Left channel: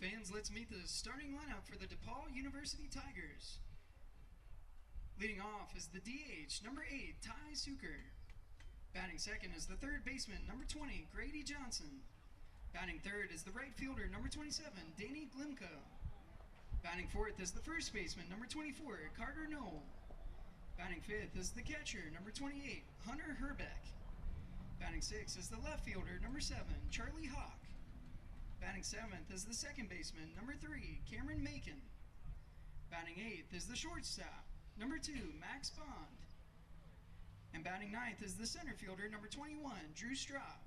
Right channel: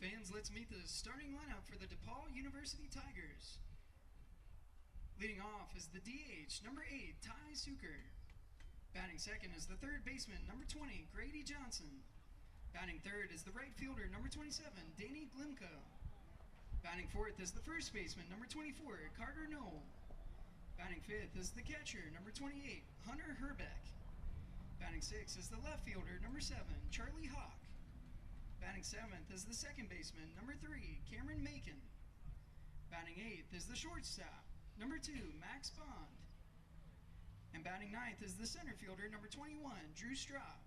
Fans, let's meet the starting lineup for the DePauw University Tigers. Leading off is the DH, number 8, Ty Suker. Batting second is the third baseman, number 20, Grady Johnson. Batting third is the right fielder, number 27, Danny Glimko. Batting fourth is the first baseman, number 24, Carter Knoll. Batting fifth is the catcher, number 28, Hunter Herbeck. Batting sixth is the left fielder, number 7, Charlie Hawk. Batting seventh is the second baseman, number 3, Cameron Macon. Batting eighth is the shortstop, number 2, Max Bond. And batting ninth is the center fielder, number 21, Drew Straub.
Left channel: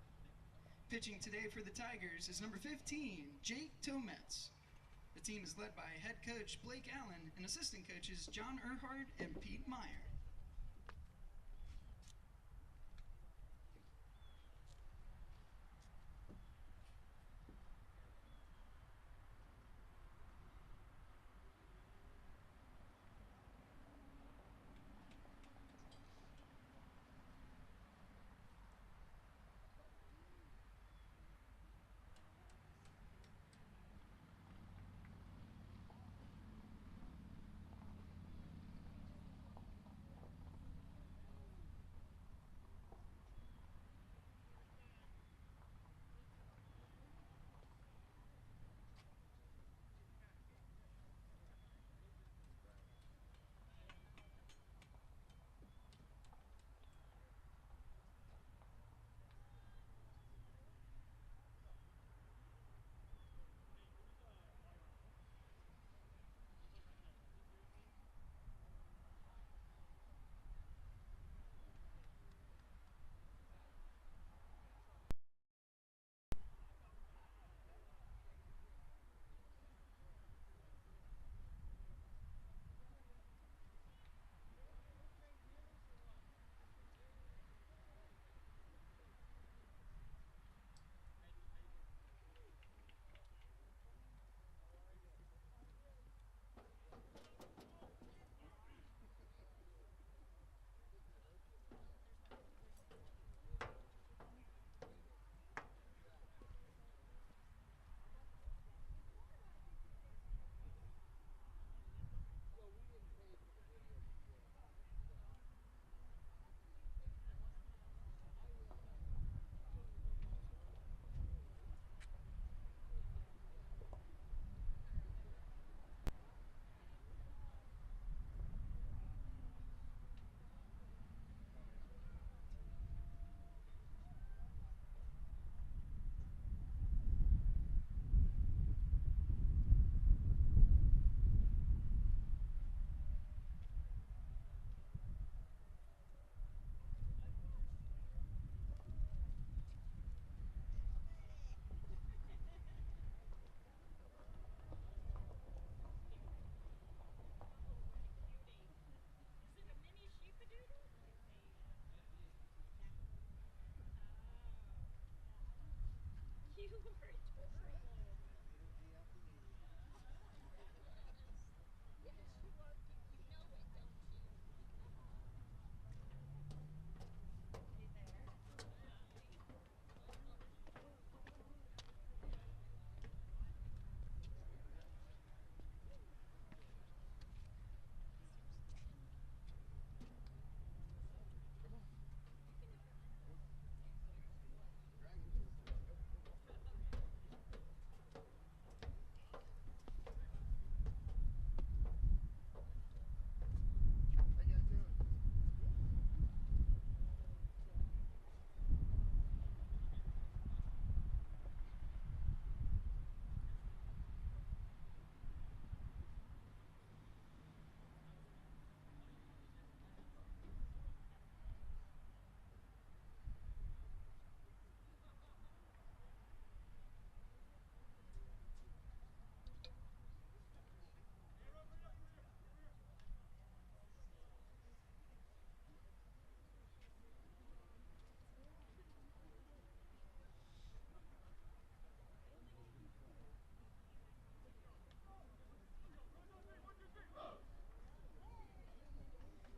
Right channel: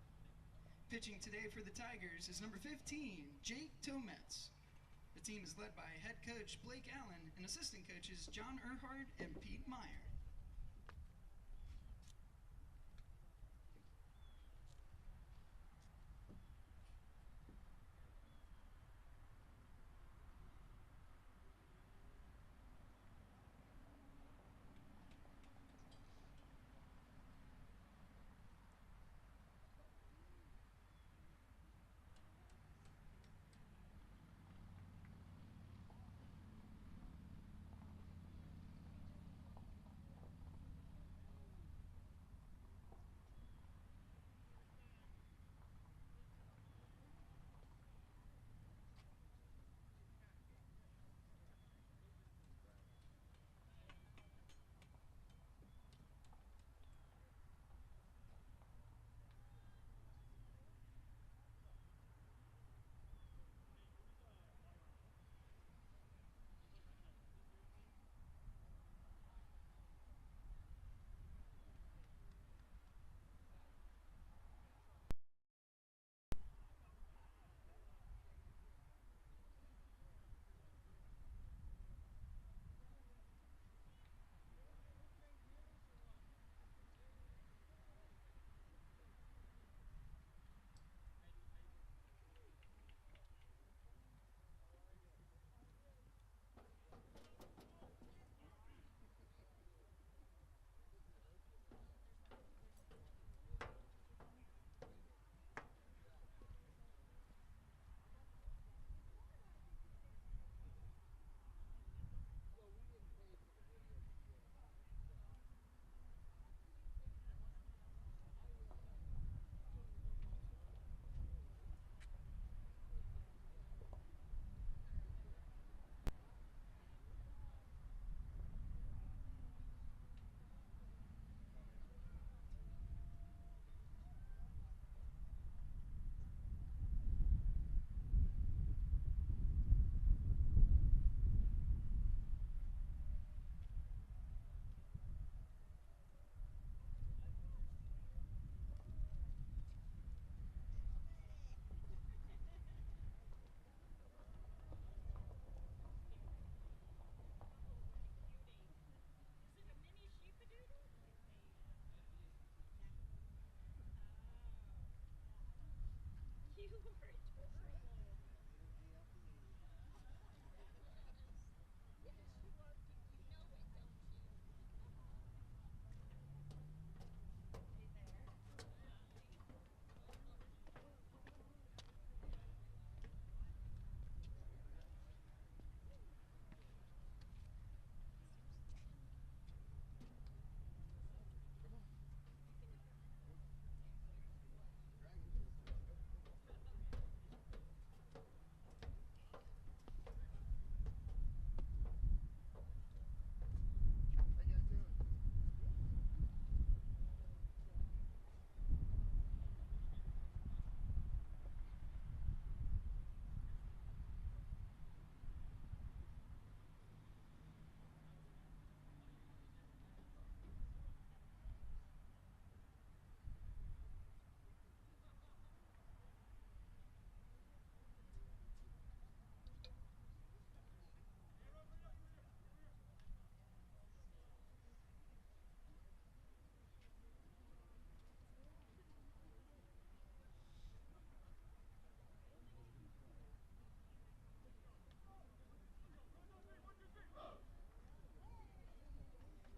Pitching today for the Tigers is number 15, Jake Tometz. The team is led by head coach Blake Allen and assistant coaches John Earhart and Pete Meyer.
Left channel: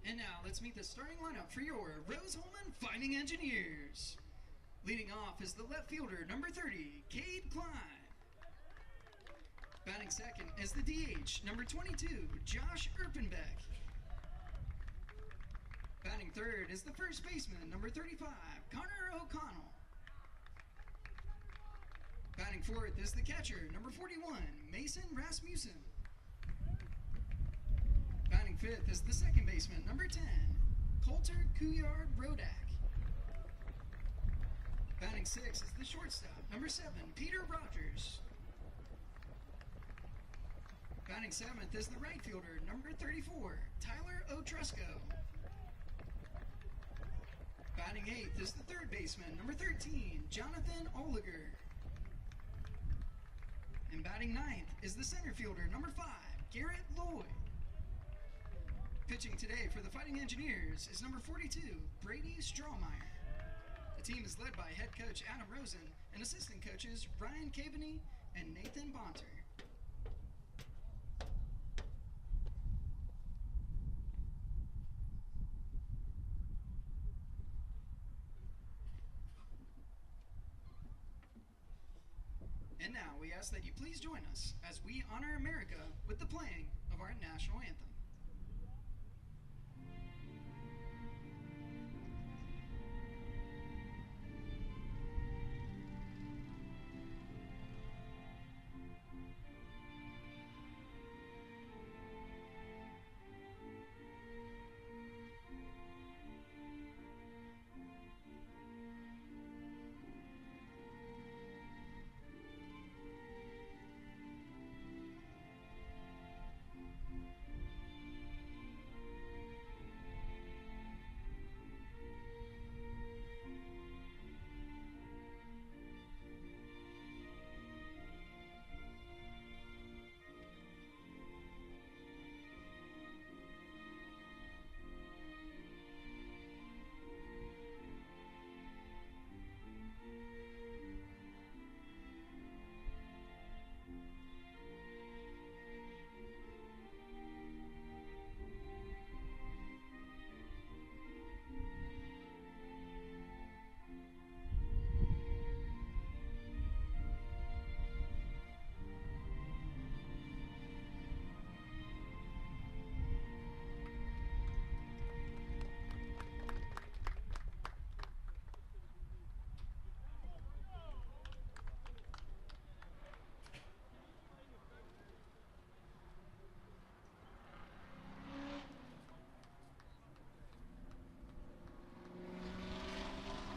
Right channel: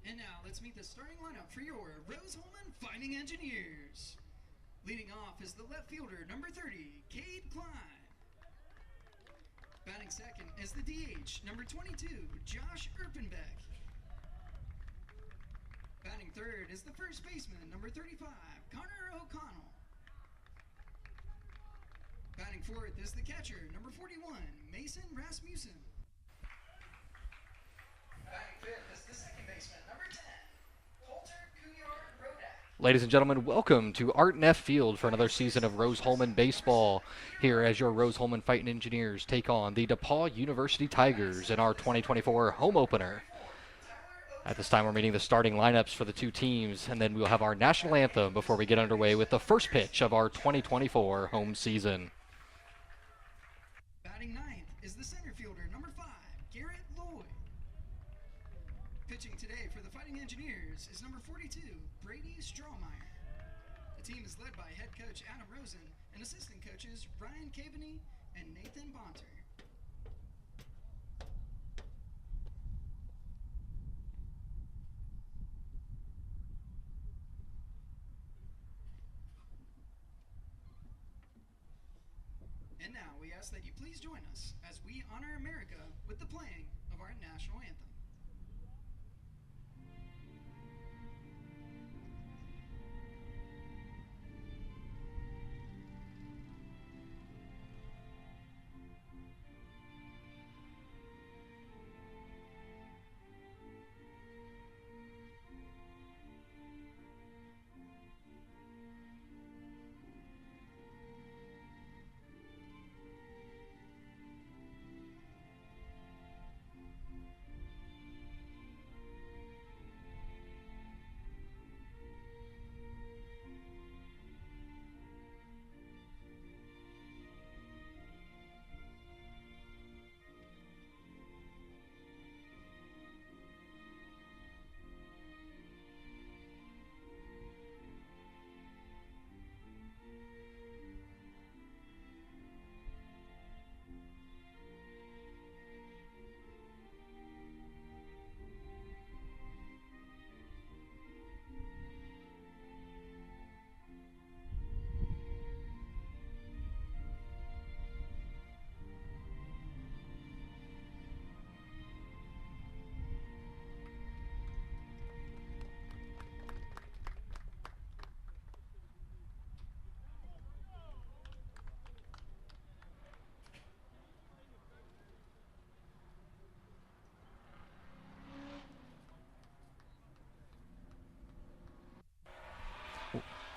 And now let's meet the starting lineup for your Rose-Hulman Fightin Engineers. Leading off is the left fielder, number 30, Cade Klein. Batting second is the DH, number 22, Josh Erpenbeck. Batting third is the first baseman, number 35, Connor O'Connell. Batting fourth is the catcher, number 41, Mason Rasmussen. Batting fifth is the second baseman, number 10, Coulter Couillard-Rodak. Ladies and gentlemen, welcome to Art Neff Field for another season of Rose-Hulman baseball. Here as your Rose-Hulman Fightin Engineers take on the DePauw University Tigers in our 2024 home opener. At this time, we're meeting the starting lineups for the two teams, and then we'll have our national anthem before we get underway with the first pitch of our 2024 home season. And batting ninth is the center fielder, number 5, Garrett Lloyd. Pitching today for the Fightin Engineers is number 42, Brady Strawmeyer. The team is led by head coach Adam Rosen and assistant coaches Ryan Caveney and Nathan Bonter. And now we ask that you please join us as we honor America with the playing of our national anthem.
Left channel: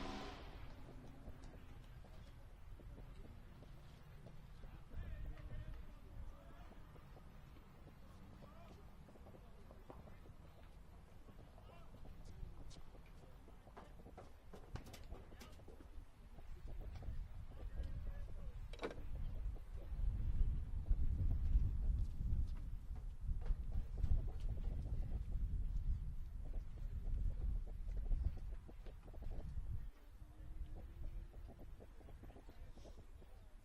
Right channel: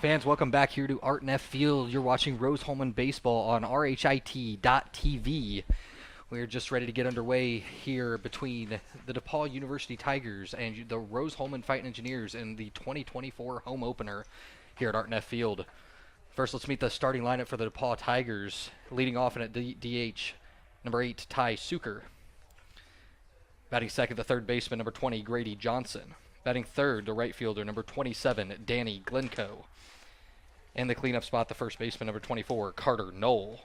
Fans, welcome back here to Art Neff Field. You're watching Rose-Hulman baseball on RHIT.TV. We're just ready to get underway here between the DePauw University Tigers and the Rose-Hulman Fightin Engineers in the 2024 home opener here at Art Neff Field. First, let's meet the starting lineup for the DePauw Tigers. Leading off in at DH, number 8, Ty Suker. Batting second, the third baseman, number 20, Grady Johnson. Batting third, the right fielder, number 27, Danny Glencoe. In the cleanup spot, the first baseman, number 24, Carter Knoll.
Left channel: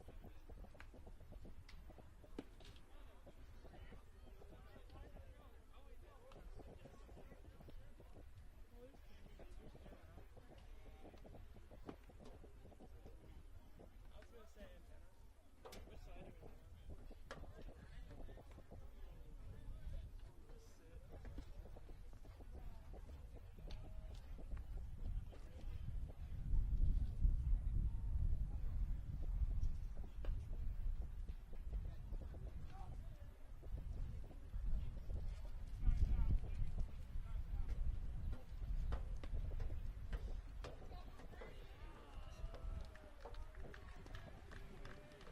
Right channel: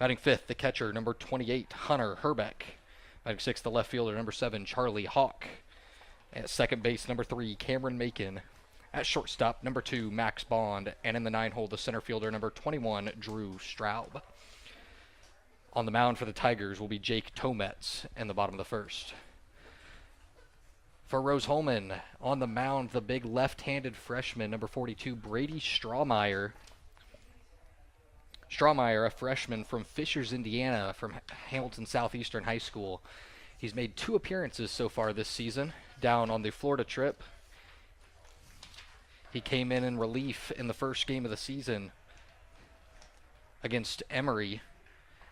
Batting fifth, the catcher, number 28, Hunter Herbeck. Batting sixth, the left fielder, number 7, Charlie Hawk. At second base, number 3, Cameron Macon. At shortstop, number 2, Max Bond. And in the 9-hole, the center fielder, number 21, Drew Straub. On the mound for the Tigers will be Jake Tometz in the bottom of the first. For Rose-Hulman, on the mound, the big left-handed freshman, number 42, Brady Strawmeyer. Strawmeyer, a freshman from Fishers, Indiana, from Hamilton Southeastern High School. He's made 2 appearances so far this season, down on the Florida trip. He came in relief in the first game of the season against Emory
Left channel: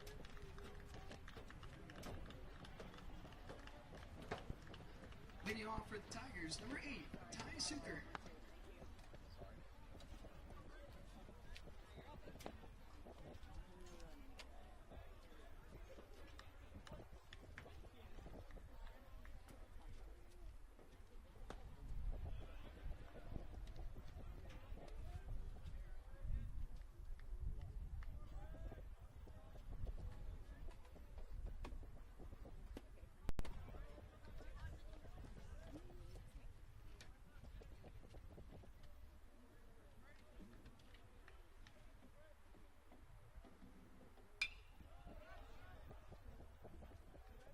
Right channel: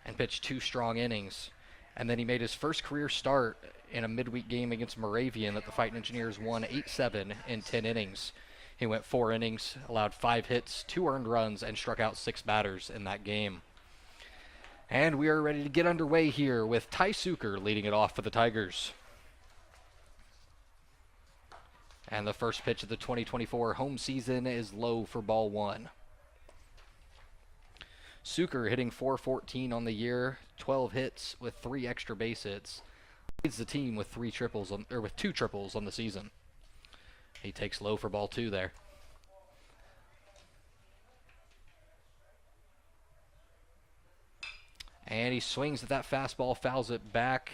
and pitched 2 strong innings. And then he made his first career start in a midweek game against Moravian that the Fightin Engineers won 8-7 in 10 innings. He went 4 innings, allowed 5 hits, 2 earned runs, and struck out 6 batters in that game. And we are ready to get underway here with Ty Suker leading it off for the Tigers. And the first pitch of the 2024 home season is low for ball 1. Suker hitting .414 on the year, 12 hits with 3 extra base hits. Leads the team with 2 triples on the season. He takes low for ball 2 there. And he swings at that fastball, fouls it back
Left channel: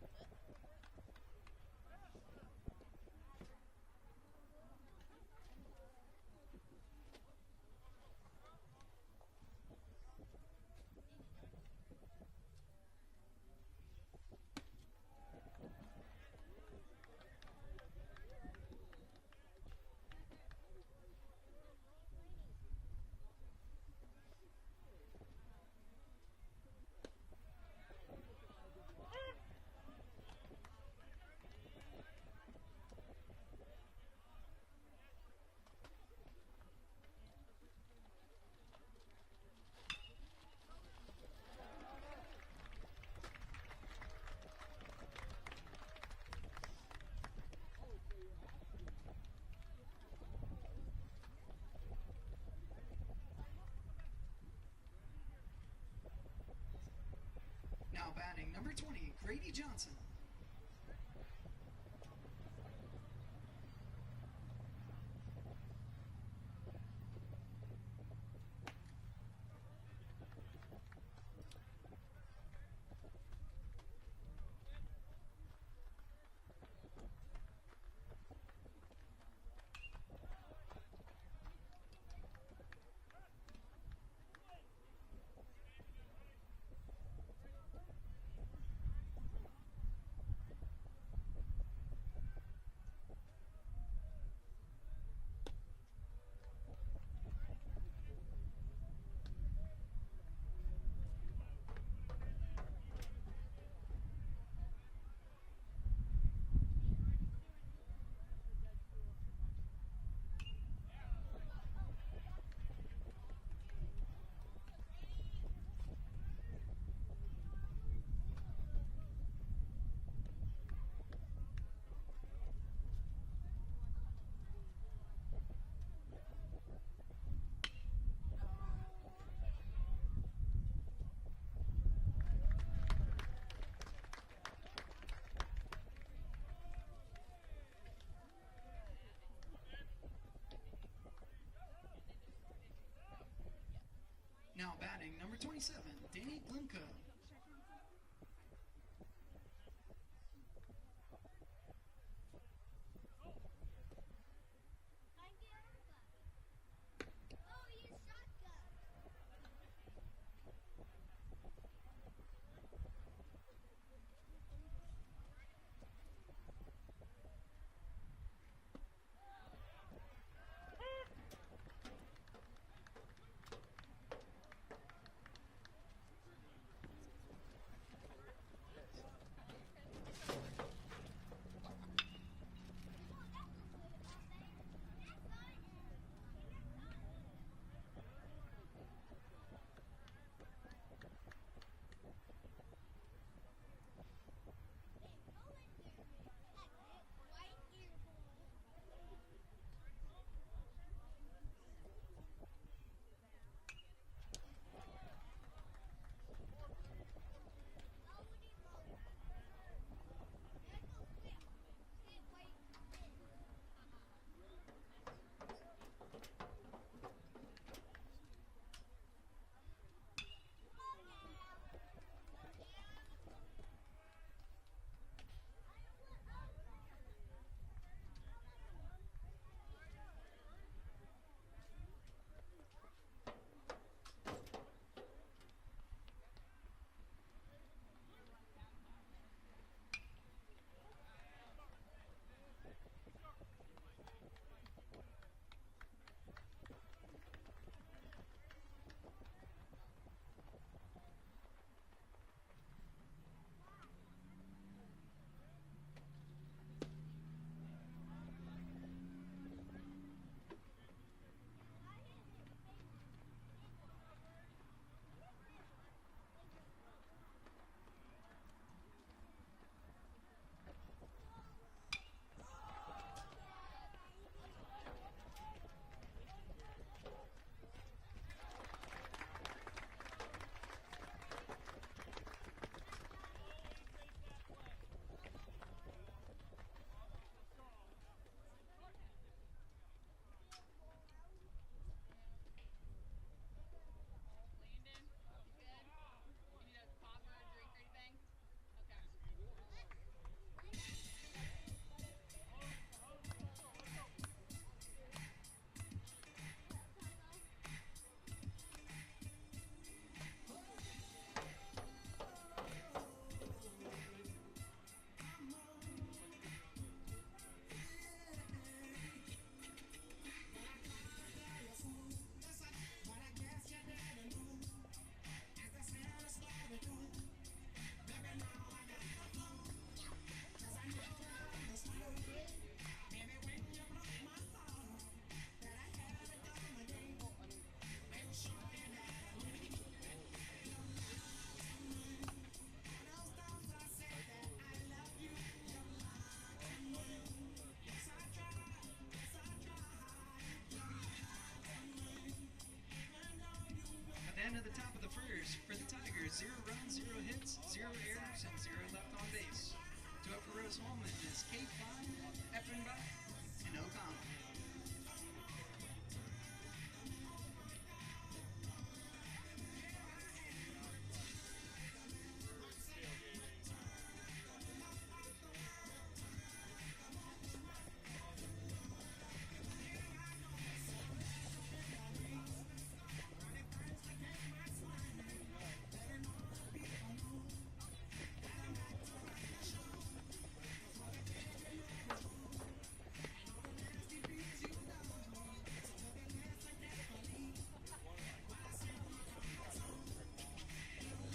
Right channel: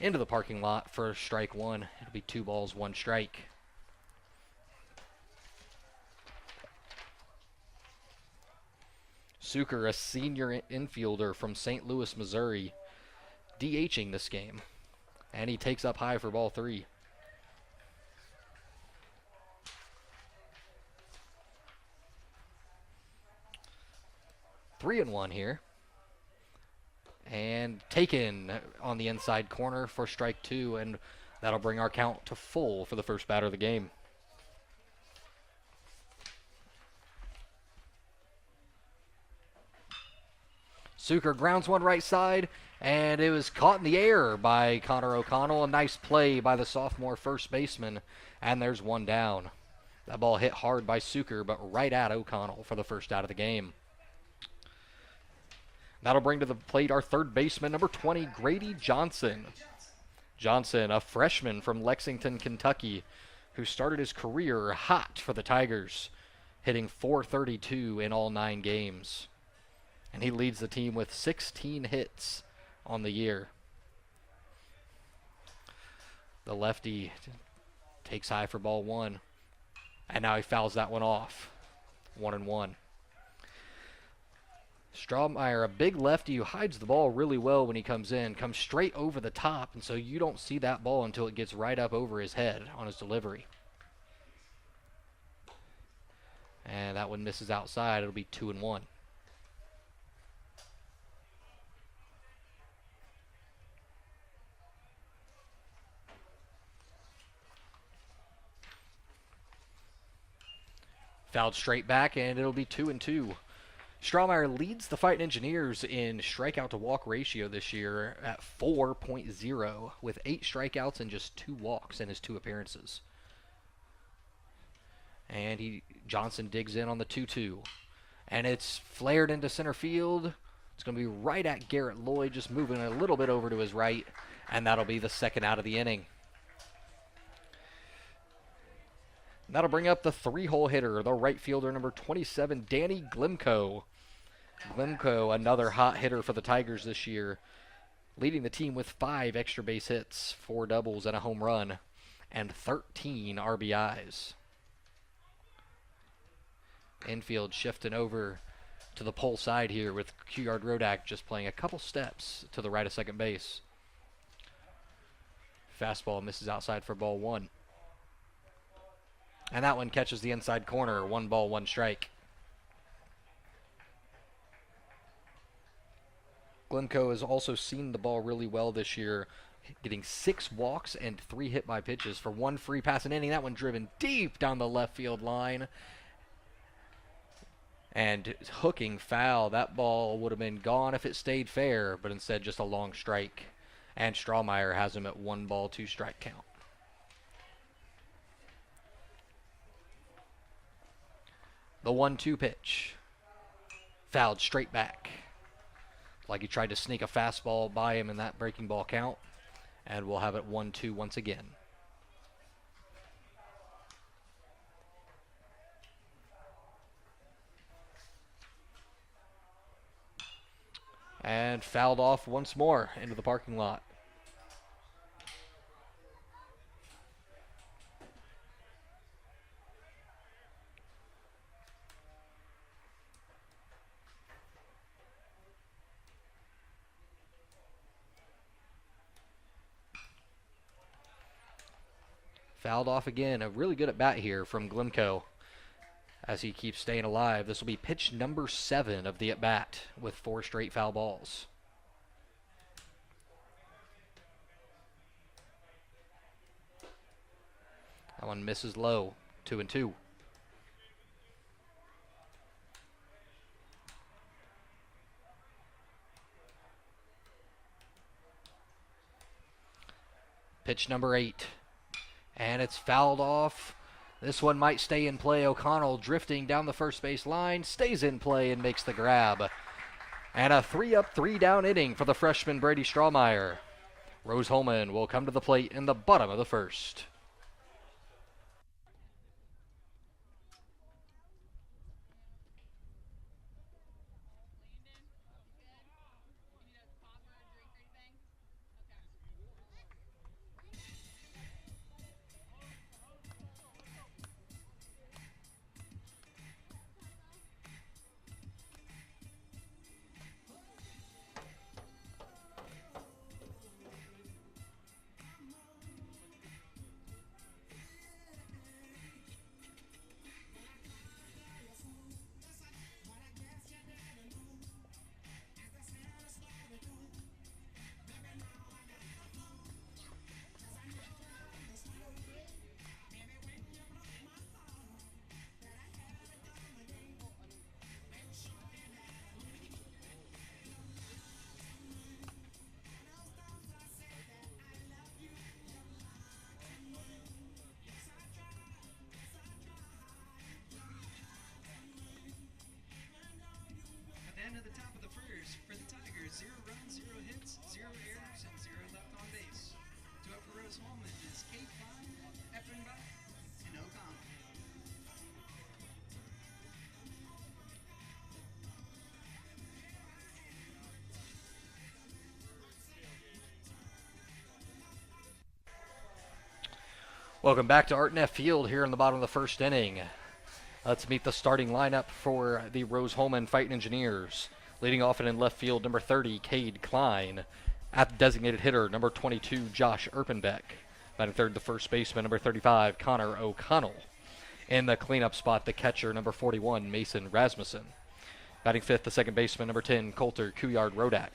into the parking lot for strike one. It'll be 2 balls, 1 strike. Zucker, a senior infielder from St. Louis, Missouri, DHing this game. And he takes up high for ball 3. Three and 1 here. And taken on the inside corner for strike 2, and that'll bring our count to full for the first batter of the game. Zucker grounds one right side, and it was caught in the air by Connor O'Connell. A nice play by the sophomore first baseman, and there's one down. That ball hit hard by Zucker, but right at O'Connell for the first out of the game. That'll bring to the plate our third baseman, number 20, Grady Johnson. Johnson, a freshman from Lexington, Kentucky, who started his career hot for the Tigers, hitting .432 in all 9 games. And he leads the team with 16 hits on the year. The lefty takes high for ball 1, and now he fouls that one off. 1-1. Strawmeyer, a big lefty who hides the ball really well when he comes in, comes straight over the top, and so you don't see that ball until it gets right up over his head on his delivery. And that one misses outside. It'll be 2-1. Fouled straight back, and it'll be 2-2. Strawmeyer leads the Fightin Engineers in strikeout to walk ratio this year at 4.0, with 8 strikeouts and just 2 walks in his 2 appearances. And Johnson digs in on the 2-2. And it's flared into center field. It's going to be right at Garrett Lloyd, just moving a little bit over to his right. And that'll be the second out of the inning. That'll bring up the 3-hole hitter, the right fielder, number 27, Danny Glimko. Glimko, another hot hitter for the Tigers this year, leading the team with 5 extra base hits, 4 doubles, and a home run, and 13 RBIs. Infield shifting over to the pole side here with Q-Yard Rodak just playing a couple steps to the right of second base. Fastball misses outside for ball 1. And that one catches the inside corner. 1 ball, 1 strike. Glencoe has also seen the ball really well this year, getting 6 walks and 3 hit by pitches for 1 free pass an inning. That one driven deep down the left field line. And hooking foul. That ball would have been gone if it stayed fair, but instead just a long strike. And Strawmeyer has him at 1 ball, 2 strike count. The 1-2 pitch. Fouled straight back. Like he tried to sneak a fastball by him in that breaking ball count. And we'll have it 1-2 once again. And fouled off once more into the parking lot. Fouled off again. A really good at bat here from Glimko as he keeps staying alive. This will be pitch number 7 of the at bat with 4 straight foul balls. That one misses low. 2-2. Pitch number 8. And it's fouled off. This one might stay in play. O'Connell drifting down the first base line, stays in play and makes the grab. And a 3-up, 3-down inning for the freshman Brady Strawmeyer. Rose-Hulman will come to the plate in the bottom of the first. end of the top of the first for the Tigers, 0 runs, 0 hits, 0 errors, and 0 left on base. Two up for Rose-Hulman is Kate Klein, Effenbach, and O'Connell. Welcome back to Art Neff Field here in the bottom of the first inning. Let's meet the starting lineup for the Rose-Hulman Fightin Engineers. Leading off and in left field, number 30, Cade Klein. At the designated hitter, number 22, Josh Erpenbeck. Batting third, the first baseman, number 35, Connor O'Connell. In the cleanup spot, the catcher, number 41, Mason Rasmussen. Batting fifth, the second baseman, number 10, Coulter Couillard-Rodak.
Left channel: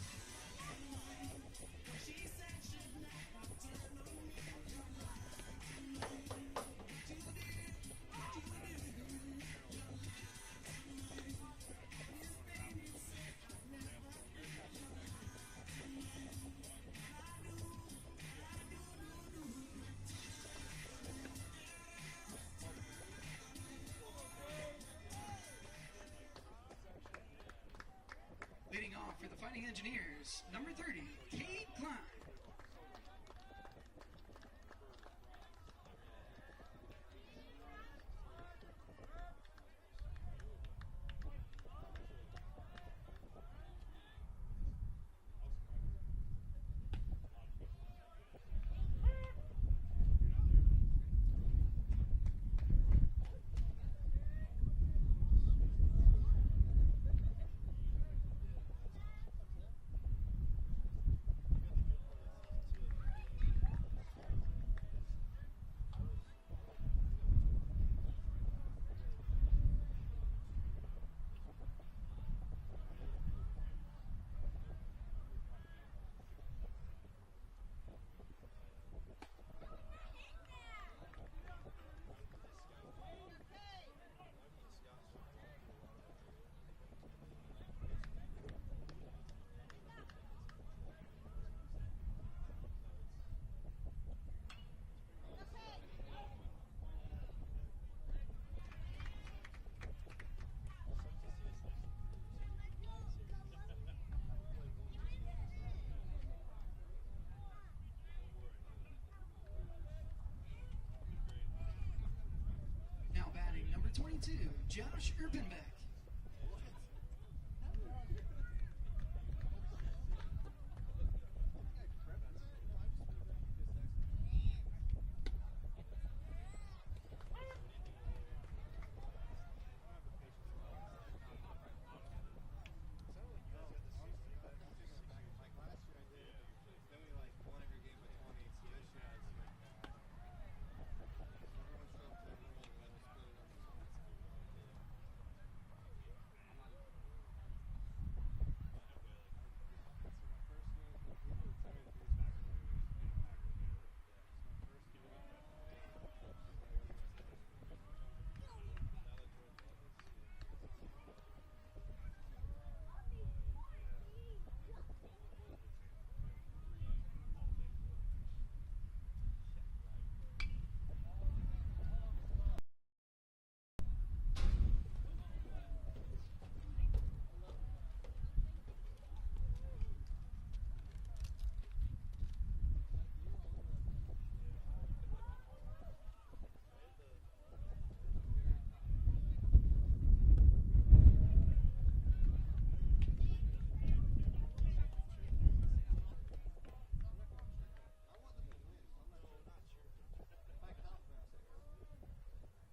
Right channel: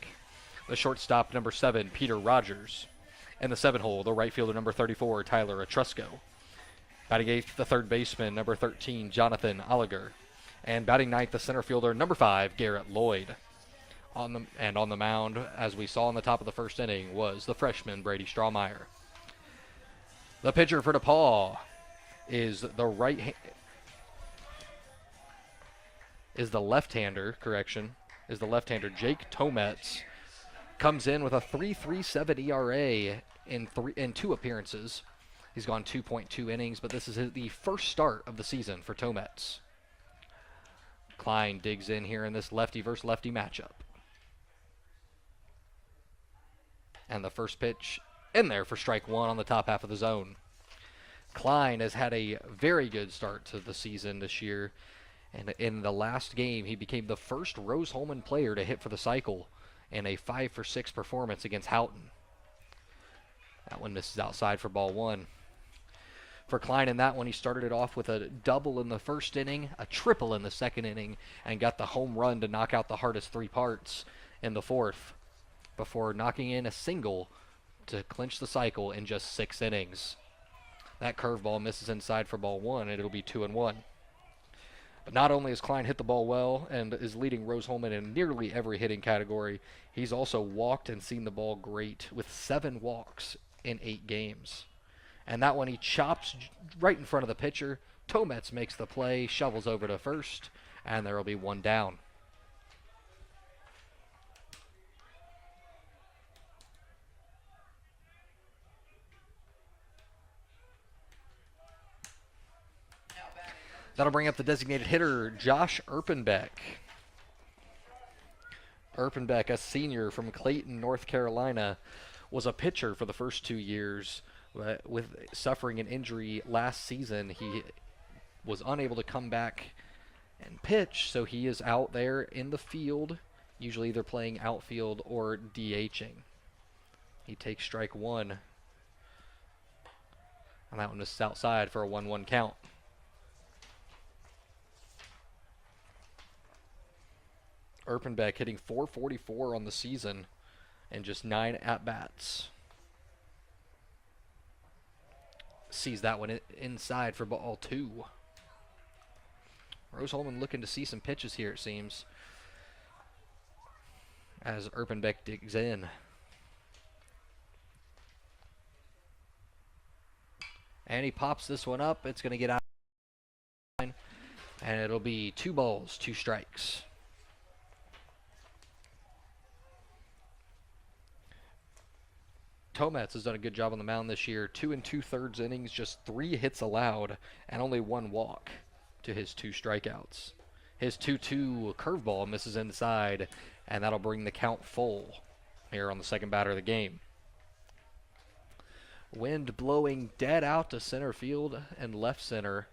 The shortstop, number 7, Peter Rogers. In the 7-hole, the right fielder, number 34, Tyler Etrusco. Batting eighth, the third baseman, number 13, Jonathan Oliger. And batting ninth, the center fielder, number 5, Garrett Lloyd. On the mound, as we saw in the top of the first inning, was the freshman, Brady Strawmeyer. The pitcher for DePauw is the left-hander, Jake Tometz. Comes in with a 3.37 ERA in 2 appearances. He's gone 2.2 innings, but this is the first start of the season for Tometz. Klein digs in here in this lefty versus lefty matchup. And the first pitch in there for strike one on the top half of the zone. Klein has had a very good start to the season this year. And in the last game, he became the first Rose-Hulman player to hit for the cycle in a 5-for-6 performance against Houghton. That one misses outside for ball one. For Klein in that one, he started it off with a double in the first inning, a triple in the second inning, and got the home run to knock out the hardest 3 parts in the fourth, before knocking in a single to clinch the cycle in just 6 innings. That curveball misses inside for ball one, and it'll be 2-1. But not only has Klein hit the ball well and is leading Rose-Hulman in nearly every hitting category, he's also walked and seen the ball great with 7 walks in 8 games. And that one he chops right in front of the pitcher. Tometz makes the play, shovels over to first, and there will be 1 down. That'll bring up the designated hitter, Josh Erpenbeck. Erpenbeck, a senior from Clayton, North Carolina, was a pitcher for the first 2 years. With suffering an injury last season, he was unable to come back and pitch, so he is out there in the field, usually either playing outfield or DHing. He takes strike one. And that one is outside for a 1-1 count. Erpenbeck hitting .444 on the season and just 9 at-bats. Sees that one inside for ball 2. Rose-Hulman looking to see some pitches here, it seems, as Erpenbeck digs in. And he pops this one up. It's going to get out. And it'll be 2 balls, 2 strikes. Tometz has done a good job on the mound this year. 2 2/3 innings, just 3 hits allowed, and only 1 walk to his 2 strikeouts. His 2-2 curveball misses inside, and that'll bring the count full here on the second batter of the game. Wind blowing dead out to center field and left center,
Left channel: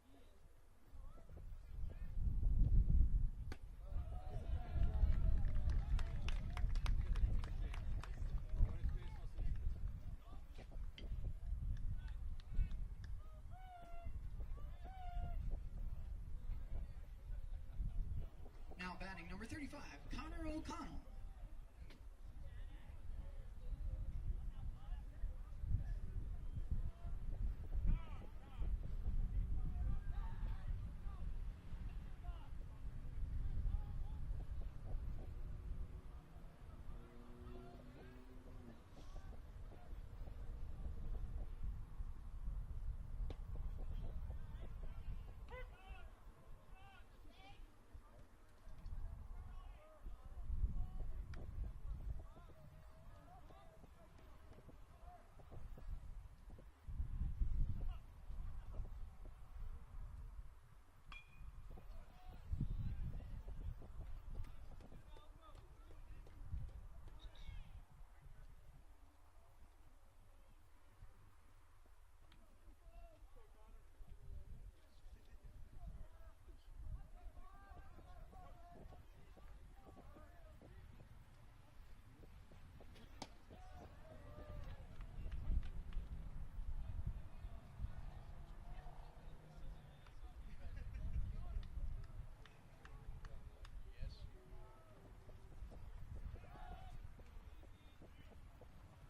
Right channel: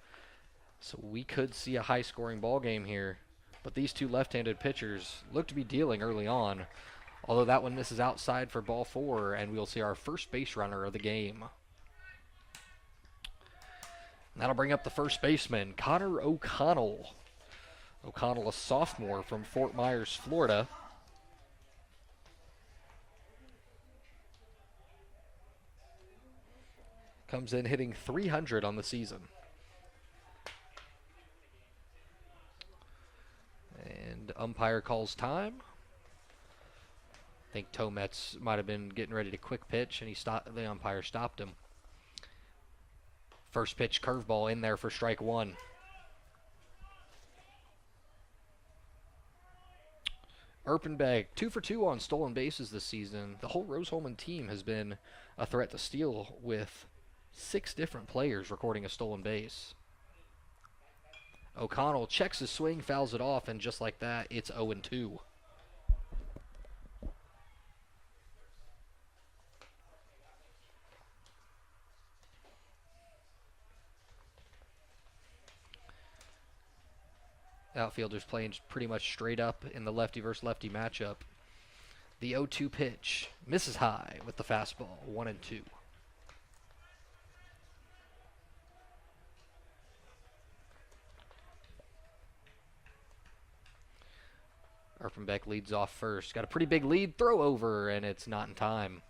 so we could see a high-scoring ball game here. But these 2 left-handed pitchers look to be dealing early on. Although that one misses outside for ball 4, and we'll see our first base runner of the game. And that'll bring up the first baseman, Connor O'Connell. O'Connell, a sophomore from Fort Myers, Florida. Comes in hitting .300 on the season. And umpire calls time. I think Tometz might have been getting ready to quick pitch, and the umpire stopped him. First pitch curveball in there for strike 1. Erpenbeck, 2 for 2 on stolen bases this season. The whole Rose-Hulman team has been a threat to steal, with 6 different players recording a stolen base. O'Connell checks his swing, fouls it off, and just like that, it's 0-2. Outfielders playing pretty much straight up in the lefty versus lefty matchup. The 0-2 pitch misses high with the fastball, 1-2. Erpenbeck leads off first. Got a pretty big lead, throw over, and it's not in time.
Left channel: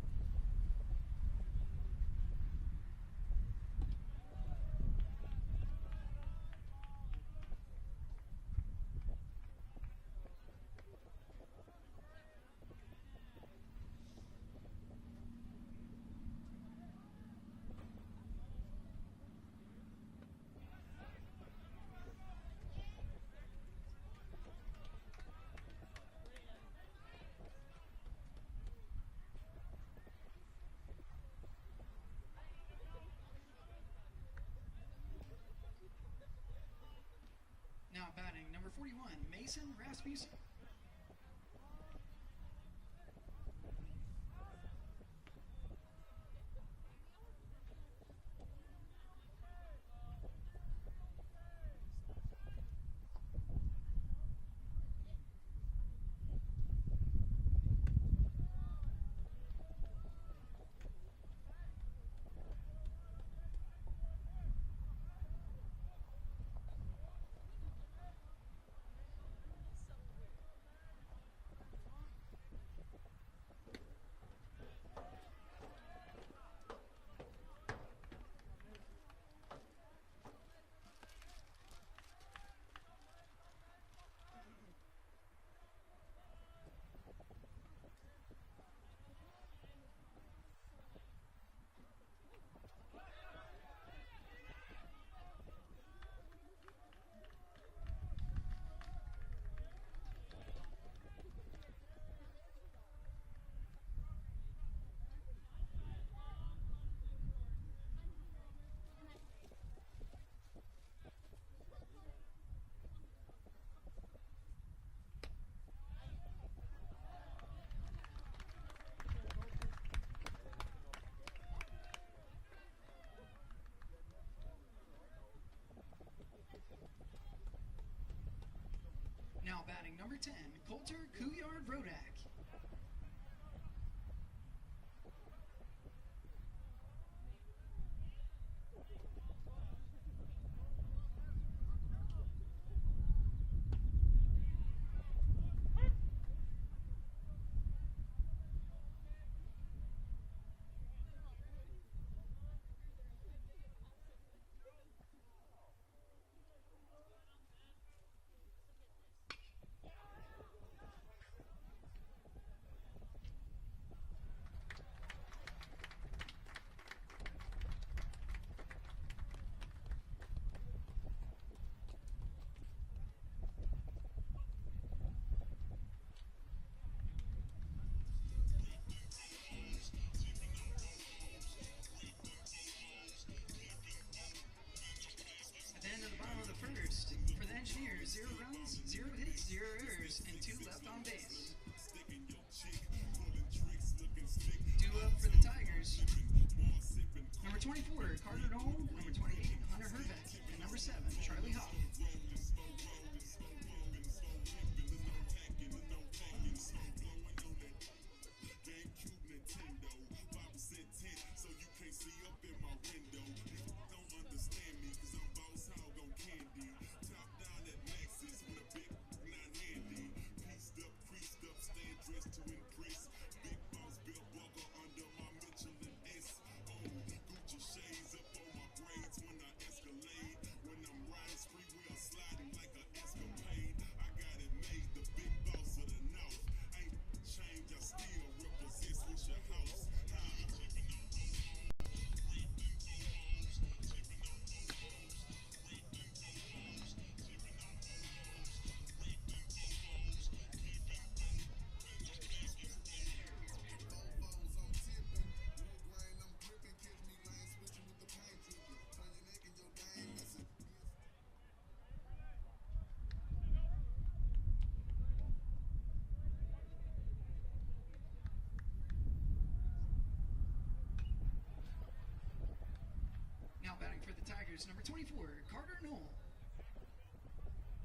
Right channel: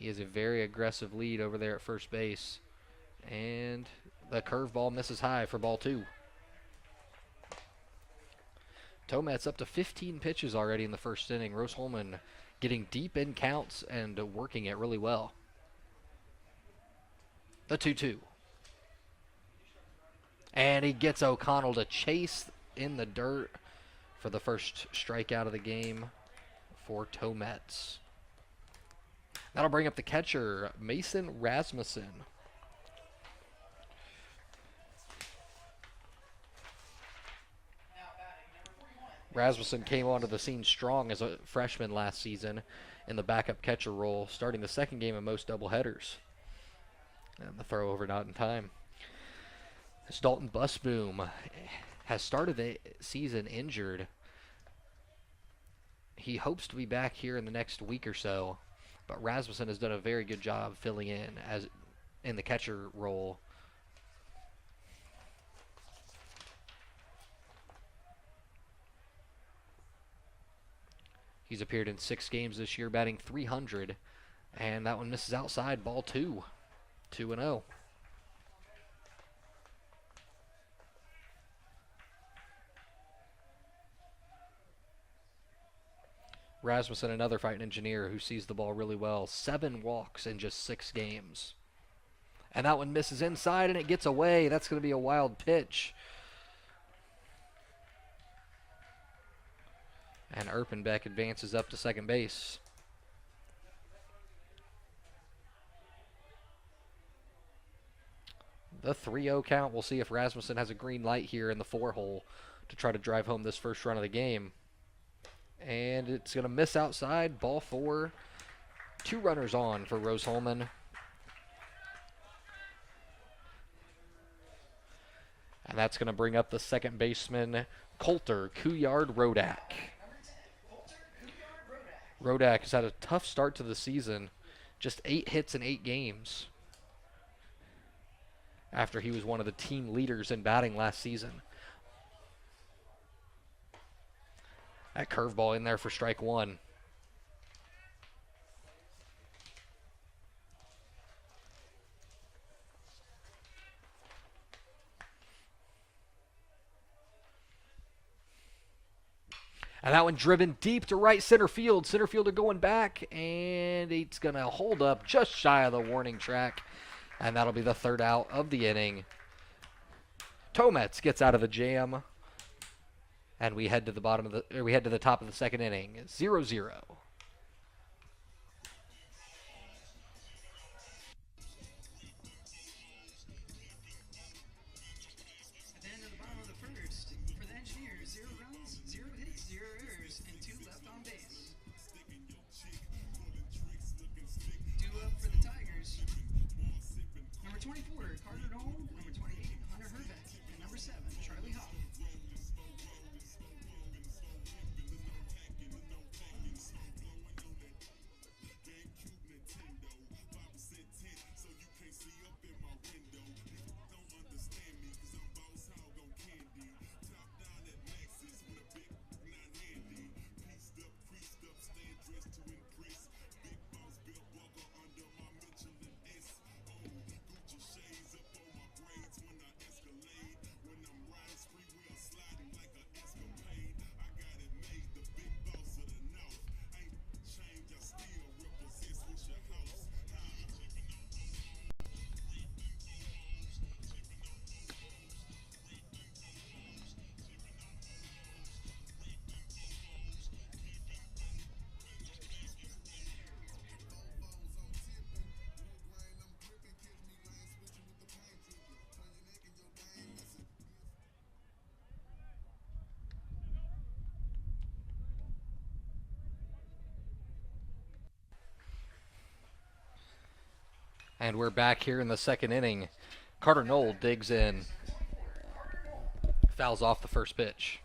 He has a very aggressive lead over there at first base. And the curveball misses high for ball 2. Tomet's up to 15 pitches already in the first inning. Rose-Hulman getting deep in counts and working it really well. The 2-2. And he gets O'Connell to chase in the dirt for the first strikeout of the game for Tomets. That'll bring up the catcher, Mason Rasmussen. Now batting, number 41. Rasmussen came onto the scene strong as a freshman last season in the backup catcher role, starting the second game of most doubleheaders. And the throw over not in time. As Dalton Busboom has started the season injured, he hopes to be back here in the next week or so, but Rasmussen has done a very good job filling in as in the catcher role. He's appeared in 6 games this year, batting .300, and that one misses outside, ball 2. 2-0. Rasmussen, another Fightin Engineer who sees the ball really well. 7 walks in just 6 games. And that one misses inside and it gets away. That's going to be a wild pitch. And Erpenbeck advances up to second base. The 3-0 count. We'll see if Rasmussen has a green light here in the 4-hole to try to drive home this first run of the game. And it's going to miss outside. Ball 4. 2 runners on for Rose-Hulman. And that's going to bring up the second baseman, Coulter Couillard-Rodak. Number 10, Coulter Couillard-Rodak. Rodak has had a tough start to the season. Just 8 hits in 8 games. After he was one of the team leaders in batting last season. That curveball in there for strike 1. And that one driven deep to right center field. Center fielder going back, and it's going to hold up just shy of the warning track. And that'll be the 3rd out of the inning. Tomets gets out of the jam. And we head to the top of the second inning. 0-0. At the end of the bottom of the first, for the Engineers, 0 runs, 0 hits, 0 errors, and 2 left on base. 2 up for the Tigers. Number 24, Carter Noel. Number 28, Hunter Herbeck. And number 7, Charlie Hoff. And we're back here in the second inning. Carter Knoll digs in. Number 24, Carter Knoll. Fouls off the first pitch.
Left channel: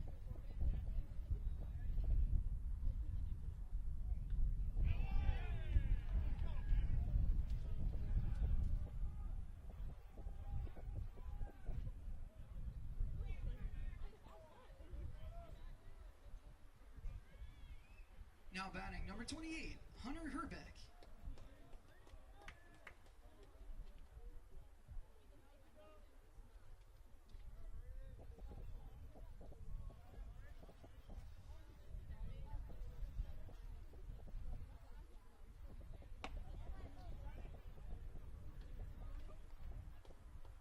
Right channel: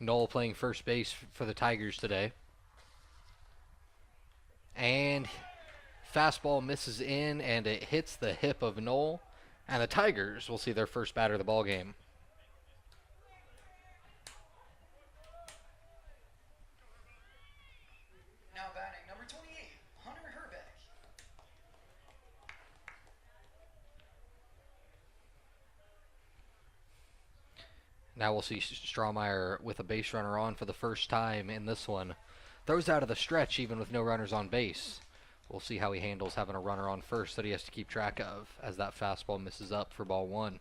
Knoll playing first base for the Tigers today. And fastball misses in, and it hits the hip of Knoll. And the Tigers will see their first batter of the ball game. Now batting number 28, Hunter Herbeck. Now we'll see Strawmeyer with a base runner on for the first time in this one. Throws out of the stretch even with no runners on base. We'll see how he handles having a runner on first that he has to keep track of as that fastball misses up for ball one.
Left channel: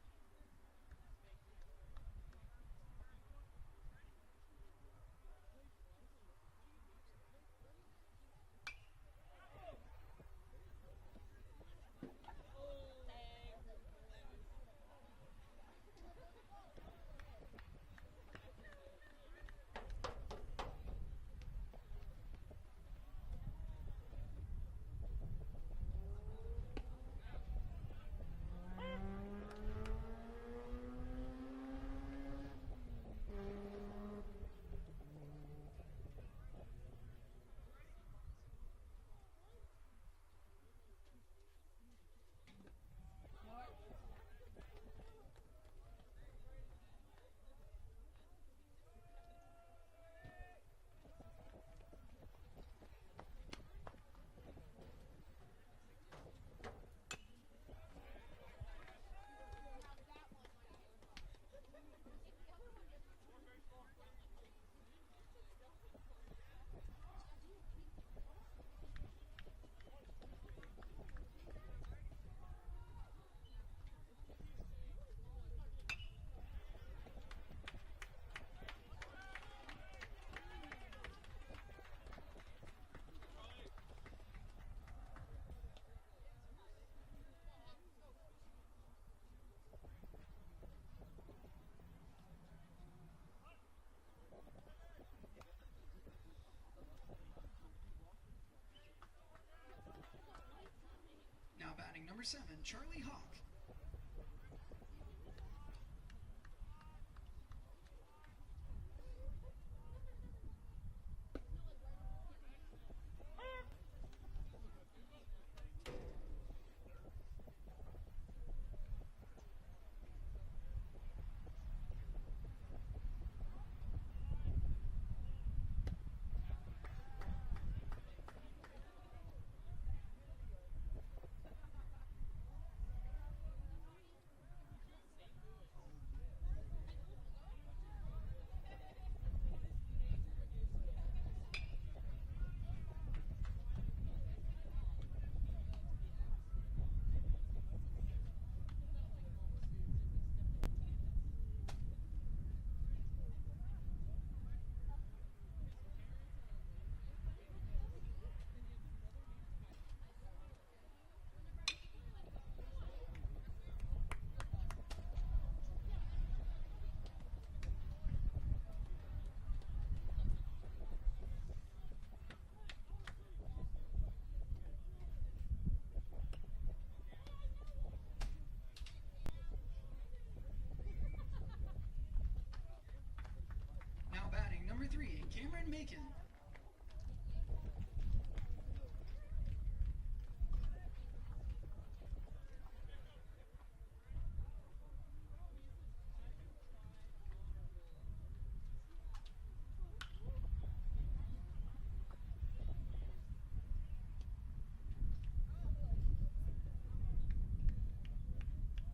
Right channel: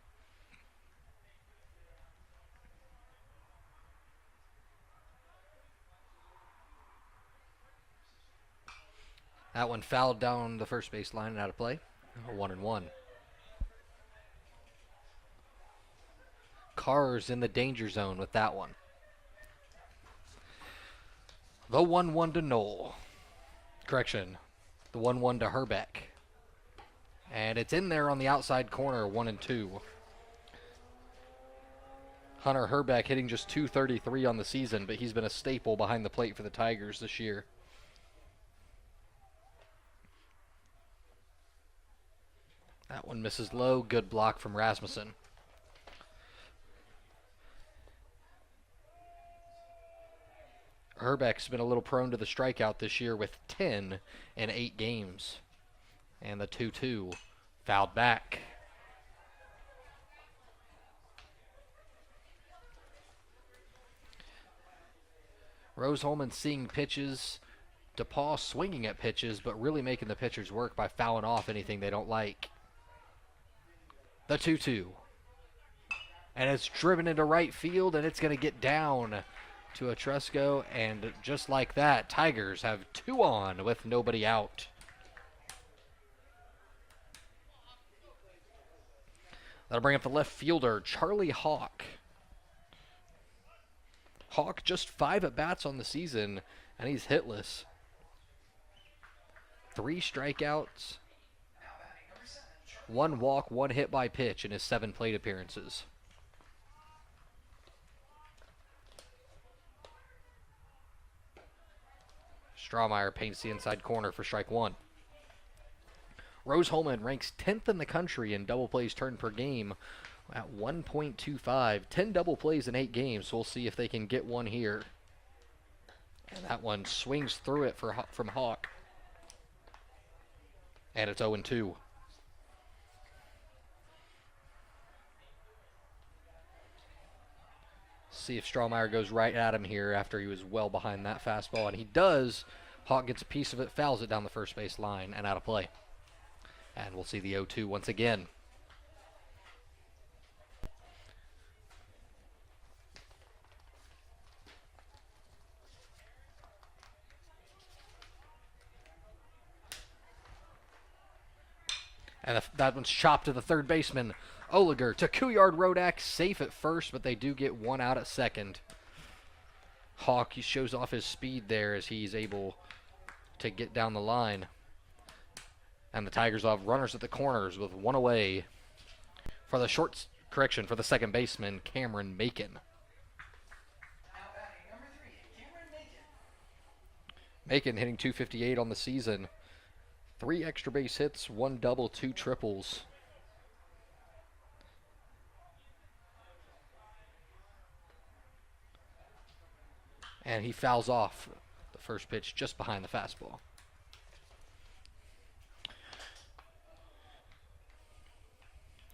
That one fouled down the first base line and out of play. 1-1. Carr's in the danger zone with that one. The 1-1 to Knoll. Correction, the 1-1 to Herbeck. And it's in there on the outside corner, 1-2. Hunter Herbeck hitting just .233 on the season, but he's been a staple behind the plate for the Tigers this year. That one misses low. Good block from Rasmussen. Herbeck's been a little prone to the strikeout this year with 10 in 8 games. And the 2-2 fouled back. Rose-Hulman seeing pitches. DePauw swinging at pitches, but really making the pitchers work by fouling off anything they don't like. The 2-2. And it's driven into right field, and it's going to get down to Etrusko, and just like that, Tigers have 2 on with nobody out. That'll bring up the left fielder, Charlie Hawk. Hawk just 5 at-bats on the season, and he's hitless. 3 strikeouts. Now batting number 7, Charlie 1 walk, 1 hit by pitch in his 7 plate appearances. Strawmeyer paints the inside corner for strike 1. Rose-Hulman ranks 10th in the country in double plays turned per game at 1.25. 10 double plays in 8 games, so we'll see if they can get one here. And that one swings through it from Hawk. And it's 0-2. See if Strawmeyer goes right at him here after he was well behind that fastball, and he does. Hawk gets a piece of it, fouls it down the first base line and out of play. And we'll see the 0-2 once again. And that one's chopped to the third baseman. Oliger to Couillard Rodak, safe at first, but they do get 1 out at second. Hawk, he shows off his speed there as he's able to get down the line. And the Tigers will have runners at the corners with 1 away for the for the second baseman, Cameron Macon. Now batting number 3, Cameron Macon. Macon hitting .258 on the season. 3 extra base hits, 1 double, 2 triples. And he fouls off the first pitch just behind the fastball.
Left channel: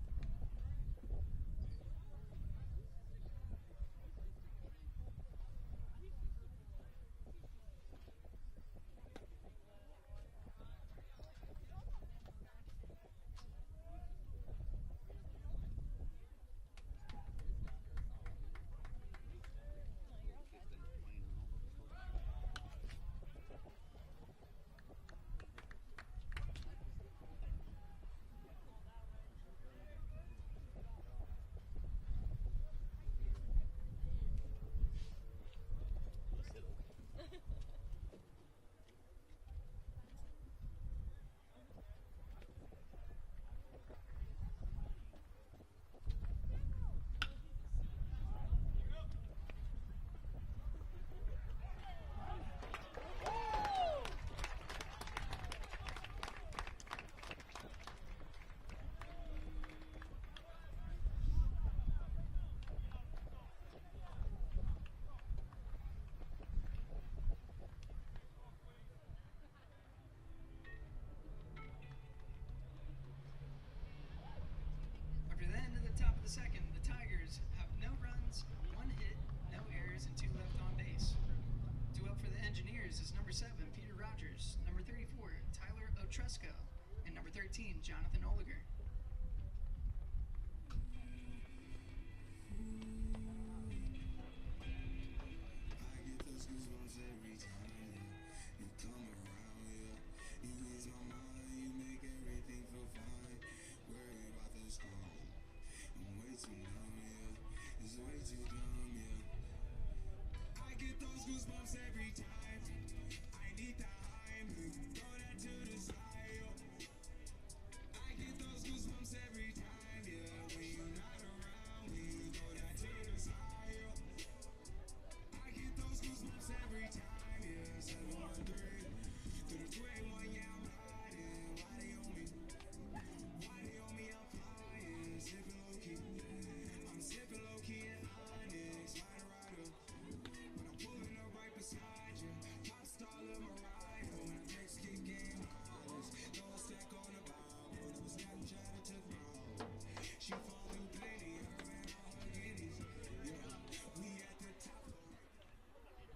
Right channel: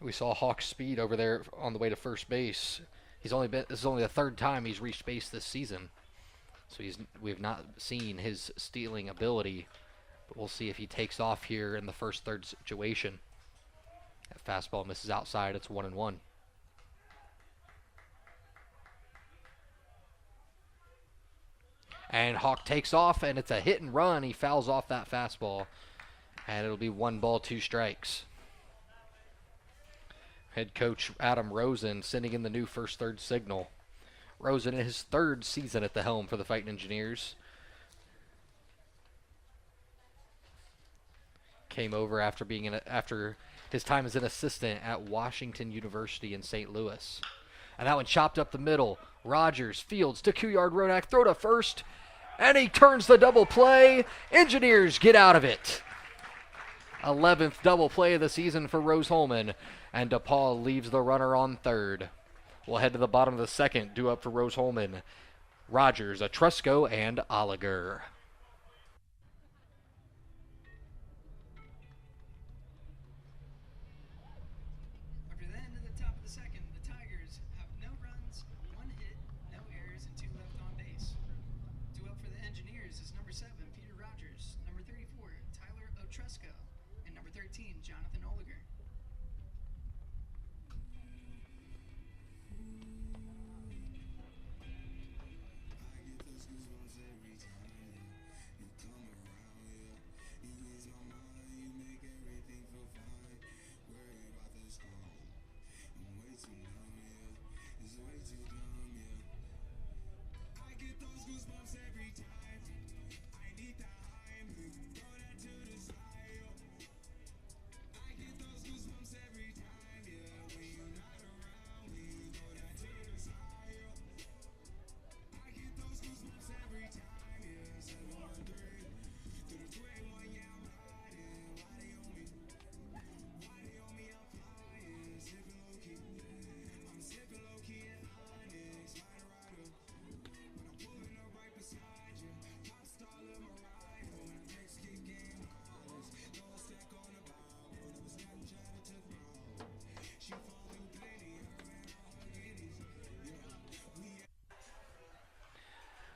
We saw Hawk's speed over there on the way to first base. This is only the 3rd time he's reached base this season. So we've not seen his stealing ability, but we'll see if he takes off here in the first third situation. That fastball misses outside, it's 1-1. And Hawk takes off, and it's a hit and run. He fouls off that fastball, and it'll be 1 ball, 2 strikes. Head coach Adam Rosen sending in the new first third signal. Rosen in his 3rd season at the helm for the Fightin Engineers. came over after after his time as an assistant at Washington University in St. Louis. And that one chopped up the middle. Rogers fields to Couillard Rodak, throw to first, and he turns the double play. Engineers get out of it. 11th double play of the season for Rose-Hulman, and DePauw leaves the runner on third. We'll head to the bottom of the second, due up for Rose-Hulman. Rogers, Etrusco, and Oliger. After the end of the top of the second, the Tigers have no runs, 1 hit, no errors, and 2 left on base. Due up for the Engineers is number 7, Peter Rogers, number 34, Tyler Etrusco, and number 13, Jonathan Oliger.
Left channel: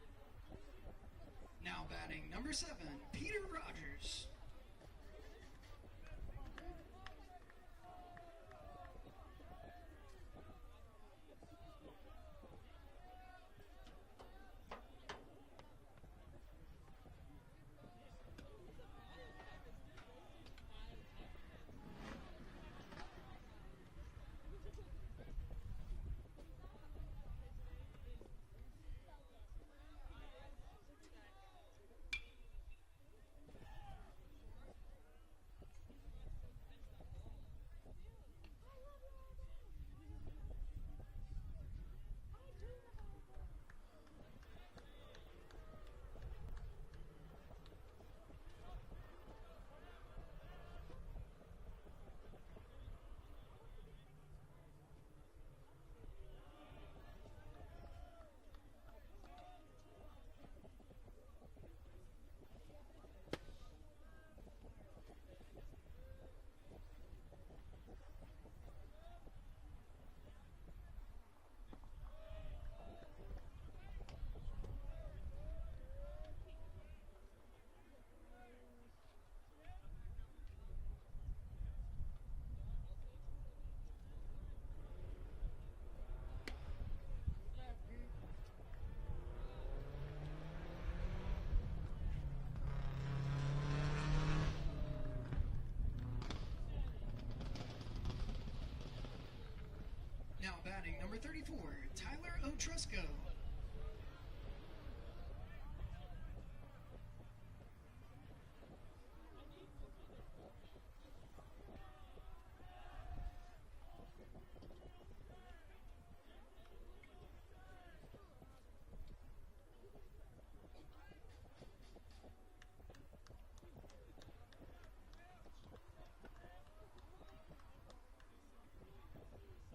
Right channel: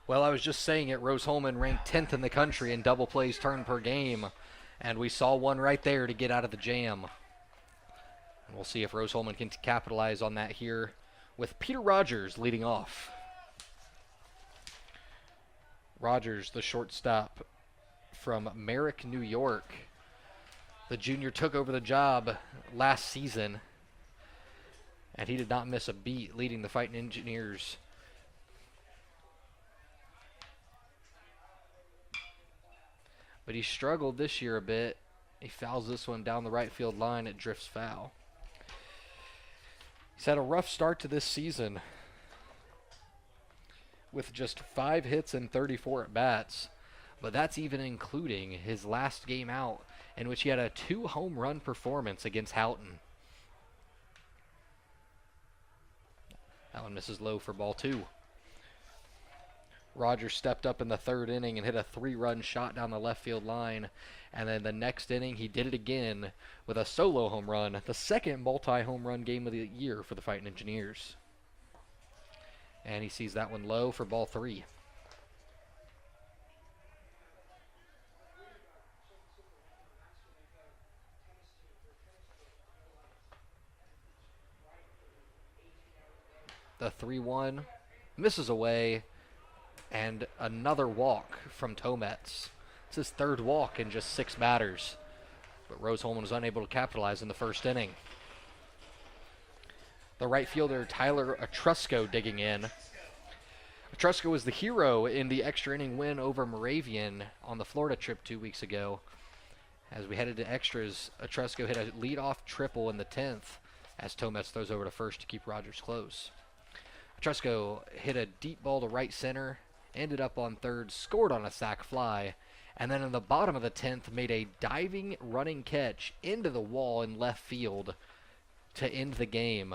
Well, I was just saying it, Rose-Hulman ranked 10th in the country in double plays turned per game, and we saw one right there to get out of the jam. We'll see if Rose-Hulman can capitalize on that here with Peter Rogers leading off. Rogers, the shortstop from Merrick, New York. The junior took over the job last season, and he did not miss a beat leading the Fightin Engineers. But he struggled this year a bit. He fouls this one down the right field line. It drifts foul. He's had a rough start to this season with just 5 hits and 34 at-bats. But that's even including his last game out, in which he had a 2-home run performance against Houghton. That one misses low for ball 2. Rogers stepped up in the 3rd inning and hit a 3-run shot down the left field line. And then the next inning, he did it again with a solo home run, the 2nd multi-home run game of the year for the Fightin Engineers. And he sees that one low for ball 3. The 3-1 misses away. And another walk from Tomets. It's his 3rd walk in just 6 batters. But Rose-Hulman was unable to capitalize in the 1st inning. The right fielder, Tyler Etrusco, digging in. Etrusco was the hero in the extra inning win over Moravian on the Florida trip 2 weeks ago. As we headed to extras, Etrusco hit a leadoff triple in the 10th as Tomets throws over to first to keep Rogers close. Etrusco hit a deep ball to right center, ended up on 3rd, scored on a sac fly, and then in the bottom of the 10th made a diving running catch into the wall in left field to end the game.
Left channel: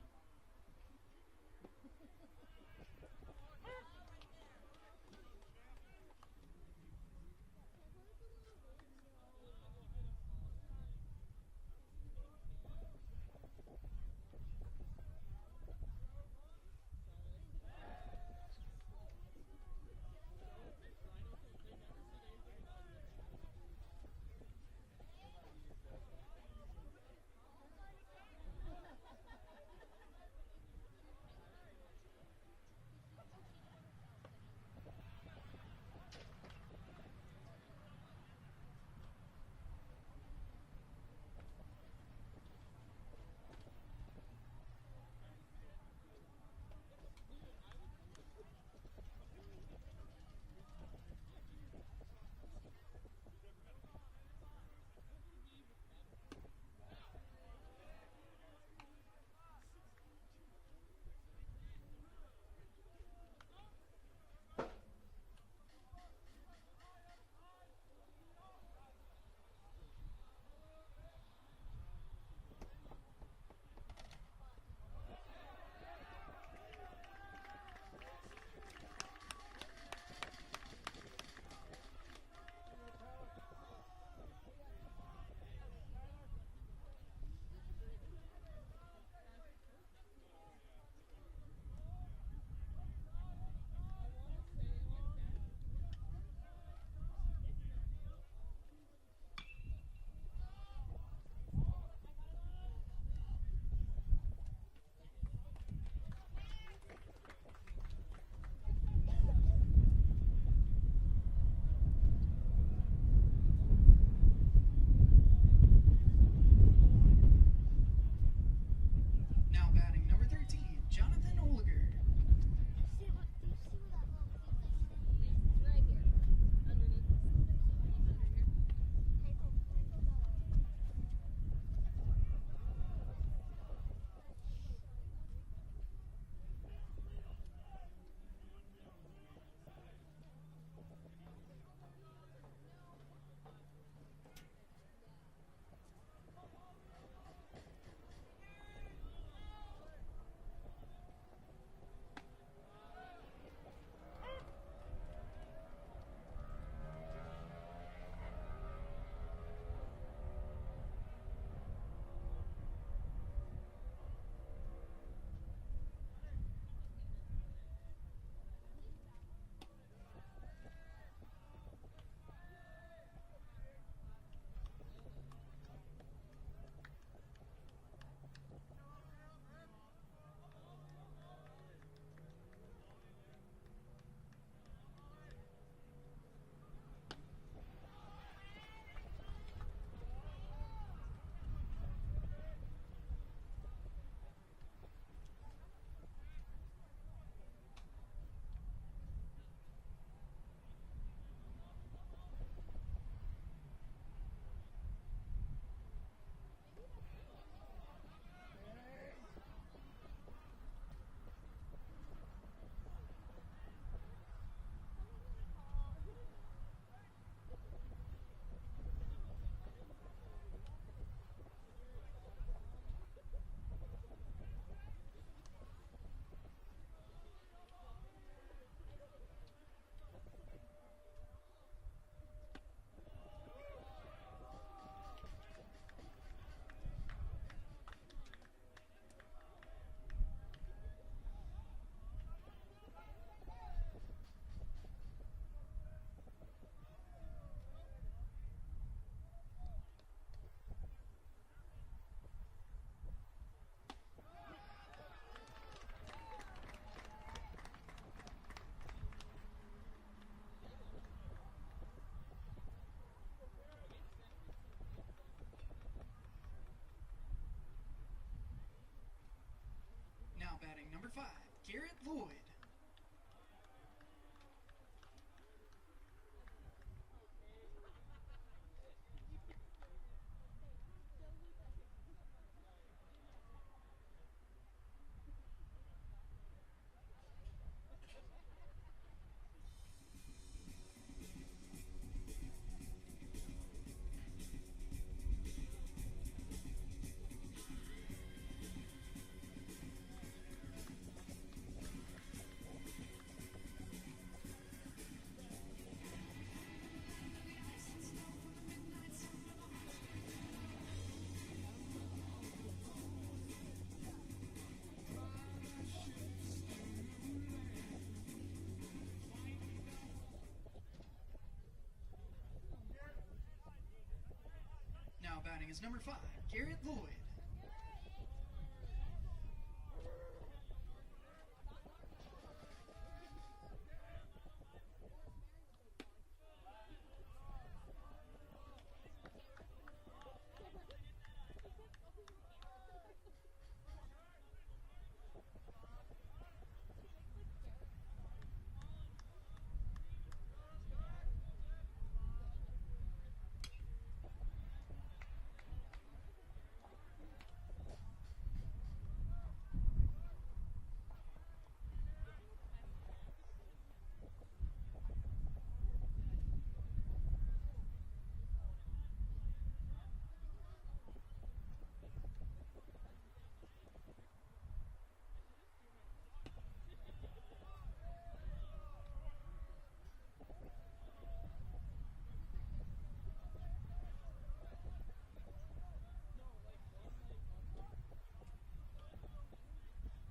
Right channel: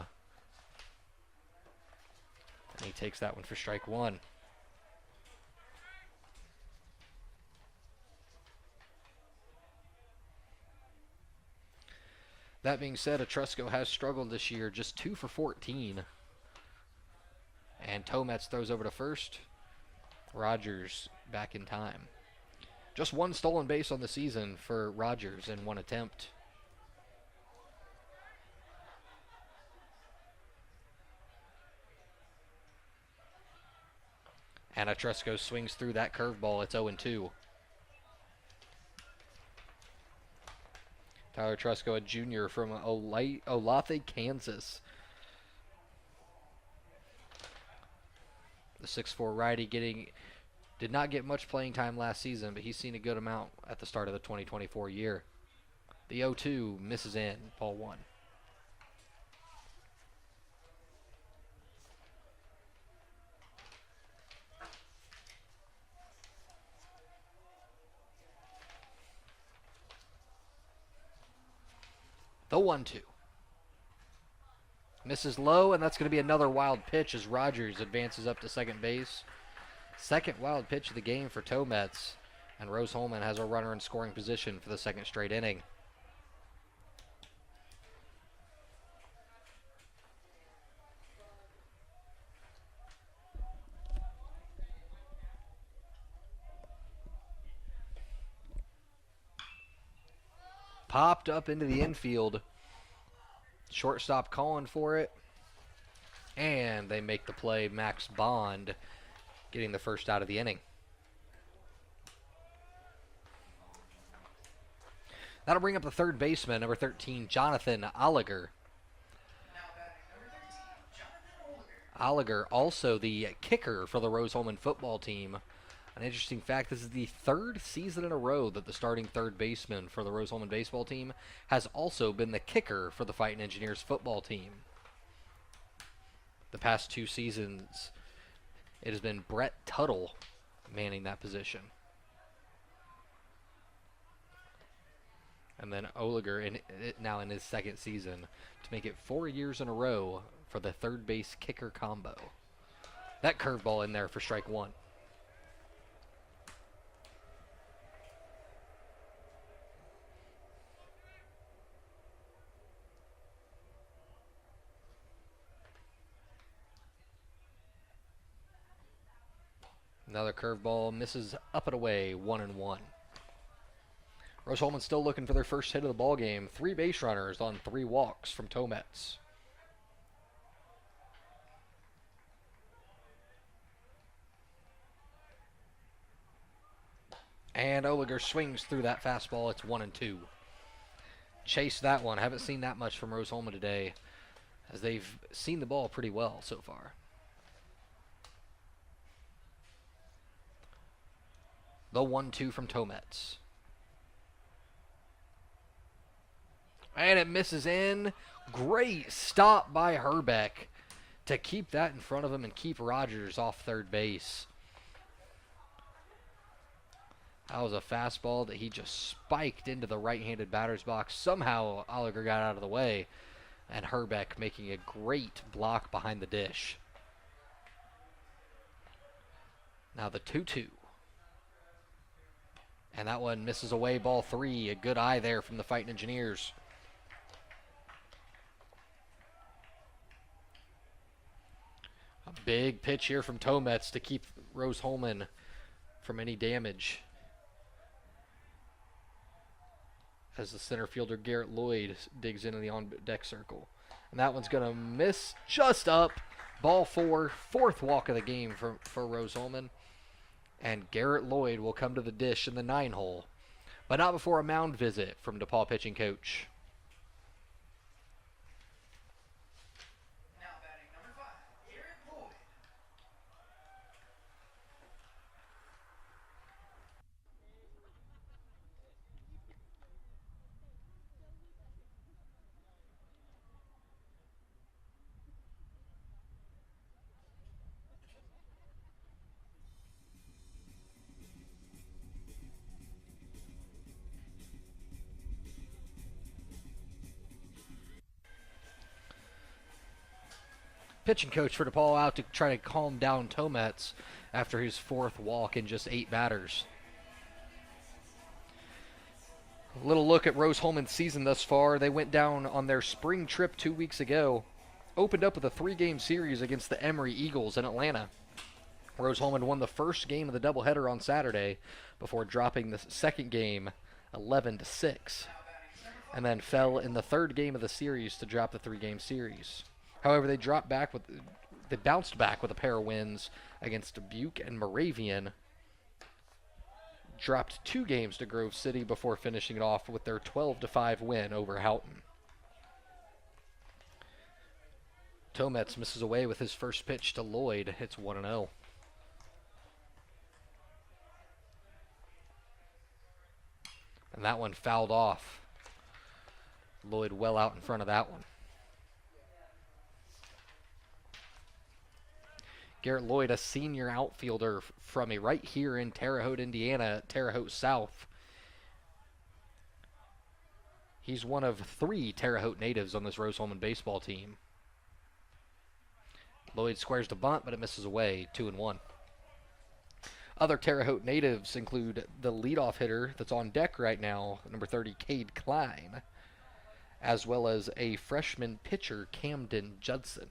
And he takes that one for strike 1. That being said, Etrusco has struggled this year, just 2 for 14. And Tomets throws over to first. Rogers back in time. Just 1 stolen base on the season for Rogers in 1 attempt. And Etrusco swings through that curveball. It's 0-2. Tyler Etrusco, a junior from Olathe, Kansas. The 6'4" righty did not get much playing time last season, but he's seen a good amount at the start of the 2024 year. The 0-2 misses in, ball 1. The 1-2. Misses low, and that's going to be another wild pitch as Rogers advances up to second base. Second wild pitch of the game for Tomets, and Rose-Hulman has a runner in scoring position for the second straight inning. Popped up into the infield. Shortstop calling for it. And they make the play. Max Bond getting the first out of the inning. That'll bring up the third baseman, number 13, Jonathan Oliger. Now batting number 13, Jonathan Oliger. Oliger, also the kicker for the Rose-Hulman football team. An interesting fact, this is the third season in a row that the starting third baseman for the Rose-Hulman baseball team has also been the kicker for the Fightin Engineers football team. The past 2 seasons, it has been Brett Tuttle manning that position. And then Oliger now in his second season to make it 4 years in a row for the third base kicker combo. That curveball in there for strike 1. Another curveball misses up and away, 1-1. Rose-Hulman still looking for their first hit of the ball game. 3 base runners on 3 walks from Tomets. And Oliger swings through that fastball. It's 1-2. Chase that one. Haven't seen that much from Rose-Hulman today, as they've seen the ball pretty well so far. The 1-2 from Tomets. And it misses in. Great stop by Herbeck to keep that in front of him and keep Rogers off third base. That was a fastball that he just spiked into the right-handed batter's box. Somehow Oliger got out of the way, and Herbeck making a great block behind the dish. Now the 2-2. And that one misses away, ball 3. A good eye there from the Fightin Engineers. A big pitch here from Tomets to keep Rose-Hulman from any damage, as the center fielder Garrett Lloyd digs into the on-deck circle. And that one's going to miss just up. Ball 4, 4th walk of the game for Rose-Hulman. And Garrett Lloyd will come to the dish in the 9-hole, but not before a mound visit from DePauw pitching coach. Now batting number 5, Garrett Lloyd. Pitching coach for DePauw out to try to calm down Tomets after his 4th walk in just 8 batters. A little look at Rose-Hulman's season thus far. They went down on their spring trip 2 weeks ago. Opened up with a 3-game series against the Emory Eagles in Atlanta. Rose-Hulman won the first game of the doubleheader on Saturday before dropping the second game 11-6. And then fell in the 3rd game of the series to drop the 3-game series. However, they bounced back with a pair of wins against Dubuque and Moravian. Dropped 2 games to Grove City before finishing it off with their 12-5 win over Houghton. Tomets misses away with his first pitch to Lloyd. It's 1-0. And that one fouled off. Lloyd well out in front of that one. Garrett Lloyd, a senior outfielder from right here in Terre Haute, Indiana, Terre Haute South. He's one of 3 Terre Haute natives on this Rose-Hulman baseball team. Lloyd squares the bunt, but it misses away, 2-1. Other Terre Haute natives include the leadoff hitter that's on deck right now, number 30, Cade Klein, as well as a freshman pitcher, Camden Judson.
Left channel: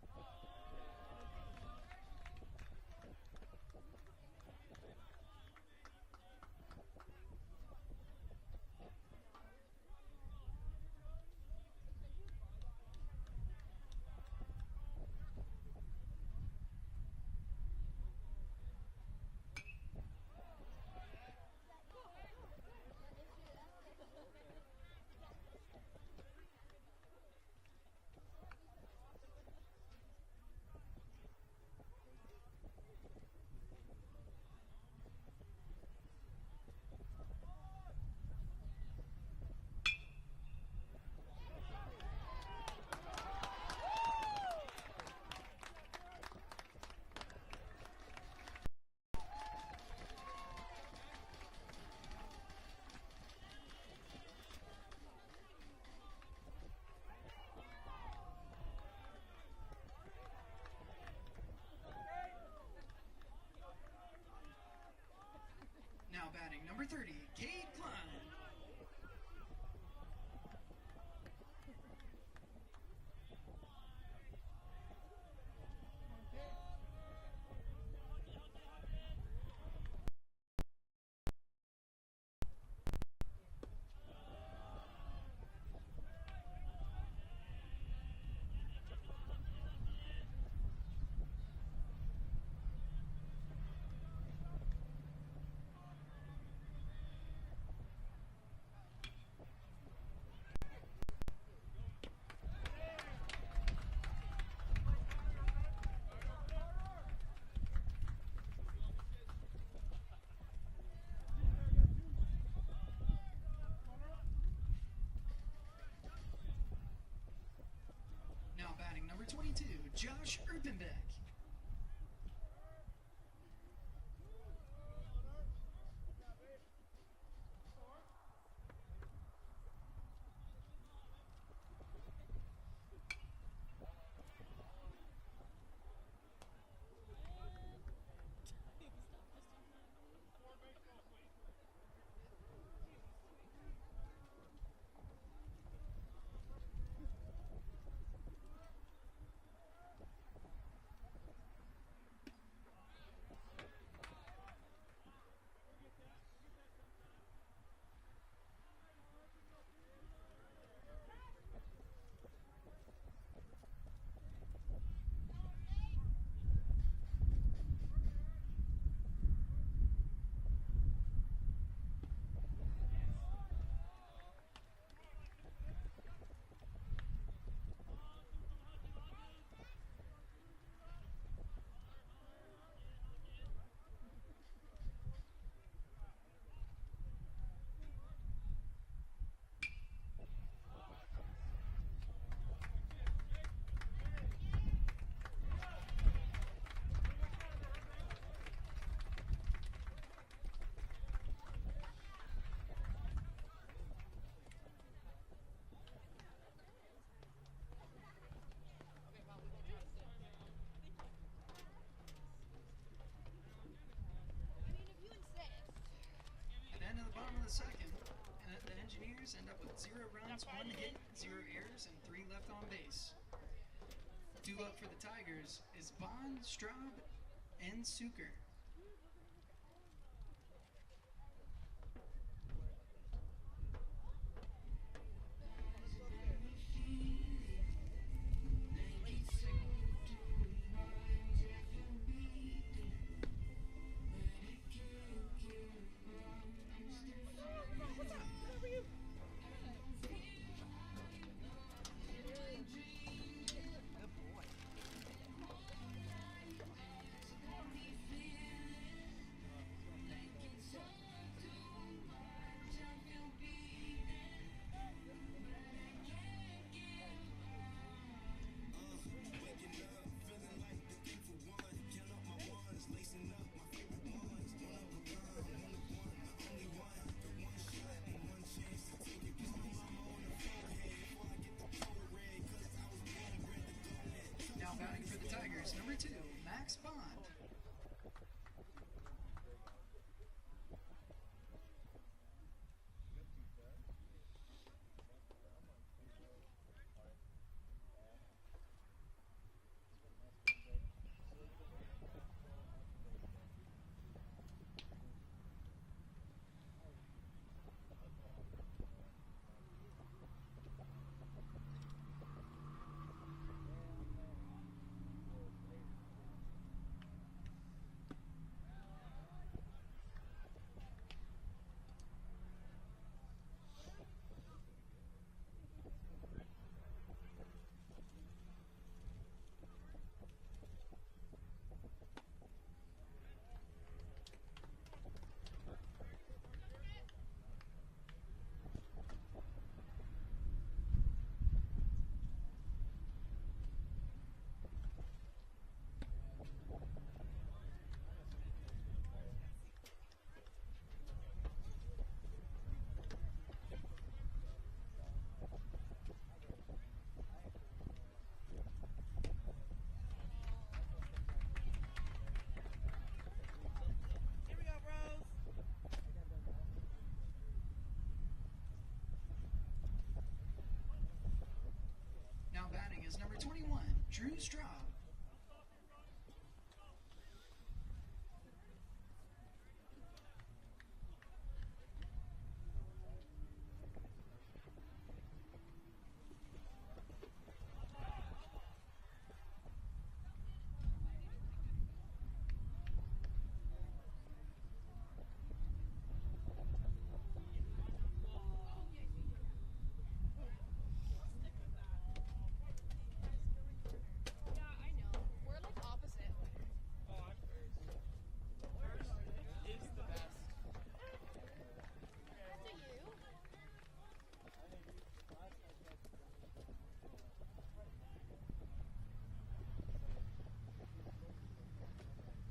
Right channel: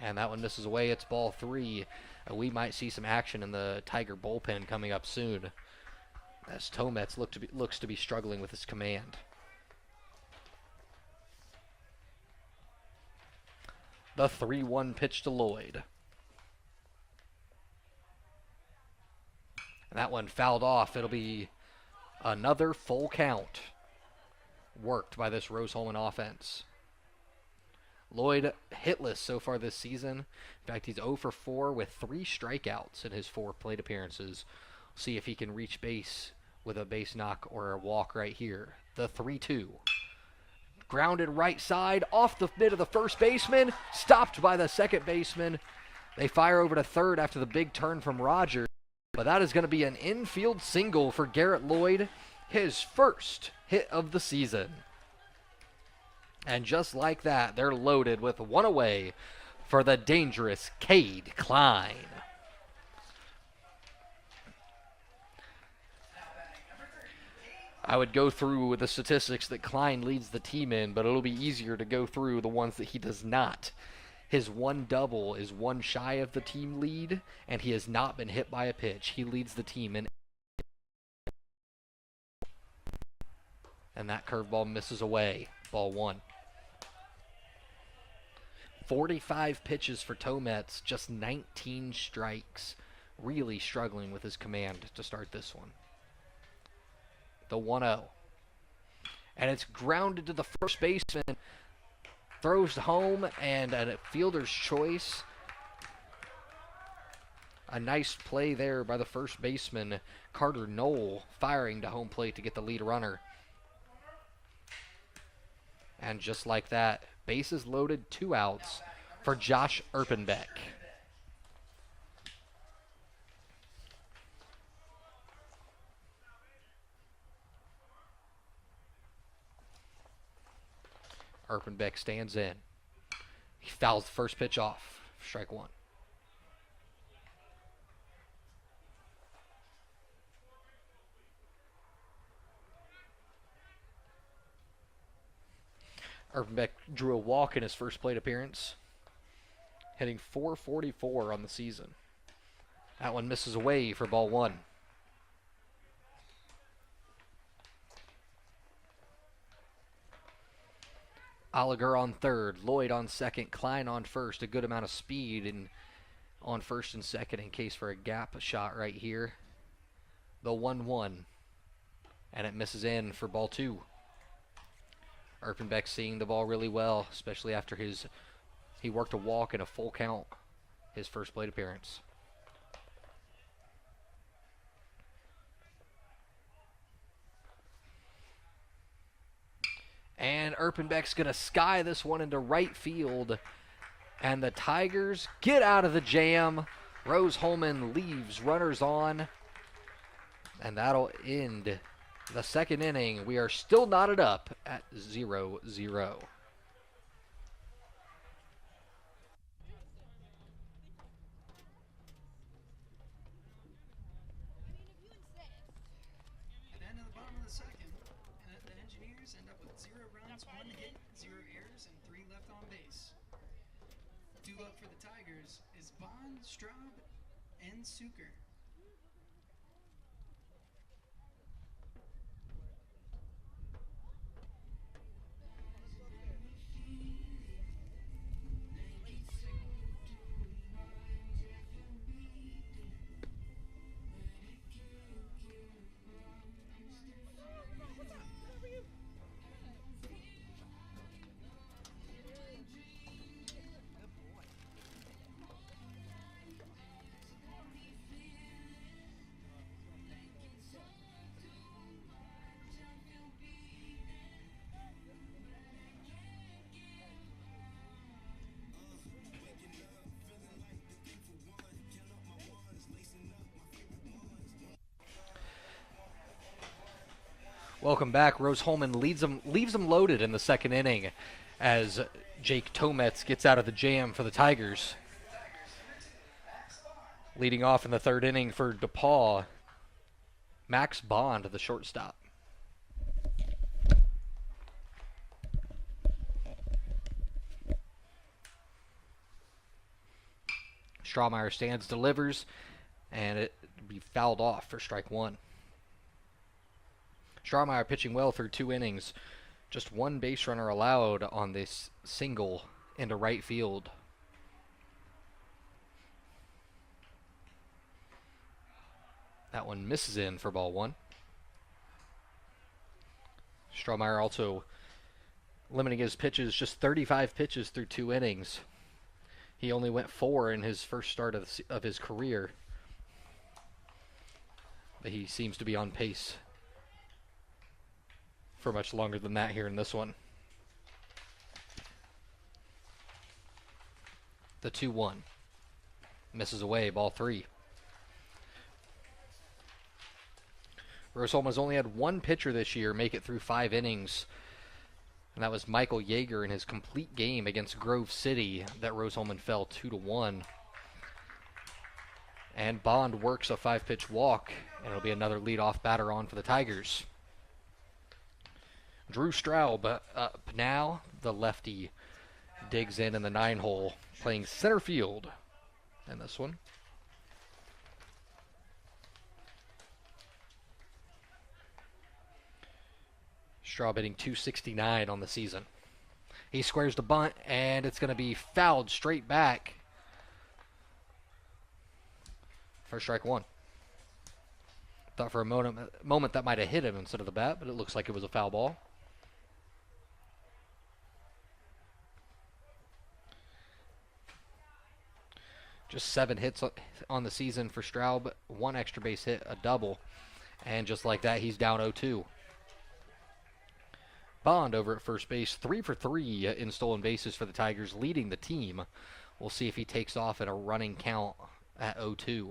And that one misses away. It's ball 3. We might see some action in the Tiger bullpen coming up soon, as Tomets looks to be struggling with his command. The 3-1 pitch to Lloyd. And that one fouled off. It'll be another full count worked by this Rose-Hulman offense. Lloyd hitless so far this season. In fact, he's 0 for 4 with 3 strikeouts in his 4 plate appearances. See if he can reach base with a base knock or a walk right here. The 3-2. Grounded right side, off the mid of the first baseman, stopped by the second baseman. They fire over to third after the big turn from Rogers. But that is going to be an infield single for Garrett Lloyd, his first hit of the season. And just like that, they're loaded with 1 away for the dangerous Cade Klein. I would go through the statistics that Klein leads the team in, but it'll be easier to go through the ones that he does not. His 1 double is 1 shy of the team lead, and he has not been hit by a pitch. He leads the team in. And that curveball misses away. Ball 1. 45 pitches for Tomets, just 19 strikes. Really struggling with his command to start this one. The 1-0. And it's grounded to the first baseman. Throws home, and a fielder's choice. A nice play there by the first baseman, Carter Knoll, firing to home plate to get the lead runner. And just like that, bases loaded, 2 outs for Josh Erpenbeck. Erpenbeck stands in. He fouls the first pitch off. Strike 1. Erpenbeck drew a walk in his first plate appearance, hitting .444 on the season. That one misses away for ball 1. Oliger on third, Lloyd on second, Klein on first. A good amount of speed on first and second in case for a gap shot right here. The 1-1, and it misses in for ball 2. Erpenbeck seeing the ball really well, especially after he worked a walk in a full count his first plate appearance. And Erpenbeck's going to sky this one into right field. And the Tigers get out of the jam. Rose-Hulman leaves runners on. And that'll end the second inning. We are still knotted up at 0-0. And then at the bottom of the second, the Engineers end up with 0 runs, 1 hit, 0 errors, and 3 left on base. Due up for the Tigers is Bond, Straub, and Suker. Welcome back. Rose-Hulman leaves them loaded in the second inning as Jake Tometz gets out of the jam for the Tigers. Leading off in the third inning for DePauw, Max Bond, the shortstop. Strawmeyer stands, delivers, and it will be fouled off for strike one. Strawmeyer pitching well through 2 innings. Just 1 base runner allowed on this single into right field. That one misses in for ball 1. Strawmeyer also limiting his pitches, just 35 pitches through 2 innings. He only went 4 in his first start of his career. But he seems to be on pace for much longer than that here in this one. The 2-1. Misses away, ball 3. Rose-Hulman has only had 1 pitcher this year make it through 5 innings. And that was Michael Yeager in his complete game against Grove City that Rose-Hulman fell 2-1. And Bond works a 5-pitch walk, and it'll be another leadoff batter on for the Tigers. Drew Straub up now. The lefty digs in the 9-hole, playing center field in this one. Straub hitting .269 on the season. He squares the bunt, and it's going to be fouled straight back for strike 1. Thought for a moment that might have hit him instead of the bat, but it looks like it was a foul ball. Just 7 hits on the season for Straub, 1 extra base hit, a double, and just like that, he's down 0-2. Bond over at first base, 3 for 3 in stolen bases for the Tigers, leading the team. We'll see if he takes off at a running count at 0-2.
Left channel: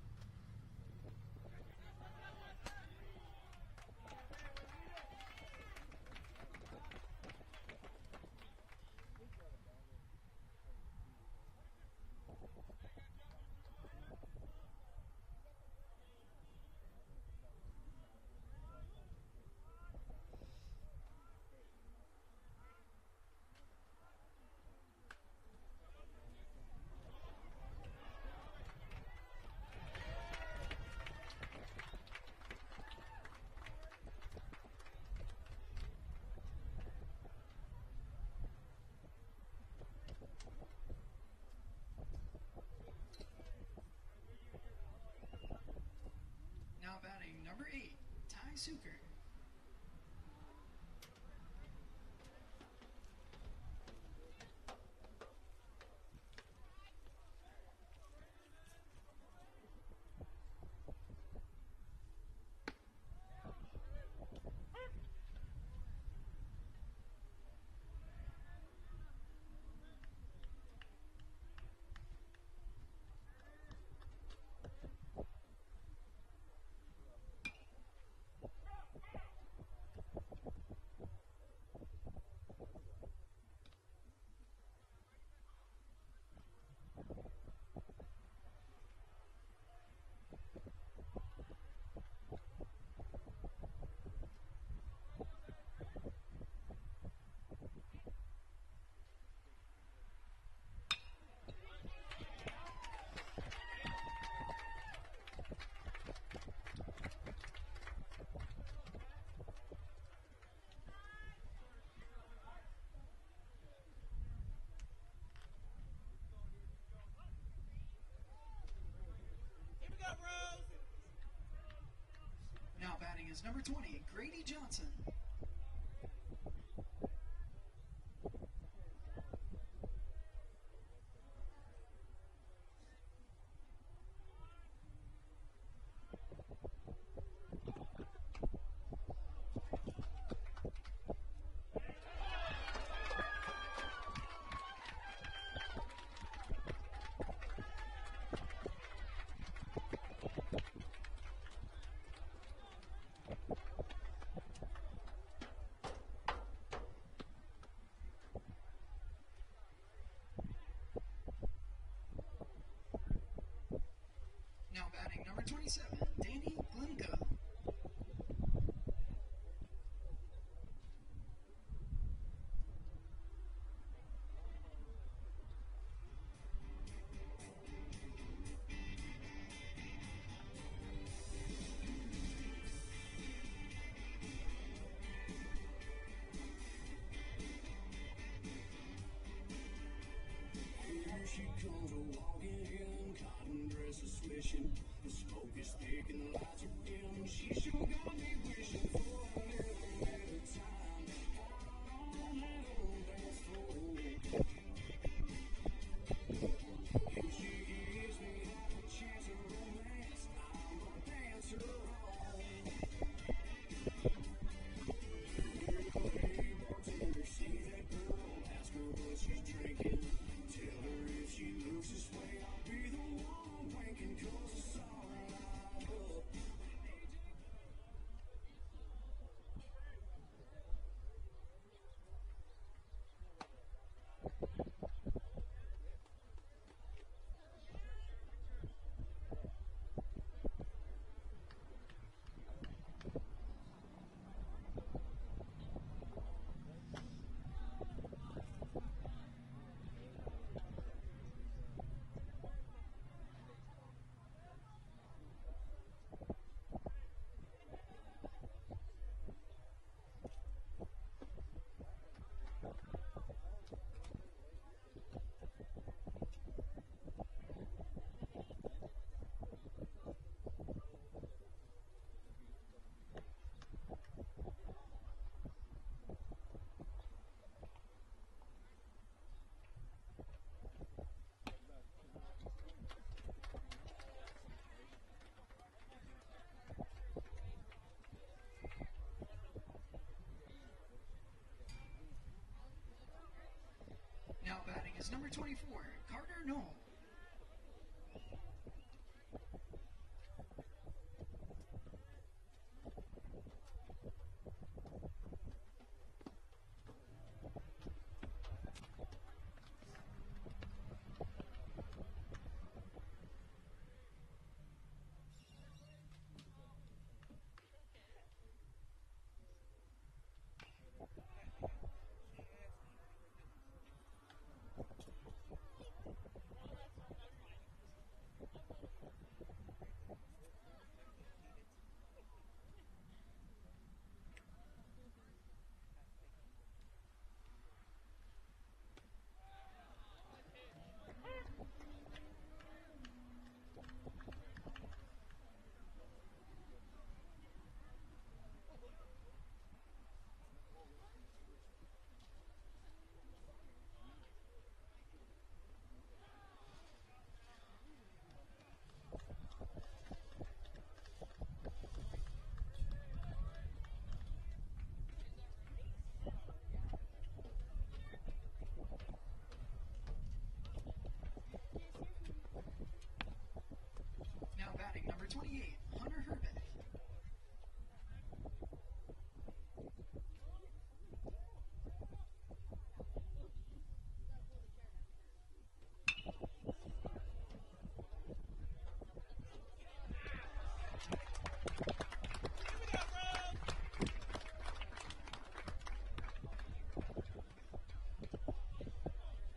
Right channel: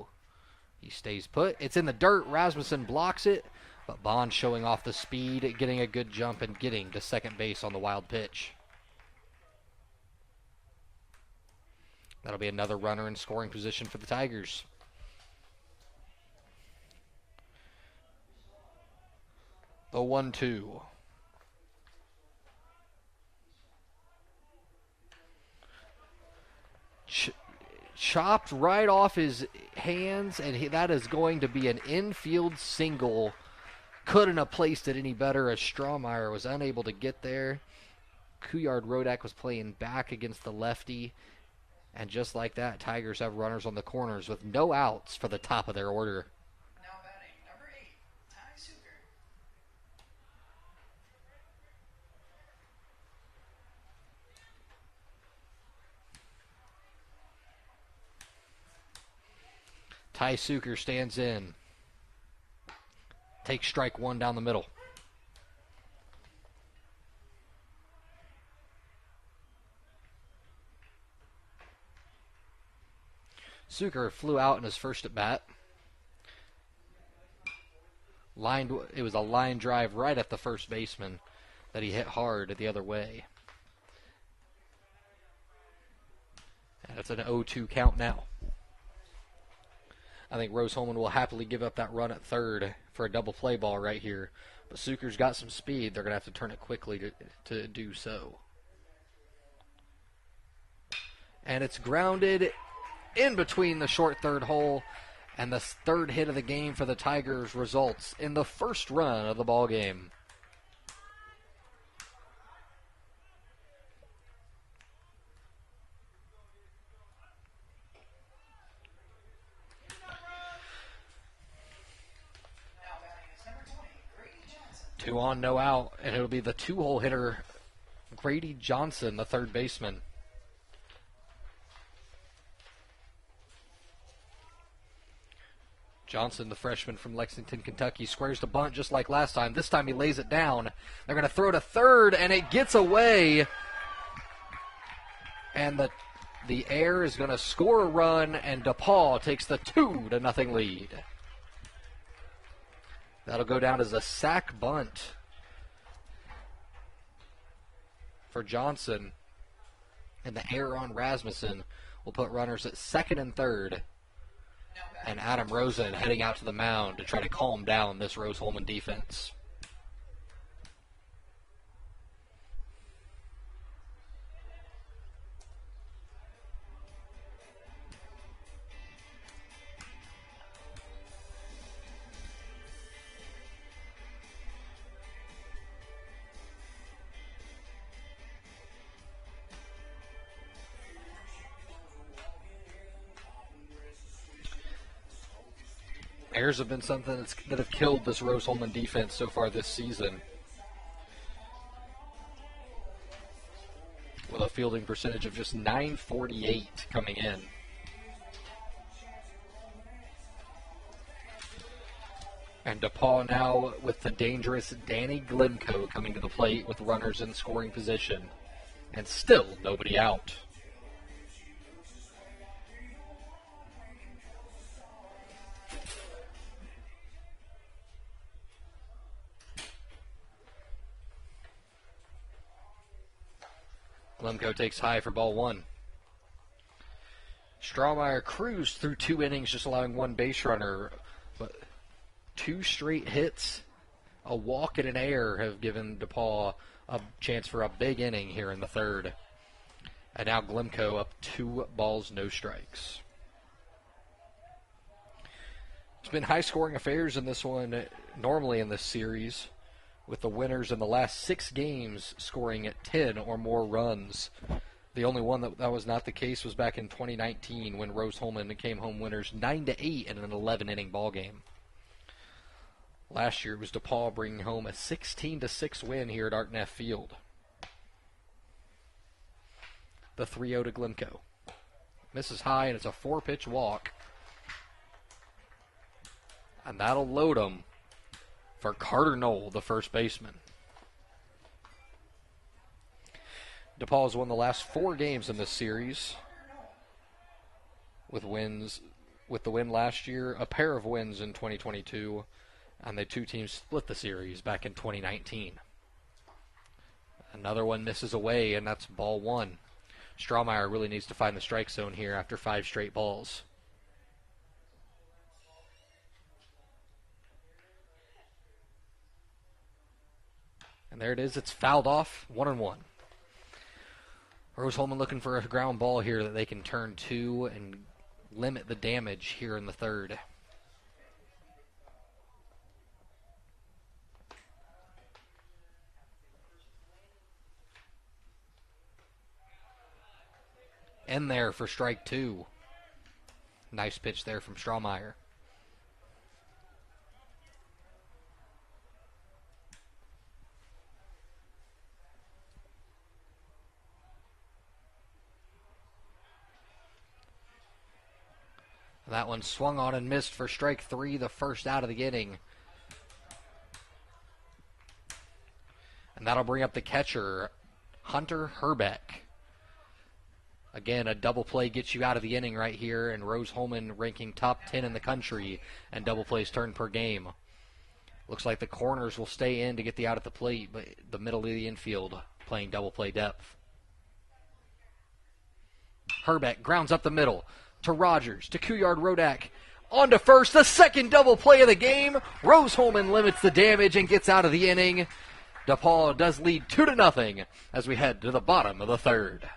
He stays put. It's in the dirt. Rasmussen blocks it, but Bond showing off the speed, getting a good jump, and getting to second base on the wild pitch. That'll be another runner in scoring position for the Tigers. The 1-2. Chopped right off his hands, and that is going to be an infield single. Couldn't have placed it any better as Strawmeyer was unable to get there. Couillard-Rodak was playing back against the lefty. And just like that, Tigers have runners on the corners with no outs for the top of their order. Now batting number 8, Ty Suker. Ty Suker stands in. Takes strike 1 down the middle. Suker flew out in his first at bat. It was a line drive right at the first baseman that he hit hard the other way. And it's an 0-2 count now. I think Rose-Hulman will happily give up that run at third for a double play ball right here. But Suker's got some speed. They're going to have to turn it quickly to do so. And it's grounded in between the short third hole, and the third hit of the game for the Tigers results in the first run of the ball game. Now batting is number 20, Grady Johnson. 2 on, no out, and it'll be the 2-hole hitter, Grady Johnson, the third baseman. Johnson, the freshman from Lexington, Kentucky, squares the bunt just like last time. This time he lays it down. They're going to throw to third, and it gets away. And the Air is going to score a run, and DePauw takes the 2-0 lead. That'll go down as a sack bunt for Johnson. And the error on Rasmussen will put runners at second and third. And Adam Rosen heading out to the mound to try to calm down this Rose-Hulman defense. Errors have been something that have killed this Rose-Hulman defense so far this season. With a fielding percentage of just .948 coming in. And DePauw now with the dangerous Danny Glimko coming to the plate with runners in scoring position. And still nobody out. Glimko takes high for ball one. Strawmeyer cruised through 2 innings, just allowing 1 base runner. But 2 straight hits, a walk and an error have given DePauw a chance for a big inning here in the third. And now Glimko up 2 balls, no strikes. It's been high-scoring affairs in this one, normally in this series, with the winners in the last 6 games scoring at 10 or more runs. The only one that was not the case was back in 2019 when Rose-Hulman came home winners 9-8 in an 11-inning ball game. Last year it was DePauw bringing home a 16-6 win here at Art Neff Field. The 3-0 to Glimko. Misses high, and it's a 4-pitch walk. And that'll load him for Carter Knoll, the first baseman. DePauw has won the last 4 games in this series, with the win last year, a pair of wins in 2022, and the 2 teams split the series back in 2019. Another one misses away, and that's ball 1. Strawmeyer really needs to find the strike zone here after 5 straight balls. And there it is. It's fouled off. 1-1. Rose-Hulman looking for a ground ball here that they can turn to and limit the damage here in the third. In there for strike 2. Nice pitch there from Strawmeyer. That one swung on and missed for strike 3, the first out of the inning. And that'll bring up the catcher, Hunter Herbeck. Again, a double play gets you out of the inning right here, and Rose-Hulman ranking top 10 in the country, and double plays turned per game. Looks like the corners will stay in to get the out at the plate, but the middle of the infield playing double play depth. Herbeck grounds up the middle to Rogers, to Couillard-Rodak, on to first, the second double play of the game. Rose-Hulman limits the damage and gets out of the inning. DePauw does lead 2-0 as we head to the bottom of the third.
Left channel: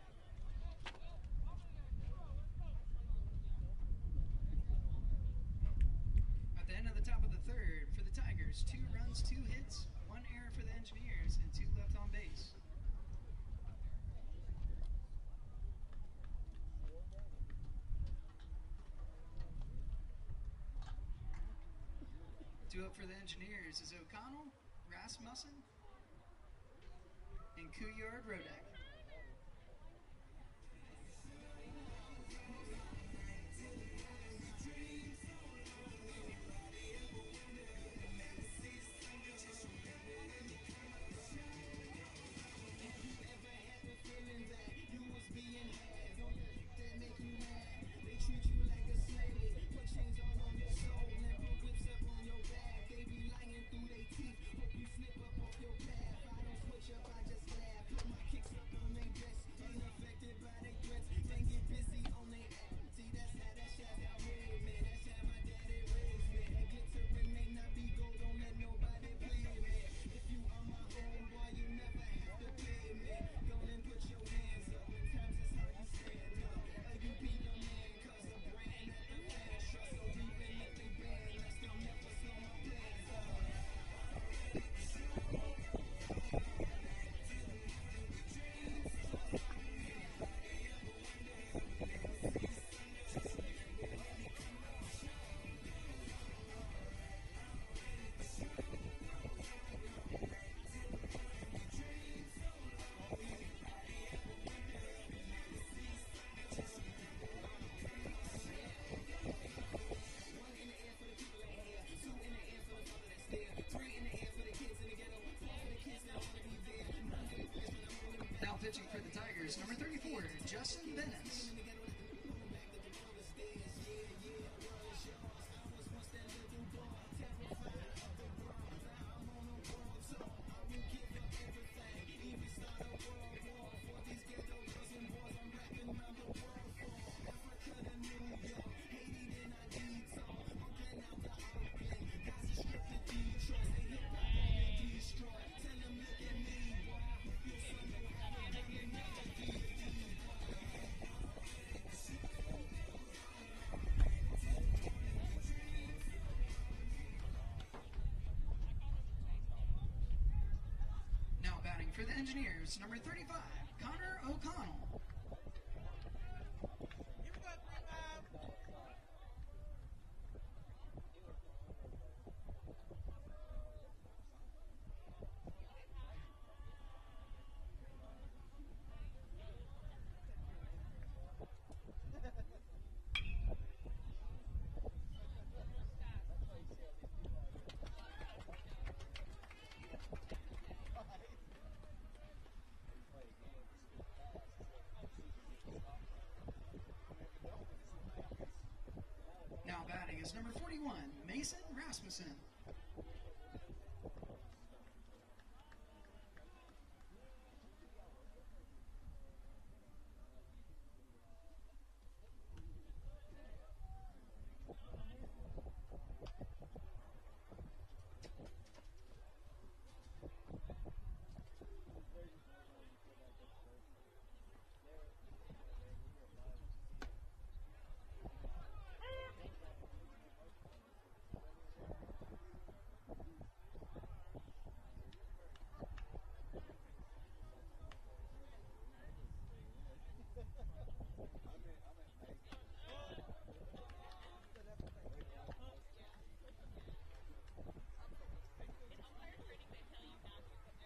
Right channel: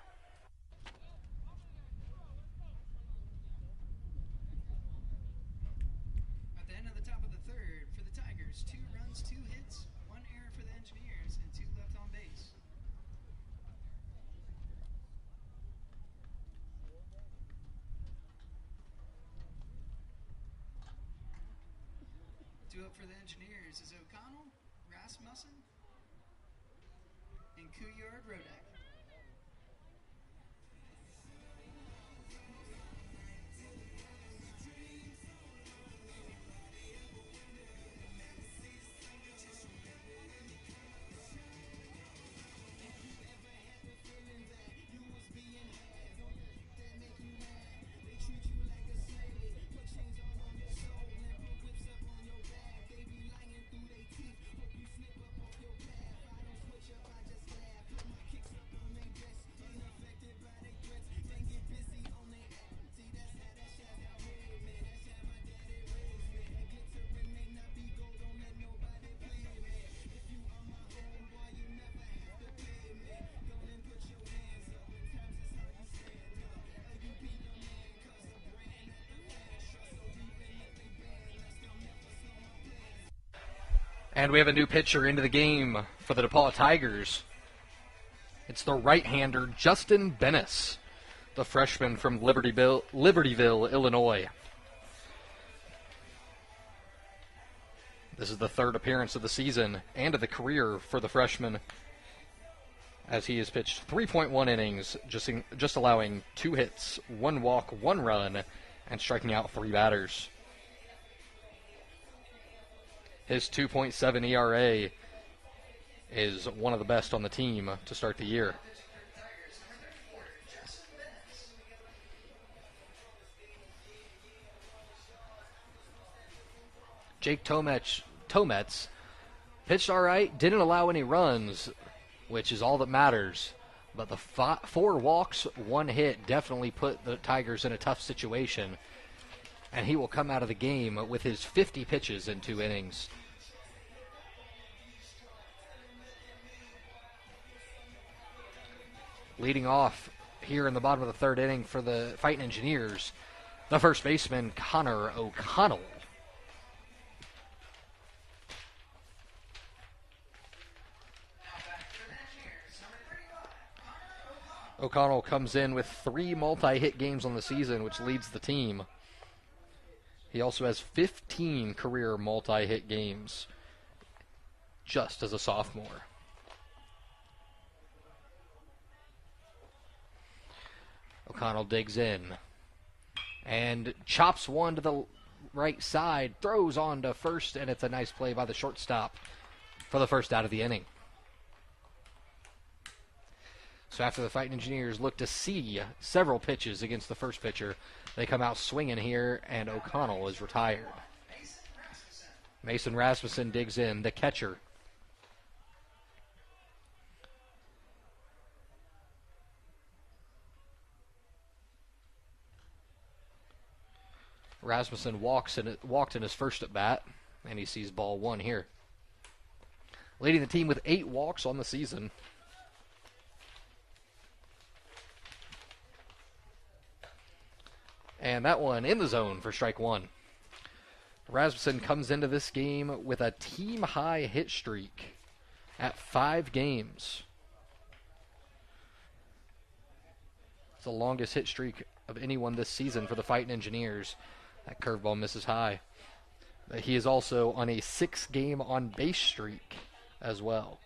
At the end of the top of the third, for the Tigers, 2 runs, 2 hits, 1 error for the Engineers, and 2 left on base. 2 up for the Engineers is O'Connell, Rasmussen, and Couillard-Rodak. And we have a new pitcher into the game for the DePauw Tigers. It's the right-hander Justin Bennis, the freshman from Libertyville, Illinois. This is the third appearance of the season and of the career for the freshman, as he has pitched 3.1 innings, just allowing 2 hits, 1 walk, 1 run, and striking out 3 batters. His 2.7 ERA is one of the best on the team to start the year. Pitching for the Tigers, number 34, Justin Bennis. Jake Tomets pitched all right, didn't allow any runs, which is all that matters. But the 4 walks, 1 hit definitely put the Tigers in a tough situation. And he will come out of the game with his 50 pitches in 2 innings. Leading off here in the bottom of the 3rd inning for the Fightin Engineers, the first baseman, Connor O'Connell. Now batting for the Engineers, number 35, Connor O'Connell. O'Connell comes in with 3 multi-hit games on the season, which leads the team. He also has 15 career multi-hit games just as a sophomore. O'Connell digs in and chops one to the right side, throws on to first, and it's a nice play by the shortstop for the first out of the inning. So after the Fightin Engineers look to see several pitches against the first pitcher, they come out swinging here, and O'Connell is retired. Mason Rasmussen digs in, the catcher. Rasmussen walked in his first at bat, and he sees ball 1 here. Leading the team with 8 walks on the season. And that one in the zone for strike 1. Rasmussen comes into this game with a team-high hit streak at 5 games. It's the longest hit streak of anyone this season for the Fightin Engineers. That curveball misses high. He is also on a 6-game on-base streak as well.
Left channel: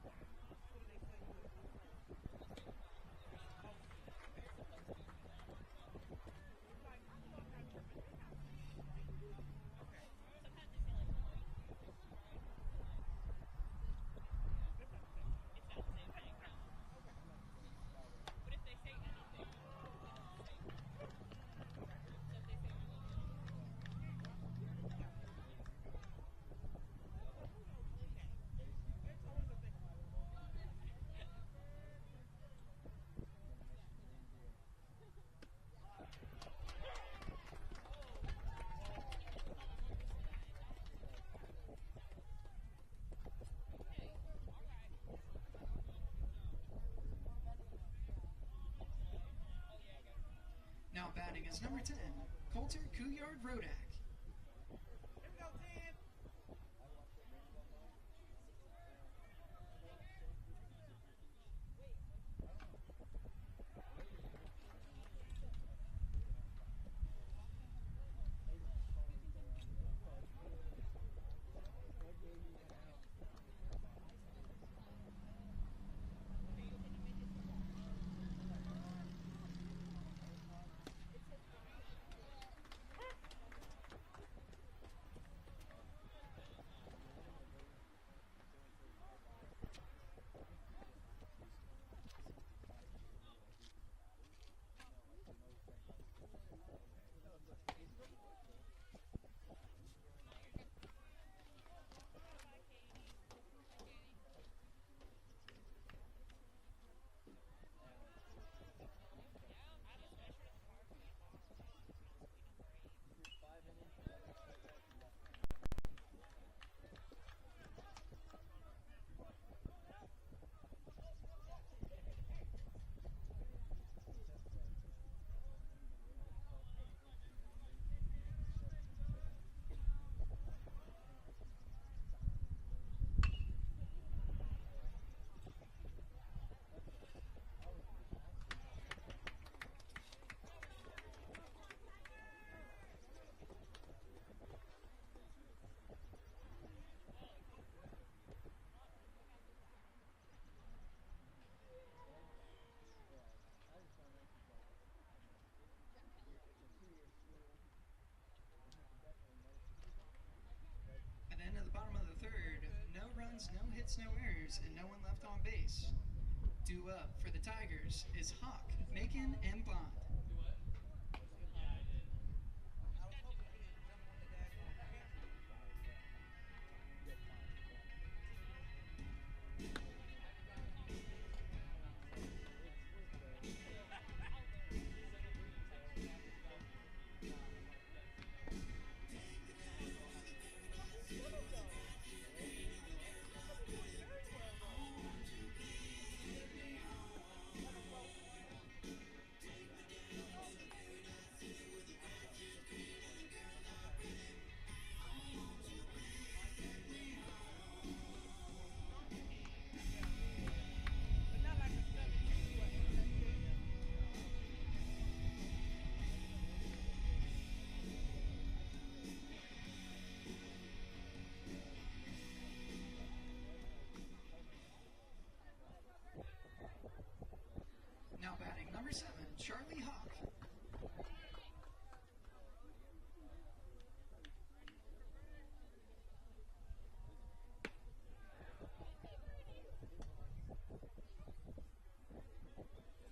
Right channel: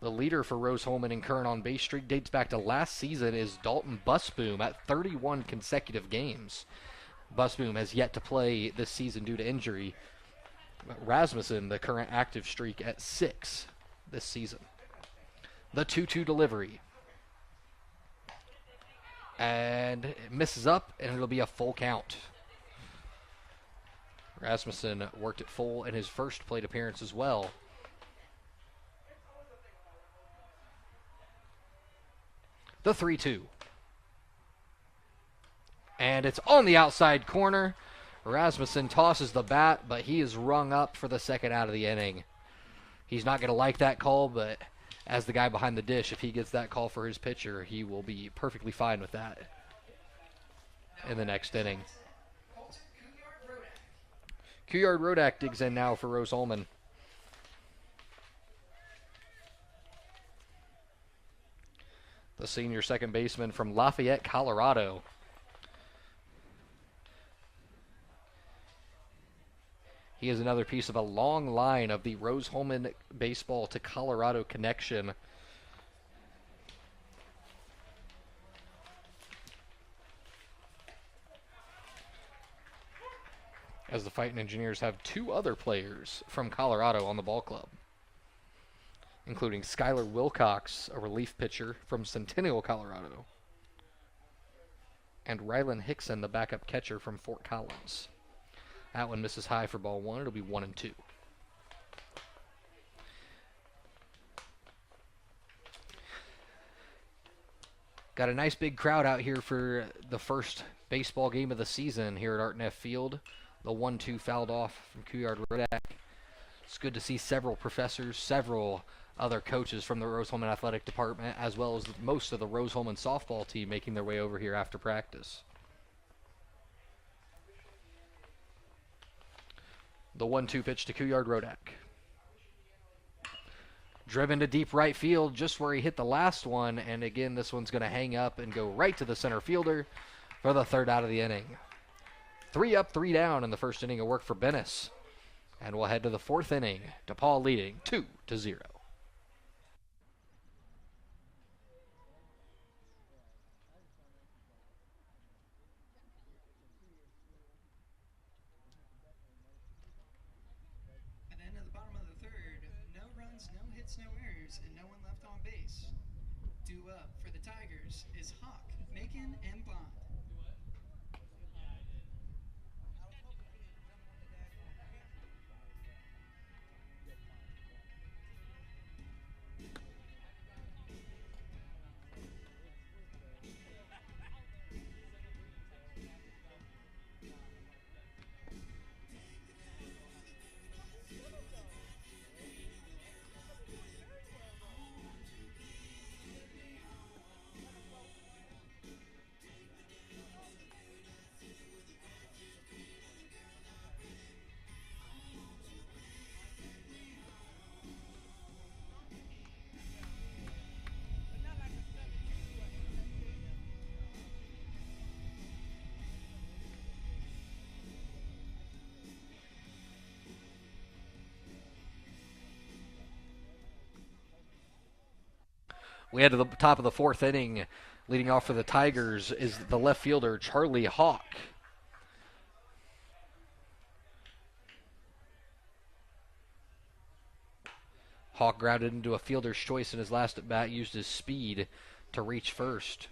The leader for Rose-Hulman in current on-base streak dates back to last season is Dalton Busboom at 31 consecutive games. Busboom has yet to play this season due to injury. But Rasmussen, the current active streak at 6 this season. The 2-2 delivery. And it misses up, and it'll be a full count. Rasmussen worked it full in his first plate appearance as well. The 3-2. And it's on the outside corner. Rasmussen tosses the bat, but he is rung up for the second out of the inning. He's not going to like that call, but as the guy behind the dish, if he gets that call for his pitcher, he will be perfectly fine with that in the next inning. Couillard-Rodak digs in now for Rose-Hulman. The senior second baseman from Lafayette, Colorado. He is another piece of a long line of the Rose-Hulman baseball to Colorado connection. As the Fightin Engineers have 2 other players from Colorado on the ball club, including Skylar Wilcox, a relief pitcher from Centennial, Colorado, and Rylan Hickson, the backup catcher from Fort Collins. That one misses high for ball 1. It'll be 1-2. Got a nice big crowd out here for the first baseball game of the season here at Art-Neff Field. The 1-2 fouled off from Couillard-Rodak. It's good to see several professors, several other coaches from the Rose-Hulman Athletic Department, as well as most of the Rose-Hulman softball team making their way over here after practice. The 1-2 pitch to Couillard Rodak. Driven to deep right field, just where he hit the last one, and again, this one's going to hang up and go right to the center fielder for the third out of the inning. 3 up, 3 down in the first inning of work for Bennis. And we'll head to the fourth inning. DePauw leading 2-0. At the end of the bottom of the third, no runs, no hits, no errors, and no one left on base. Due up for the Tigers is Hawk, Macon, and Bond. We head to the top of the fourth inning. Leading off for the Tigers is the left fielder, Charlie Hawk. Hawk grounded into a fielder's choice in his last at bat, used his speed to reach first.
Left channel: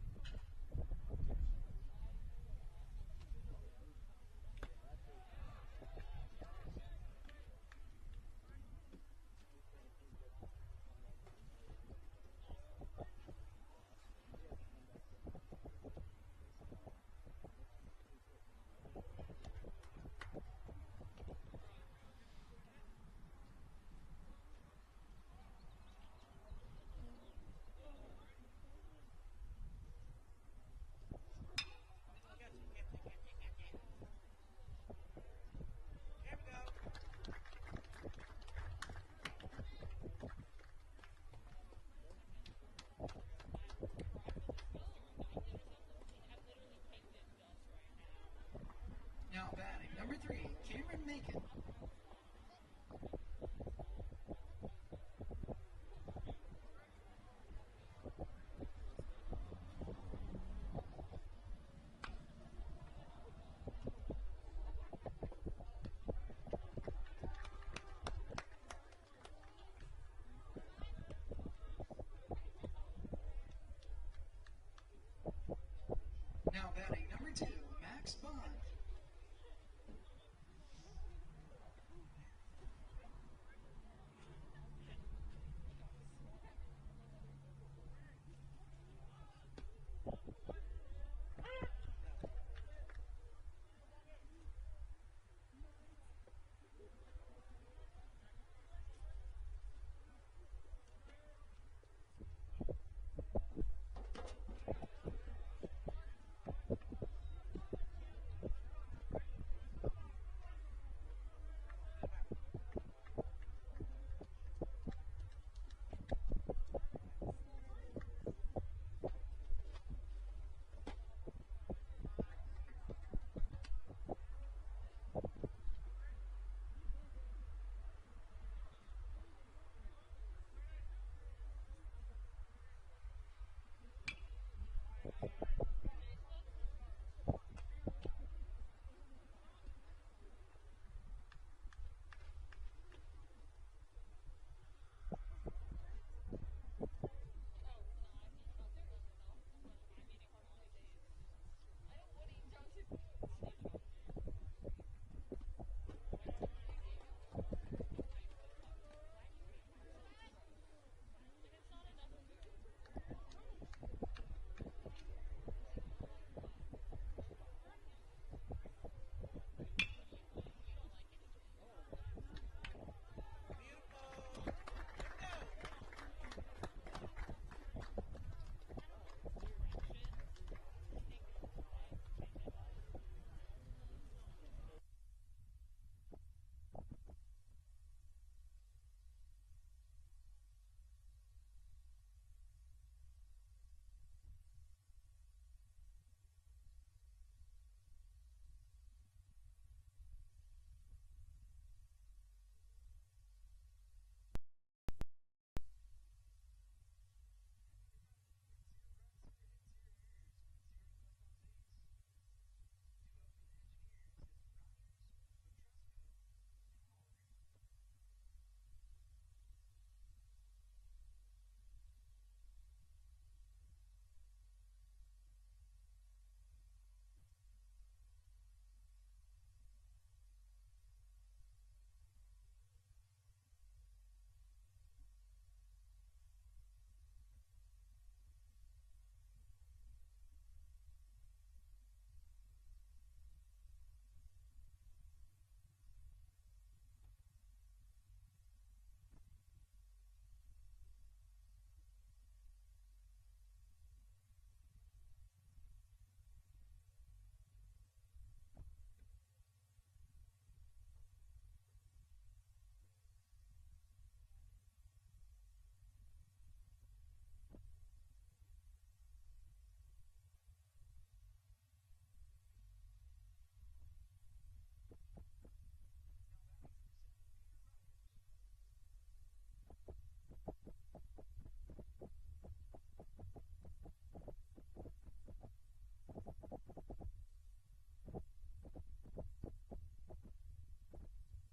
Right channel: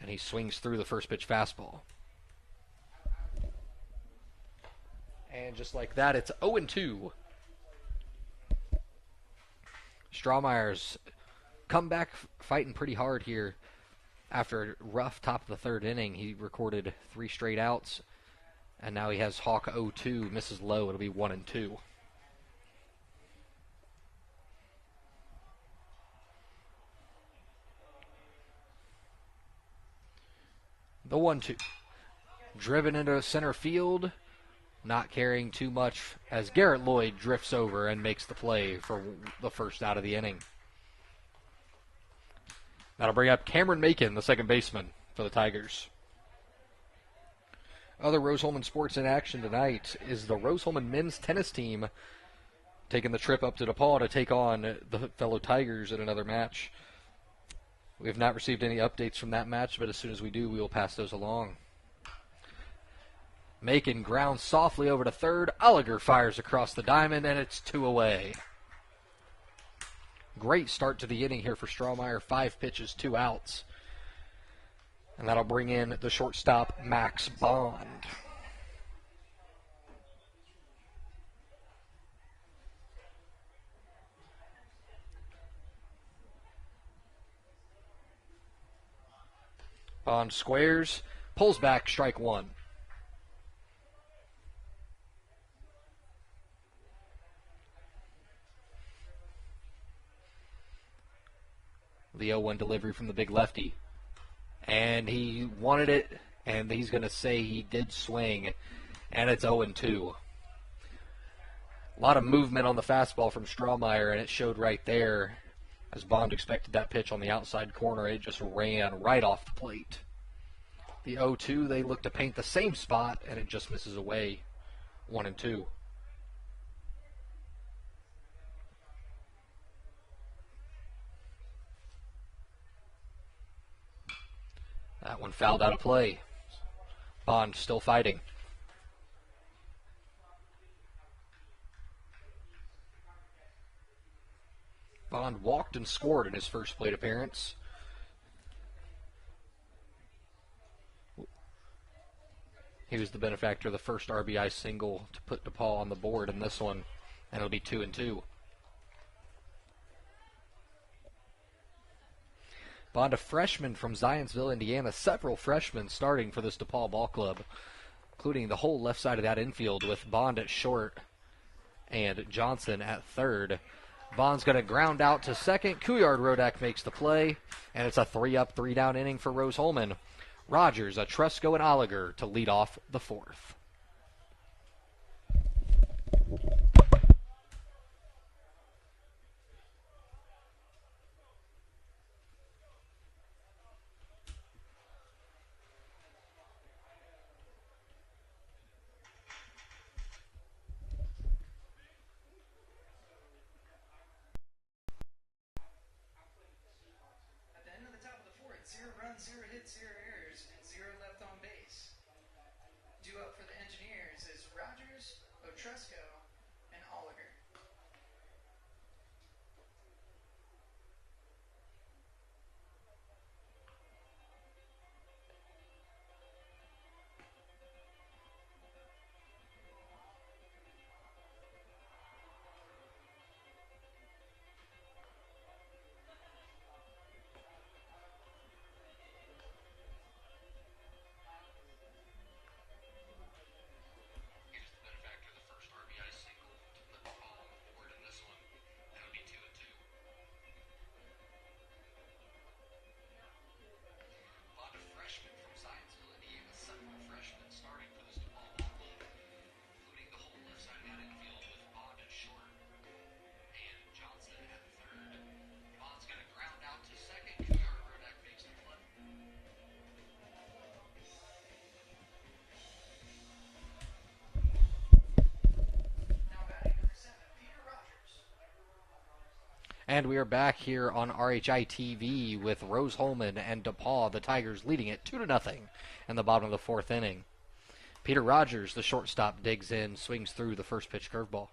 And he swings through the first pitch fastball. And just like that, it's 0-2. Strawmeyer's come back fighting pretty hard here after a rough top of the third inning. He recorded 3 straight outs, and now he has Hawk 0-2, misses low. It'll be 1-2. The 1-2. Driven into center field. Not carrying too much as Garrett Lloyd drifts over and makes the play for the first out of the inning. That'll bring up Cameron Macon, the second baseman for the Tigers. Other Rose-Hulman sports in action tonight is the Rose-Hulman men's tennis team taking the trip up to DePauw to take on the fellow Tigers in another match. We have not received any updates from that match, but as soon as we do, we will pass those along. Macon grounds softly over to third. Oliger fires across the diamond, and it's 2 away. Great start to the inning here for Strawmeyer. 5 pitches, 2 outs. And that'll bring in the shortstop, Max Bond. Bond squares, pulls back, strike 1. The 0-1 delivery from the big lefty. And he wanted it, and he's going to say he did swing, and it's 0-2. A lot of movement on the fastball from Strawmeyer, and it showed right there. As Bond expected that pitch on the outside corner, it just ran right off the plate. The 0-2, they look to paint the same spot, and it just misses away. 1-2. That one fouled out of play. Bond still fighting. Bond walked and scored in his first plate appearance. He was the benefactor of the first RBI single to put DePauw on the board in this one, and it'll be 2-2. Bond, a freshman from Zionsville, Indiana. Several freshmen starting for this DePauw ball club, including the whole left side of that infield with Bond at short and Johnson at third. Bond's going to ground out to second. Couillard Rodak makes the play, and it's a 3-up, 3-down inning for Rose-Hulman. Rogers, Etrusco, and Oliger to lead off the fourth. And we are back here on RHI TV with Rose-Hulman and DePauw, the Tigers leading it 2-0 in the bottom of the fourth inning. Peter Rogers, the shortstop, digs in, swings through the first pitch curveball.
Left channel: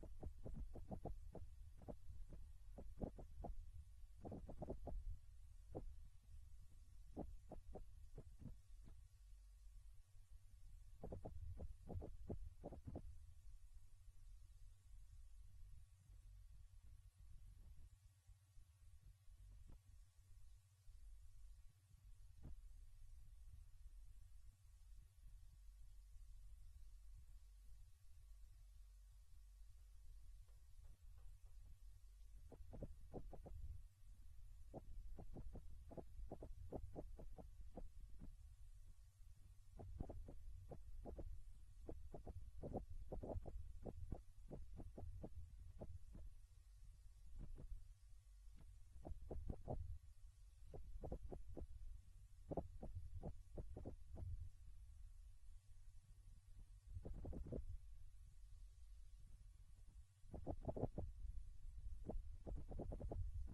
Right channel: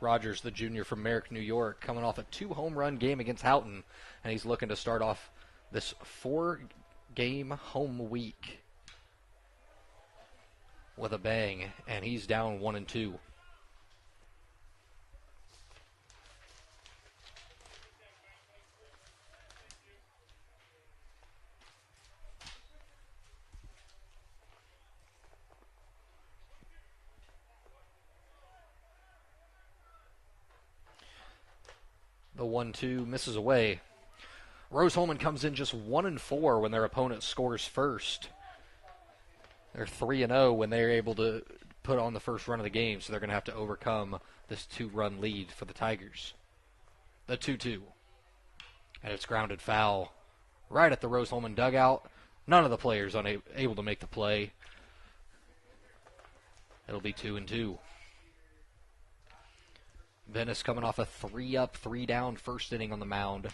Rogers, the junior from Merrick, New York, coming off a 2-home-run game against Houghton, and he's looking to start off this 4-game home week with a bang, and he's down 1-2. The 1-2 misses away. Rose-Hulman comes in just 1-4 when their opponent scores first. They're 3-0 when they're able to put on the first run of the game, so they're going to have to overcome this 2-run lead for the Tigers. The 2-2. And it's grounded foul right at the Rose-Hulman dugout. None of the players able to make the play. It'll be 2-2. Venice coming off a 3-up, 3-down first inning on the mound.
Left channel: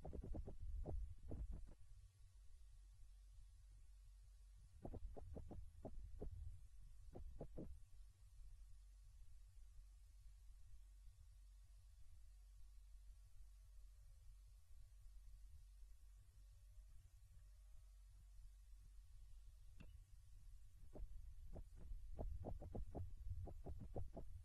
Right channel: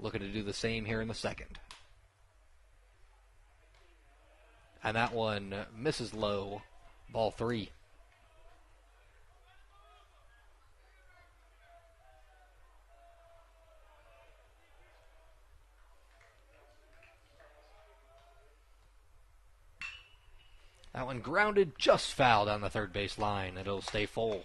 Looking to do the same here in the second. And that one misses low. Ball 3. That one grounded just foul down the third base line. It'll stay full.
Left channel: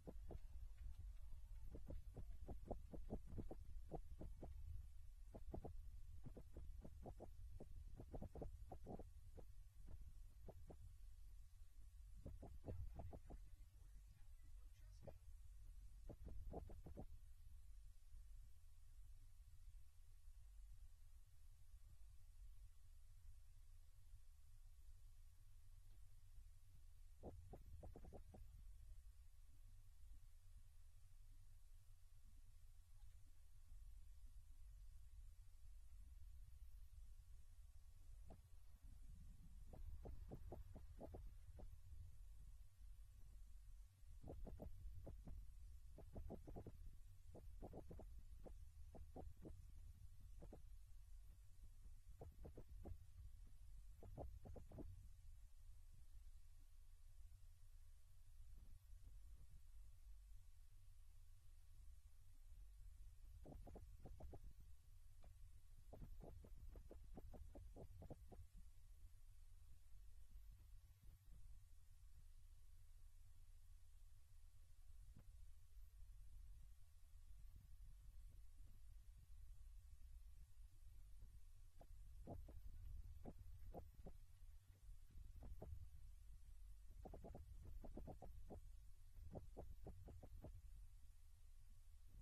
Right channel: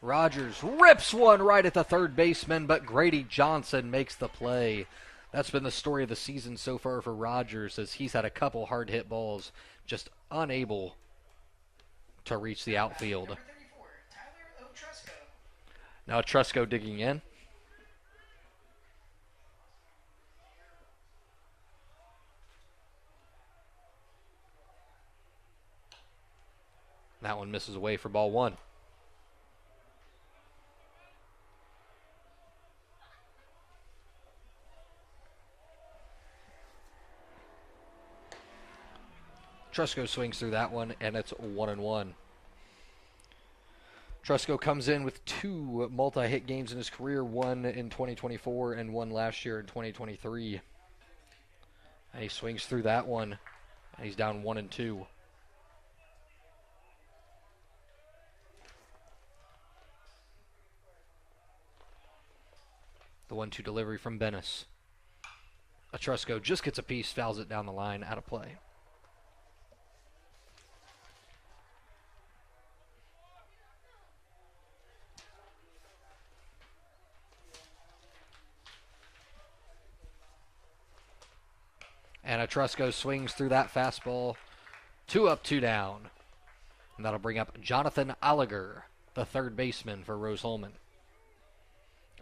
Rogers rips one right at the third baseman, but Grady Johnson makes the play. That's been the story of the season so far for Rogers, as he's had a couple hard hit balls, just unable to reach the outfield. Now Trusco digging in. That one misses away for ball 1. Trusco swings through that one, and it's 1-1. Trusco comes in with 2 multi-hit games in his career, one in 2024 and one last year in 2023. And he swings through that one, and he's down 1-2. The 1-2 delivery from Bennis. Trusco just gets a piece, fouls it down the line, out of play. And Trusco swings through that fastball. 2 up, 2 down. And that'll bring up Jonathan Oliger, the third baseman for Rose-Hulman.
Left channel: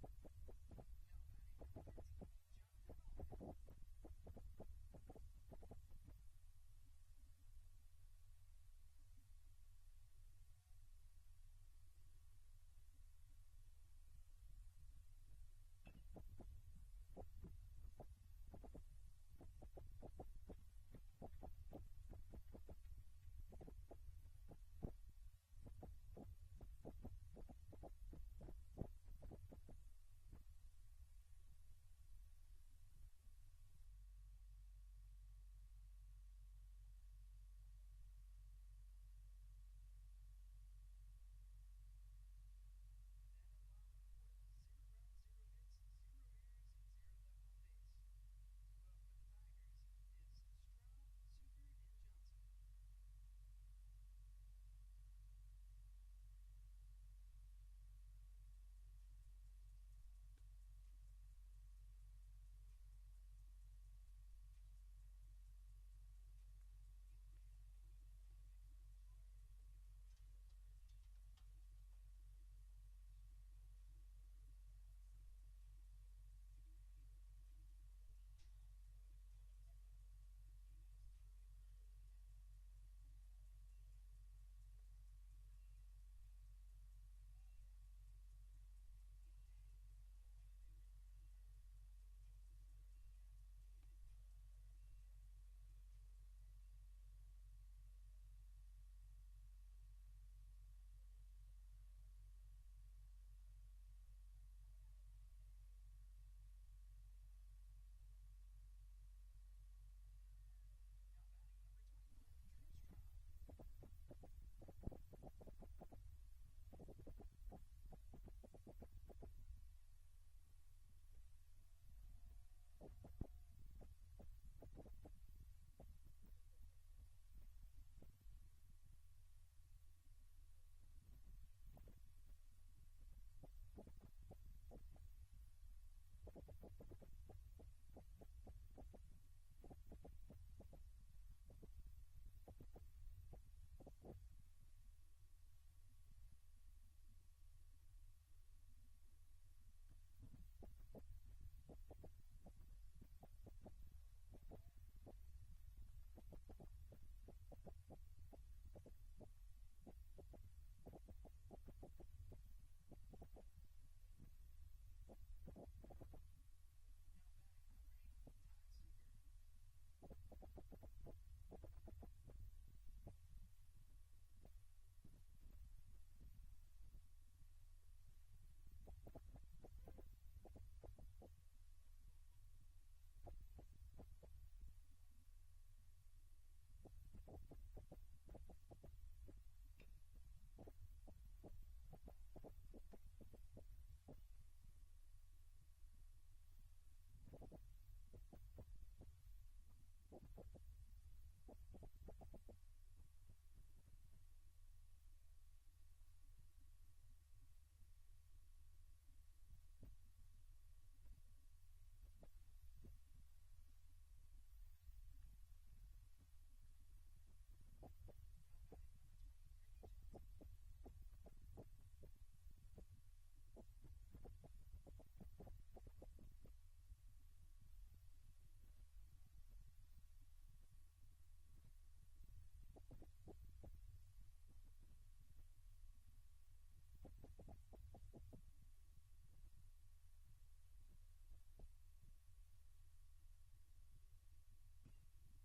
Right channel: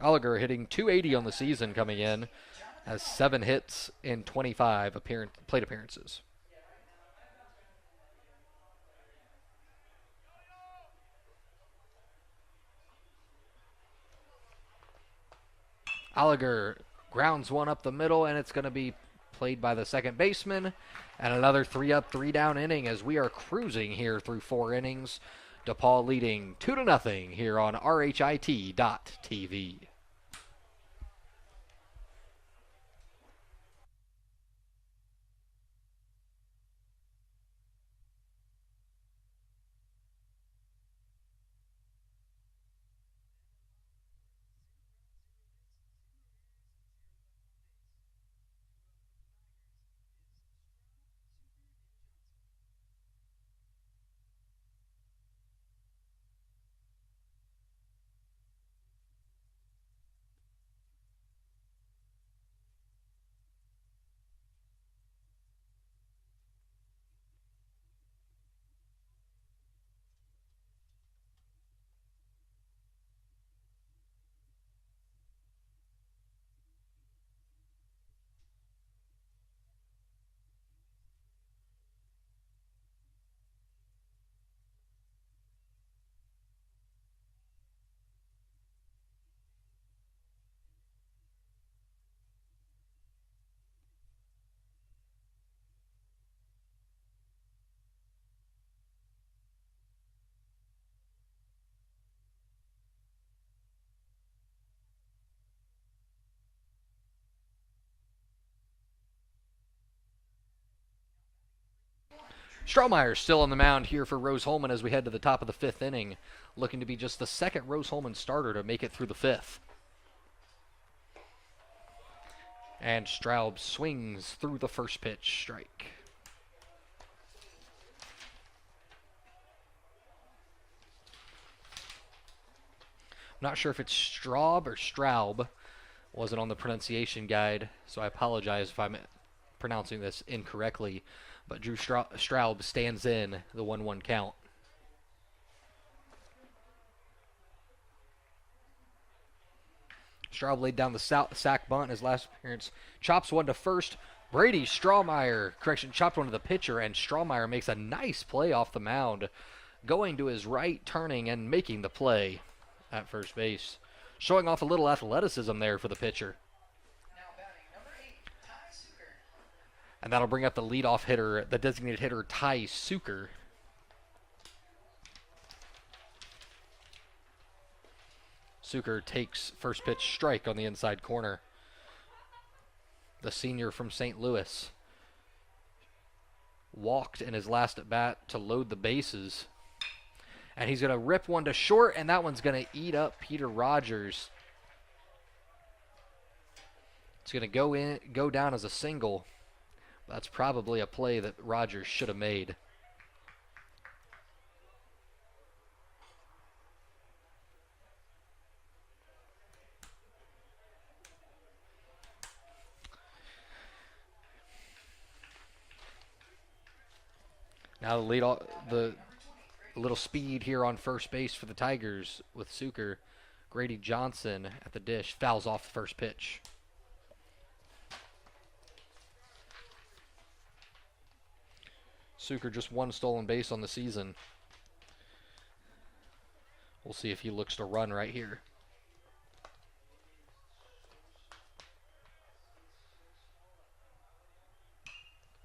Oliger hitting .280 on the season coming in, has 7 hits in 25 plate appearances. Oliger grounds one up the middle, and it's going to be played by the second baseman. And another 3 up, 3 down inning as we are cruising here through 4 innings. DePauw leading 2-0 here on RHIT.TV. Strohmeyer still on the mound here for Rose-Hulman as we head to the top of the 5th inning, looking to be just the second Rose-Hulman starter to make it through the 5th. And Straub swings through the first pitch, strike. I'm not sure if it's Straub or Straub. Wasn't on the pronunciation guide, so I apologize if I'm pronouncing this incorrectly. But Drew Straub stands in the 1-1 count. Straub laid down the sack bunt in his last appearance. Chops one to first. Brady chopped one to the pitcher, and Strohmeyer makes a nice play off the mound, going to his right, turning, and making the play at first base. Showing off a little athleticism there for the pitcher. Now batting, number 8, Ty Suker. And that'll bring up the leadoff hitter, the designated hitter, Ty Suker. Suker takes first pitch strike on the inside corner. The senior from St. Louis walked in his last at bat to load the bases. And he's going to rip one to short, and that one's going to eat up Peter Rogers. It's going to go down as a single. That's probably a play that Rogers should have made. Now the little speed here on first base for the Tigers with Suker. Grady Johnson at the dish fouls off the first pitch. Suker just one stolen base on the season. We'll see if he looks to run right here.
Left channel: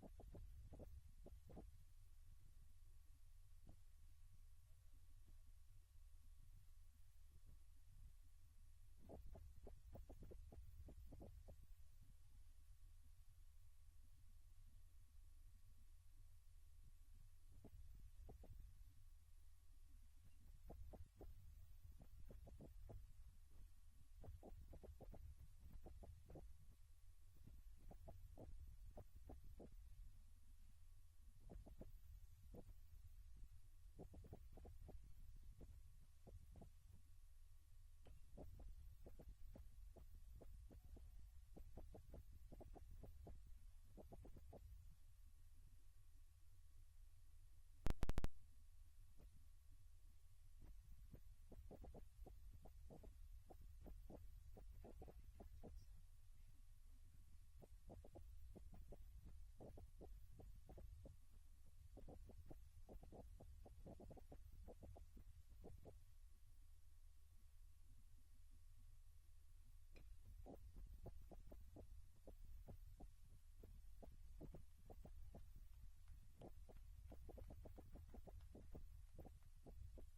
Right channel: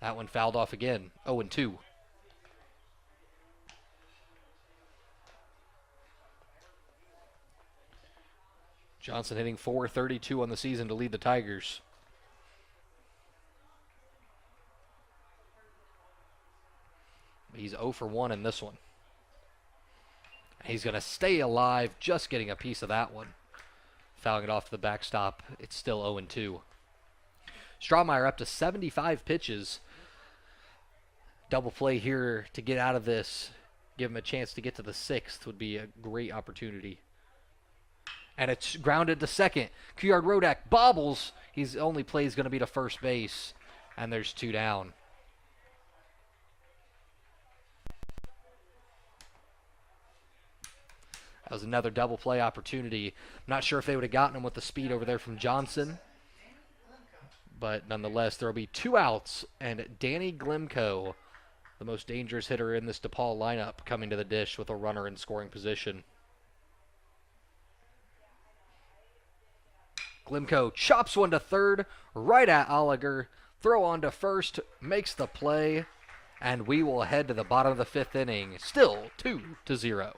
That one fouled off again. 0-2. Johnson hitting .432 on the season to lead the Tigers. He's 0 for 1 in this one. He's going to stay alive, just getting a piece of that one. Fouling it off the backstop. It's still 0-2. Strohmeyer up to 75 pitches. Double play here to get out of this. Give him a chance to get to the 6th would be a great opportunity. And it's grounded to second. Kuyard Rodak bobbles. His only play is going to be to first base. And there's 2 down. That was another double play opportunity. I'm not sure if they would have gotten him with the speed over there from Johnson. But nonetheless, there will be 2 outs. And Danny Glimko, the most dangerous hitter in this DePauw lineup, coming to the dish with a runner in scoring position. Glimko chops one to third, right at Oliger. Throw on to first, makes the play, and we will head to the bottom of the 5th inning. Still 2-0.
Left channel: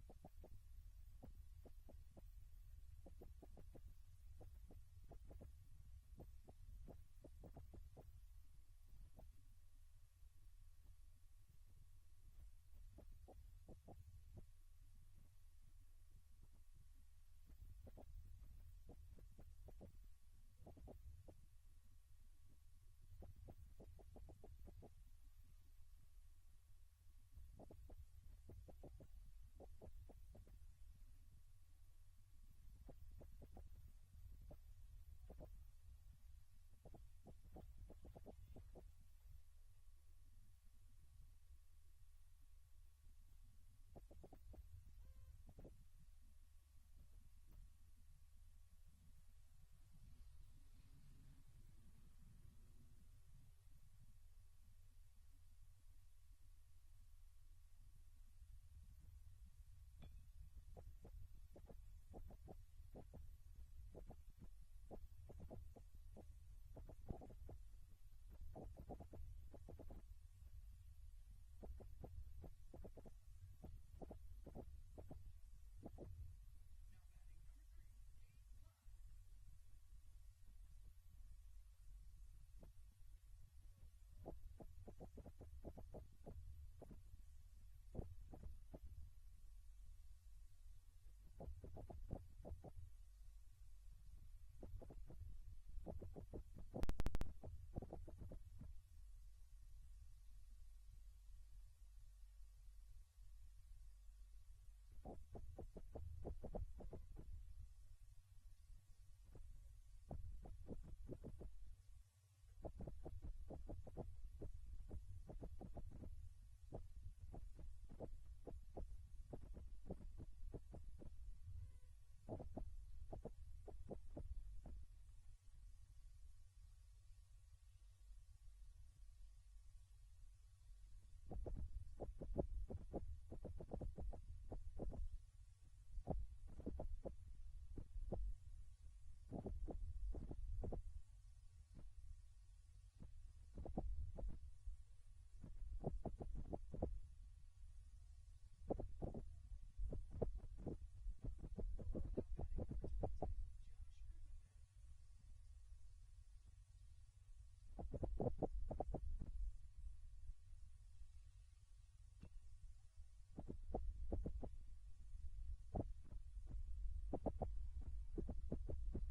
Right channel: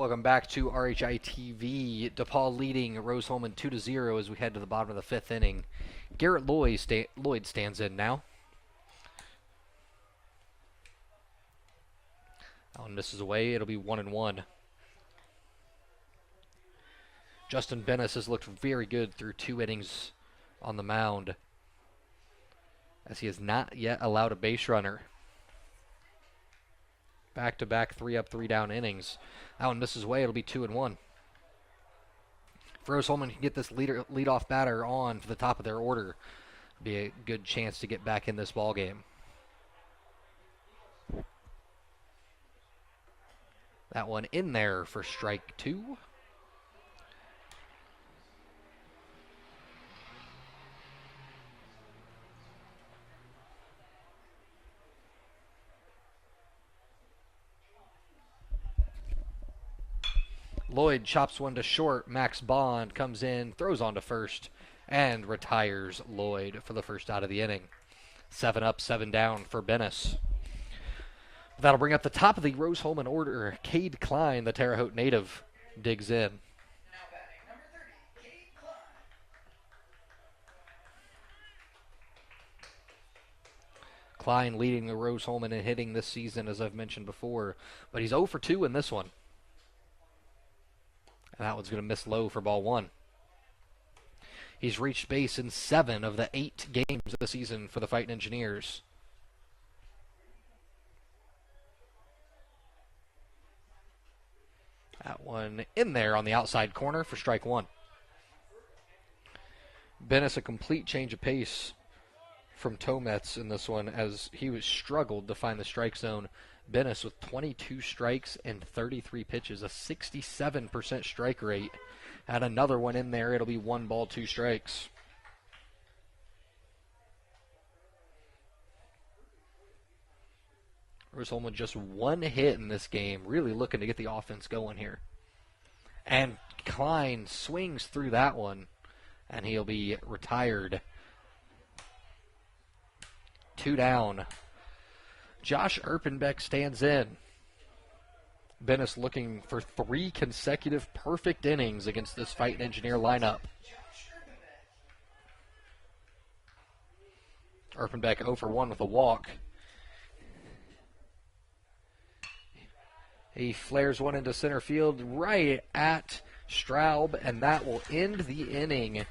Welcome back to RHI TV. DePauw leading Rose-Hulman 2-0 as we head to the bottom of the fifth inning. Garrett Lloyd stands in now. That one misses away. It'll be 1-1. Justin Bennis has looked very good through 2 innings on the mound, as he has not yet allowed a base runner. Back-to-back 3-up, 3-down innings. That one misses away. It'll be 2-1. If Rose-Hulman can get this leadoff batter on to the top of their order, it'll be a good chance to get back in this ball game. That one in there for strike 2. Lloyd chops one to short. Max Bond comes in, throws on to first, and retires Lloyd for the first out of the inning. 7 up, 7 down for Bennis. That'll bring up the top of the Rose-Hulman order. Cade Klein, the Terre Haute native, digs in. Now batting number 30, Cade Klein leading the Rose-Hulman in hitting this season, as I've mentioned before, but he's 0 for 2 in this one. And that one's going to miss low for ball 1. He's reached base in 7 of the 8 games of the season for the Fightin Engineers. That one in there on the outside corner for strike 1. Bennis, a complete change of pace from Tomets in this one, as he was struggled to find the strike zone. Bennis with 22 strikes and 33 pitches, a 67% strike rate. And another one in there. It'll be 1 ball, 2 strikes. Rose-Hulman just 1 hit in this game, really looking to get the offense going here. And Klein swings through that one, and he'll be retired. 2 down. Josh Erpenbeck stands in. Bennis looking for 3 consecutive perfect innings against this Fightin Engineer lineup. Erpenbeck 0 for 1 with a walk. He flares one into center field right at Straub, and that will end the inning.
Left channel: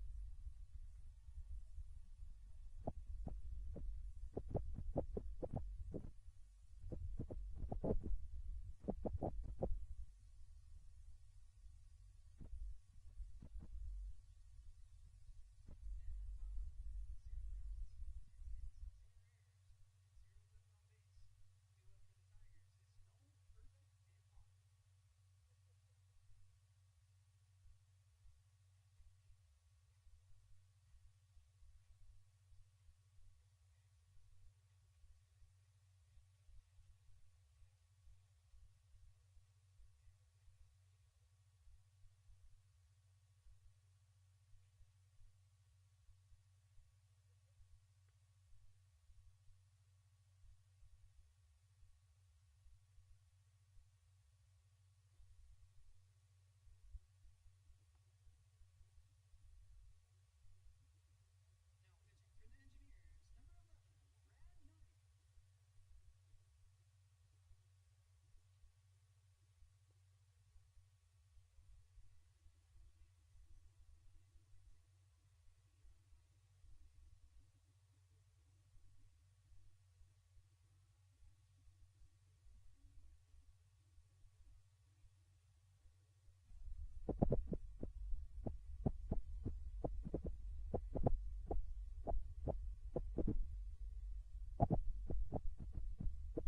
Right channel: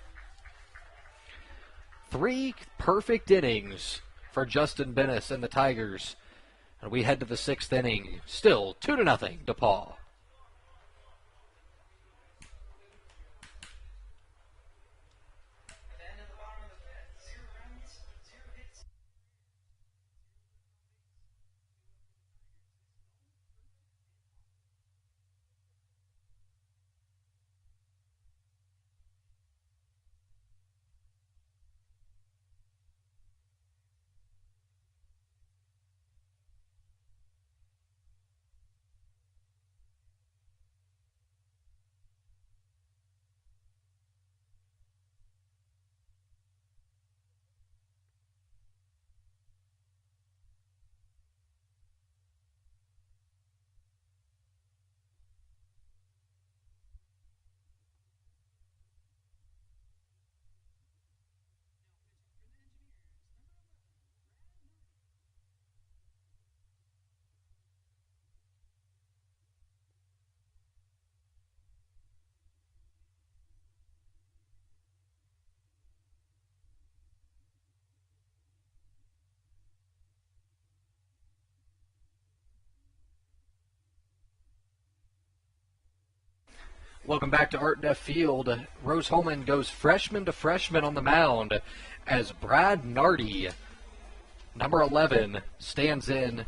3 perfect innings for Justin Bennis and the Tigers. And we head to the 6th inning. Still 2-0, DePauw. Welcome back to Art F. Field. Rose-Hulman goes freshman to freshman on the mound as Brad Nardi, number 11, stands in.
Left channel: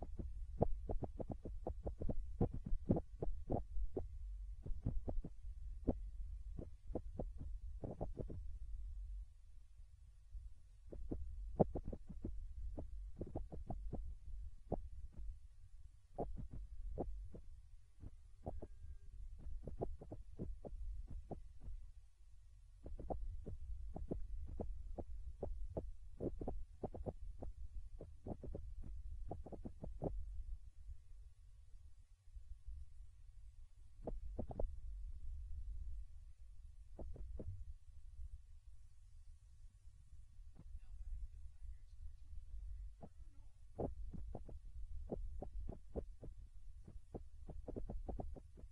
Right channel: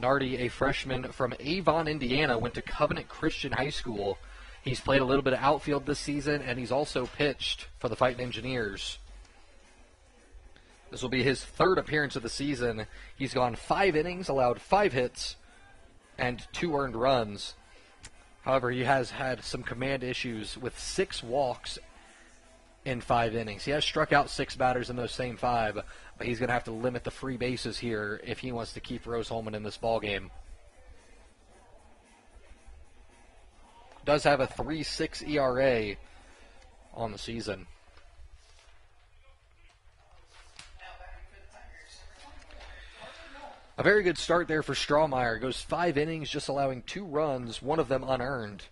Nardi, a freshman from Avon, Indiana, went to Covenant Christian High School. He's played a little bit of outfield this season, and he's also pitched for the Fightin Engineers. This will be his 3rd appearance of the season. He's gone 5 innings, allowed 5 hits, and 2 earned runs. However, he has had some command issues with 6 walks in 5 innings. He has struck out 6 batters in those same 5, but he's going to have to limit the free bases here if he wants to keep Rose-Hulman in this ballgame. does have a 3.6 ERA on the season. A very good start there for Strawmeyer. Goes 5 innings, just allowing 2 runs, one of them unearned.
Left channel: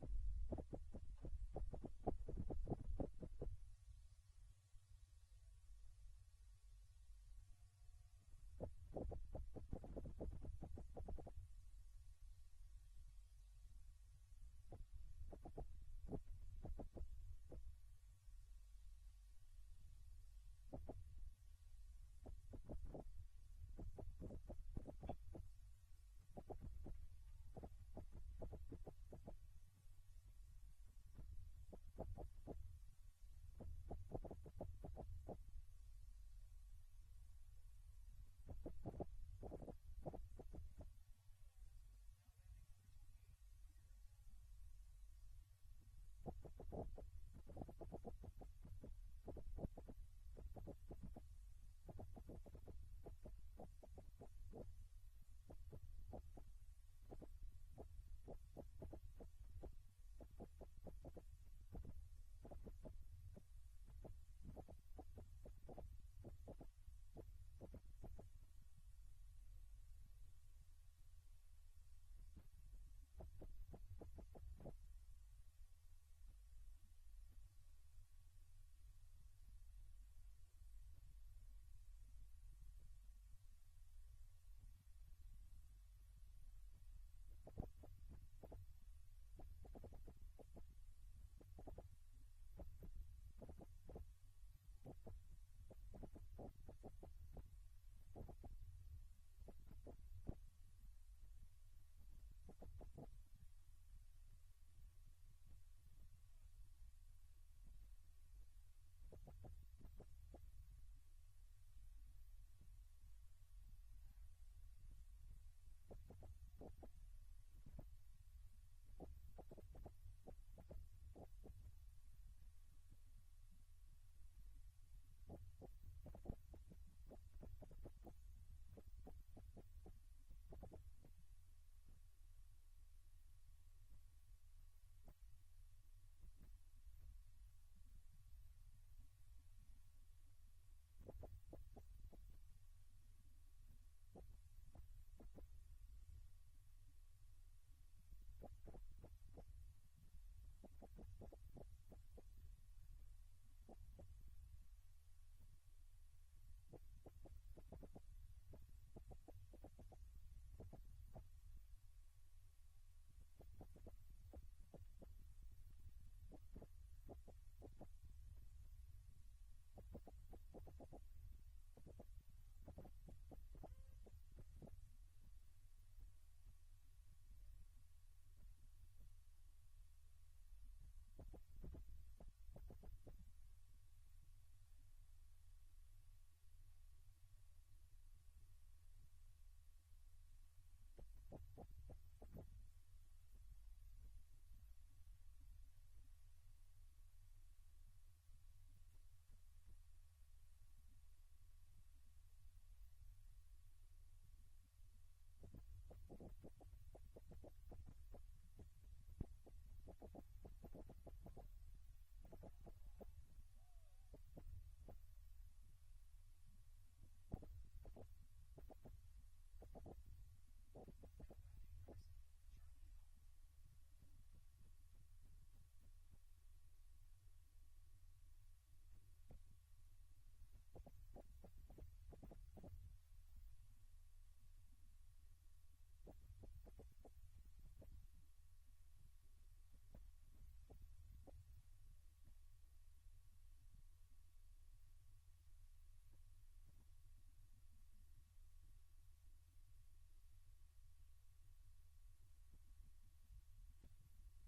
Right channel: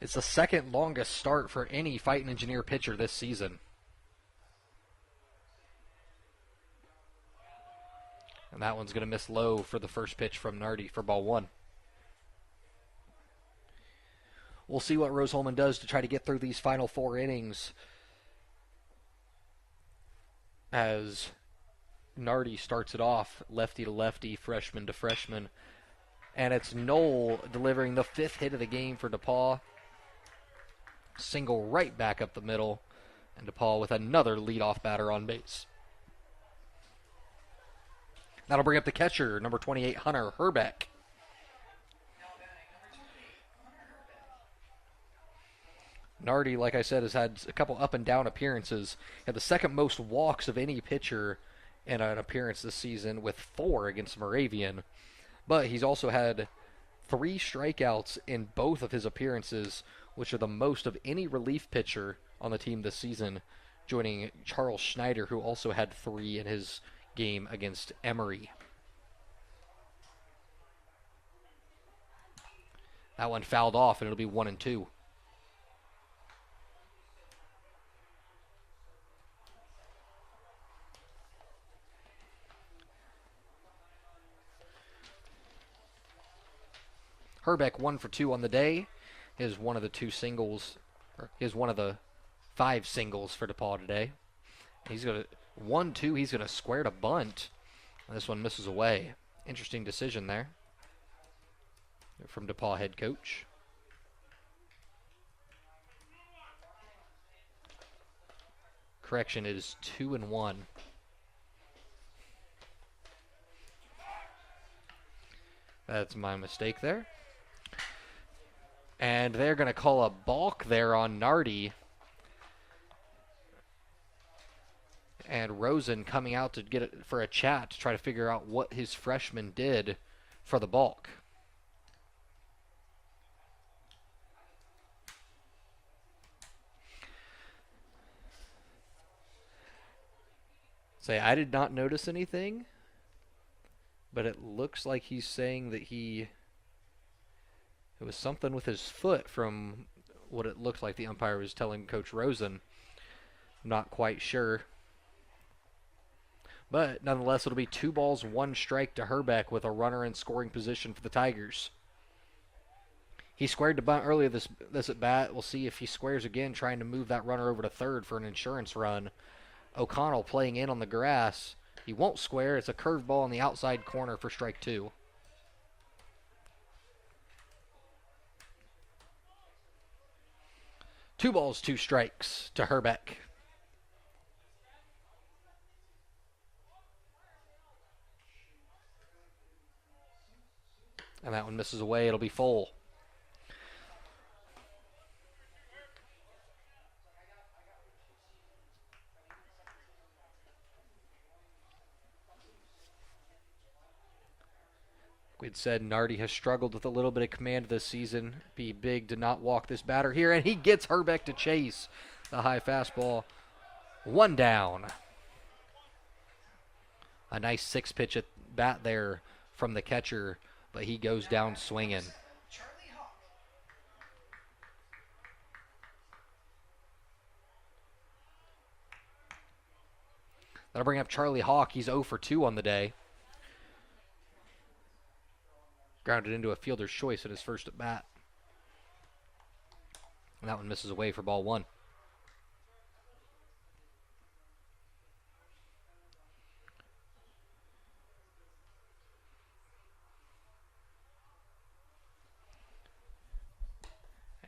It's the second longest start for any Fightin Engineer pitcher this season. And that one's going to miss low for the first pitch from Nardi for ball 1. We'll see what Rose-Hulman does to try to get through these final 4 innings, as Nardi starts it off lefty to lefty, freshman to freshman. And it's Knoll delivering the 5th hit of the game for DePauw. Single right back up the middle, and DePauw with another leadoff batter on base. That'll bring up the catcher, number 28, Hunter Herbeck. Nardi, like I said, has had a couple up and down appearances. Had the second most walks of any pitcher in an appearance this season, with 4 against Moravian. But he's also had 3 strikeouts in both of his appearances, which are the most of any relief pitcher on the team this season, joining Charles Schneider, who also had 3 in his game against Emory. That one fouled off, and it'll be 1-2. Herbeck 1 for 2 on the day. Is one of the 2 singles, or is one of the 5 singles for DePauw today. He's going to 1-2. He's going to square to bunt. This one misses away. Interesting decision there from DePauw head coach. Correction, it is 2-1. That's my mistake there. And they're going to call a balk there on Nardi. And Rosen coming out to get it for a chat to try to figure out what his freshman did for the balk. Say, I did not notice anything, but it looks like he's saying that it was something with his foot from what it looked like the umpire was telling Coach Rosen. Not quite sure. But nonetheless, it'll be 2 balls, 1 strike to Herbeck with a runner in scoring position for the Tigers. He squared to bunt earlier this at bat. We'll see if he squares again, trying to move that runner over to third for an insurance run. O'Connell playing in on the grass. He won't square. It's a curveball on the outside corner for strike 2. Two balls, 2 strikes to Herbeck. And that one misses away. It'll be full. We'd said Nardi has struggled with a little bit of command this season. Be big to not walk this batter here, and he gets Herbeck to chase the high fastball. 1 down. A nice 6-pitch at bat there from the catcher, but he goes down swinging. That'll bring up Charlie Hawk. He's 0 for 2 on the day. Grounded into a fielder's choice at his first at bat. And that one misses away for ball 1.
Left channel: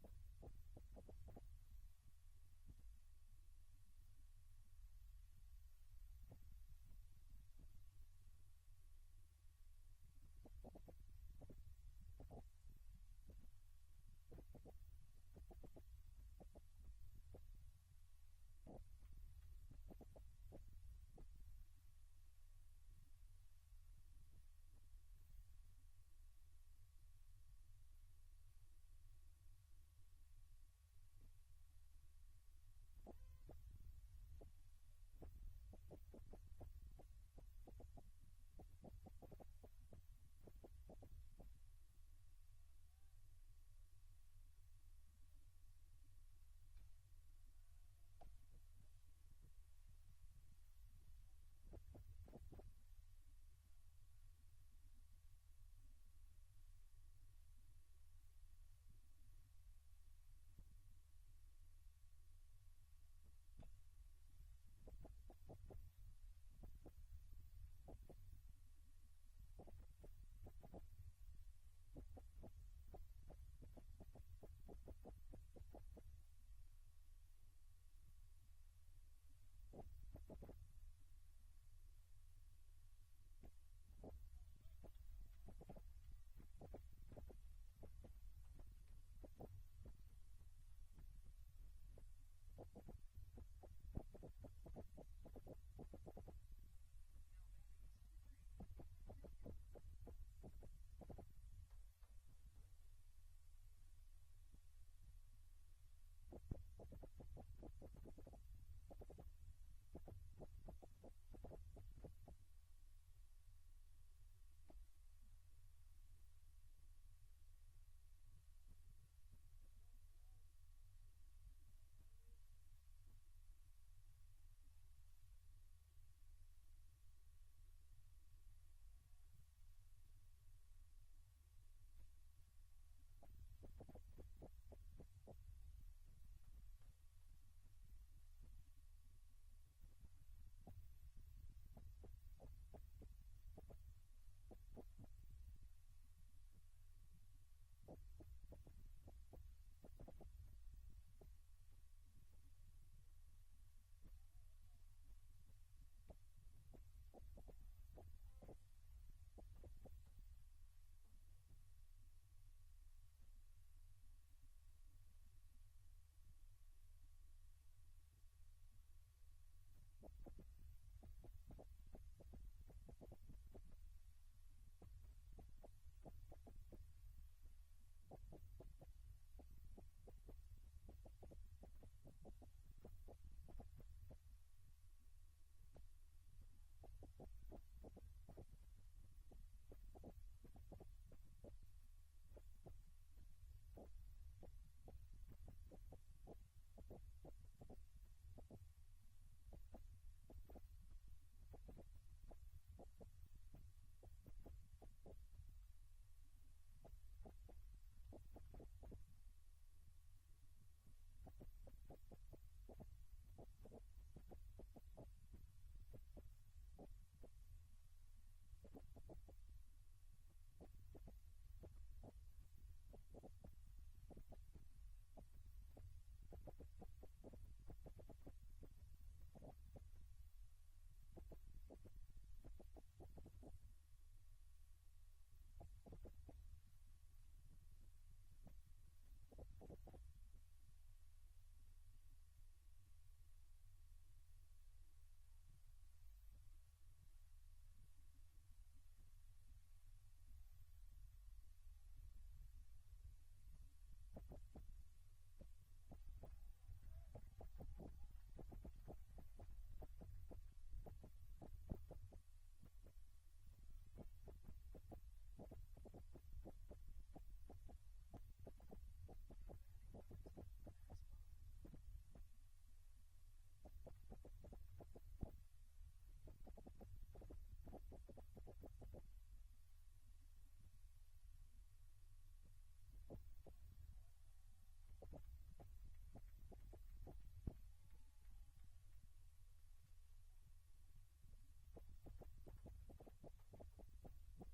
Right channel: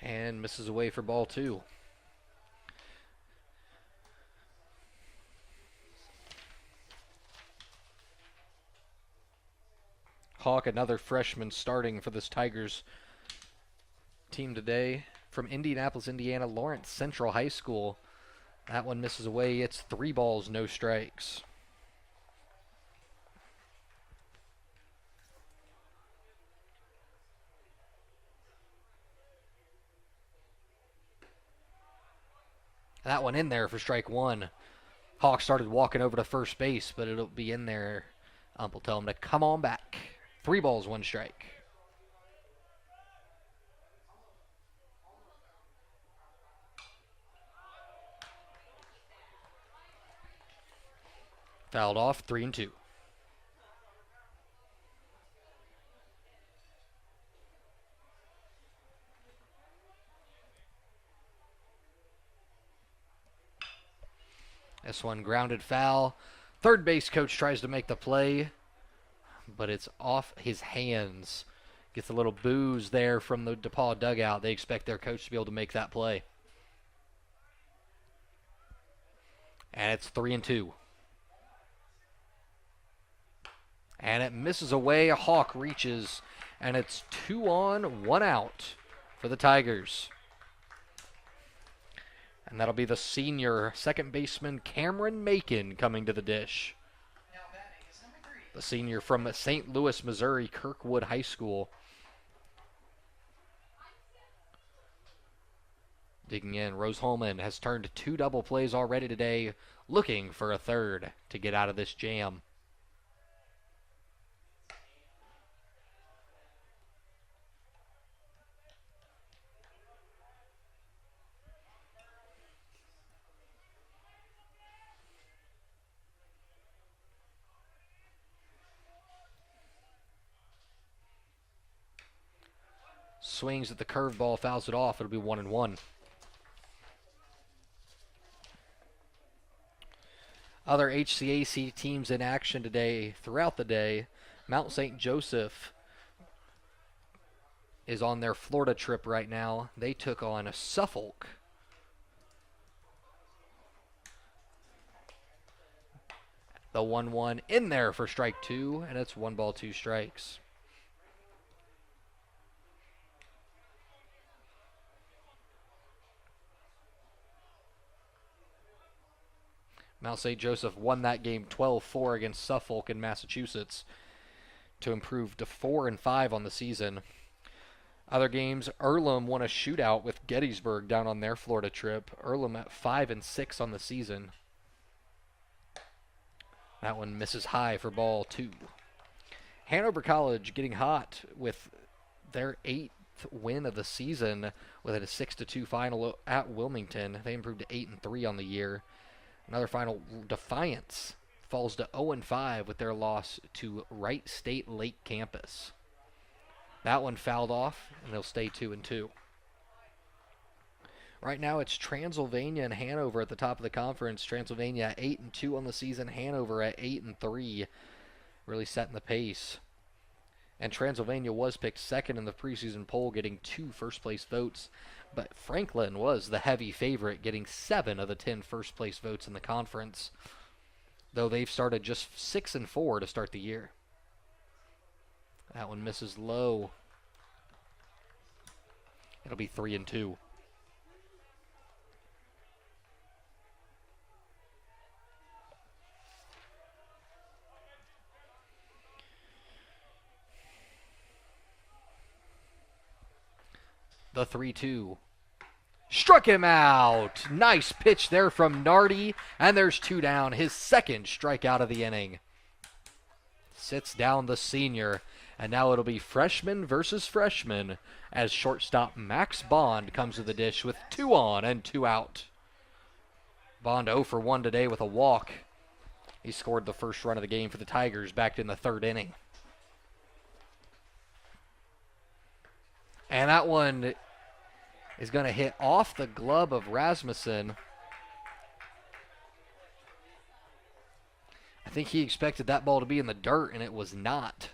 And misses away for ball 2. Hawk, another freshman starting for this Tigers team today. From Indianapolis, Indiana, Lawrence Central High School. That one misses away. It's 3 balls, no strikes. That one in there for strike one. Hawk started walking over to first base, but it'll be in there. Ump will tell him to come on back. 3 balls, 1 strike. Fouled off, 3-2. This one grounded foul. Third base coach tries to make the play, but it's off his hands. Gets a little booze there from the DePauw dugout. They expect their coach to be able to make that play. And it's 3-2. And it misses away. A Hawk reaches, and it's 2 on, 1 out for the Tigers. And that'll be the senior second baseman Cameron Macon coming to the dish. Now batting is number 3. The senior from St. Louis, Missouri, Kirkwood High School. Digging in, Rose-Hulman has turned 2 double plays already today, looking for a third to get out of this jam. Swings at the curveball, fouls it off. It'll be 1-1. Other HCAC teams in action today, throughout the day. Mount St. Joseph is on their Florida trip right now. They took on Suffolk. The 1-1 in there for strike 2, and it's 1 ball, 2 strikes. Mount St. Joseph won that game 12-4 against Suffolk in Massachusetts to improve to 4-5 on the season. Other games, Earlham won a shootout with Gettysburg down on their Florida trip. Earlham at 5-6 on the season. That one misses high for ball 2. Hanover College getting hot with their 8th win of the season with a 6-2 final at Wilmington. They improved to 8-3 on the year. Another final, Defiance falls to 0-5 with their loss to Wright State Lake Campus. That one fouled off, and they'll stay 2-2. Right now it's Transylvania and Hanover at the top of the conference. Transylvania at 8-2 on the season. Hanover at 8-3, really setting the pace. And Transylvania was picked second in the preseason poll, getting 2 first-place votes. But Franklin was the heavy favorite, getting 7 of the 10 first-place votes in the conference, though they've started just 6-4 to start the year. That one misses low. It'll be 3-2. The 3-2. Struck him out. Nice pitch there from Nardi. And there's 2 down. His second strikeout of the inning. Sits down the senior. And now it'll be freshman versus freshman as shortstop Max Bond comes to the dish with 2 on and 2 out. Bond 0 for 1 today with a walk. He scored the first run of the game for the Tigers back in the 3rd inning. And that one is going to hit off the glove of Rasmussen. I think he expected that ball to be in the dirt, and it was not.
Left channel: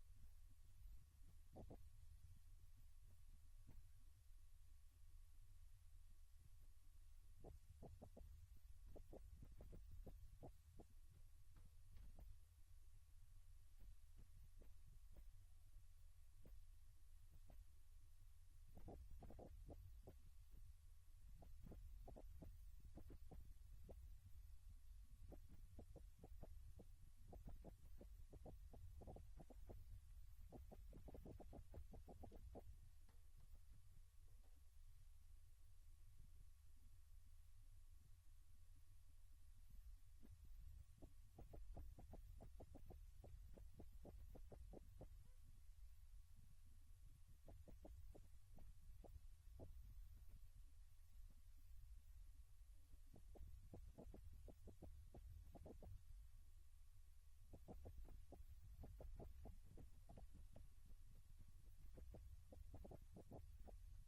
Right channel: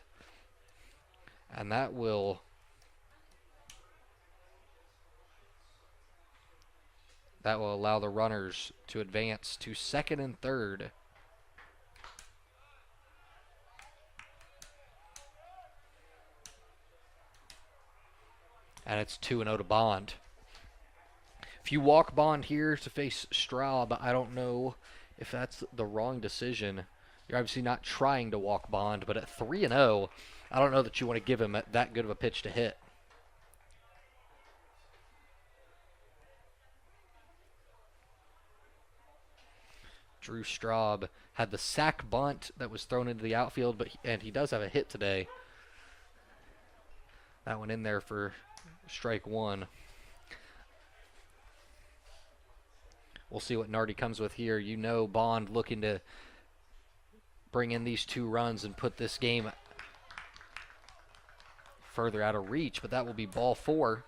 And that will allow the runners to advance to 2nd and 3rd. And it's 2-0 to Bond. If you walk Bond here to face Straub, I don't know if that's the wrong decision. You're obviously not trying to walk Bond, but at 3-0, I don't know that you want to give him that good of a pitch to hit. Drew Straub had the sack bunt that was thrown into the outfield, and he does have a hit today. That one in there for strike one. We'll see what Nardi comes with here. You know, Bond looking to bring in these 2 runs and put this game further out of reach, but that will be ball 4.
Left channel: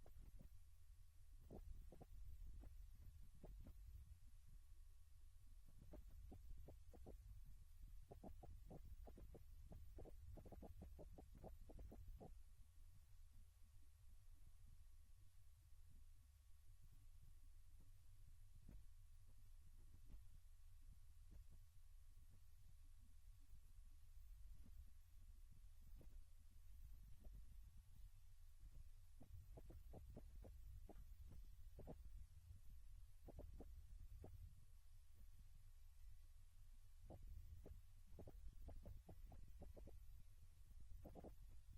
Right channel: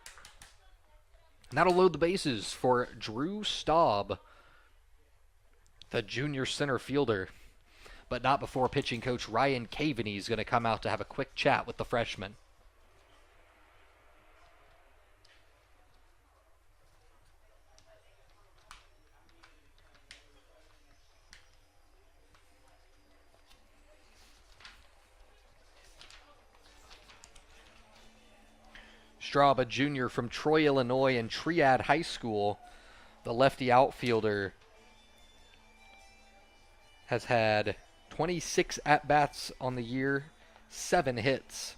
And that'll load the bases for Drew Straub, the junior center fielder, but not before pitching coach Ryan Caveney is going to come out to have a quick chat with the freshman. Straub, a junior from Troy, Illinois, and Triad High School, the lefty outfielder, has had 26 at-bats on the year, 7 hits.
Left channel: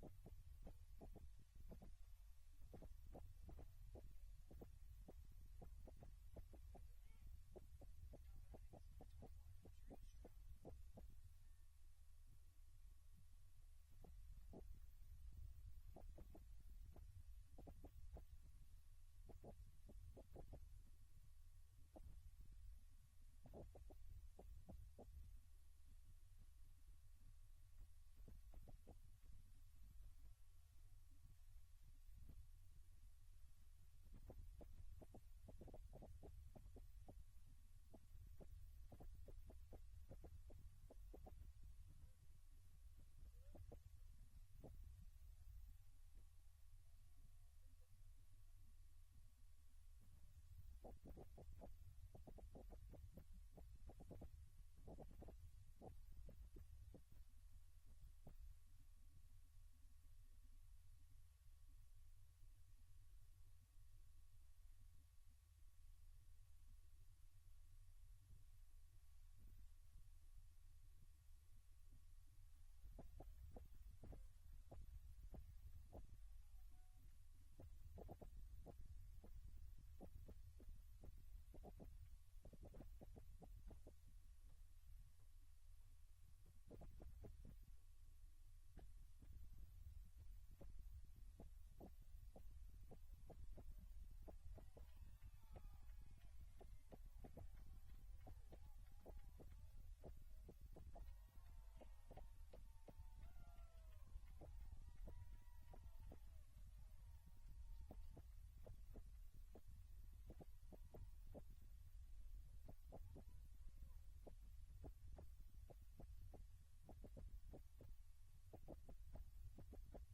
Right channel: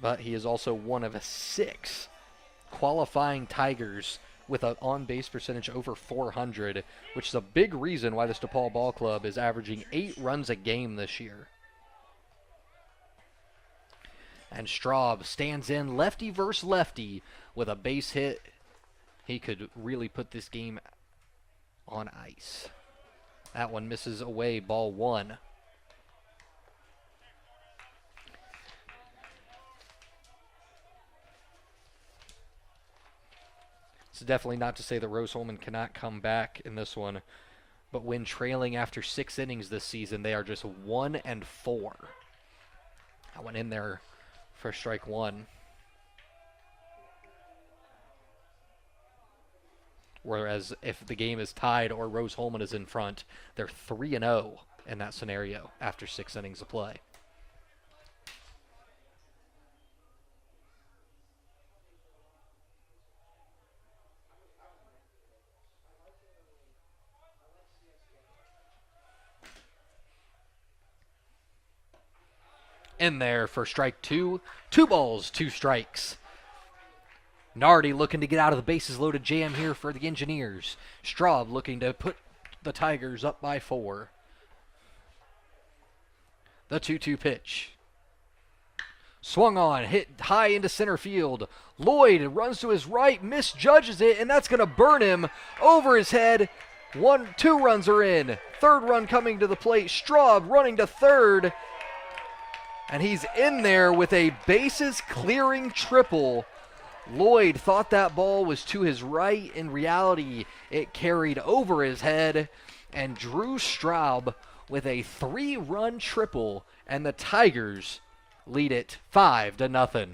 But he is also one of 6 qualifying Tigers with an on-base percentage over 400, which is a big reason why this DePauw Ball Club is averaging 8 runs a game this year. And Straub stands in lefty versus lefty with a base hit. He could really put this game on ice. That one misses away, ball 1. It's definitely not to say that Rose-Hulman cannot come back in this one, but when trailing after 6 innings this season, they are just 1-4. I went in there for strike 1. Whereas if the game is tied or Rose-Hulman is in front, they're 3-0 in that scenario after 6 innings of play. In there for strike 2. 2 balls, 2 strikes. Nardi looking to get out of the bases loaded jam here for the Engineers. Straub looking to put the Tigers up by 4. The 2-2 pitch. Swung on, hit high into center field. Lloyd runs to his right, misjudges it, and that's going to burn him over his head. 2 runs are in. 3rd run coming to the plate. Straub running to 3rd. And he's in there with a bases clearing triple. Lloyd thought that ball was to his right. In reality, it carried over his head. And Drew Straub with a 3-run triple. And the Tigers lead it 5-0.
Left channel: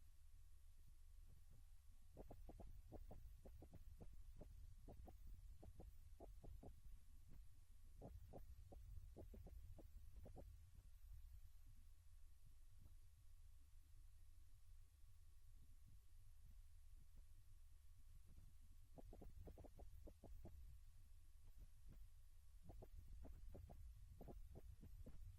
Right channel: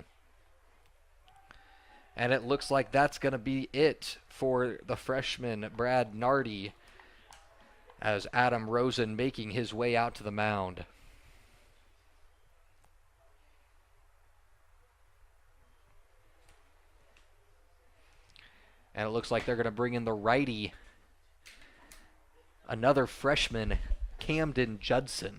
And it looks like that's going to be it for the freshman Brad Nardi, as Adam Rosen making his way out to the mound. And it looks like they're going to bring in the righty, another freshman, Camden Judson.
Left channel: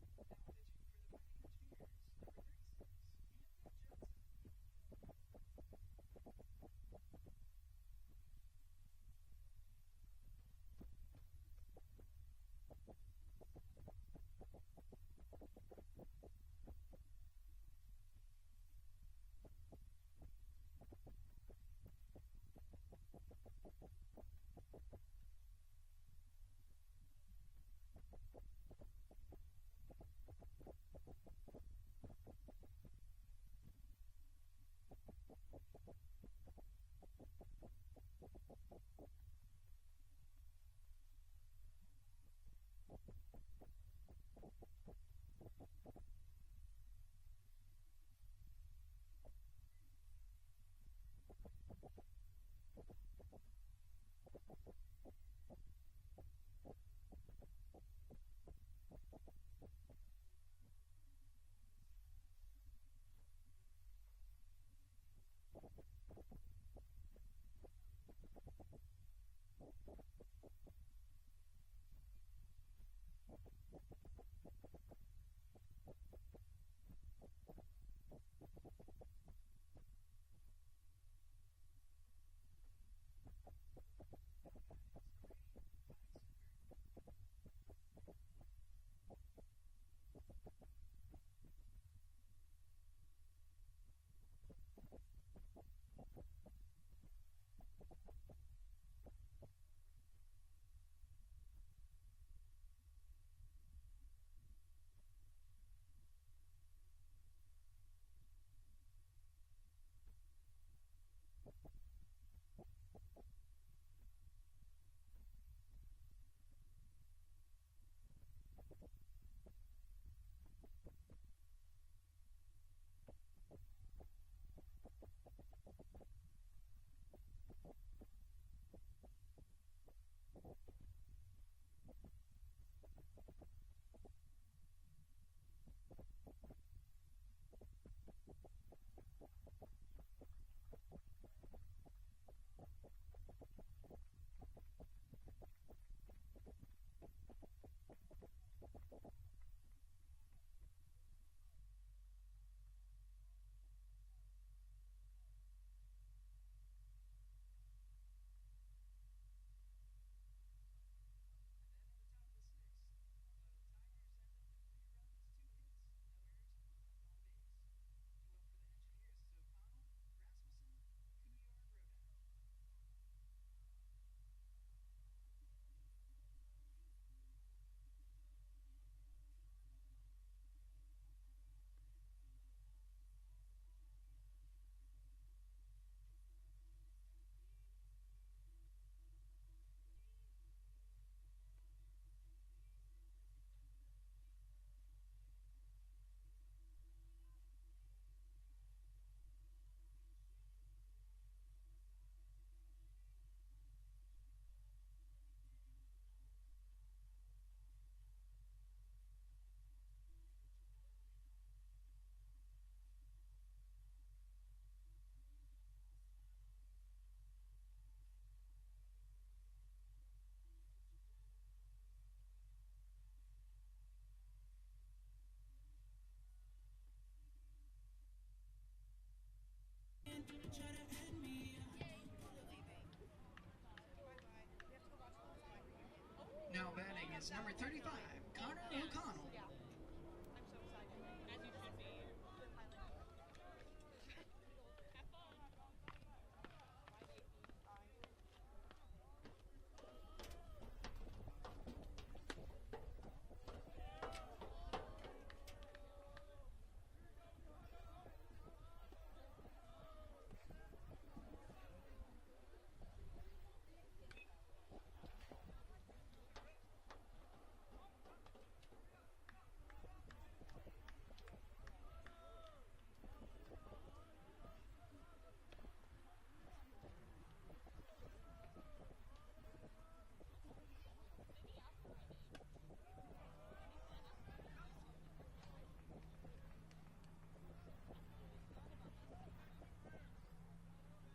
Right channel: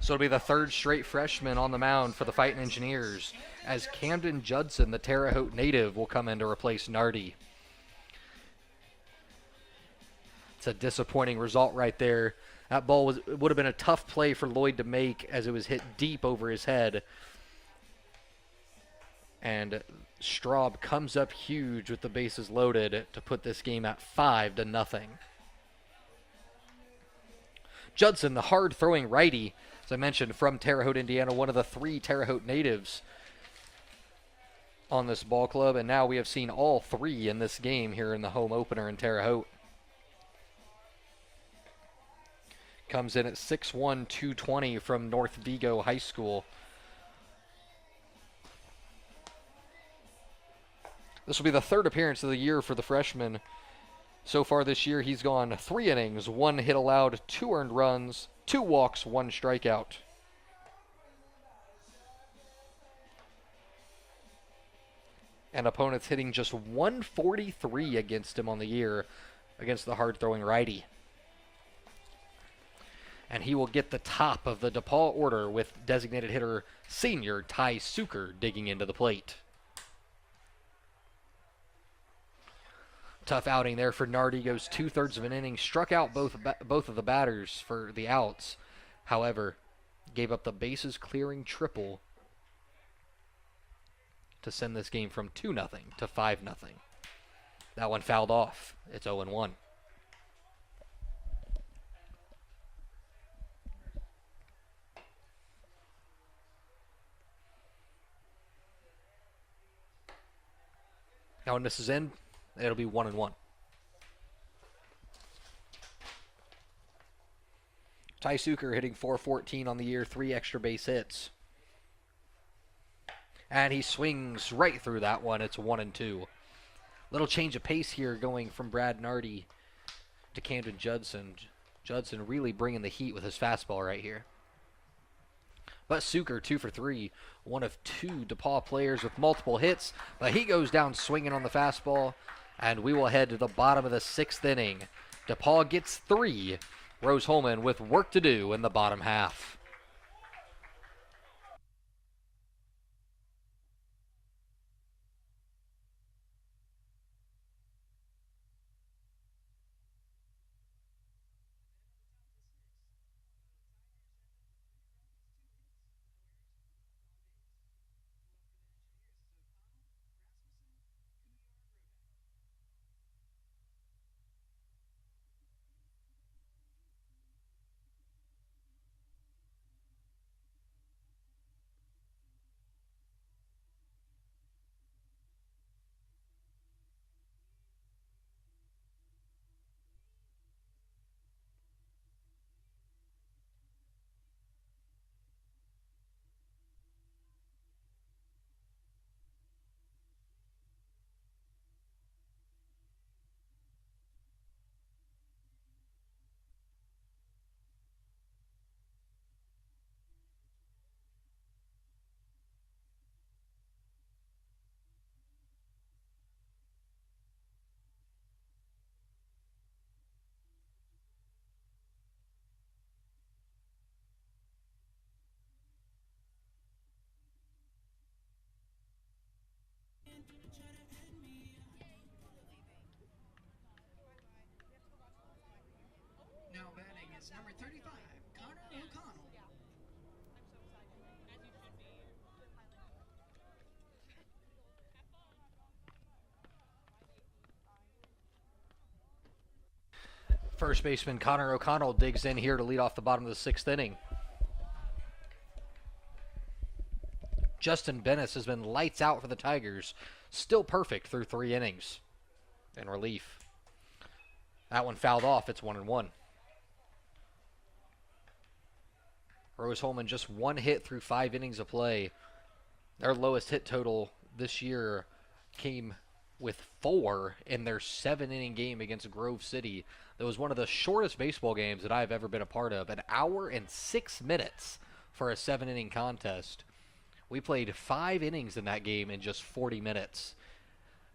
So it'll be the 3rd straight freshman on the mound for the Fightin Engineers, as Camden Judson, the Terre Haute native, will come in to replace Nardi. It's a disappointing result right there. That ball would have been a tough play for Lloyd to make, as it was hit deep over his head. And Straub comes up huge with the bases loaded to put this game at 5-0. Judson, the hard-throwing righty, as I mentioned, from Terre Haute, Indiana, one of the 3 Terre Haute natives on this ball club, and now we have seen all 3 in this game here in the home opener in Terre Haute. Comes in at 6'1", 220 from North Vigo High School. This will be the 3rd appearance of the year for the freshman. So far this year, he's gone 3 innings, 1 hit allowed, 2 earned runs, 2 walks, 1 strikeout. And opponents hitting just 143 against him on the year against the hard-throwing righty. And he will get the top of the DePauw order with designated hitter senior Ty Suker digging into the plate. Tough outing there for Nardi. Goes 2/3 of an inning. Struck out both of the batters for the outs. However, gave up the bases clearing triple to send this game from 2-0 to 5-0. That one fouled off. It's 0-1. Now when this is in, it'll be 1-1. Ty Suker hitting .414 on the year, 3 extra base hits. And he swings right through that one. It's 1-2. Little change of pace here going from Brad Nardi to Camden Judson. Judson really bringing the heat with his fastball right here. But Suker, 2 for 3, one of 2 DePauw players with multiple hits. But he goes down swinging on the fastball, and we will head to the bottom of the 6th inning. DePauw gets 3. Rose-Hulman with work to do in the bottom half. Now batting is number 35, Connor O'Connell. First baseman Connor O'Connell digs in here to lead off the bottom of the 6th inning. Justin Bennis has been lights out for the Tigers. Still perfect through 3 innings in relief. That one fouled off. It's 1-1. Rose-Hulman just 1 hit through 5 innings of play. Their lowest hit total this year came with 4 in their 7-inning game against Grove City. That was one of the shortest baseball games that I've ever been a part of. 1 hour and 6 minutes for a 7-inning contest. We played 5 innings in that game in just 40 minutes.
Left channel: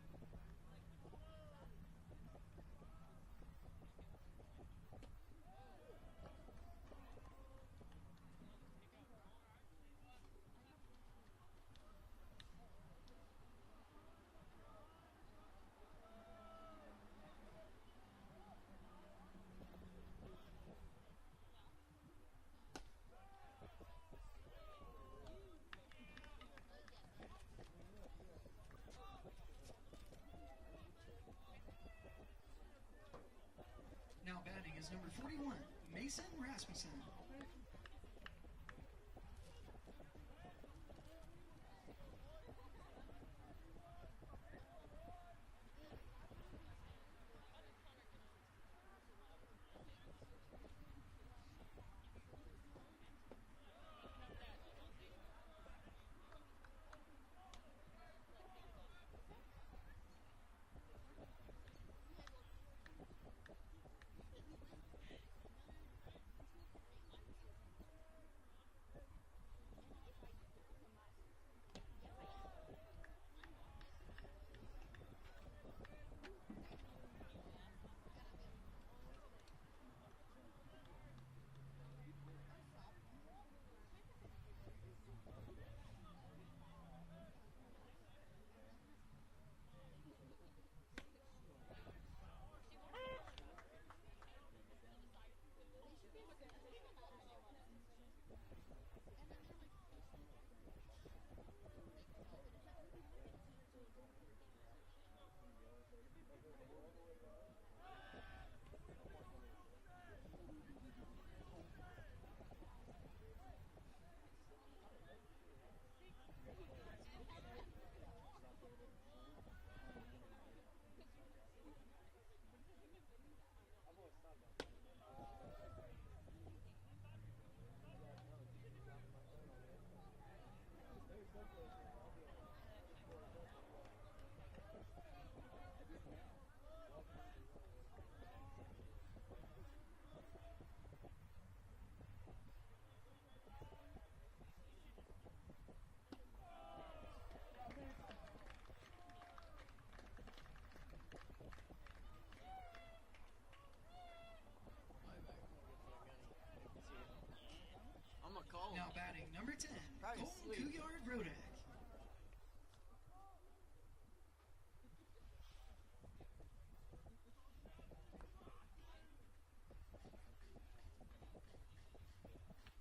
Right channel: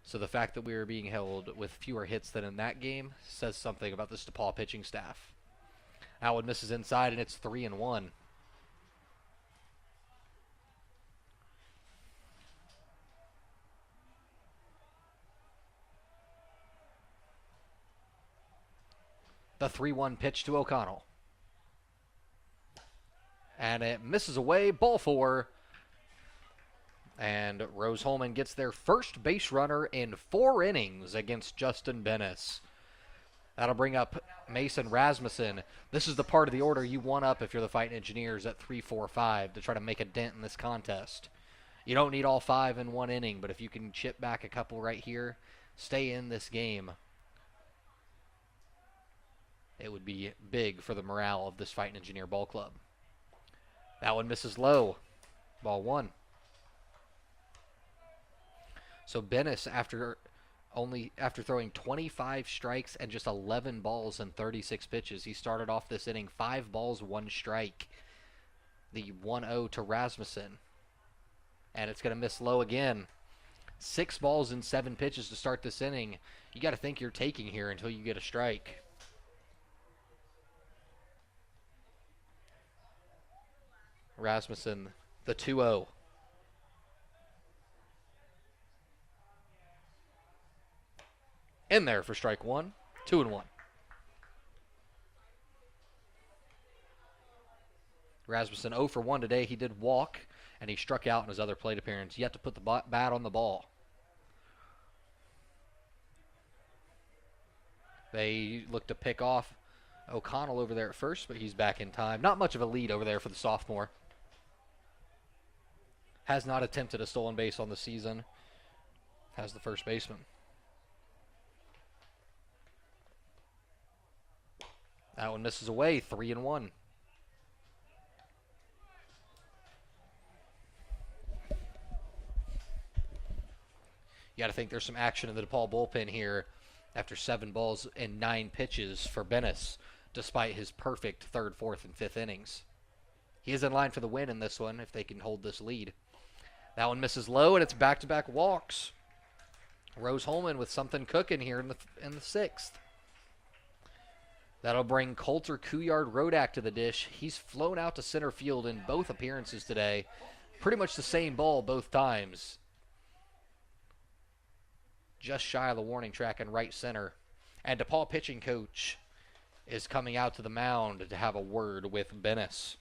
So the fact that we were being held with fewer hits than in that game says something about this DePauw pitching staff. That one misses inside, and it's 3-1. The 3-1 pitch to O'Connell. And it misses away, ball 4. And Rose-Hulman gets their first base runner in 4 innings against Justin Bennis. That'll bring up Mason Rasmussen. This is the part of the order you want up if you're the Fightin Engineers at 3-4-5 to try to make a dent in this contest. You don't need all 5 in 1 inning, but if you can chip back a couple right here, stay in this game. It would be big for the morale of this Fightin Engineer ball club. That one misses low. Ball 1. So Bennis, after only after throwing 25 strikes and just 11 balls and 36 pitches. He started off this inning 5 balls, 1 strike. The 1-0 to Rasmussen. And it's going to miss low again. 6 balls and 7 pitches to start this inning. You got to think you're taking here until you get a strike. Rasmussen, the 2-0. In there for strike 1, 2-1. Rasmussen 0 for 1 today. He did walk, and he struck out in his other plate appearance. Yet to put the bat on the ball. They look to pick off O'Connell over there at first, but he's back in time. Not much of a lead over there for the sophomore. Has not attempted a stolen base on the season. Has the first baseman. That one misses away, 3-1. You got to think there's some action in the DePauw bullpen here after 7 balls and 9 pitches for Bennis, despite his perfect 3rd, 4th, and 5th innings. He is in line for the win in this one if they can hold this lead. That one misses low, and it's back-to-back walks. Rose-Hulman with something cooking here in the 6th. That'll bring Coulter Couillard-Rodak to the dish. He's flown out to center field in both appearances today. Pretty much the same ball both times. Just shy of the warning track in right center. And DePauw pitching coach is coming out to the mound to have a word with Bennis.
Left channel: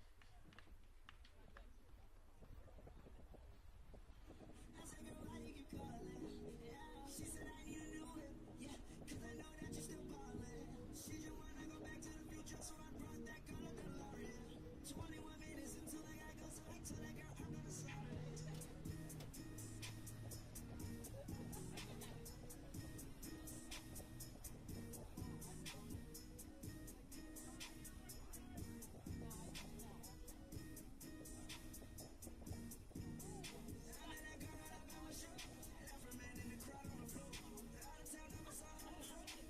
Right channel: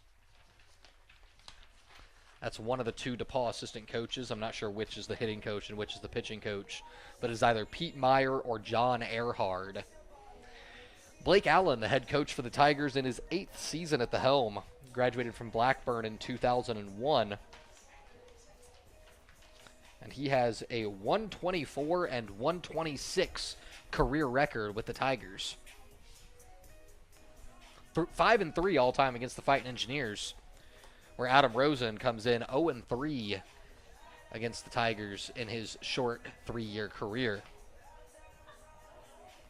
That's one of the 2 DePauw assistant coaches. I'm not sure which is the hitting coach and which is the pitching coach, but it's either Pete Meyer or John Earhard. Blake Allen, the head coach for the Tigers in his 8th season at the helm, graduated from Blackburn in 2001. And he has a 124 and 126 career record with the Tigers. 5-3 all-time against the Fightin Engineers, where Adam Rosen comes in 0-3 against the Tigers in his short 3-year career.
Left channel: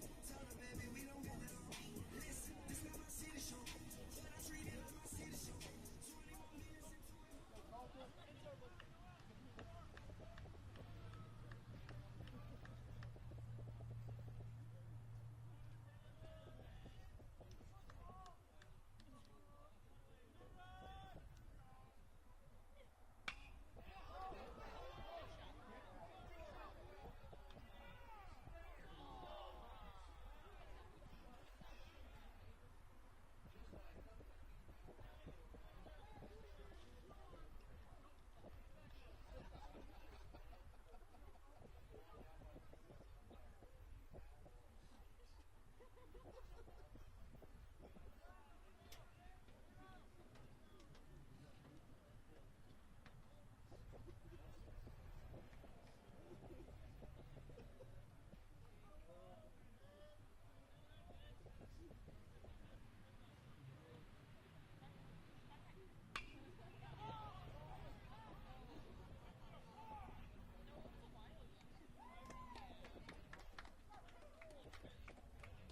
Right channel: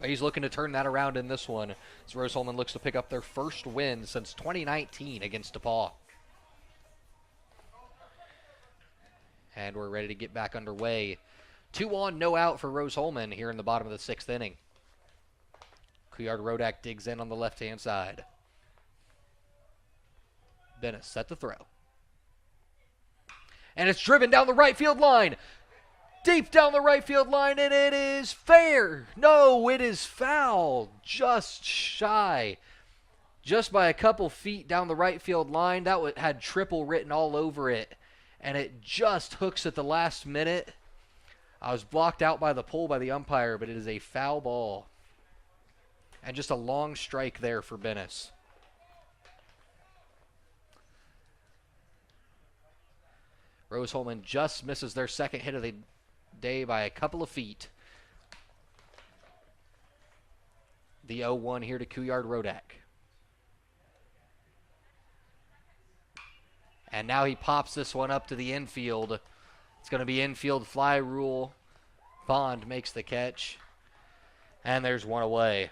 He's looking to turn that around in this one, as Rose-Hulman looks to pick up their first win since 2019 against DePauw. And we're ready to get back underway. 2 on, no out for Rose-Hulman here in the bottom of the 6th inning. Couillard-Rodak digs in on the left-hand side. Bennis set to throw. And it's driven down the right field line. Deep down the right field line, and it is fair. No, it is foul. Just shy. Just by a couple feet down the right field line. That had triple written all over it. And it just hooks at the last minute. I was blocked out by the pull by the umpire, but it is a foul ball. And just a long strike there for Bennis. Rose-Hulman just misses their second hit of the day by a couple of feet. The 0-1 here to Couillard-Rodak. And now he pops this one up to the infield. It's going to be infield fly rule. Bond makes the catch. And there's one away.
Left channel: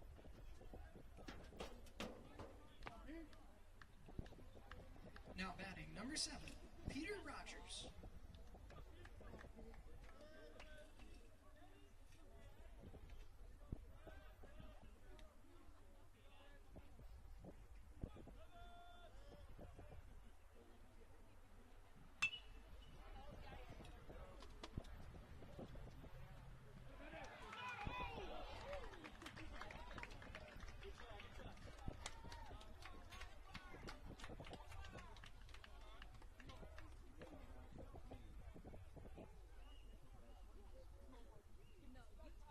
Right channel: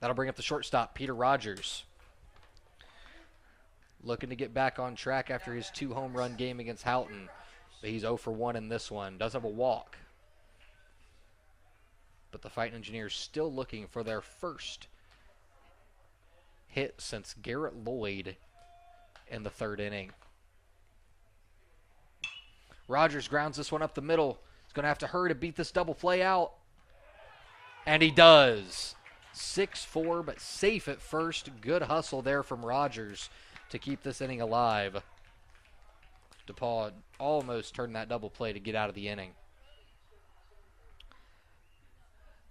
That'll bring up the shortstop, Peter Rogers. Looking to get back on track after his 2 home run game against Houghton. But he's 0 for 1 in this one. Does have a walk. But the Fightin Engineers still looking for their first hit since Garrett Lloyd in the 3rd inning. Rogers grounds this one up the middle. He's going to have to hurry to beat this double play out. And he does. 6-4, but safe at first. Good hustle there from Rogers to keep this inning alive. DePauw almost turned that double play to get out of the inning.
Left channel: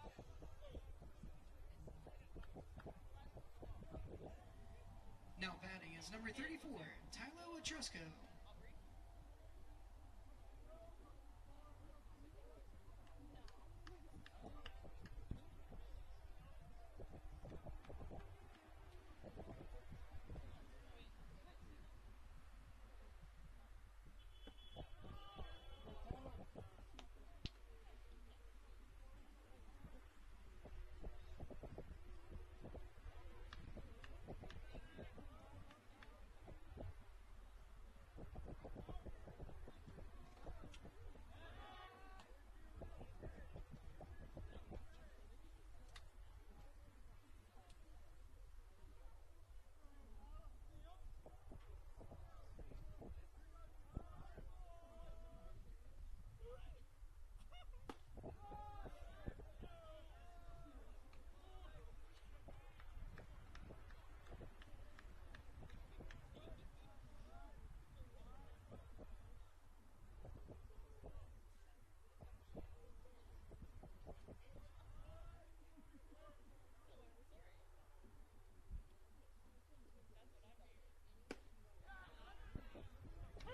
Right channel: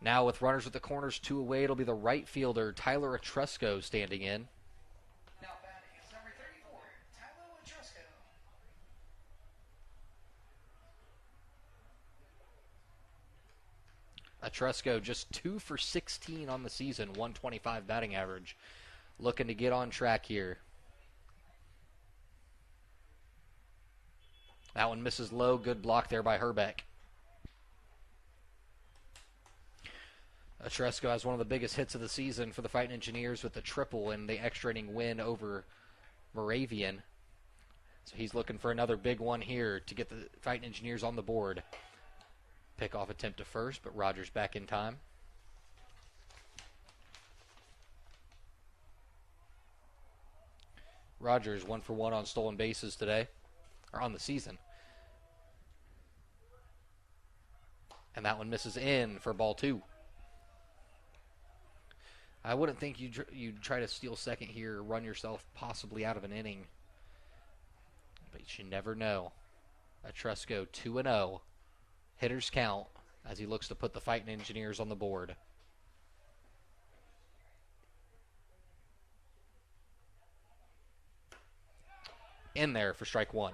Now with runners at the corners 2 away, it'll be the right fielder, Tyler Etrusco, standing in. Now batting is number 34, Tyler Etrusco. Etrusco just 2 for 16 on the season, 125 batting average. Looking to get on track here. That one misses low. Good block there by Herbeck. Tresco has one of the biggest hits of the season for the Fightin Engineers with the triple in the extra inning win over Moravian. So he's looking for another big one here to get the Fightin Engineers on the board. Pickoff attempt to first, but Rogers back in time. Rogers 1 for 1 on stolen bases today, or on the season. And that one misses in for ball 2. I wouldn't think you'd try to steal second here, run yourself possibly out of an inning. But you never know. Tresco 2-0. Hitters count as he looks to put the Fightin Engineers on the board. In there for strike 1.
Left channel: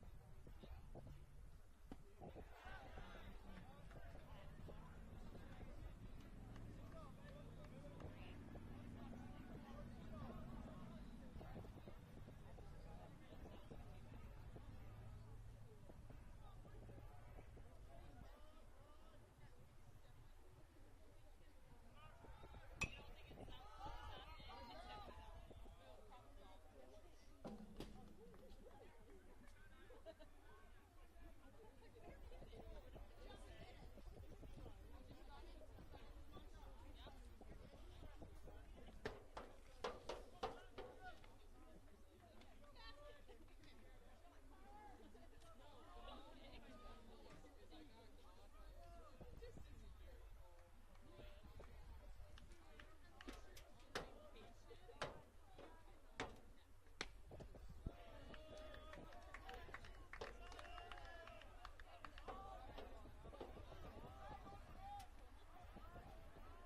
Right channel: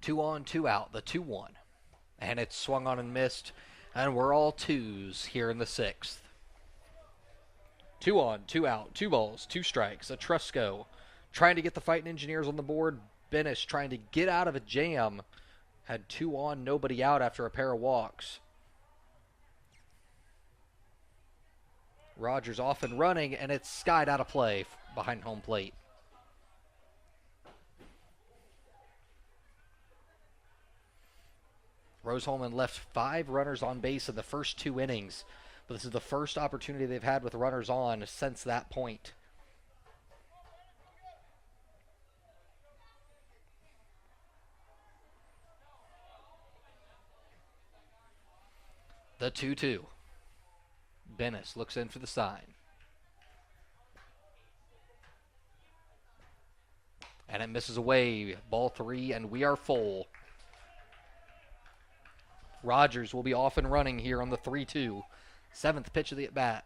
Two on, two out, the 2-1. And it's swung on and missed, and we're all twos here in the 6th. 2 on, 2 out, 2 balls, 2 strikes. Tresco trying to get the Fightin Engineers on the board. Benish trying to get out of a jam. Had 2 on, nobody out after a pair of walks. Rogers off and running, and it's skied out of play behind home plate. Rose-Hulman left 5 runners on base in the first 2 innings, but this is the first opportunity they've had with runners on since that point. The 2-2. Bennis looks in for the sign. And it misses away. Ball 3, and we are full. Rogers will be off and running here on the 3-2. 7th pitch of the at-bat.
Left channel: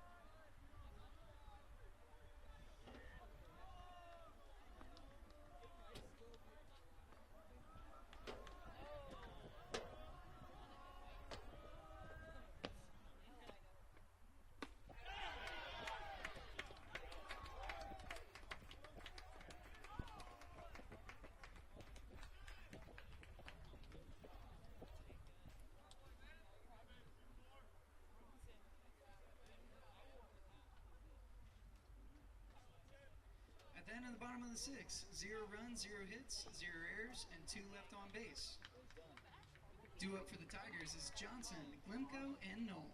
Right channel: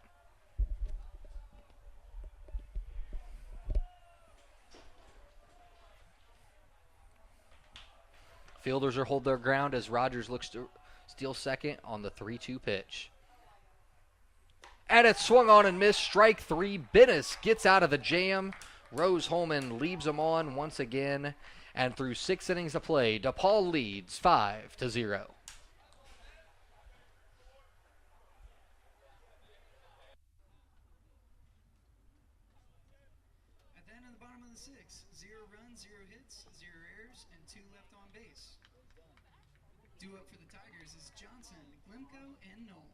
Fielders are hold their ground as Rogers looks to steal second on the 3-2 pitch. And it's swung on and missed. Strike 3. Bennis gets out of the jam. Rose-Hulman leaves him on once again. And through 6 innings of play, DePauw leads 5-0. At the end of the bottom of the 6th, 0 runs, 0 hits, 0 errors, and 2 left on base. Due up for the Tigers is Johnson, Glimko, and Knoll.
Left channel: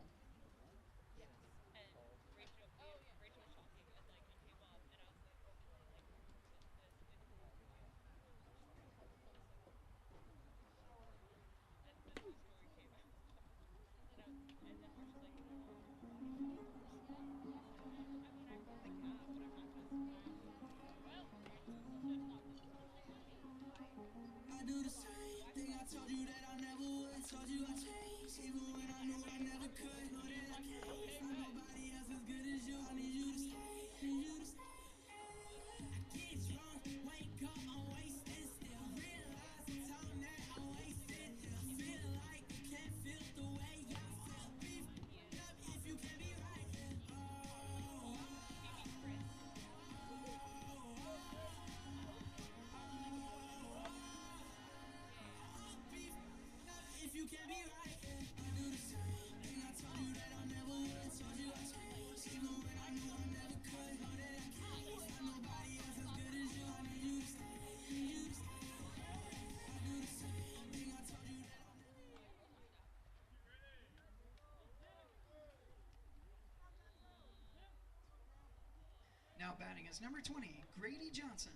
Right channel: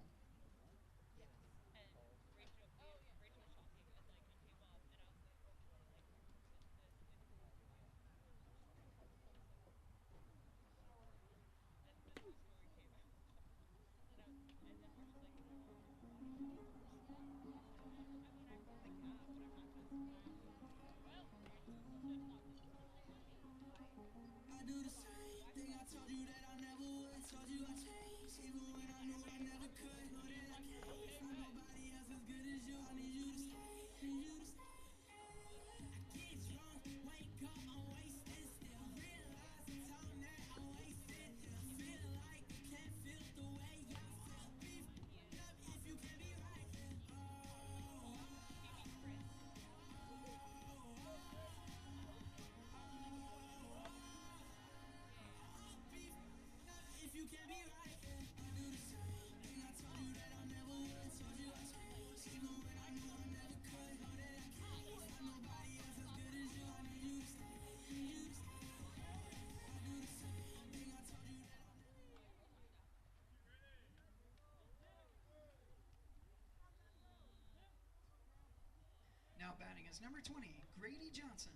Now batting is number 20, Grady Johnson.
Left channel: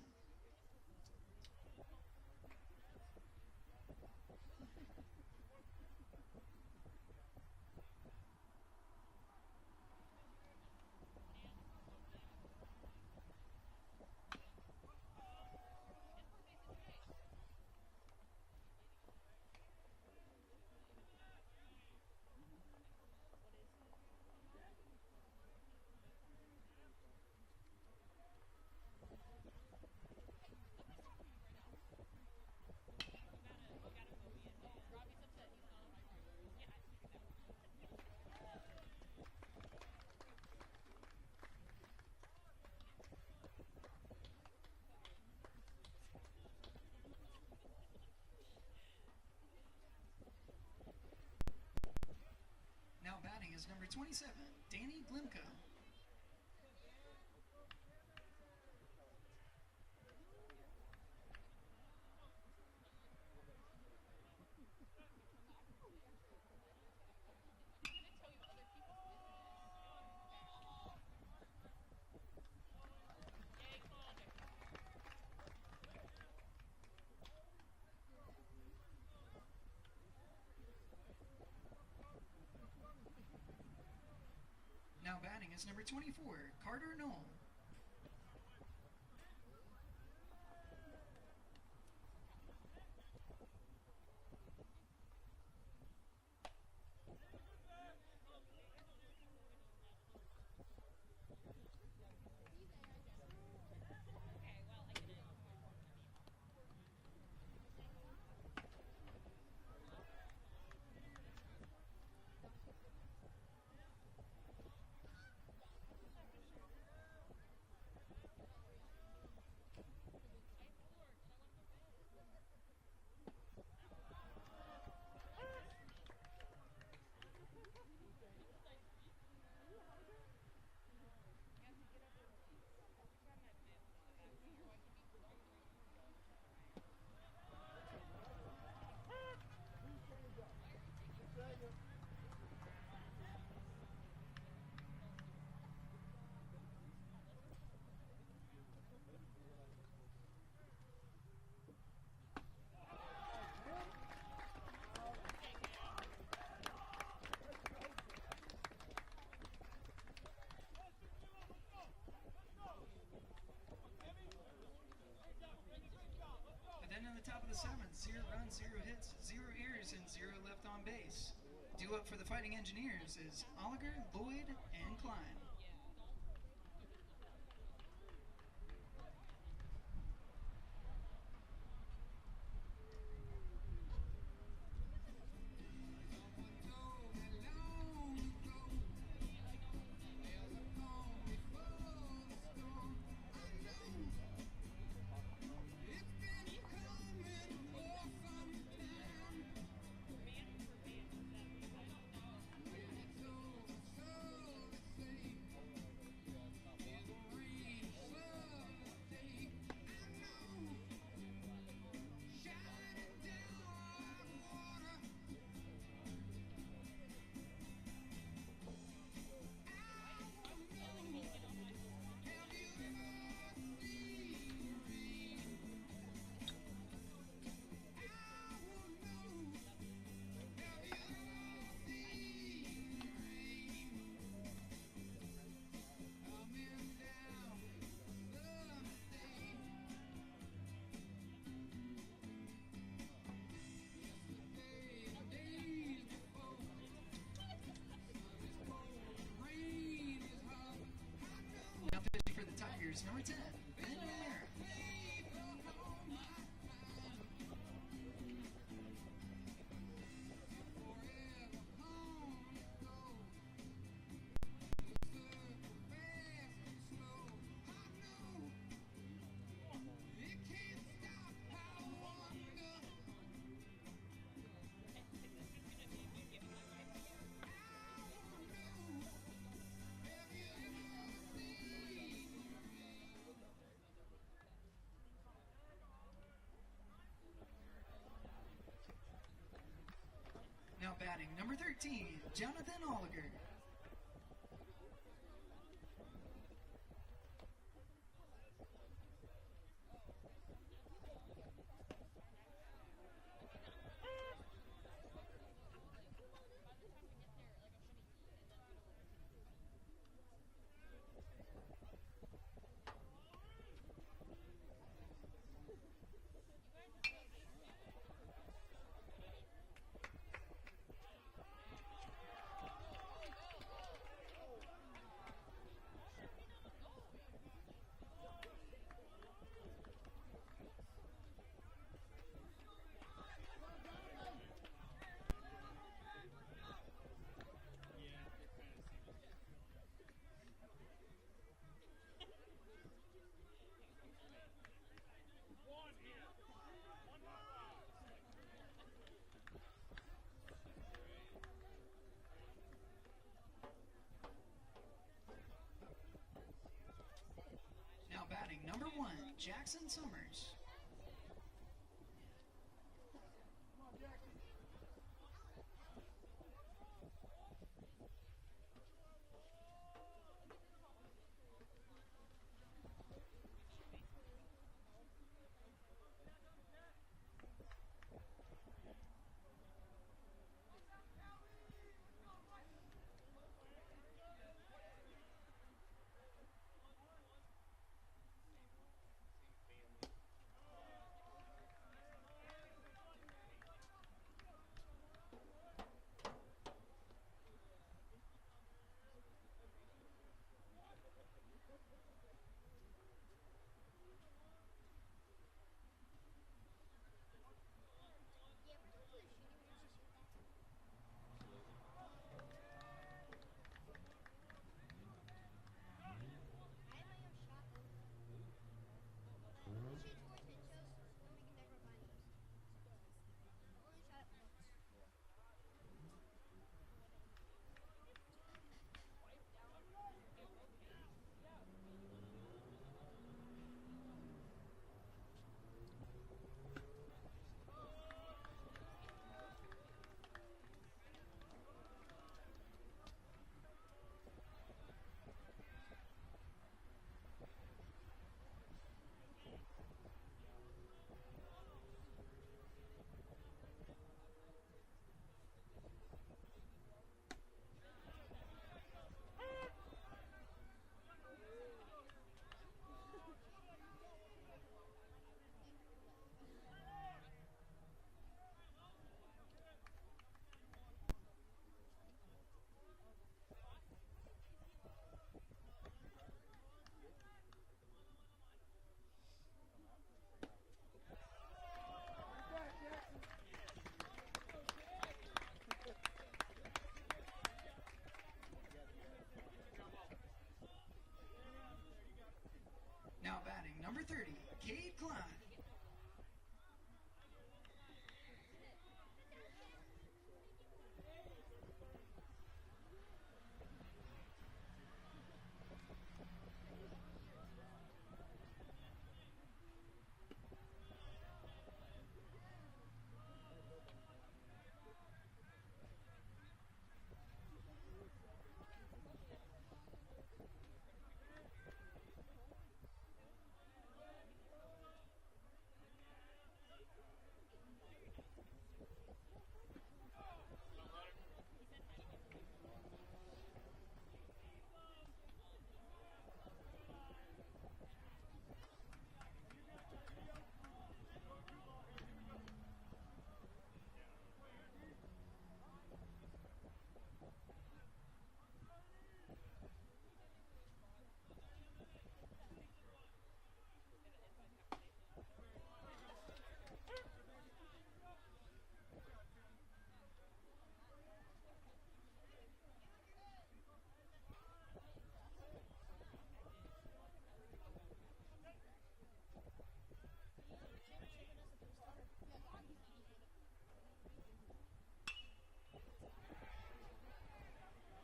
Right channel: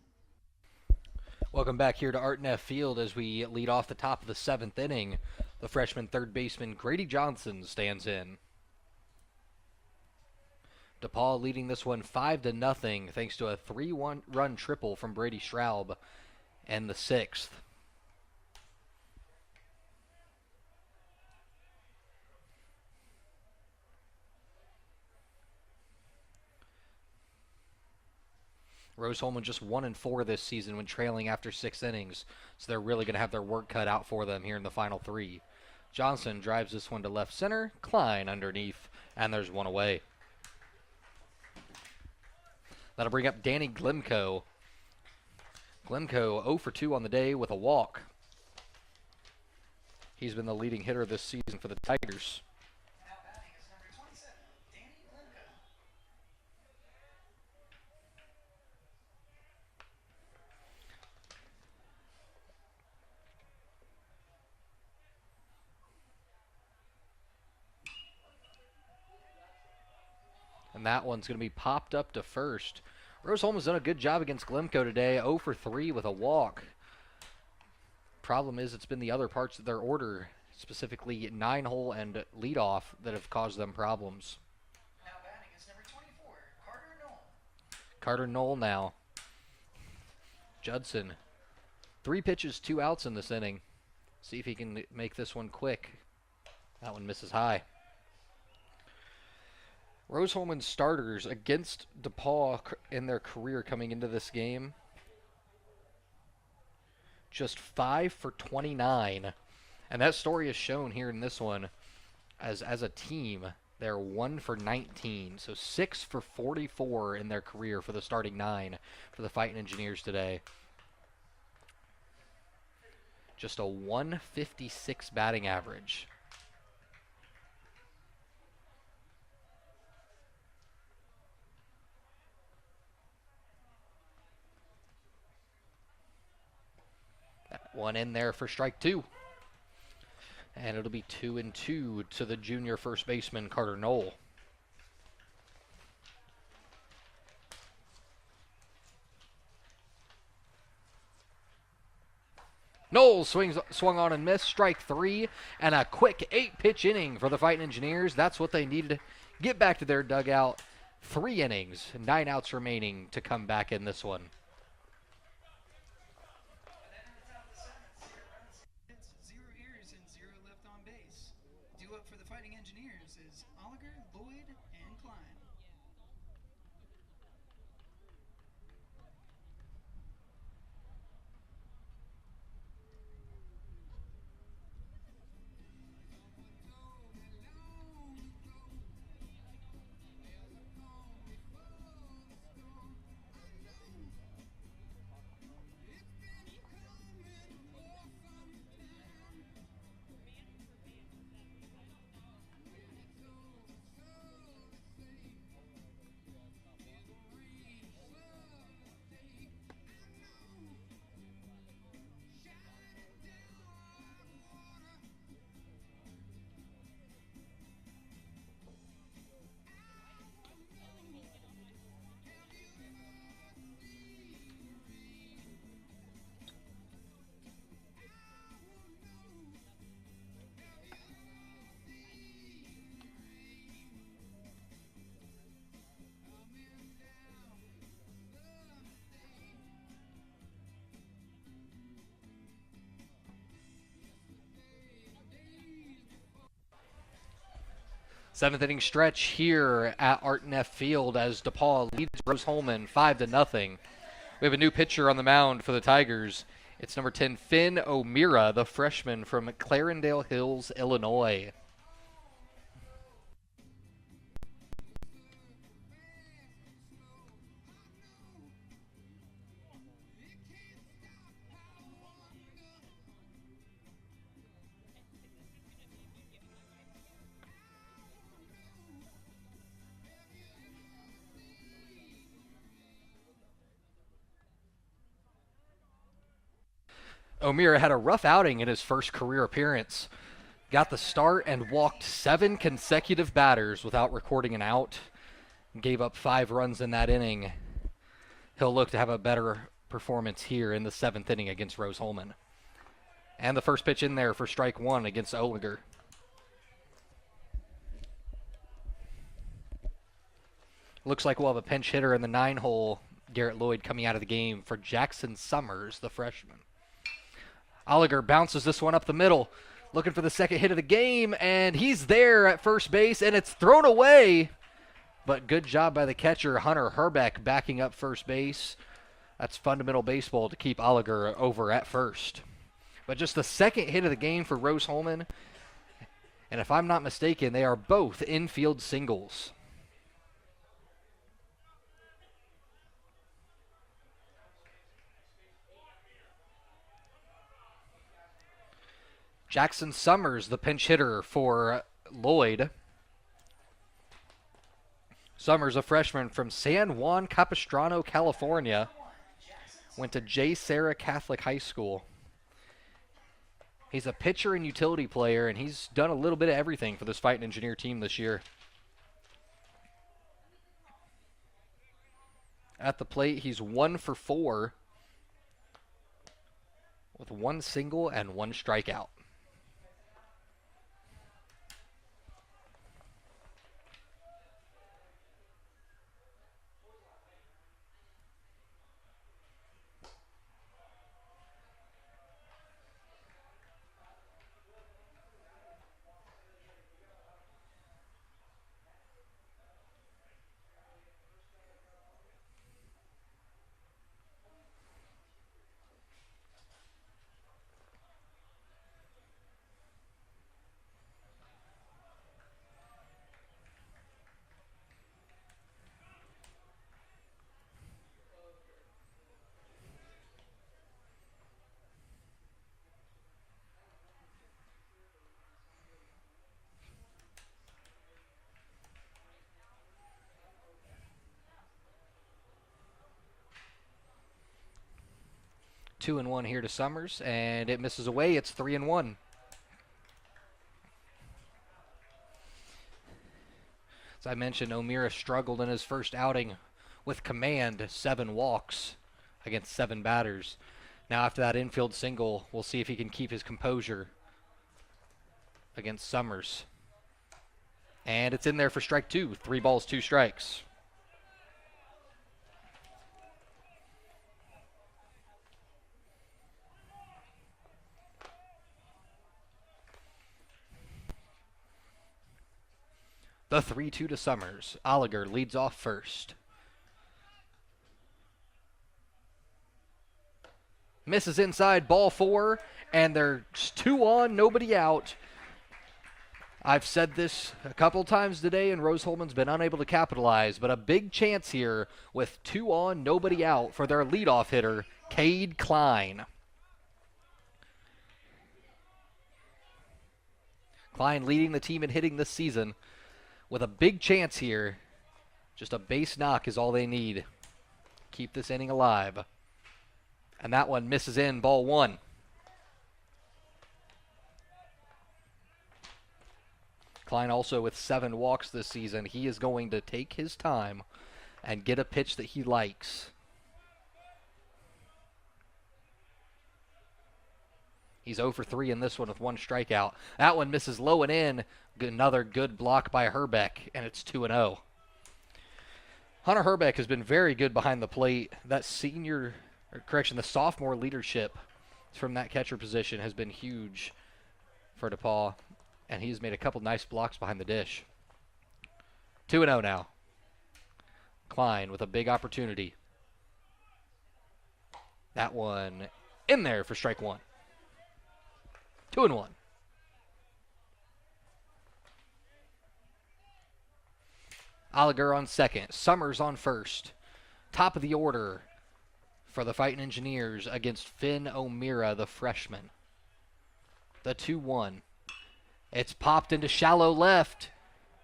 Welcome back here to Art-Neff Field as we lead off the top of the 7th inning. The freshman third baseman Grady Johnson stands in. DePauw leading this one 5-0 thanks to a 3-run triple from Brady Straub in the 6th. Rose-Hulman just 1-4 this season when trailing after 6 innings. So they're really going to have their work cut out for them here in the final 3. Johnson drives this one to left center. Klein underneath, and there's one away. That'll bring up Danny Glimko. Glimko 0 for 2 on the day with a walk. He's been the leading hitter this season for the Tigers. Now batting is number 27, Danny Glimka. And that one's going to be popped up to first. Rose-Hulman's done a good job against Glimko today, 0 for 3 with a walk. Problem is, it's been the other parts of their order, specifically 9-hole and leadoff, that have caused them problems. Now batting is number 24, Carter Knoll. Carter Knoll now. Judson. 3 pitches, 2 outs in this inning. See if he can make this one quick. That one misses high. Rose-Hulman starters against DePauw in their career coming into this game. Just 5 for 29. And that story is shown here in this one. As a team, they're 1 for 19. So 6 for 44 in their career for the starting 9 for the Fightin Engineers today. Just a 156 batting average. One in there for strike 2. And it'll be 2-2 to the junior first baseman, Carter Knoll. Knoll swung on and missed, strike 3, and a quick 8-pitch inning for the Fightin Engineers. That's what they needed to get back to their dugout. 3 innings, 9 outs remaining to come back in this one. Up for the Fightin Engineers is Oliger, Lloyd, and Klein. Seventh inning stretch here at Artneff Field as DePauw leads Rose-Hulman 5-0. We have a new pitcher on the mound for the Tigers. It's number 10, Finn O'Meara, the freshman from Clarendale Hills, Illinois. O'Meara had a rough outing in his first career appearance. Got the start and walked 7 consecutive batters without recording an out. Gave up 5 runs in that inning. He'll look to have a better performance here in the 7th inning against Rose-Hulman. And the first pitch in there for strike 1 against Oliger. Looks like we'll have a pinch hitter in the 9-hole, Garrett Lloyd, coming out of the game for Jackson Summers, the freshman. Oliger bounces this one up the middle, looking for the second hit of the game, and he's there at first base, and it's thrown away. But good job by the catcher, Hunter Herbeck, backing up first base. That's fundamental baseball to keep Oliger over at first. But just the second hit of the game for Rose-Hulman. And if I'm not mistaken, they are both infield singles. Jackson Summers, the pinch hitter for Lloyd. Summers, a freshman from San Juan Capistrano, California. Went to J. Sarah Catholic High School. He's a pitcher and utility player, and he's done a little bit of everything for this Fightin Engineer team this year. At the plate, he's 1 for 4 with 1 single and 1 strikeout. Two and 1 here to Summers, and it misses away. It's 3-1. As I mentioned, O'Meara struggled in his first outing with command, 7 walks against 7 batters. Now after that infield single, we'll see if he can keep his composure against Summers. And it's in there for strike 2. 3 balls, 2 strikes. The 3-2 to Summers. Oliger leads off first. Misses inside, ball 4, and there's 2 on, nobody out. I've said this a couple times today, and Rose-Hulman's been unable to capitalize, but a big chance here with 2 on, nobody out for their leadoff hitter, Cade Klein. Klein leading the team in hitting this season with a big chance here. Just a base knock is all they need. Keep this inning alive. And that one misses in, ball 1. Klein also with 7 walks this season. He is going to take his time and get a pitch that he likes. He's 0 for 3 in this one with 1 strikeout. That one misses low and in. Another good block by Herbeck, and it's 2-0. Hunter Herbeck has been very good behind the plate. That the sophomore leadership from that catcher position has been huge for DePauw, and he's made a couple nice blocks behind the dish. 2-0 now. Klein with a big opportunity. That one in there for strike 1. 2-1. Oliger on second. Summers on first. Top of the order for the Fightin Engineers against Finn O'Meara, the freshman. The 2-1. It's popped into shallow left.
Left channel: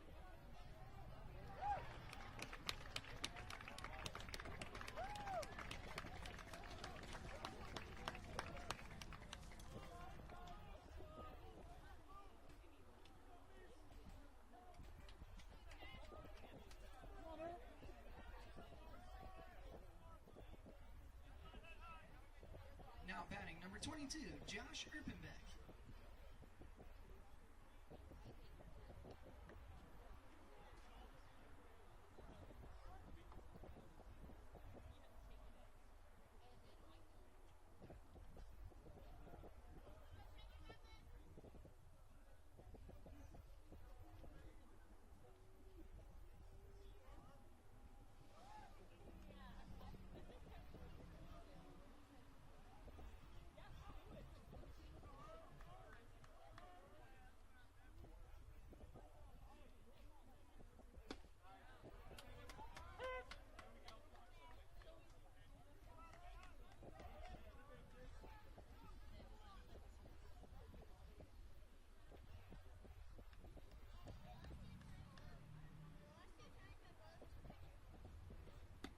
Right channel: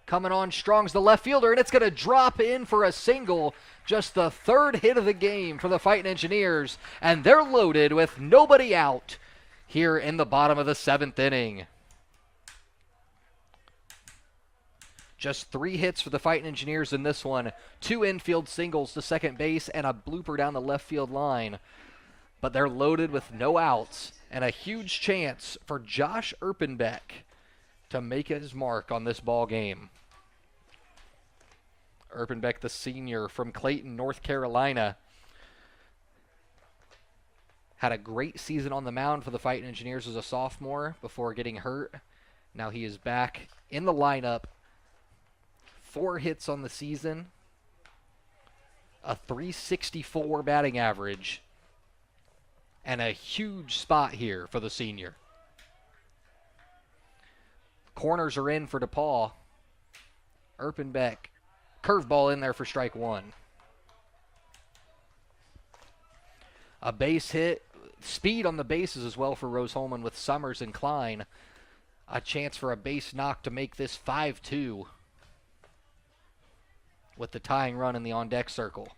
Coming on strong's the left fielder, and it's going to drop in for a single. Just the 3rd hit of the game for the Fightin Engineers, and they're loaded with nobody out here in the bottom of the 7th inning. Just 3 hits for the Fightin Engineers in this one. 2 infield singles to second base and a blooper down the left field line. But they're loaded with no outs and a huge chance for Josh Erpenbeck to make his mark on this ball game. Erpenbeck, the senior from Clayton, North Carolina, had a great season on the mound for the Fightin Engineers as a sophomore before getting hurt. Now he is back in the lineup. 4 hits on the season, a .364 batting average, And a huge spot here for the senior. Corners are in for DePauw. Erpenbeck, curveball in there for strike one. A base hit, speed on the bases as well for Rose-Hulman with Summers and Klein. A chance for a base knock to make this 5-2 with the tying run in the on-deck circle.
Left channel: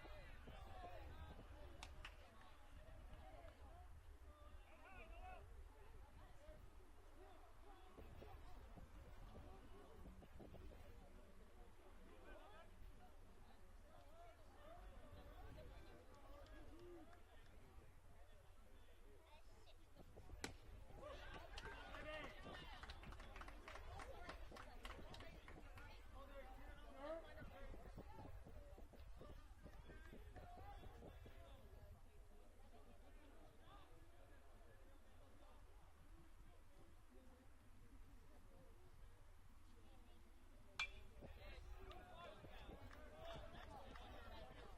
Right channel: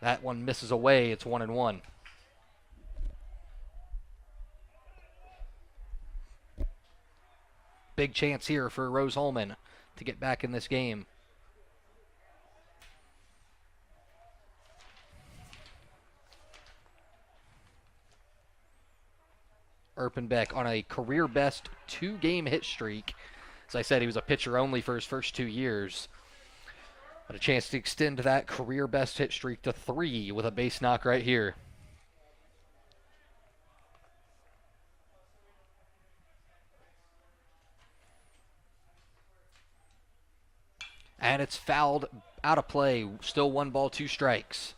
That one misses away. It's 1-1. Big chance here for Rose-Hulman to get back in this game. Erpenbeck on a career-best 2-game hit streak. As I said, he was a pitcher only for his first 2 years. But a chance to extend that career-best hit streak to 3 with a base knock right here. And it's fouled out of play. Still 1 ball, 2 strikes.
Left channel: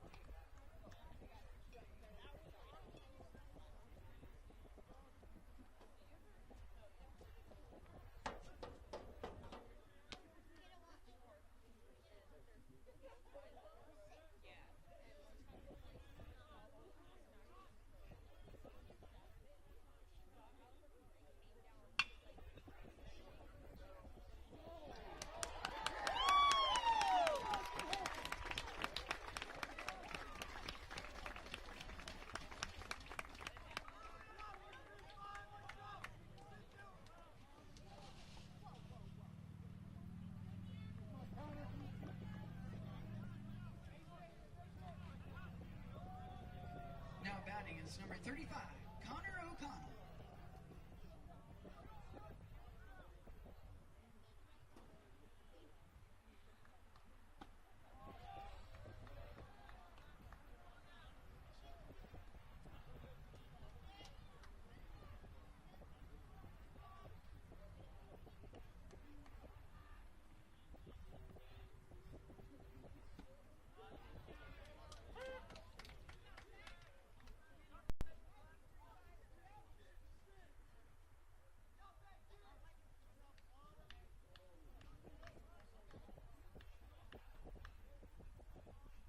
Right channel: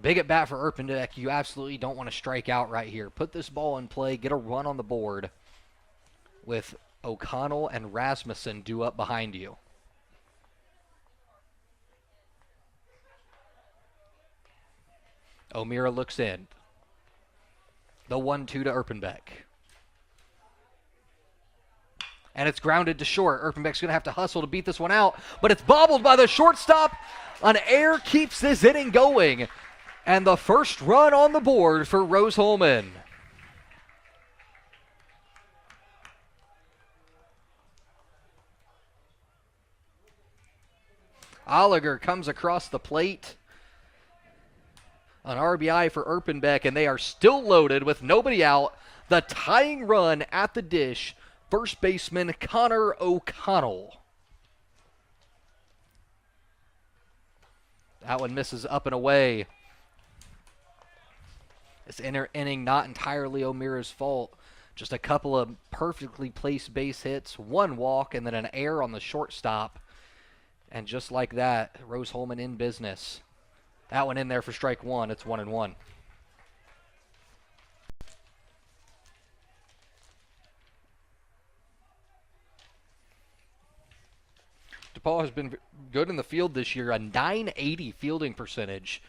Big at bat for Erpenbeck. You absolutely don't want to strike out right here. Put this ball in play, get a run on the board with O'Connell and Rasmussen due up behind you. O'Meara looks in. The 1-2 to Erpenbeck. And it's grounded to short. Erpenbeck's going to have to hustle to beat this one out, but it's bobbled by the shortstop. An error keeps this inning going. And the first run on the board for Rose-Hulman. Oliger comes across the plate. An RBI for Erpenbeck, and they are still loaded with nobody out. The tying run at the dish, first baseman Connor O'Connell. That one misses up and away. This inning not entirely O'Meara's fault. Just a couple of perfectly placed base hits, 1 walk, and then an error on the shortstop. And just like that, Rose-Hulman in business. That one in there for strike 1. It's 1-1. DePauw has been good in the field this year, a .980 fielding percentage.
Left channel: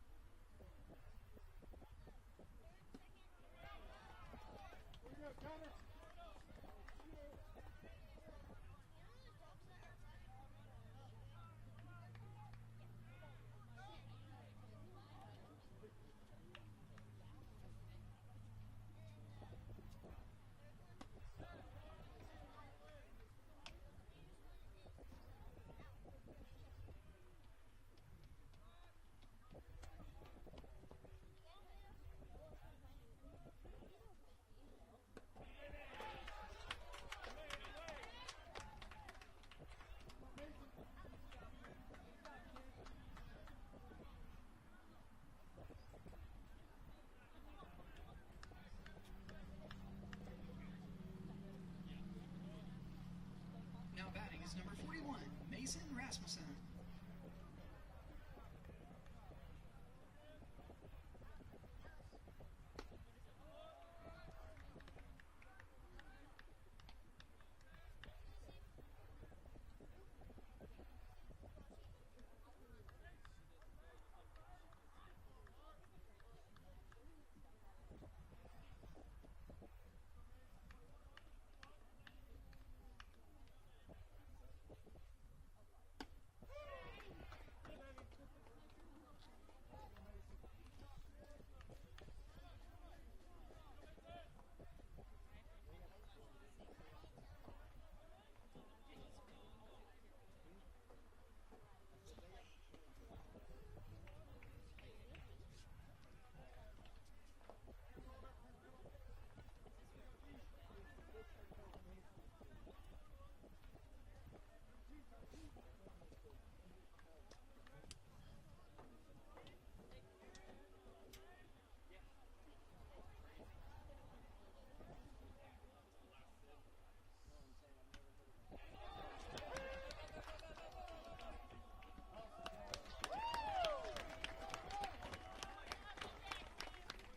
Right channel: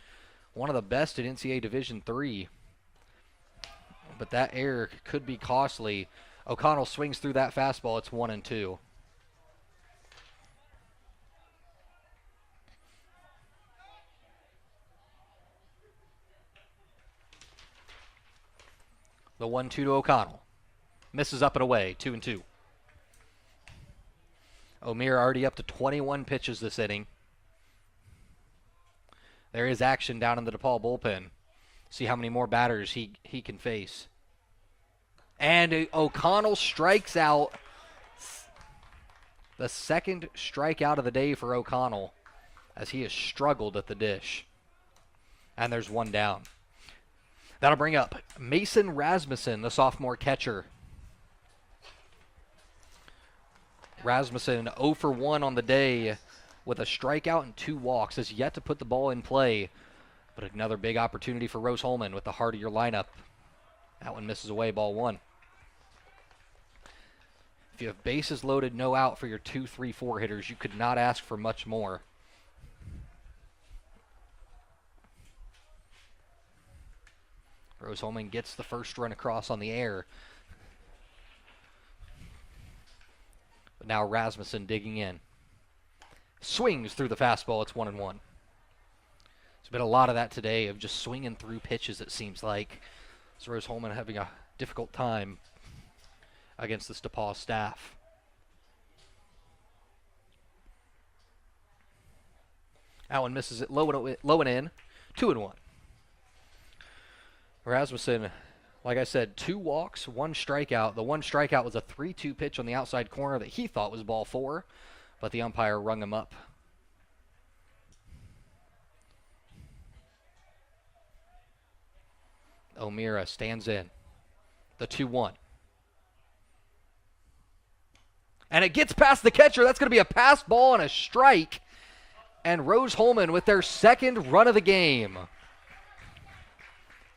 One of the best in NCAA Division III. But that error could be costly. O'Connell swings through that fastball. It's 1-2. The 1-2 to O'Connell. Misses up and away. 2-2. O'Meara already up to 21 pitches this inning. There is action down in the DePauw bullpen. See how many more batters he can face. And O'Connell strikes out. The second strikeout of the day for O'Connell as he has struggled at the dish. And there's 1 down. That'll bring up Mason Rasmussen, the sophomore catcher. Rasmussen 0 for 1 on the day with a strikeout and 2 walks. Has yet to put the ball in play. But another big opportunity for Rose-Hulman with the heart of your lineup. That one misses away, ball 1. If you have bases loaded, no out for your 2, 3, 4 hitters, you could not ask for much more. Rose-Hulman gets the first run across on the air. But now Rasmussen digging in. Swings through the fastball. It's 1-1. There's been a lot of that today of just swinging through pitches, it seems like. So Rose-Hulman having a difficult time against this DePauw staff. That one misses it low and in. 2-1. Rasmussen, like I said, 2 walks, 1 strikeout. The 1 strikeout was a 3-2 pitch on the outside corner that he thought was ball 4, but the umpire rung him up. O'Meara stands in. The 2-1. And it gets past the catcher. That's going to be a pass ball and a strike. And Rose-Hulman with their second run of the game.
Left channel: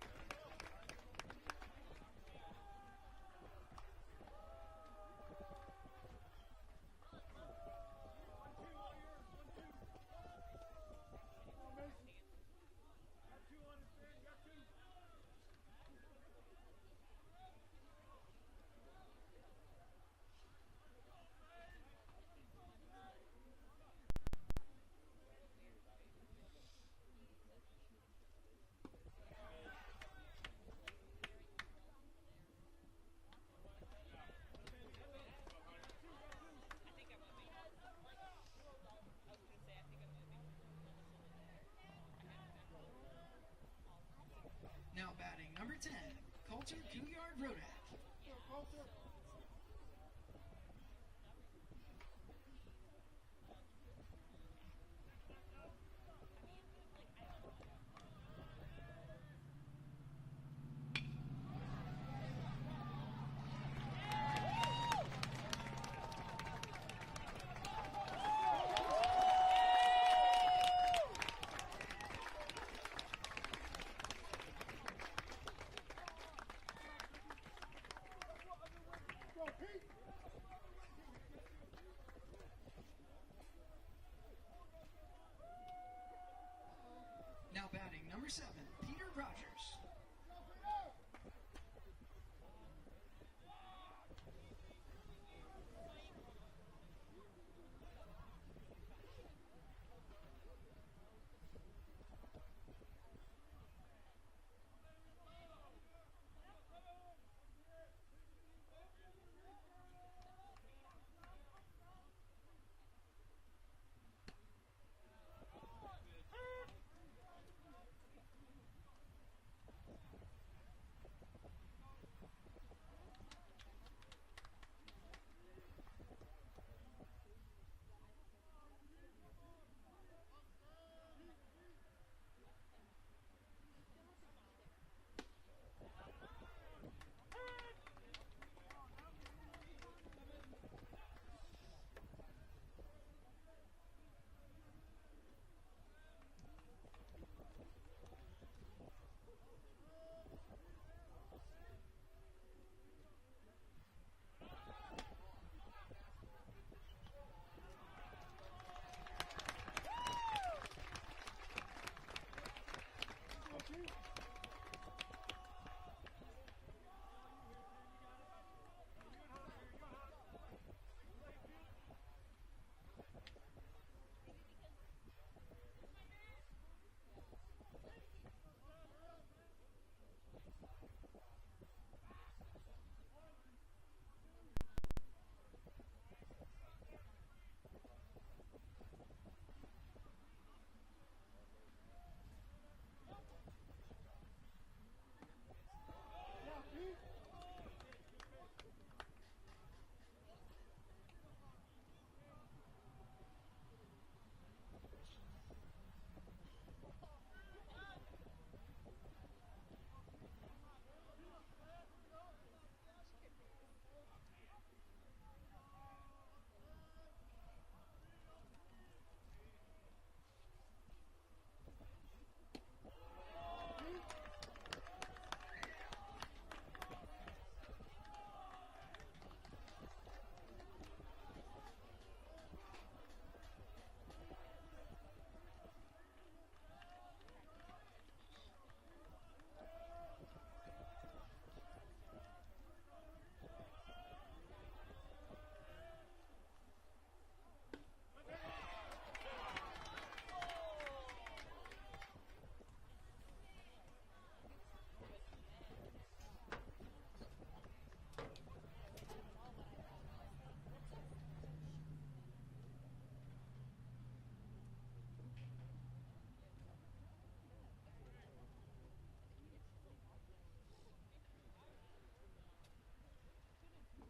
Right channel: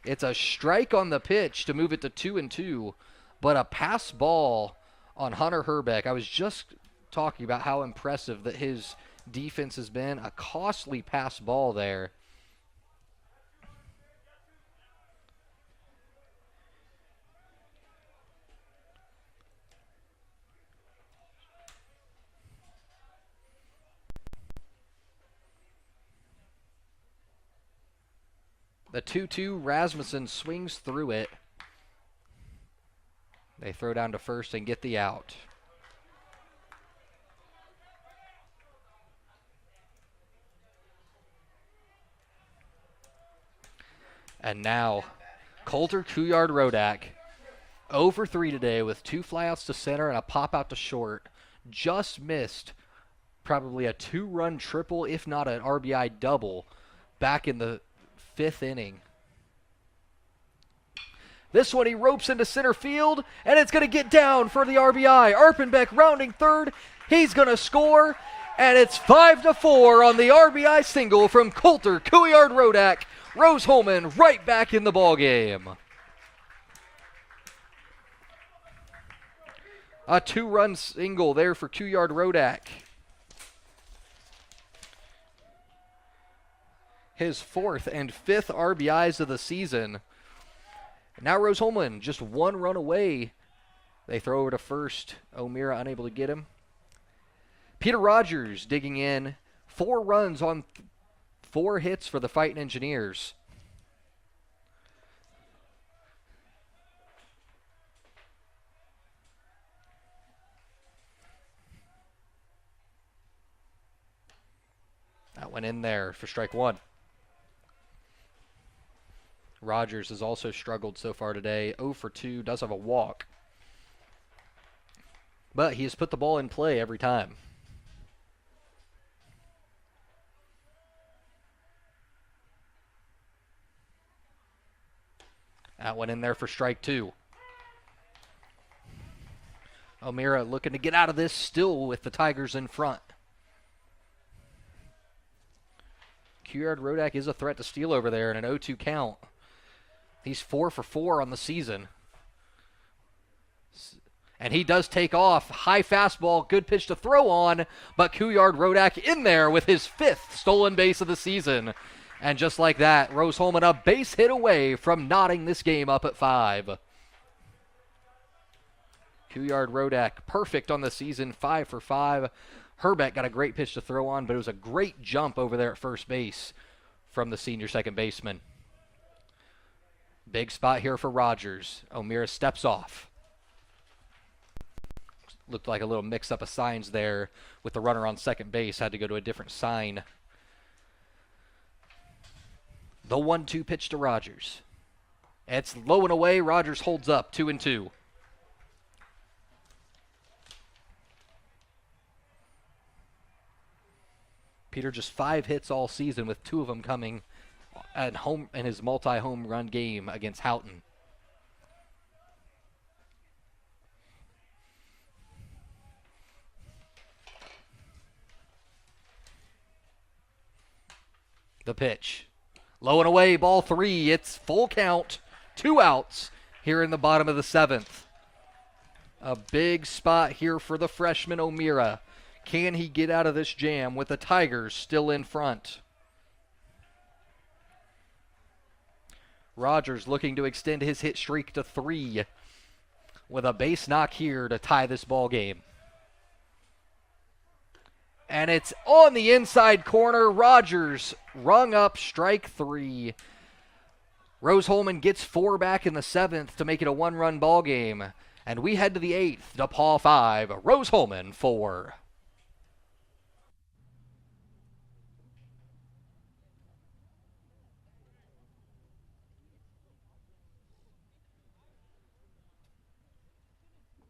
It's a strike on the pitch to move it to 2-2, but a pass ball on Hunter Herbeck. I was just talking about how impressive that his defense has been. A costly pass ball there. The 2-2, Rasmussen swings through it. They throw down to first and get the out. And now, Coulter Couillard-Rodak, 0 for 3 today with 2 flyouts to center and a pop out to short. Just missed probably a 2-run triple, if not an RBI double, back in the 5th inning. This one he ropes into center field, and it's going to get down for the RBI. Arpenbeck rounding third. He's going to score, and it's 5-4 on the RBI single from Coulter Couillard-Rodak. Rose-Hulman right back in the ballgame. A 2-run single there for Couillard-Rodak. His 4th and 5th RBIs of the season. Now Rose-Hulman just 1 run away. They throw over to first. O'Meara unable to get him. Peter Rogers digging in. 4 runs on 4 hits for the Fightin Engineers. That went in there for strike 1. Rogers has also struggled so far today. 0 for 2, does have a walk. But he has put the ball in play every time. That went in there for strike 2. O'Meara looking to get out of this, still with the Tigers in front. Couillard-Rodak is a threat to steal over there in an 0-2 count. He's 4 for 4 on the season. And he does take off. High fastball, good pitch to throw on, but Couillard-Rodak in there with his 5th stolen base of the season. And just like that, Rose-Hulman a base hit away from knotting this game up at 5. Couillard-Rodak perfect on the season, 5 for 5. Herbeck got a great pitch to throw on, but it was a great jump over there at first base from the senior second baseman. Big spot here for Rogers. O'Meara steps off. Looked like a little mix-up of signs there with the runner on second base. Had to go to a different sign. The 1-2 pitch to Rogers. It's low and away. Rogers holds up, 2-2. Peter just 5 hits all season, with 2 of them coming at home in his multi-home run game against Houghton. The pitch. Low and away, ball 3. It's full count. 2 outs here in the bottom of the 7th. A big spot here for the freshman O'Meara. Can he get out of this jam with the Tigers still in front? Rogers looking to extend his hit streak to 3 with a base knock here to tie this ball game. And it's on the inside corner. Rogers rung up strike 3. Rose-Hulman gets 4 back in the 7th to make it a 1-run ball game. And we head to the 8th. DePauw 5, Rose-Hulman 4.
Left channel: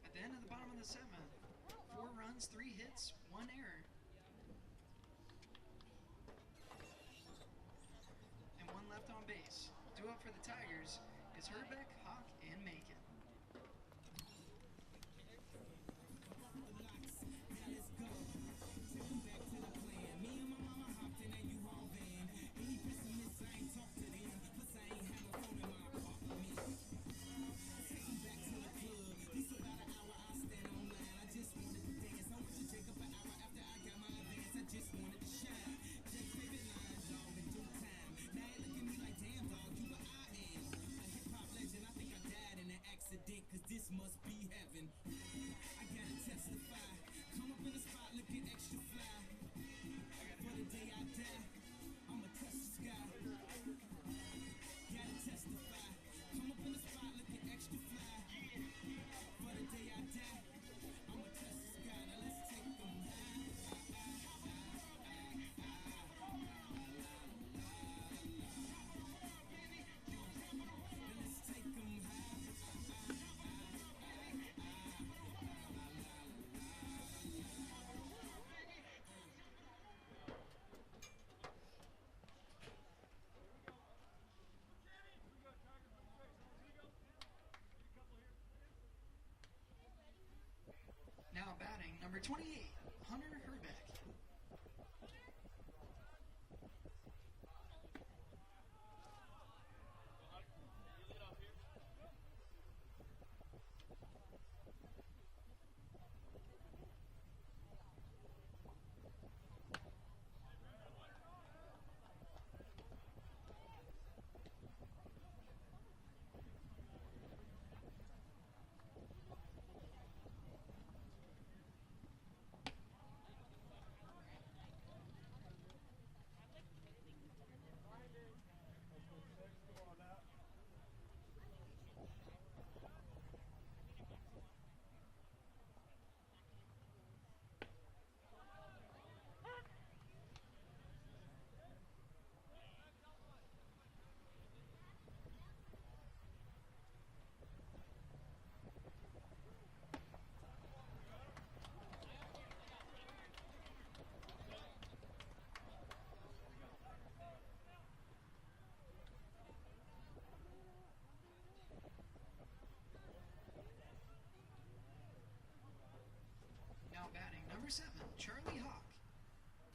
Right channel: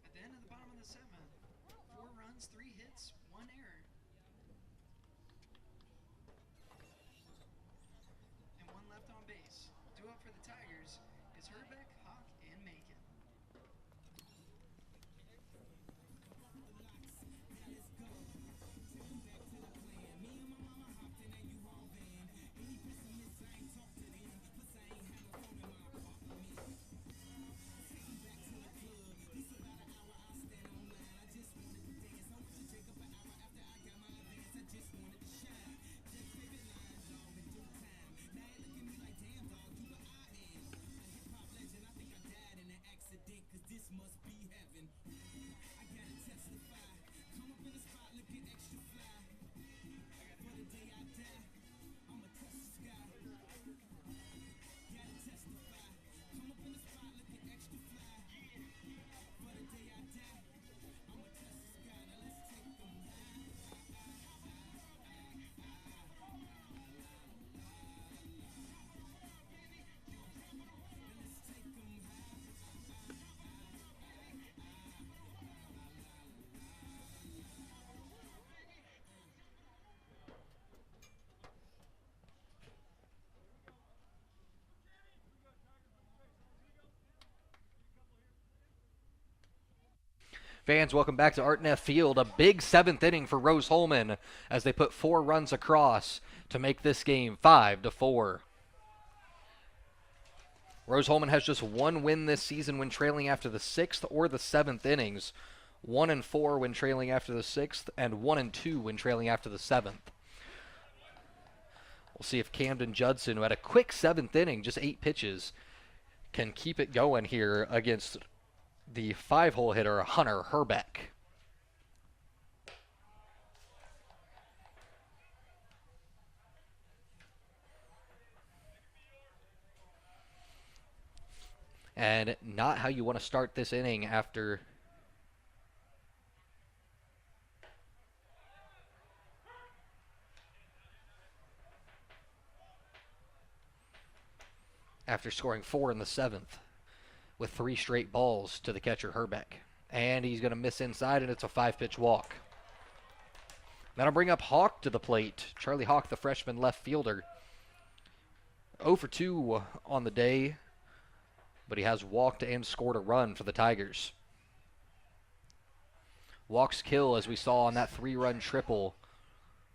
At the end of the bottom of the 7th, 4 runs, 3 hits, 1 error. And 1 left on base. 2 up for the Tigers is Herbeck, Hawk, and Macon. Fans, welcome back to Art Neff Field. A big 7th inning for Rose-Hulman as they put 4 runs across to make this game 5-4. Rose-Hulman has just 1 win this season when trailing after the 6th or the 7th innings. 1-4 when trailing after the 6th, and 1-2 when trailing after the 7th. We'll see if Camden Judson, who had a quick 7th inning, just 8 pitches, can keep it going here against the 5-hole hitter, Hunter Herbeck. And not how you want to start this inning after scoring 4 in the 7th with 3 straight balls to the catcher Herbeck. And he's going to miss inside, and it's a 5-pitch walk. That'll bring up Hawk to the plate. Charlie Hawk, the freshman left fielder. 0 for 2 on the day, but he has walked and scored a run for the Tigers. Walks kill, as we saw on that 3-run triple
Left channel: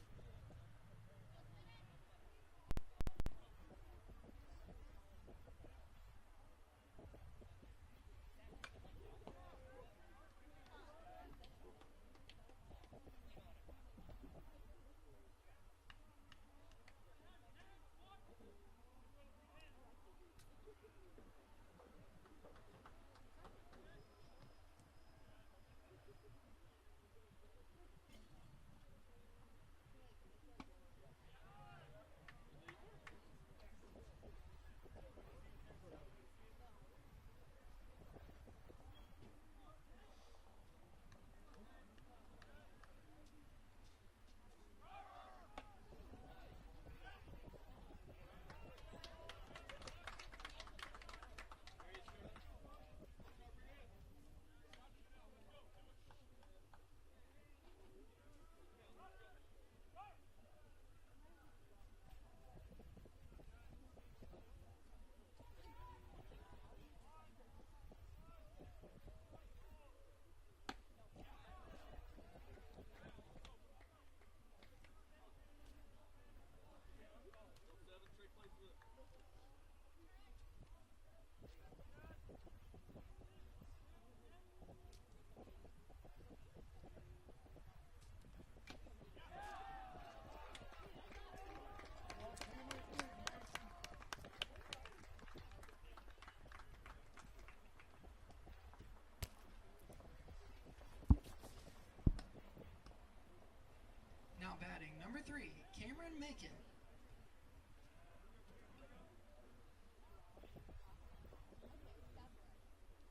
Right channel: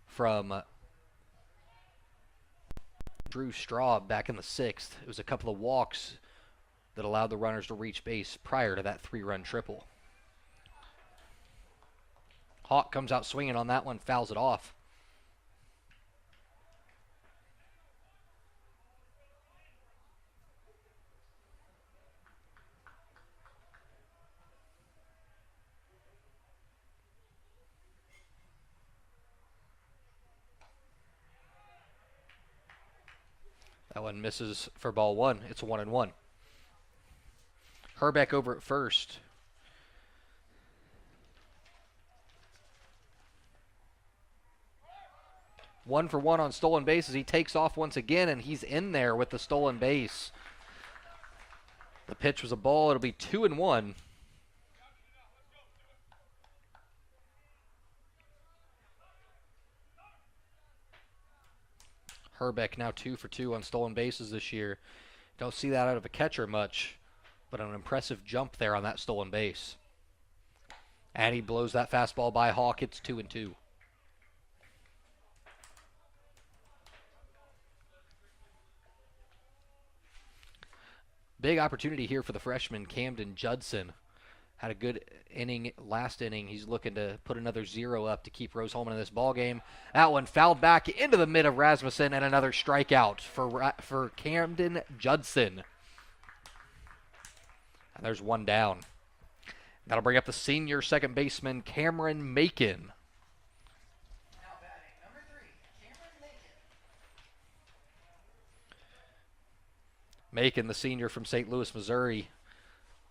from Drew Straub back in the 6th. It was a couple of walks that allowed the runners to reach base prior to that 3-run triple. Hawk comes out swinging on that one, fouls it off. That one misses for ball 1. It's a 1-1. Herbeck over at first. One for 1 on stolen bases. He takes off once again, and he's in there with the stolen base. The pitch was a ball. It'll be 2-1. Herbeck now 2 for 2 on stolen bases this year. Don't see that out of a catcher much, but an impressive jump there on that stolen base. And he blows that fastball by Hawk. It's 2-2. Big opportunity here for the freshman, Camden Judson. Had a good inning last inning. He's looking to put another 0 up to keep Rose-Hulman in this ball game. That one fouled back into the mid of Rasmussen, and another strikeout for Camden Judson. And there's 1 down. That'll bring up the senior second baseman, Cameron Macon. Now batting, number 3, Cameron Macon. Macon, the senior from St. Louis, Missouri,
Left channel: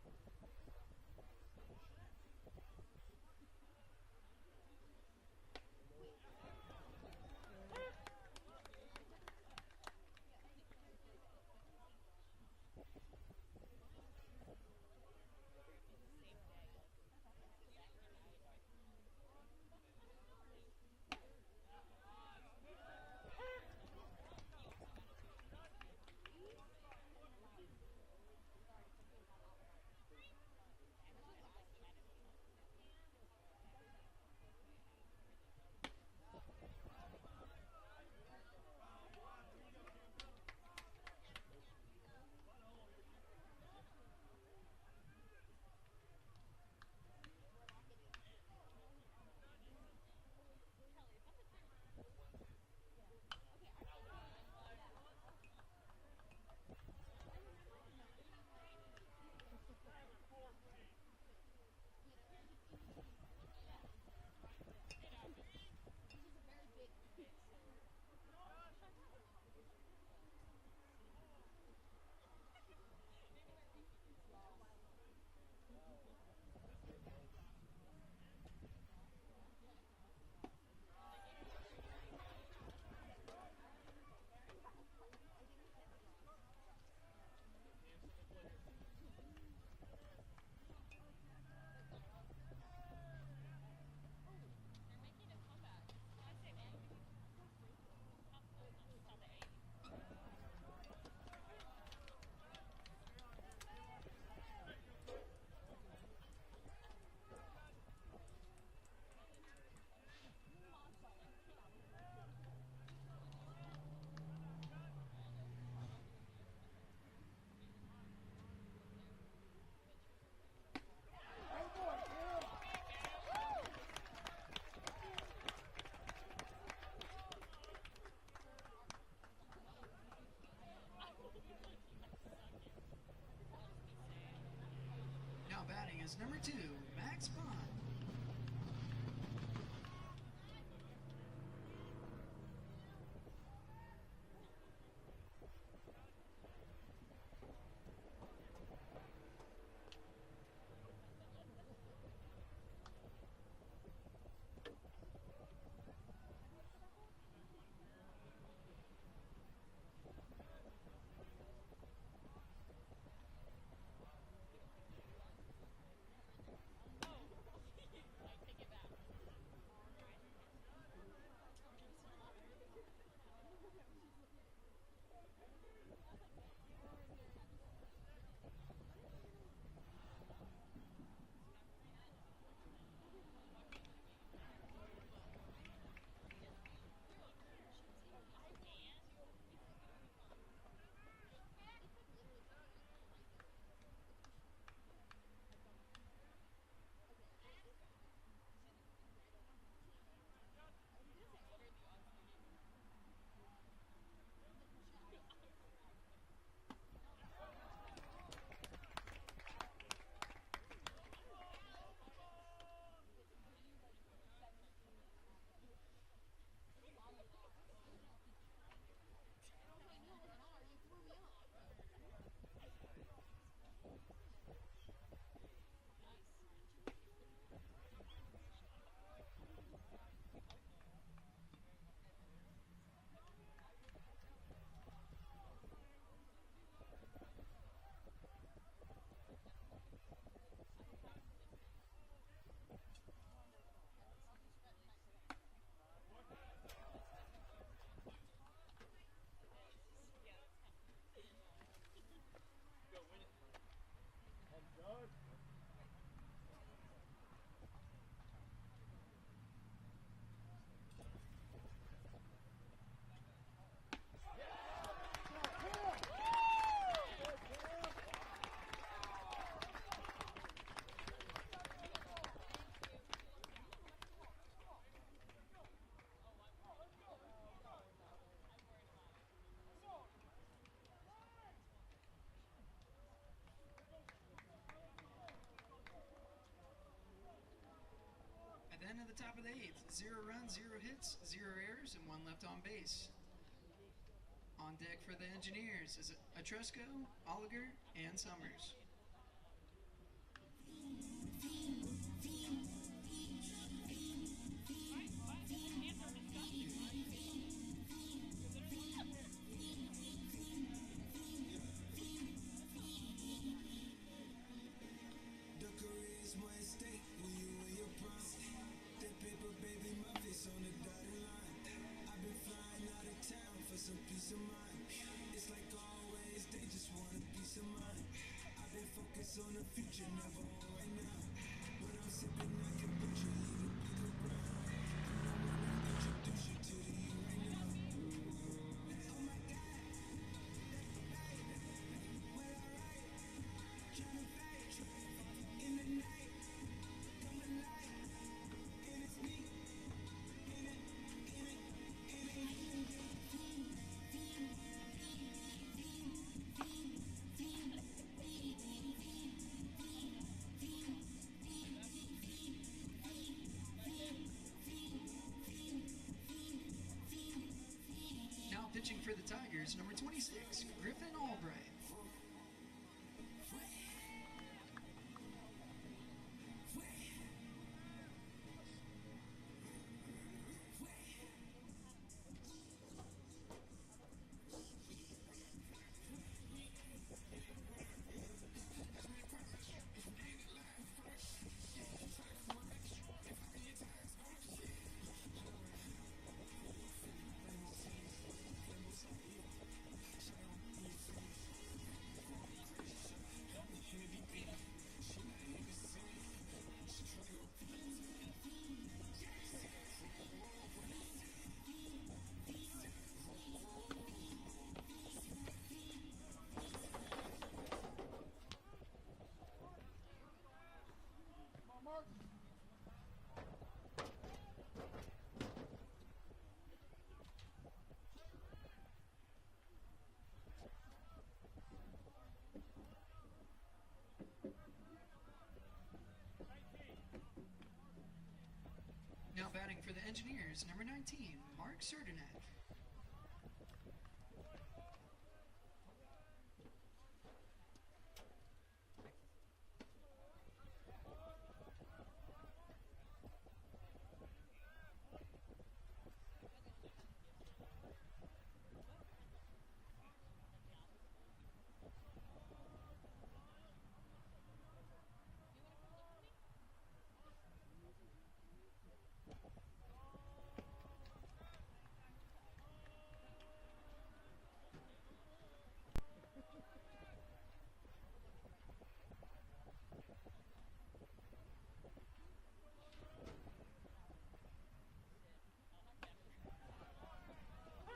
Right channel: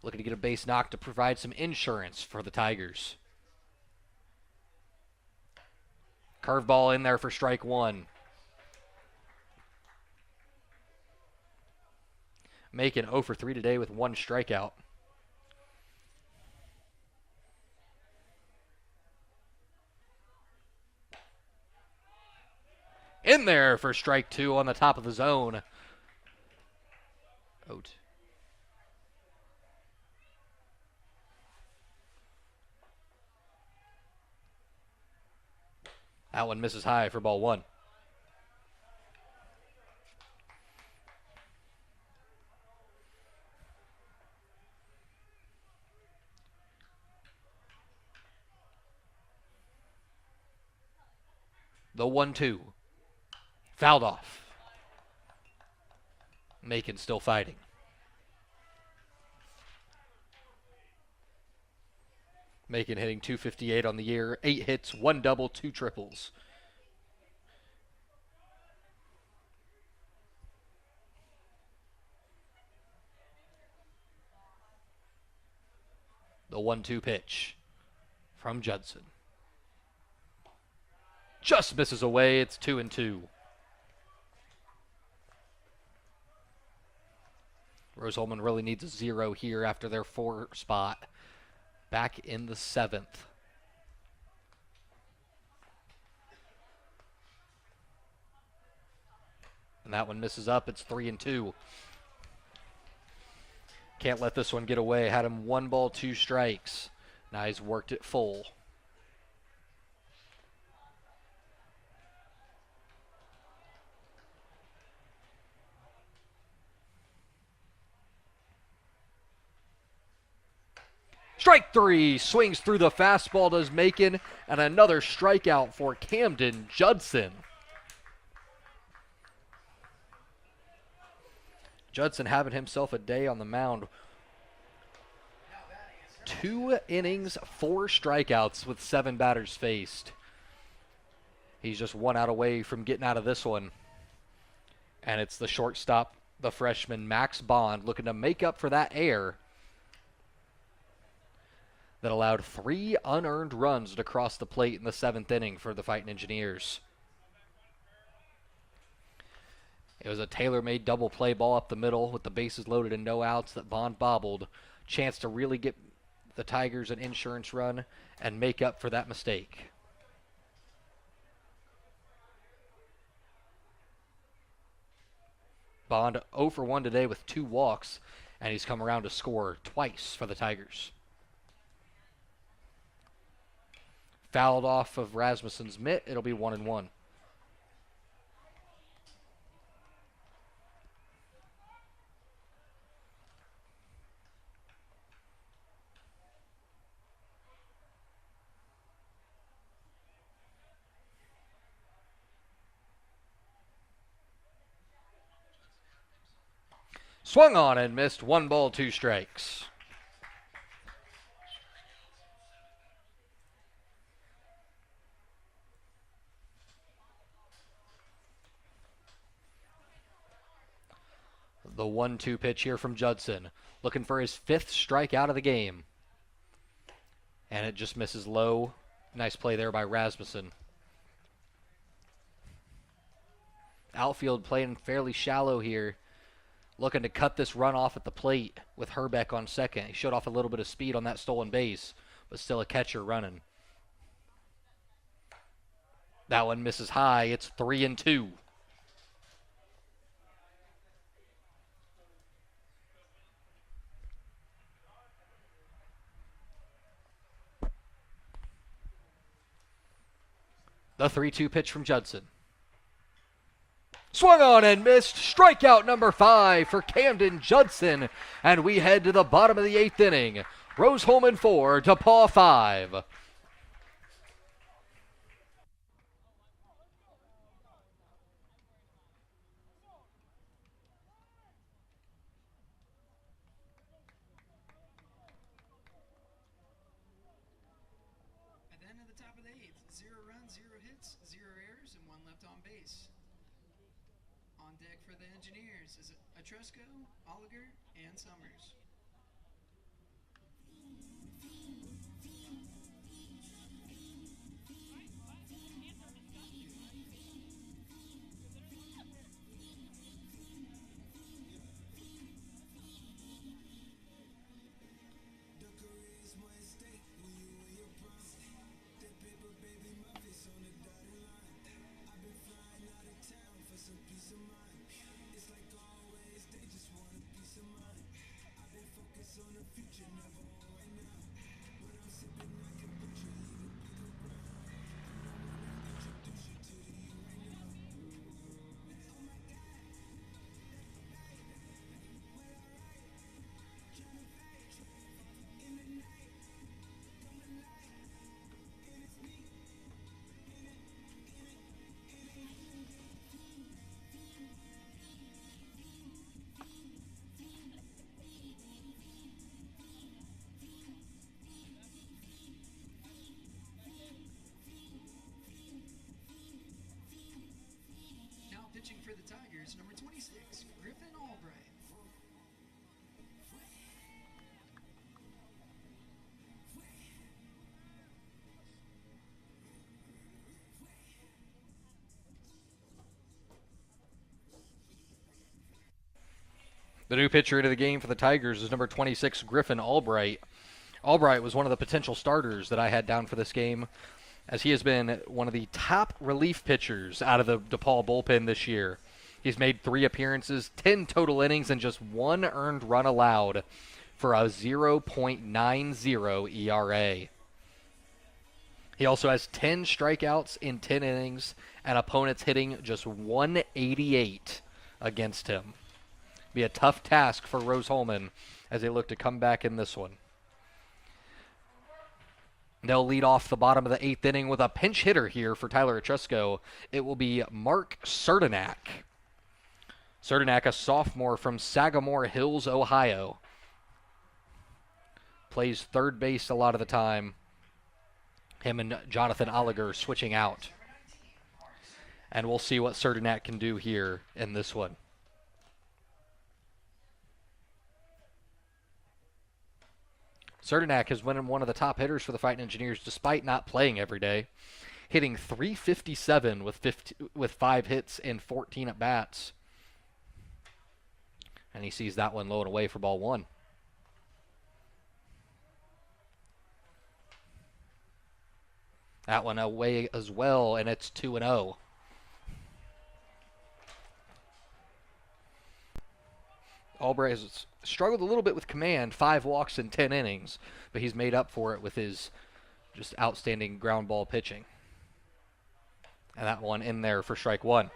looking to get a base knock to provide some insurance for the Tigers. Curveball in there for strike 1. Macon 0 for 3 today with 1 strikeout. In there for strike 2 on the top of the zone. Out. That one misses high for ball 1. The 1-2. Fouled off. Macon still fighting. Macon hitting .258 on the year. 8 hits, 1 double, 2 triples. The 1-2 pitch from Judson. Just misses away. It's 2-2. Rose-Hulman really needs a 0 here after their 4 spot. Back in the 7th. And that one misses up. It's 3-2. Can't let this one get away. Had him 1 ball, 2 strikes. Now he's worked it full. Strike three, swings through the fastball, does Macon, and another strikeout for Camden Judson. Judson having himself a day on the mound. 2 innings, 4 strikeouts with 7 batters faced. He's just 1 out away from getting out of this one. And it's the shortstop, the freshman Max Bond, looking to make up for that error that allowed 3 unearned runs to cross the plate in the 7th inning for the Fightin Engineers. It was a tailor-made double play ball up the middle with the bases loaded and no outs that Bond bobbled. Chance to really get the Tigers an insurance run and make up for that mistake. Bond 0 for 1 today with 2 walks, and he's come around to score twice for the Tigers. Fouled off of Rasmussen's mitt. It'll be 1-1. Swung on and missed. 1 ball, 2 strikes. The 1-2 pitch here from Judson. Looking for his 5th strikeout of the game. And it just misses low. Nice play there by Rasmussen. Outfield playing fairly shallow here. Looking to cut this run off at the plate with Herbeck on second. He showed off a little bit of speed on that stolen base, but still a catcher running. That one misses high. It's 3-2. The 3-2 pitch from Judson. Swung on and missed. Strikeout number 5 for Camden Judson. And we head to the bottom of the 8th inning. Rose-Hulman 4, DePauw 5. At the end of the top of the 8th, 0 runs, 0 hits, 0 errors, and 1 left on base. On deck for the Engineers is Atrusco, Oliger, and Summers. Pitching for the Tigers, number 26, Griffin Albright. The new pitcher into the game for the Tigers is number 26, Griffin Albright. Albright was one of the potential starters that I had down for this game, as he has been one of the top relief pitchers out of the DePauw bullpen this year. He's made 3 appearances, 10 total innings, and just 1 earned run allowed. for a 0.90 ERA. He also has 10 strikeouts in 10 innings, and opponents hitting just 188 against him. Be a tough task for Rose-Hulman as they look to come back in this one. They'll lead off the bottom of the 8th inning with a pinch hitter here for Tyler Etrusco. It will be Mark Certinak. Certinak, a sophomore from Sagamore Hills, Ohio. Plays third base a lot of the time. Him and Jonathan Oliger switching out. And we'll see what Certinak can do here in this one. Certinak has been one of the top hitters for the Fightin Engineers despite not playing every day. Hitting .357 with 5 hits and 14 at-bats. And he sees that one low and away for ball 1. That one away as well, and it's 2-0. Albright has struggled a little bit with command, 5 walks in 10 innings, but he's made up for it with his just outstanding ground ball pitching. And that one in there for strike 1.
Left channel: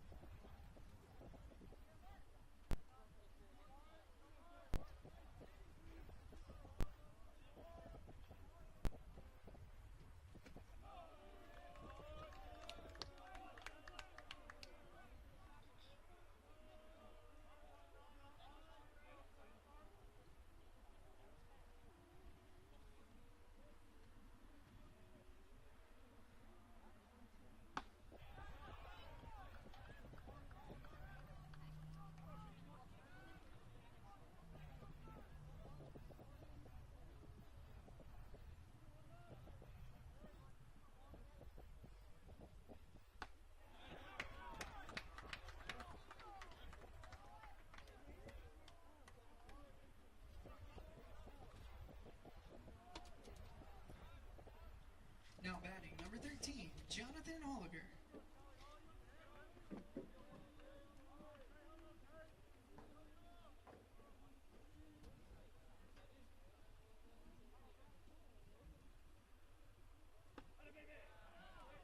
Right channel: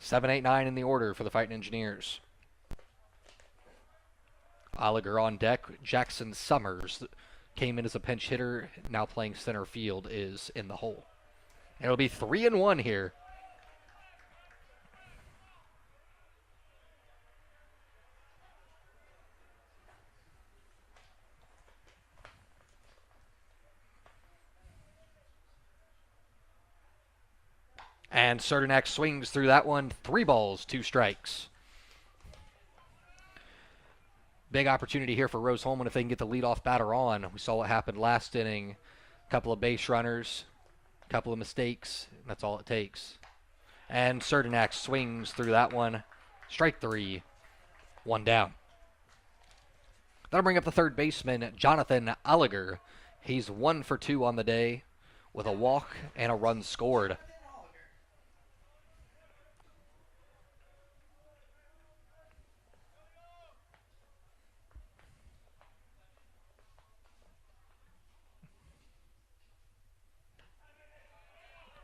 7, 8, 9 in the order for the Fightin Engineers. Oliger on deck. Jackson Summers came in as a pinch hitter, now playing center field, is in the hole. And it'll be 3-1 here. And Certinak swings through that one. 3 balls, 2 strikes. Big opportunity here for Rose-Hulman if they can get the leadoff batter on. We saw what happened last inning. A couple of base runners, a couple of mistakes. That's all it takes. And Certinak swings through that one. Strike 3. 1 down. That'll bring up the third baseman, Jonathan Oliger. He's 1 for 2 on the day with a walk and a run scored.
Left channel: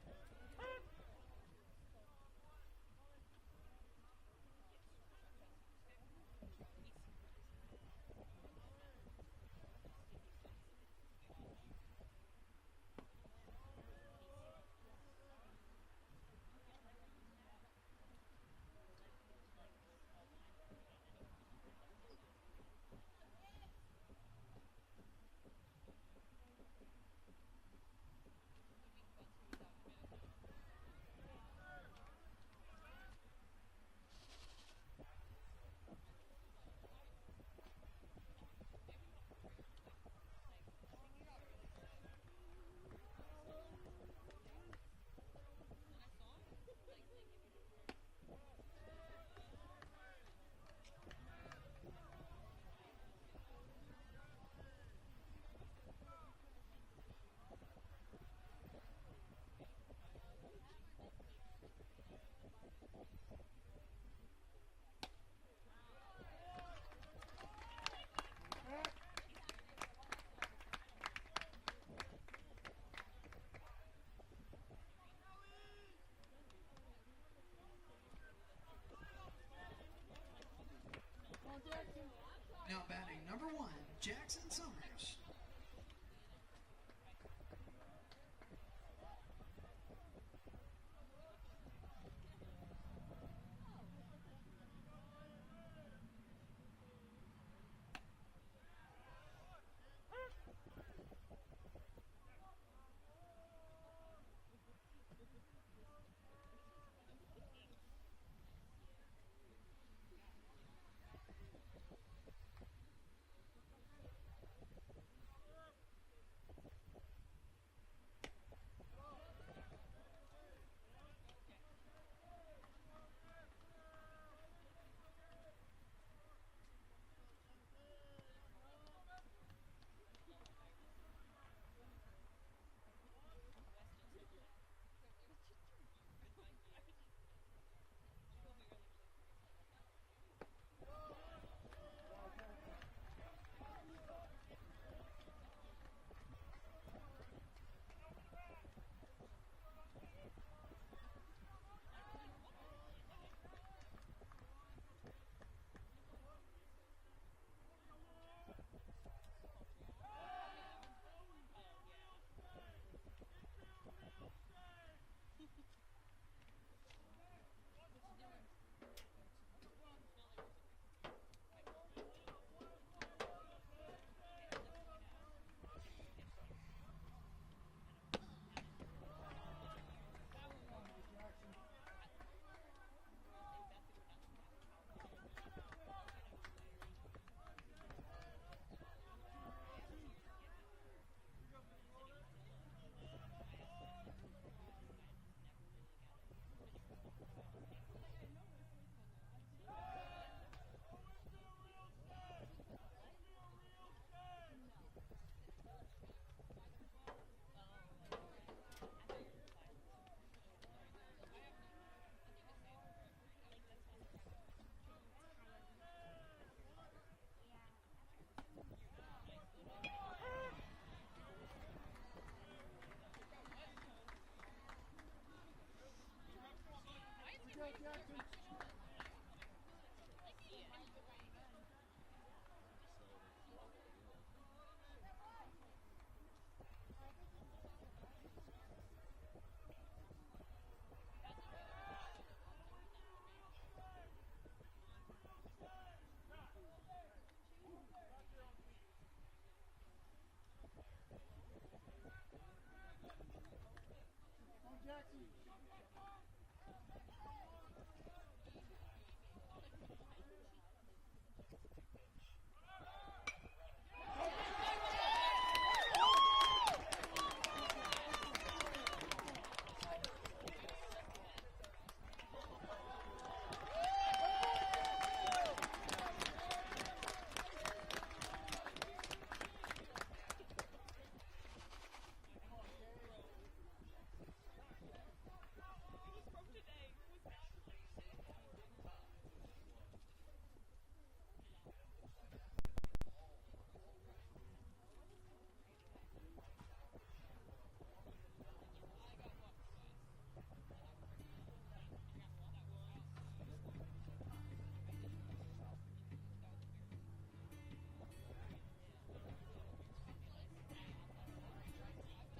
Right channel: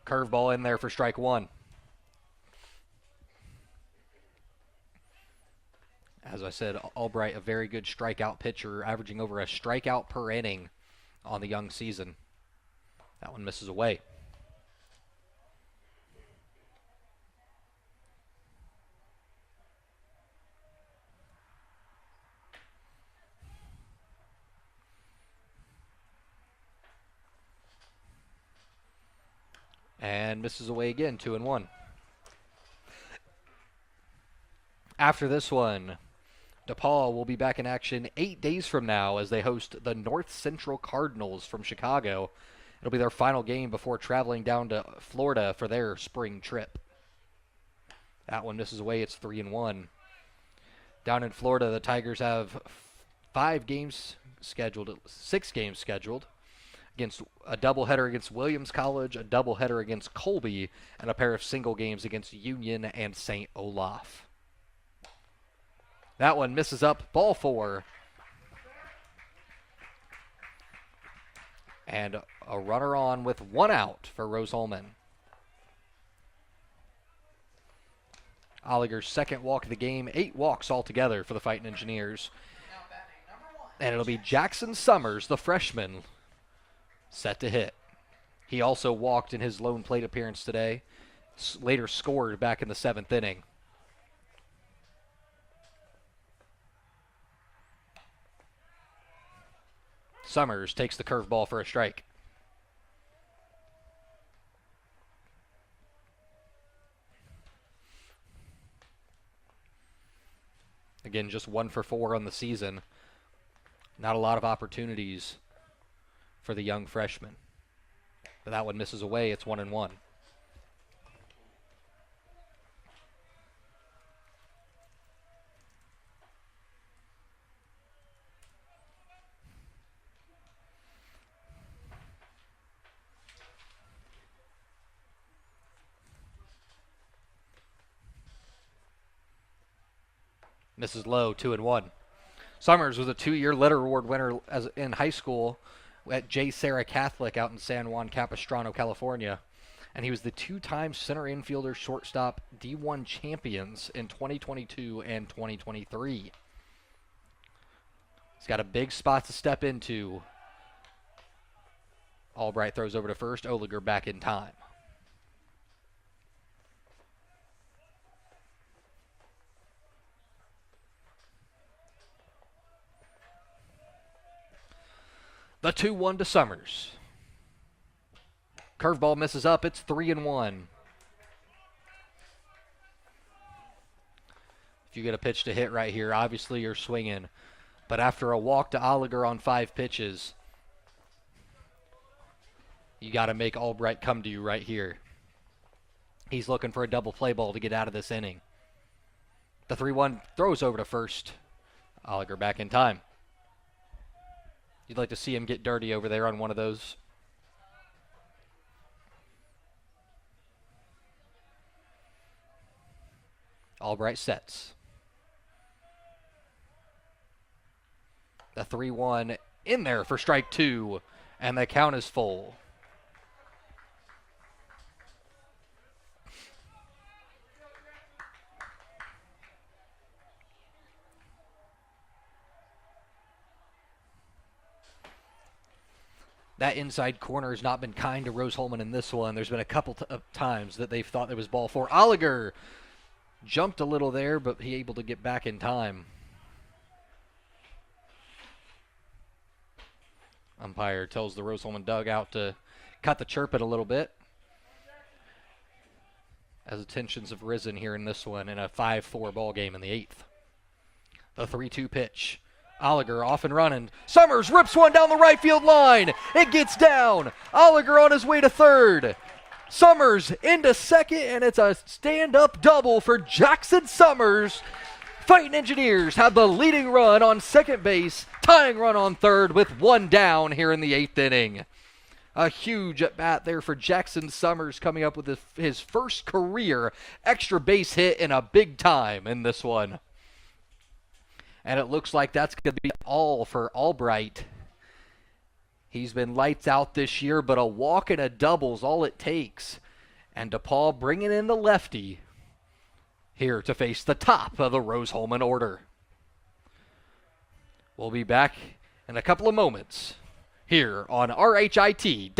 Curveball in there for strike 1. As I said, Albright, a very good strikeout pitcher, averaging over a strikeout per inning on the young season. That one misses away. And misses away again, 2-1. After this one, DePauw will be back in action 8 days from now as they host the North Central Cardinals from Chicago. It'll be their final game before traveling down to Florida for their spring trip. That one misses away, it's 3-1. Down in Florida, the Tigers have 6 games scheduled. Against a doubleheader against Williams College, a doubleheader against Colby, and a pair of single games against Union and St. Olaf. That one misses up, ball 4. And a runner on with 1 out for Rose-Hulman. Oliger's second walk of the game, 8 walks altogether for the Fightin Engineers. And it'll be Jackson Summers, the freshman, set to hit. He also walked in his lone plate appearance today. Later scored back in the 7th inning. Summers takes the curveball for a strike. Again, just 1 for 4 on the season. Not a lot of opportunities for the young freshman. But that one misses away. It's 1-1. Misses low, 2-1. Summers was a 2-year letter award winner in high school at J. Sarah Catholic out in San Juan Capistrano, California. And he was the 2-time center infielder shortstop D1 champions in 2022 and 2023. He's got a big spot to step into. Albright throws over to first. Oliger back in time. The 2-1 to Summers. Curveball misses up. It's 3-1. If you get a pitch to hit right here, obviously you're swinging. But after a walk to Oliger on 5 pitches, you got to make Albright come to you right here. He's looking for a double play ball to get out of this inning. The 3-1 throws over to first. Oliger back in time. You'd like to see him get dirty over there on one of those. Albright sets. The 3-1 in there for strike 2, and the count is full. That inside corner has not been kind to Rose-Hulman in this one. There's been a couple of times that they've thought there was ball 4. Oliger jumped a little there, but he able to get back in time. Umpire tells the Rose-Hulman dugout to cut the chirping a little bit, as the tensions have risen here in this one in a 5-4 ball game in the 8th. The 3-2 pitch. Oliger off and running. Summers rips one down the right field line. It gets down. Oliger on his way to third. Summers into second, and it's a stand-up double for Jackson Summers. Fightin Engineers have the leading run on second base, tying run on third with 1 down here in the 8th inning. A huge at-bat there for Jackson Summers, coming up with his first career extra base hit in a big time in this one. And it looks like that's going to be all for Albright. He's been lights out this year, but a walk and a double is all it takes. And DePauw bringing in the lefty here to face the top of the Rose-Hulman order. We'll be back in a couple of moments here on RHIT.TV.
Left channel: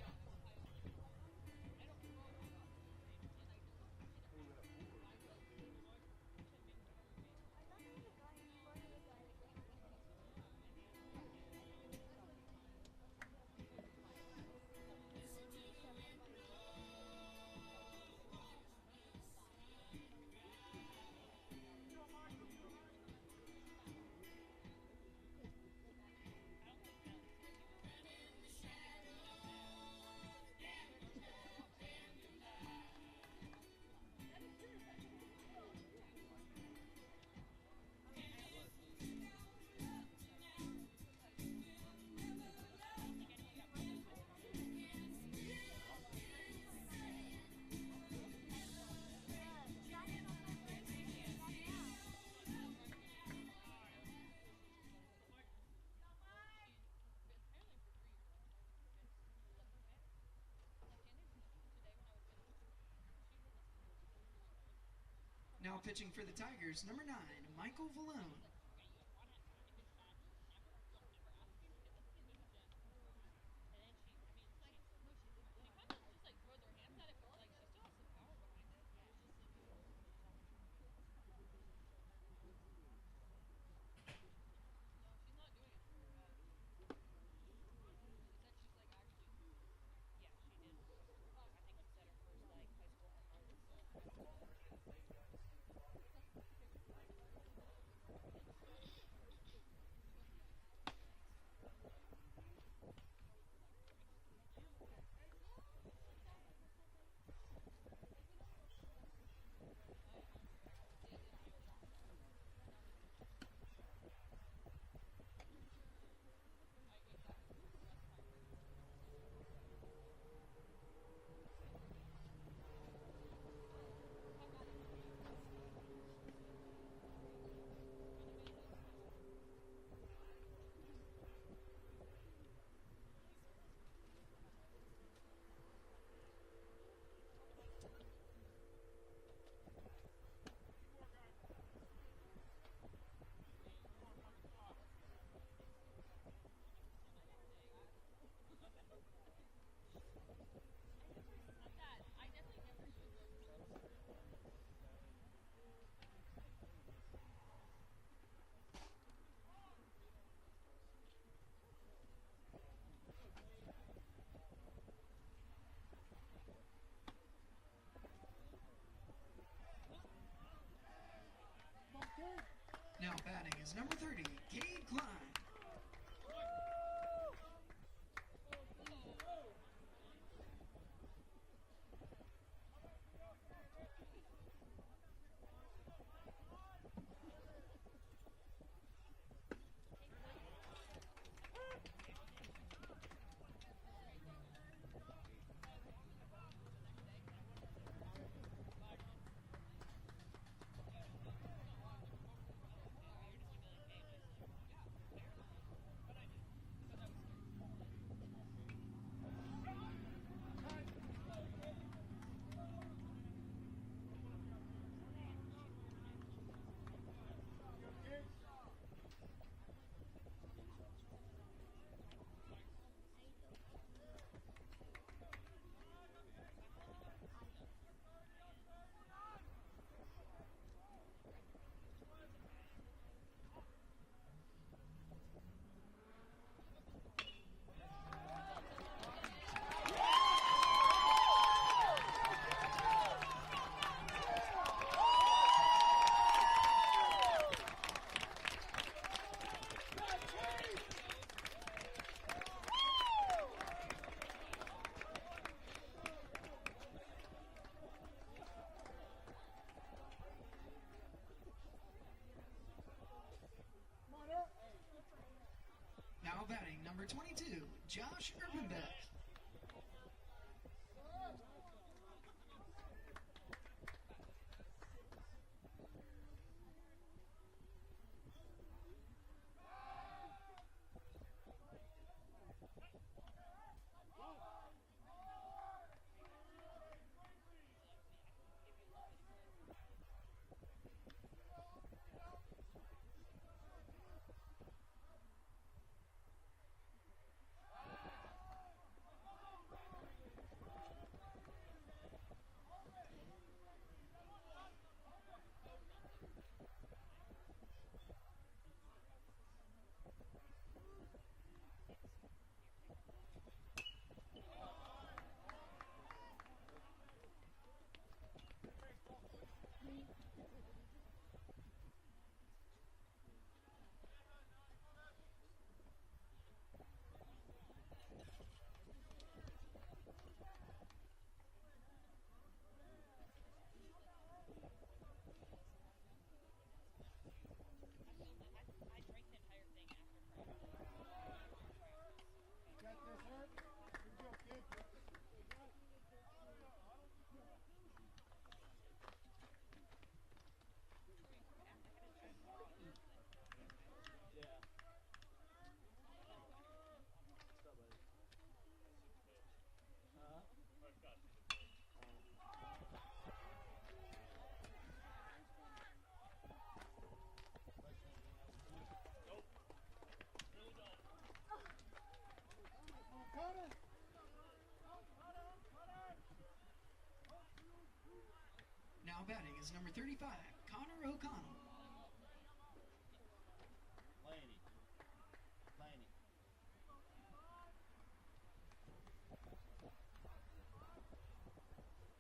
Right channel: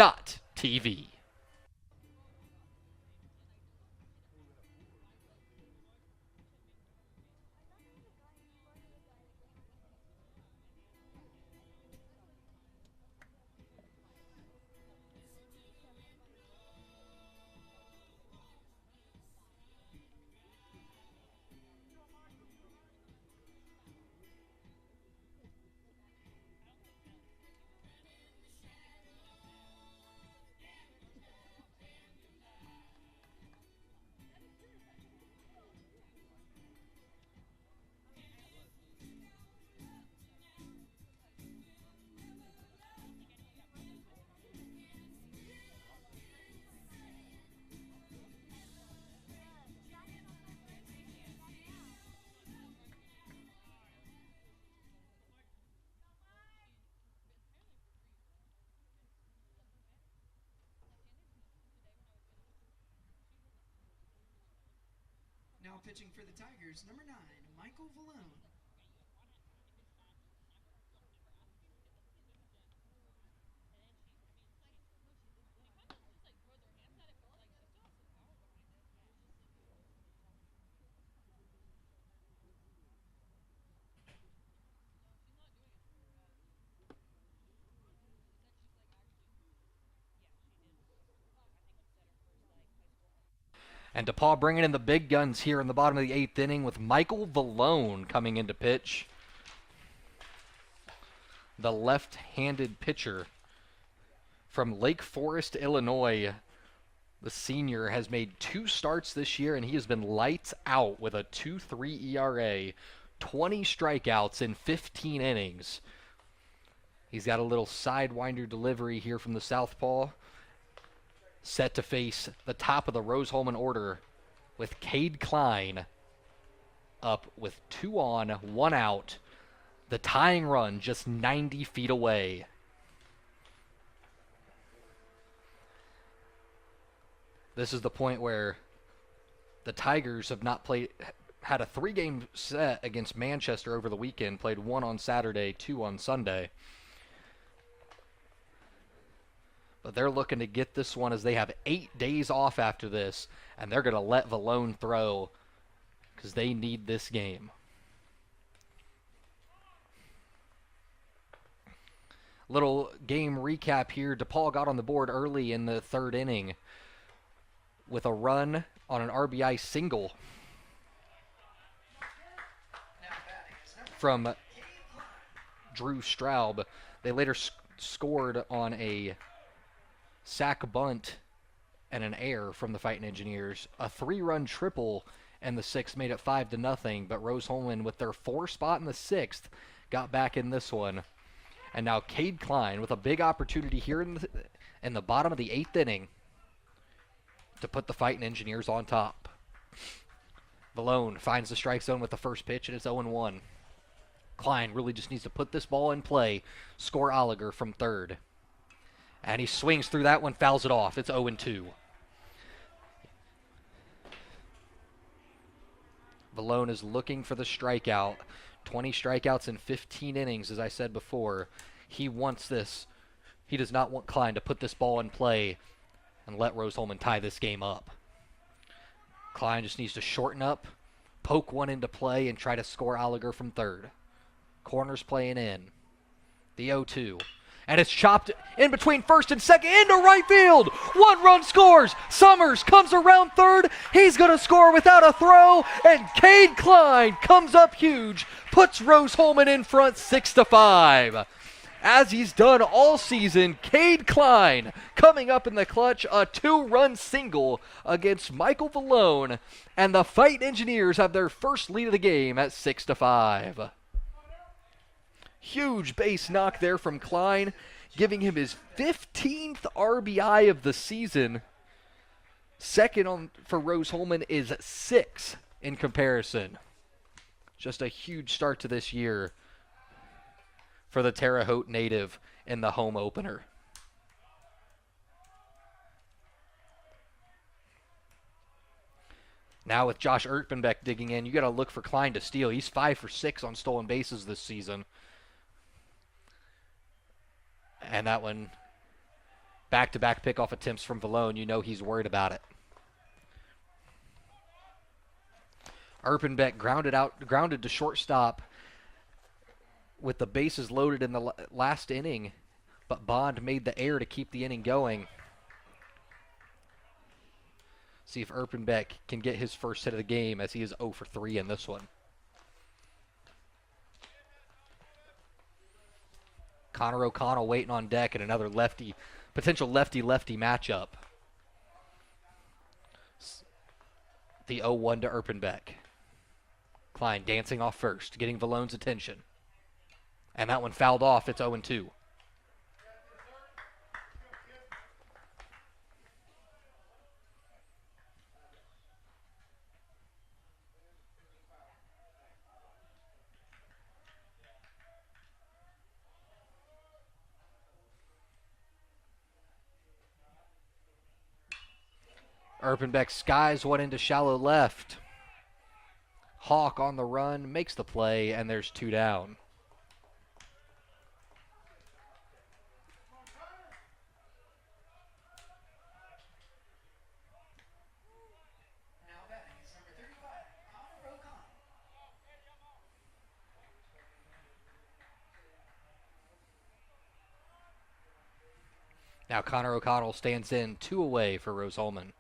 Now pitching for the Tigers, number 9, Michael Vallone. And DePauw bringing in the big guns here in the bottom of the 8th inning with Michael Vallone coming into pitch. The left-handed pitcher from Lake Forest, Illinois. The senior has made 2 starts this year, and he has been lights out with a 2.3 ERA, 20 strikeouts in 15 innings. He's got a little sidewinder delivery here from the southpaw. Set to face the top of the Rose-Hulman order with Cade Klein up with 2 on, 1 out The tying run just 90 feet away. This is the point where the Tigers have not had a 3-game set against Manchester over the weekend, played 1 on Saturday, 2 on Sunday. But they're looking to get this one as they have 8 days off after this, and they're going to let Valone throw because they need this game. Little game recap here. DePauw got on the board early in the 3rd inning with a run on an RBI single from Drew Straub. They later scored on a sac bunt and an error from the Fightin Engineers. A 3-run triple in the 6th made it 5-0, but Rose-Hulman with their 4 spot in the 6th got back in this one. And now Cade Klein with a big opportunity here in the bottom of the 8th inning to put the Fightin Engineers on top. Valone finds the strike zone with the first pitch, and it's 0-1. Klein really just needs to put this ball in play, score Oliger from 3rd. And he swings through that one, fouls it off. It's 0-2. Valone is looking for the strikeout. 20 strikeouts in 15 innings, as I said before. He wants this. He does not want Klein to put this ball in play and let Rose-Hulman tie this game up. Klein just needs to shorten up, poke one into play, and try to score Oliger from 3rd. Corner's playing in. The 0-2. And it's chopped in between 1st and 2nd into right field. 1 run scores. Summers comes around 3rd. He's going to score without a throw. And Cade Klein comes up huge, puts Rose-Hulman in front 6-5. As he's done all season, Cade Klein coming up in the clutch, a 2-run single against Michael Valone, and the Fightin Engineers have their first lead of the game at 6-5. Huge base knock there from Klein, giving him his 15th RBI of the season. Second for Rose-Hulman is 6 in comparison. Just a huge start to this year for the Terre Haute native in the home opener. Now with Josh Erpenbeck digging in, you got to look for Klein to steal. He's 5 for 6 on stolen bases this season. And that one, back-to-back pickoff attempts from Valone, you know he's worried about it. Erpenbeck grounded to shortstop with the bases loaded in the last inning, but Bond made the error to keep the inning going. See if Erpenbeck can get his first hit of the game, as he is 0 for 3 in this one. Connor O'Connell waiting on deck in another potential lefty-lefty matchup. The 0-1 to Erpenbeck. Klein dancing off first, getting Valone's attention. And that one fouled off. It's 0-2. Erpenbeck skies one into shallow left. Hawk on the run, makes the play, and there's 2 down. Now batting is number 35, Connor O'Connell. Now Connor O'Connell stands in 2 away for Rose-Hulman.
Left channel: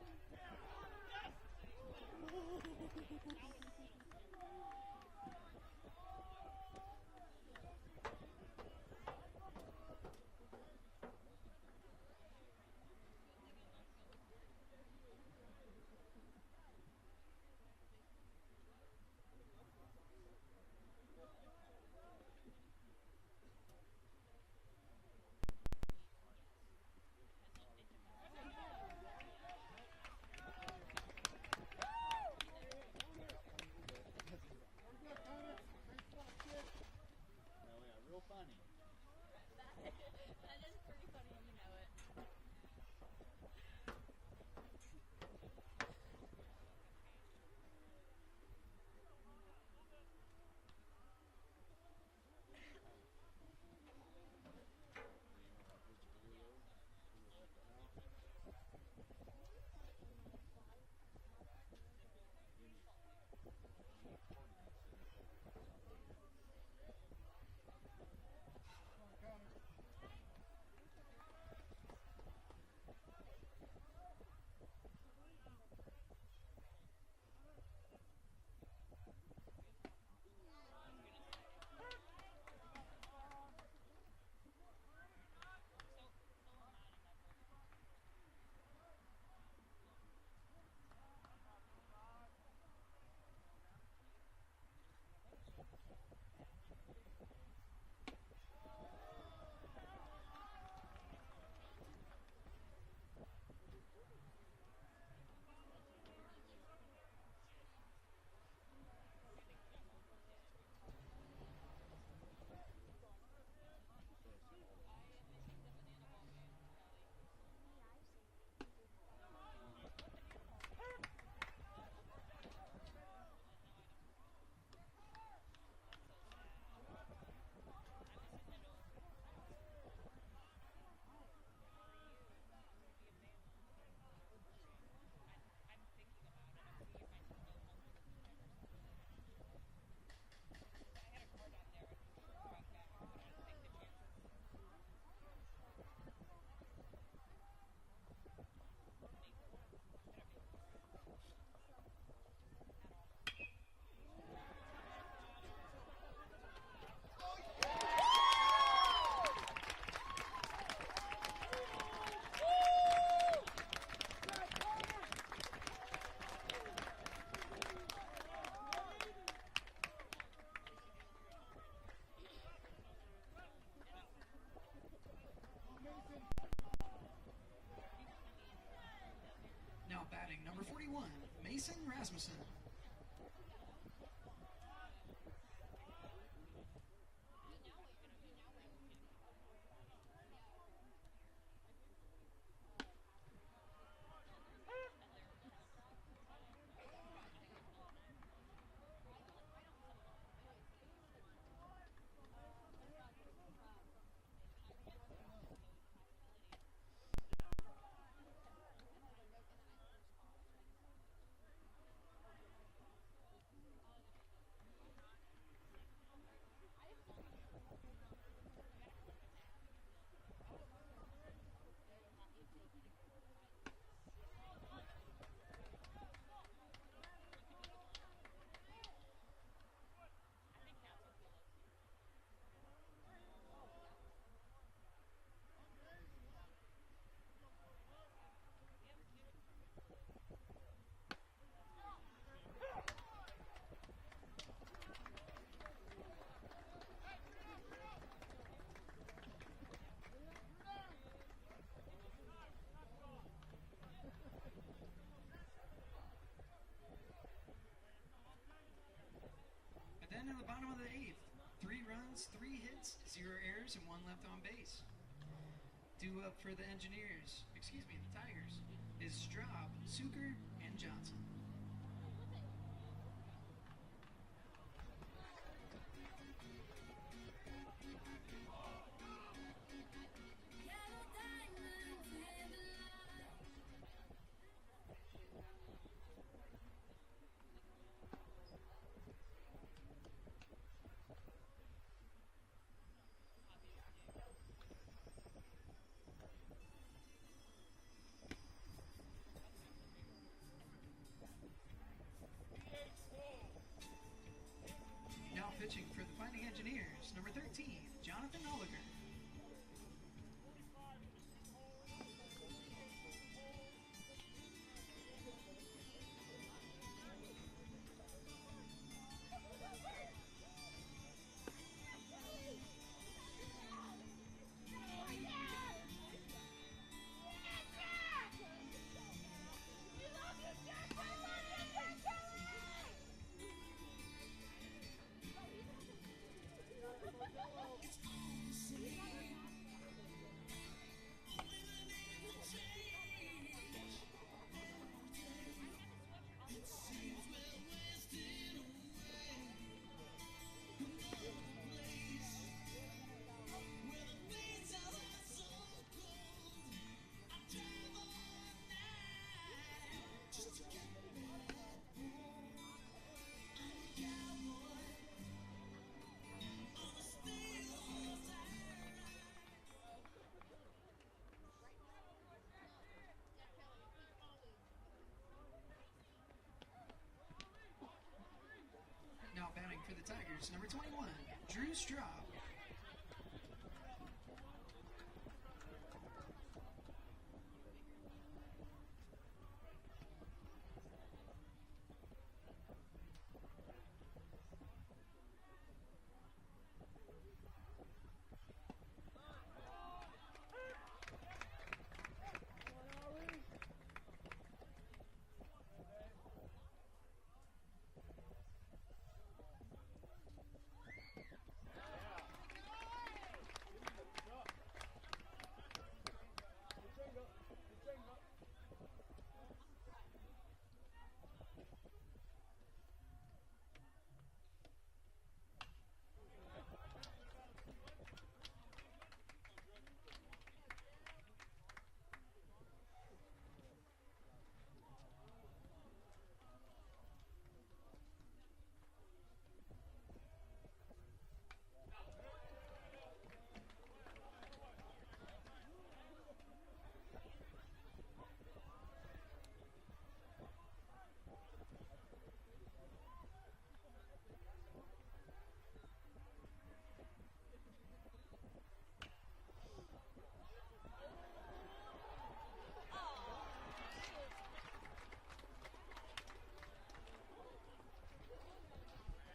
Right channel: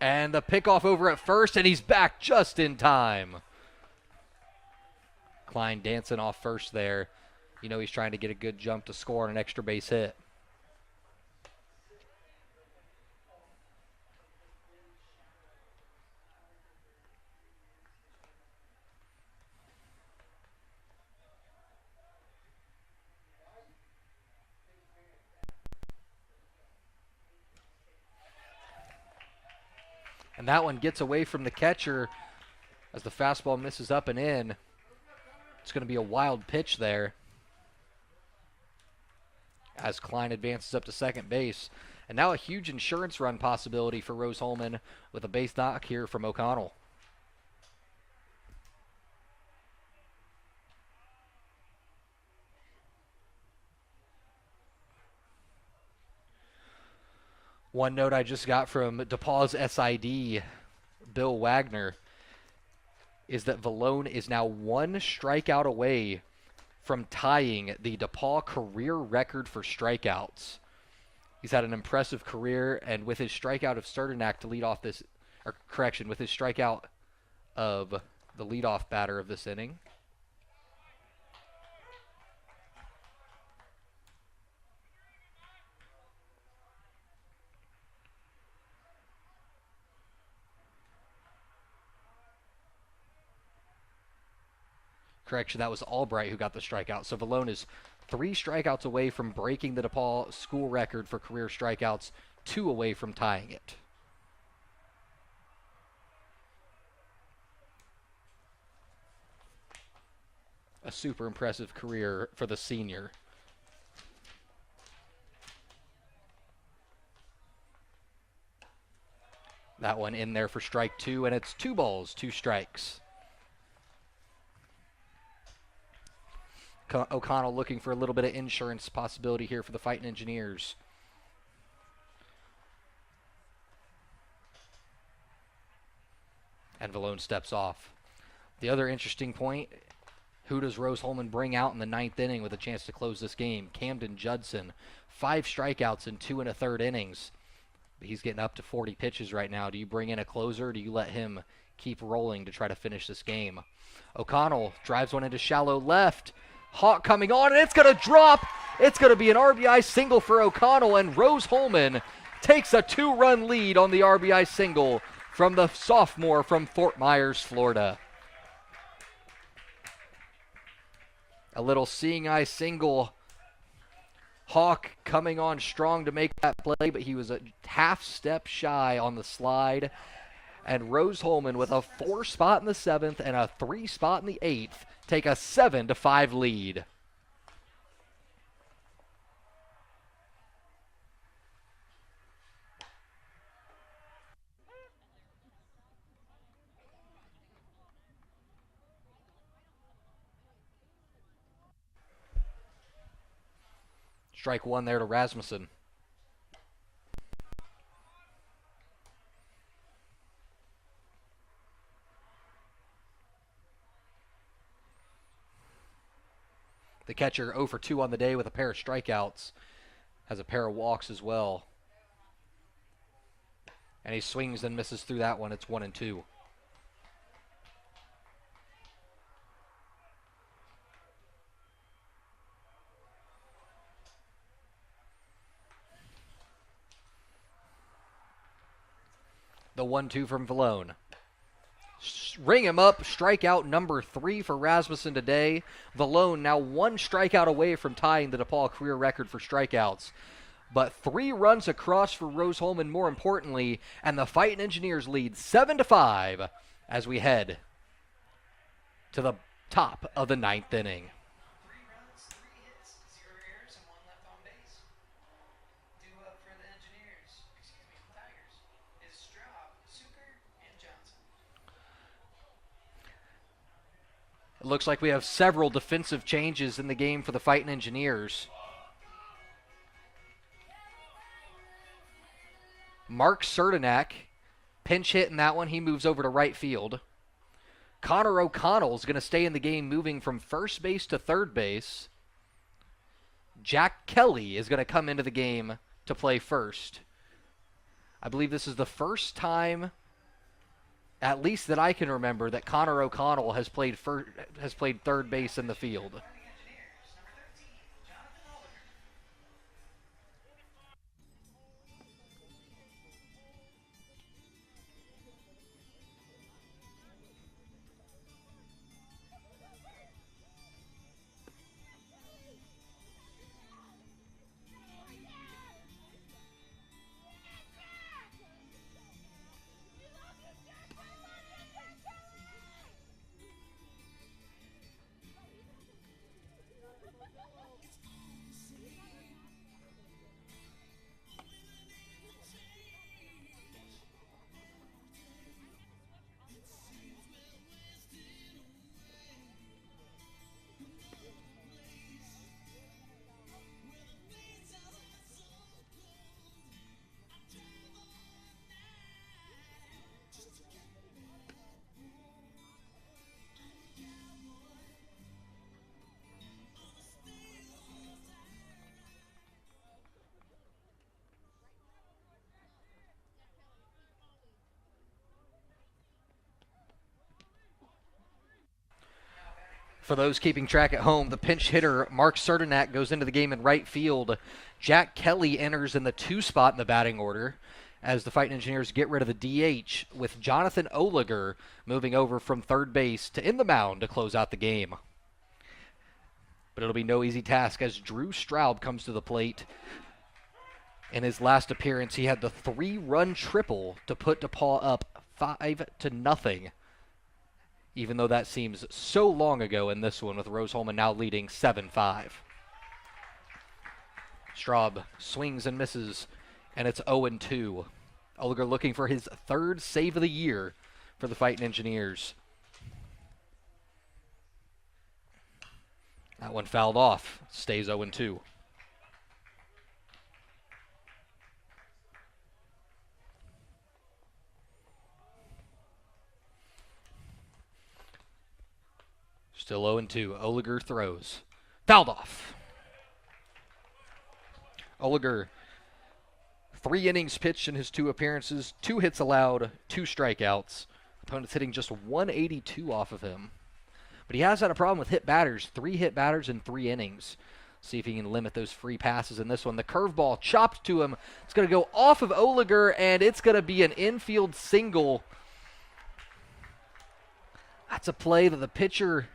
And the pickoff over at first, and he's back just in time. Klein dancing off first there. You know he's trying to get a good jump to score on an extra base hit. And that one gets away from the catcher As the fastball misses up and in, it's going to be a wild pitch there. As Klein advances up to second base. And now a huge insurance run possibility for Rose-Hulman with a base knock here from O'Connell. One note I just got from DePauw's SID, Bill Wagner, is that Vallone is now one strikeout away from tying the DePauw career record for strikeouts. He's had an impressive career, and with his strikeout of Sterdenak to lead off this, or correction, with his strikeout of the leadoff batter of this inning. Correction, that was Albright who got the strikeout. So Vallone is 3 strikeouts away from breaking the DePauw school record for career strikeouts, 2 away from tying it. A super impressive career for the senior. That one in there for strike 2, and it's 2 balls, 2 strikes. O'Connell looking for a little bit of insurance possibility here for the Fightin Engineers. And Vallone steps off. The other interesting point, who does Rose-Hulman bring out in the 9th inning with a chance to close this game? Camden Judson, 5 strikeouts in 2 1/3 innings. He's getting up to 40 pitches right now. Do you bring in a closer, or do you let him keep rolling to try to finish this game? O'Connell drives one into shallow left. Hawk coming on, and it's going to drop. It's going to be an RBI single for O'Connell, and Rose-Hulman takes a 2-run lead on the RBI single from the sophomore from Fort Myers, Florida. A little seeing eye single. Hawk coming on strong to make that play, but he was a half step shy on the slide. And Rose-Hulman with a 4 spot in the 7th and a 3 spot in the 8th take a 7-5 lead. Strike 1 there to Rasmussen. The catcher 0 for 2 on the day with a pair of strikeouts. Has a pair of walks as well. And he swings and misses through that one. It's 1-2. The 1-2 from Vallone. Ring him up, strikeout number 3 for Rasmussen today. Vallone now 1 strikeout away from tying the DePauw career record for strikeouts. But 3 runs across for Rose-Hulman, more importantly, and the Fightin Engineers lead 7-5 as we head to the top of the 9th inning. 3 runs, 3 hits, 0 errors, and 1 left on base. Due up for the Tigers, is Straub, Zucker, and Johnson. It looks like we have several defensive changes in the game for the Fightin Engineers. Mark Sterdenak, pinch hit in that one. He moves over to right field. Connor O'Connell is going to stay in the game, moving from first base to third base. Jack Kelly is going to come into the game to play first. I believe this is the first time, at least that I can remember, that Connor O'Connell has played third base in the field. Fighting Engineers, number 13, Jonathan Oliver. For those keeping track at home, the pinch hitter, Mark Serdenak, goes into the game in right field. Jack Kelly enters in the 2 spot in the batting order as the Fightin Engineers get rid of the DH, with Jonathan Oliger moving over from third base to in the mound to close out the game. But it'll be no easy task as Drew Straub comes to the plate. In his last appearance, he had the 3-run triple to put DePauw up 5-0. Even though that seems so long ago in this one, with Rose-Hulman now leading 7-5. Straub swings and misses, and it's 0-2. Oliger looking for his 3rd save of the year for the Fightin Engineers. That one fouled off, stays 0-2. Still 0-2. Oliger throws. Fouled off. Oliger, 3 innings pitched in his 2 appearances, 2 hits allowed, 2 strikeouts. Opponents hitting just 182 off of him. But he has had a problem with hit batters. 3 hit batters in 3 innings. See if he can limit those free passes in this one. The curveball chopped to him. It's going to go off of Oliger, and it's going to be an infield single. That's a play that the pitcher...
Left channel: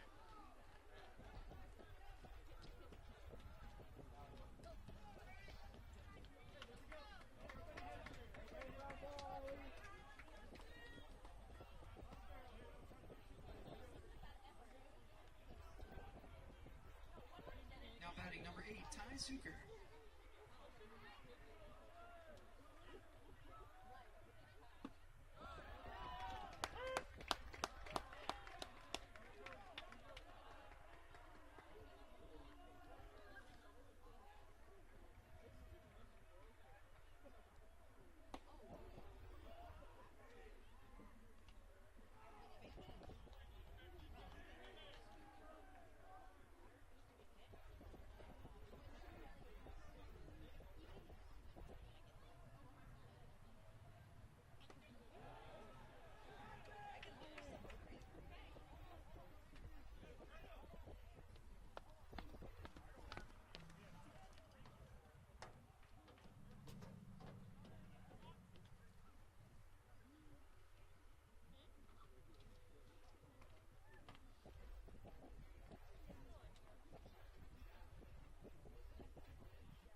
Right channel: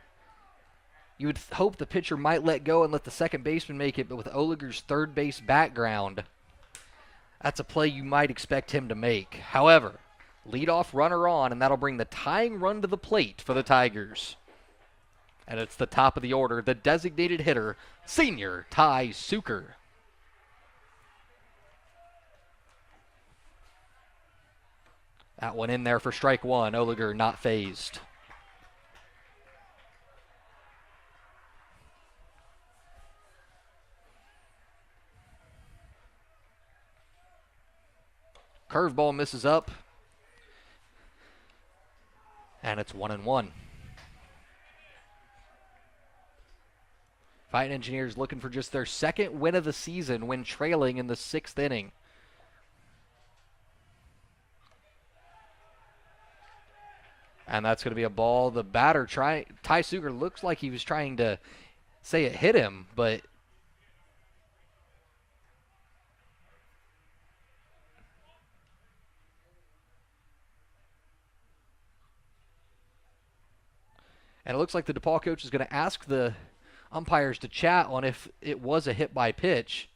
You would hope the pitcher might let go and let the second baseman make it, but with Oliger's third base background, that's a play you might expect him to make. However, leadoff runner on, and that'll bring the tying run to the plate for the Tigers. And it's the top of the order, the designated hitter, senior Ty Suker. That one in there for strike 1. Oliger not phased. Curveball misses up. And it's 1-1. Fightin Engineers looking for just their 2nd win of the season when trailing in the 6th inning. And that's going to be a ball. The batter, Ty Suker, looks like he was trying to say it hit him, but and it looks like the DePauw coach is going to ask the umpires to chat on if it was a hit by pitch.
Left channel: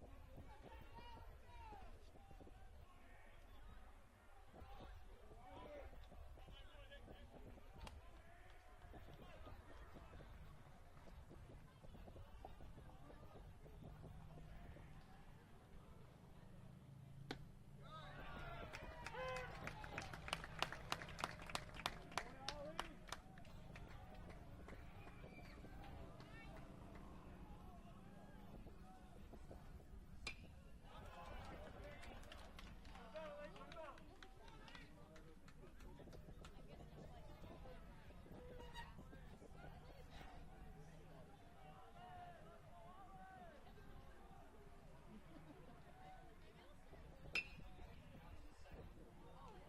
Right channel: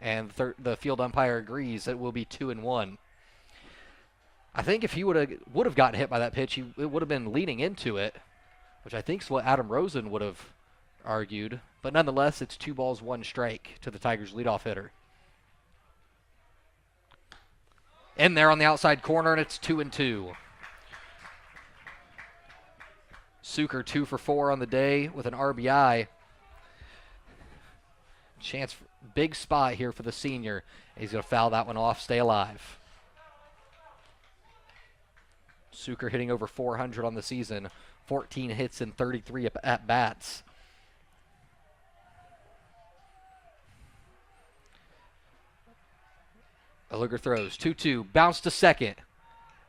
And the field umpire agrees that it will be 2-1. I think if he would have gotten hit by that pitch, it would have been leaning into it, which I think is what Adam Rosen would have argued. But nonetheless, it's 2 balls, 1 strike to the Tigers' leadoff hitter. In there on the outside corner, and it's 2-2. Suker 2 for 4 on the day with an RBI. Chance for big spot here for the senior. He's going to foul that one off, stay alive. Suker hitting over 400 on the season, 14 hits and 33 at-bats. Oliger throws, 2-2, bounce to second.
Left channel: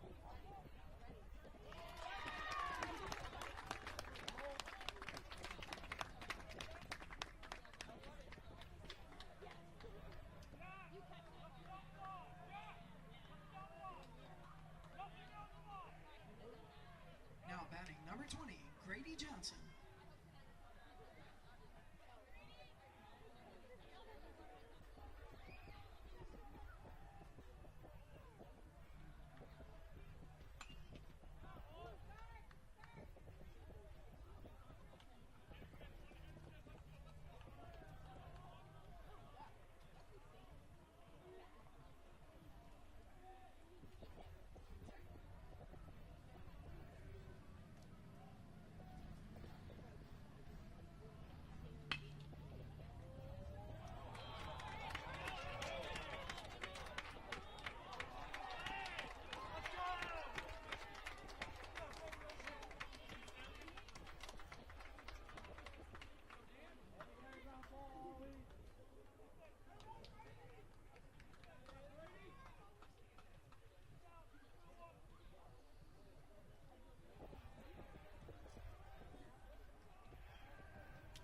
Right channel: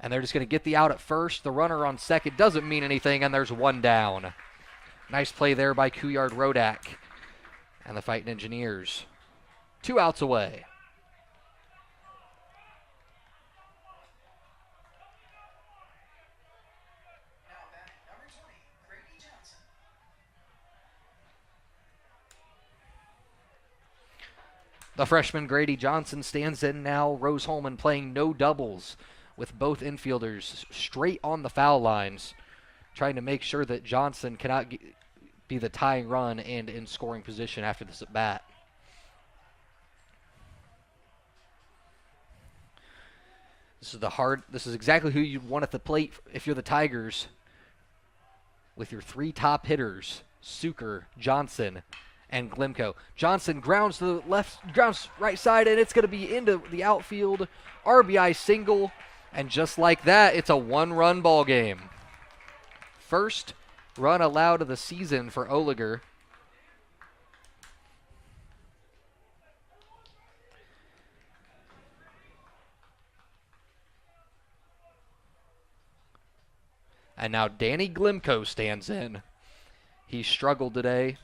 And they're just going to get the out at first. The runner on second doesn't mean anything, and there's 1 down. Nice play there by Kuyard Rodak and the Fightin Engineers. 2 outs away. Now batting number 20, Grady Johnson. The freshman Grady Johnson stands in now. Rose-Hulman playing no doubles with both infielders straight on the foul lines, trying to make sure that Johnson cannot be the tying run and in scoring position after this at bat. This is exactly who you want at the plate if you're the Tigers, with your 3 top hitters, Suker, Johnson, and Glimko. Johnson grounds to the grounds right side, and it's going to be into the outfield. RBI single, and just like that, it's a 1-run ball game. First run allowed of the season for Oliger. And now Danny Glimko stands in. He struggled today,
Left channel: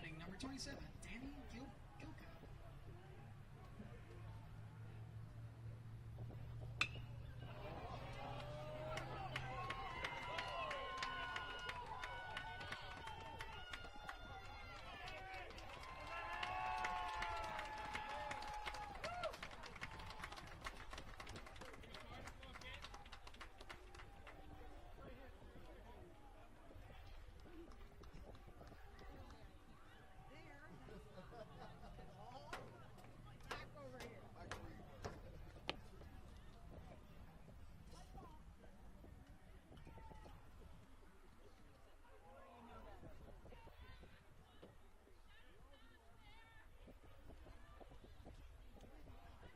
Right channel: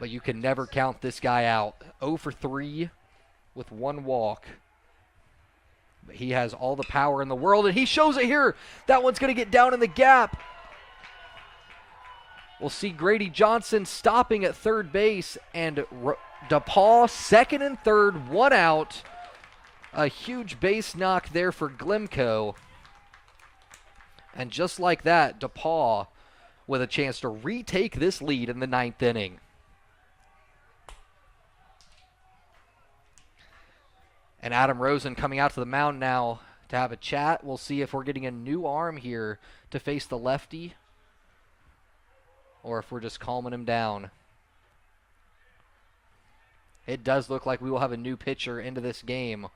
but you can never count this guy out. 0 for 3 with 1 walk. But he has all the power in the world, and he shows it here. That one's going to get down in the gap. We'll see Grady Johnson stopping at third base, and DePauw second and third, 1 out. A huge base knock there for Glimko. And just like that, DePauw with a chance to retake this lead in the 9th inning. And Adam Rosen coming out to the mound now to have a chat. We'll see if we're getting a new arm here to face the lefty, or if we're just calming him down. It does look like we will have a new pitcher into this game.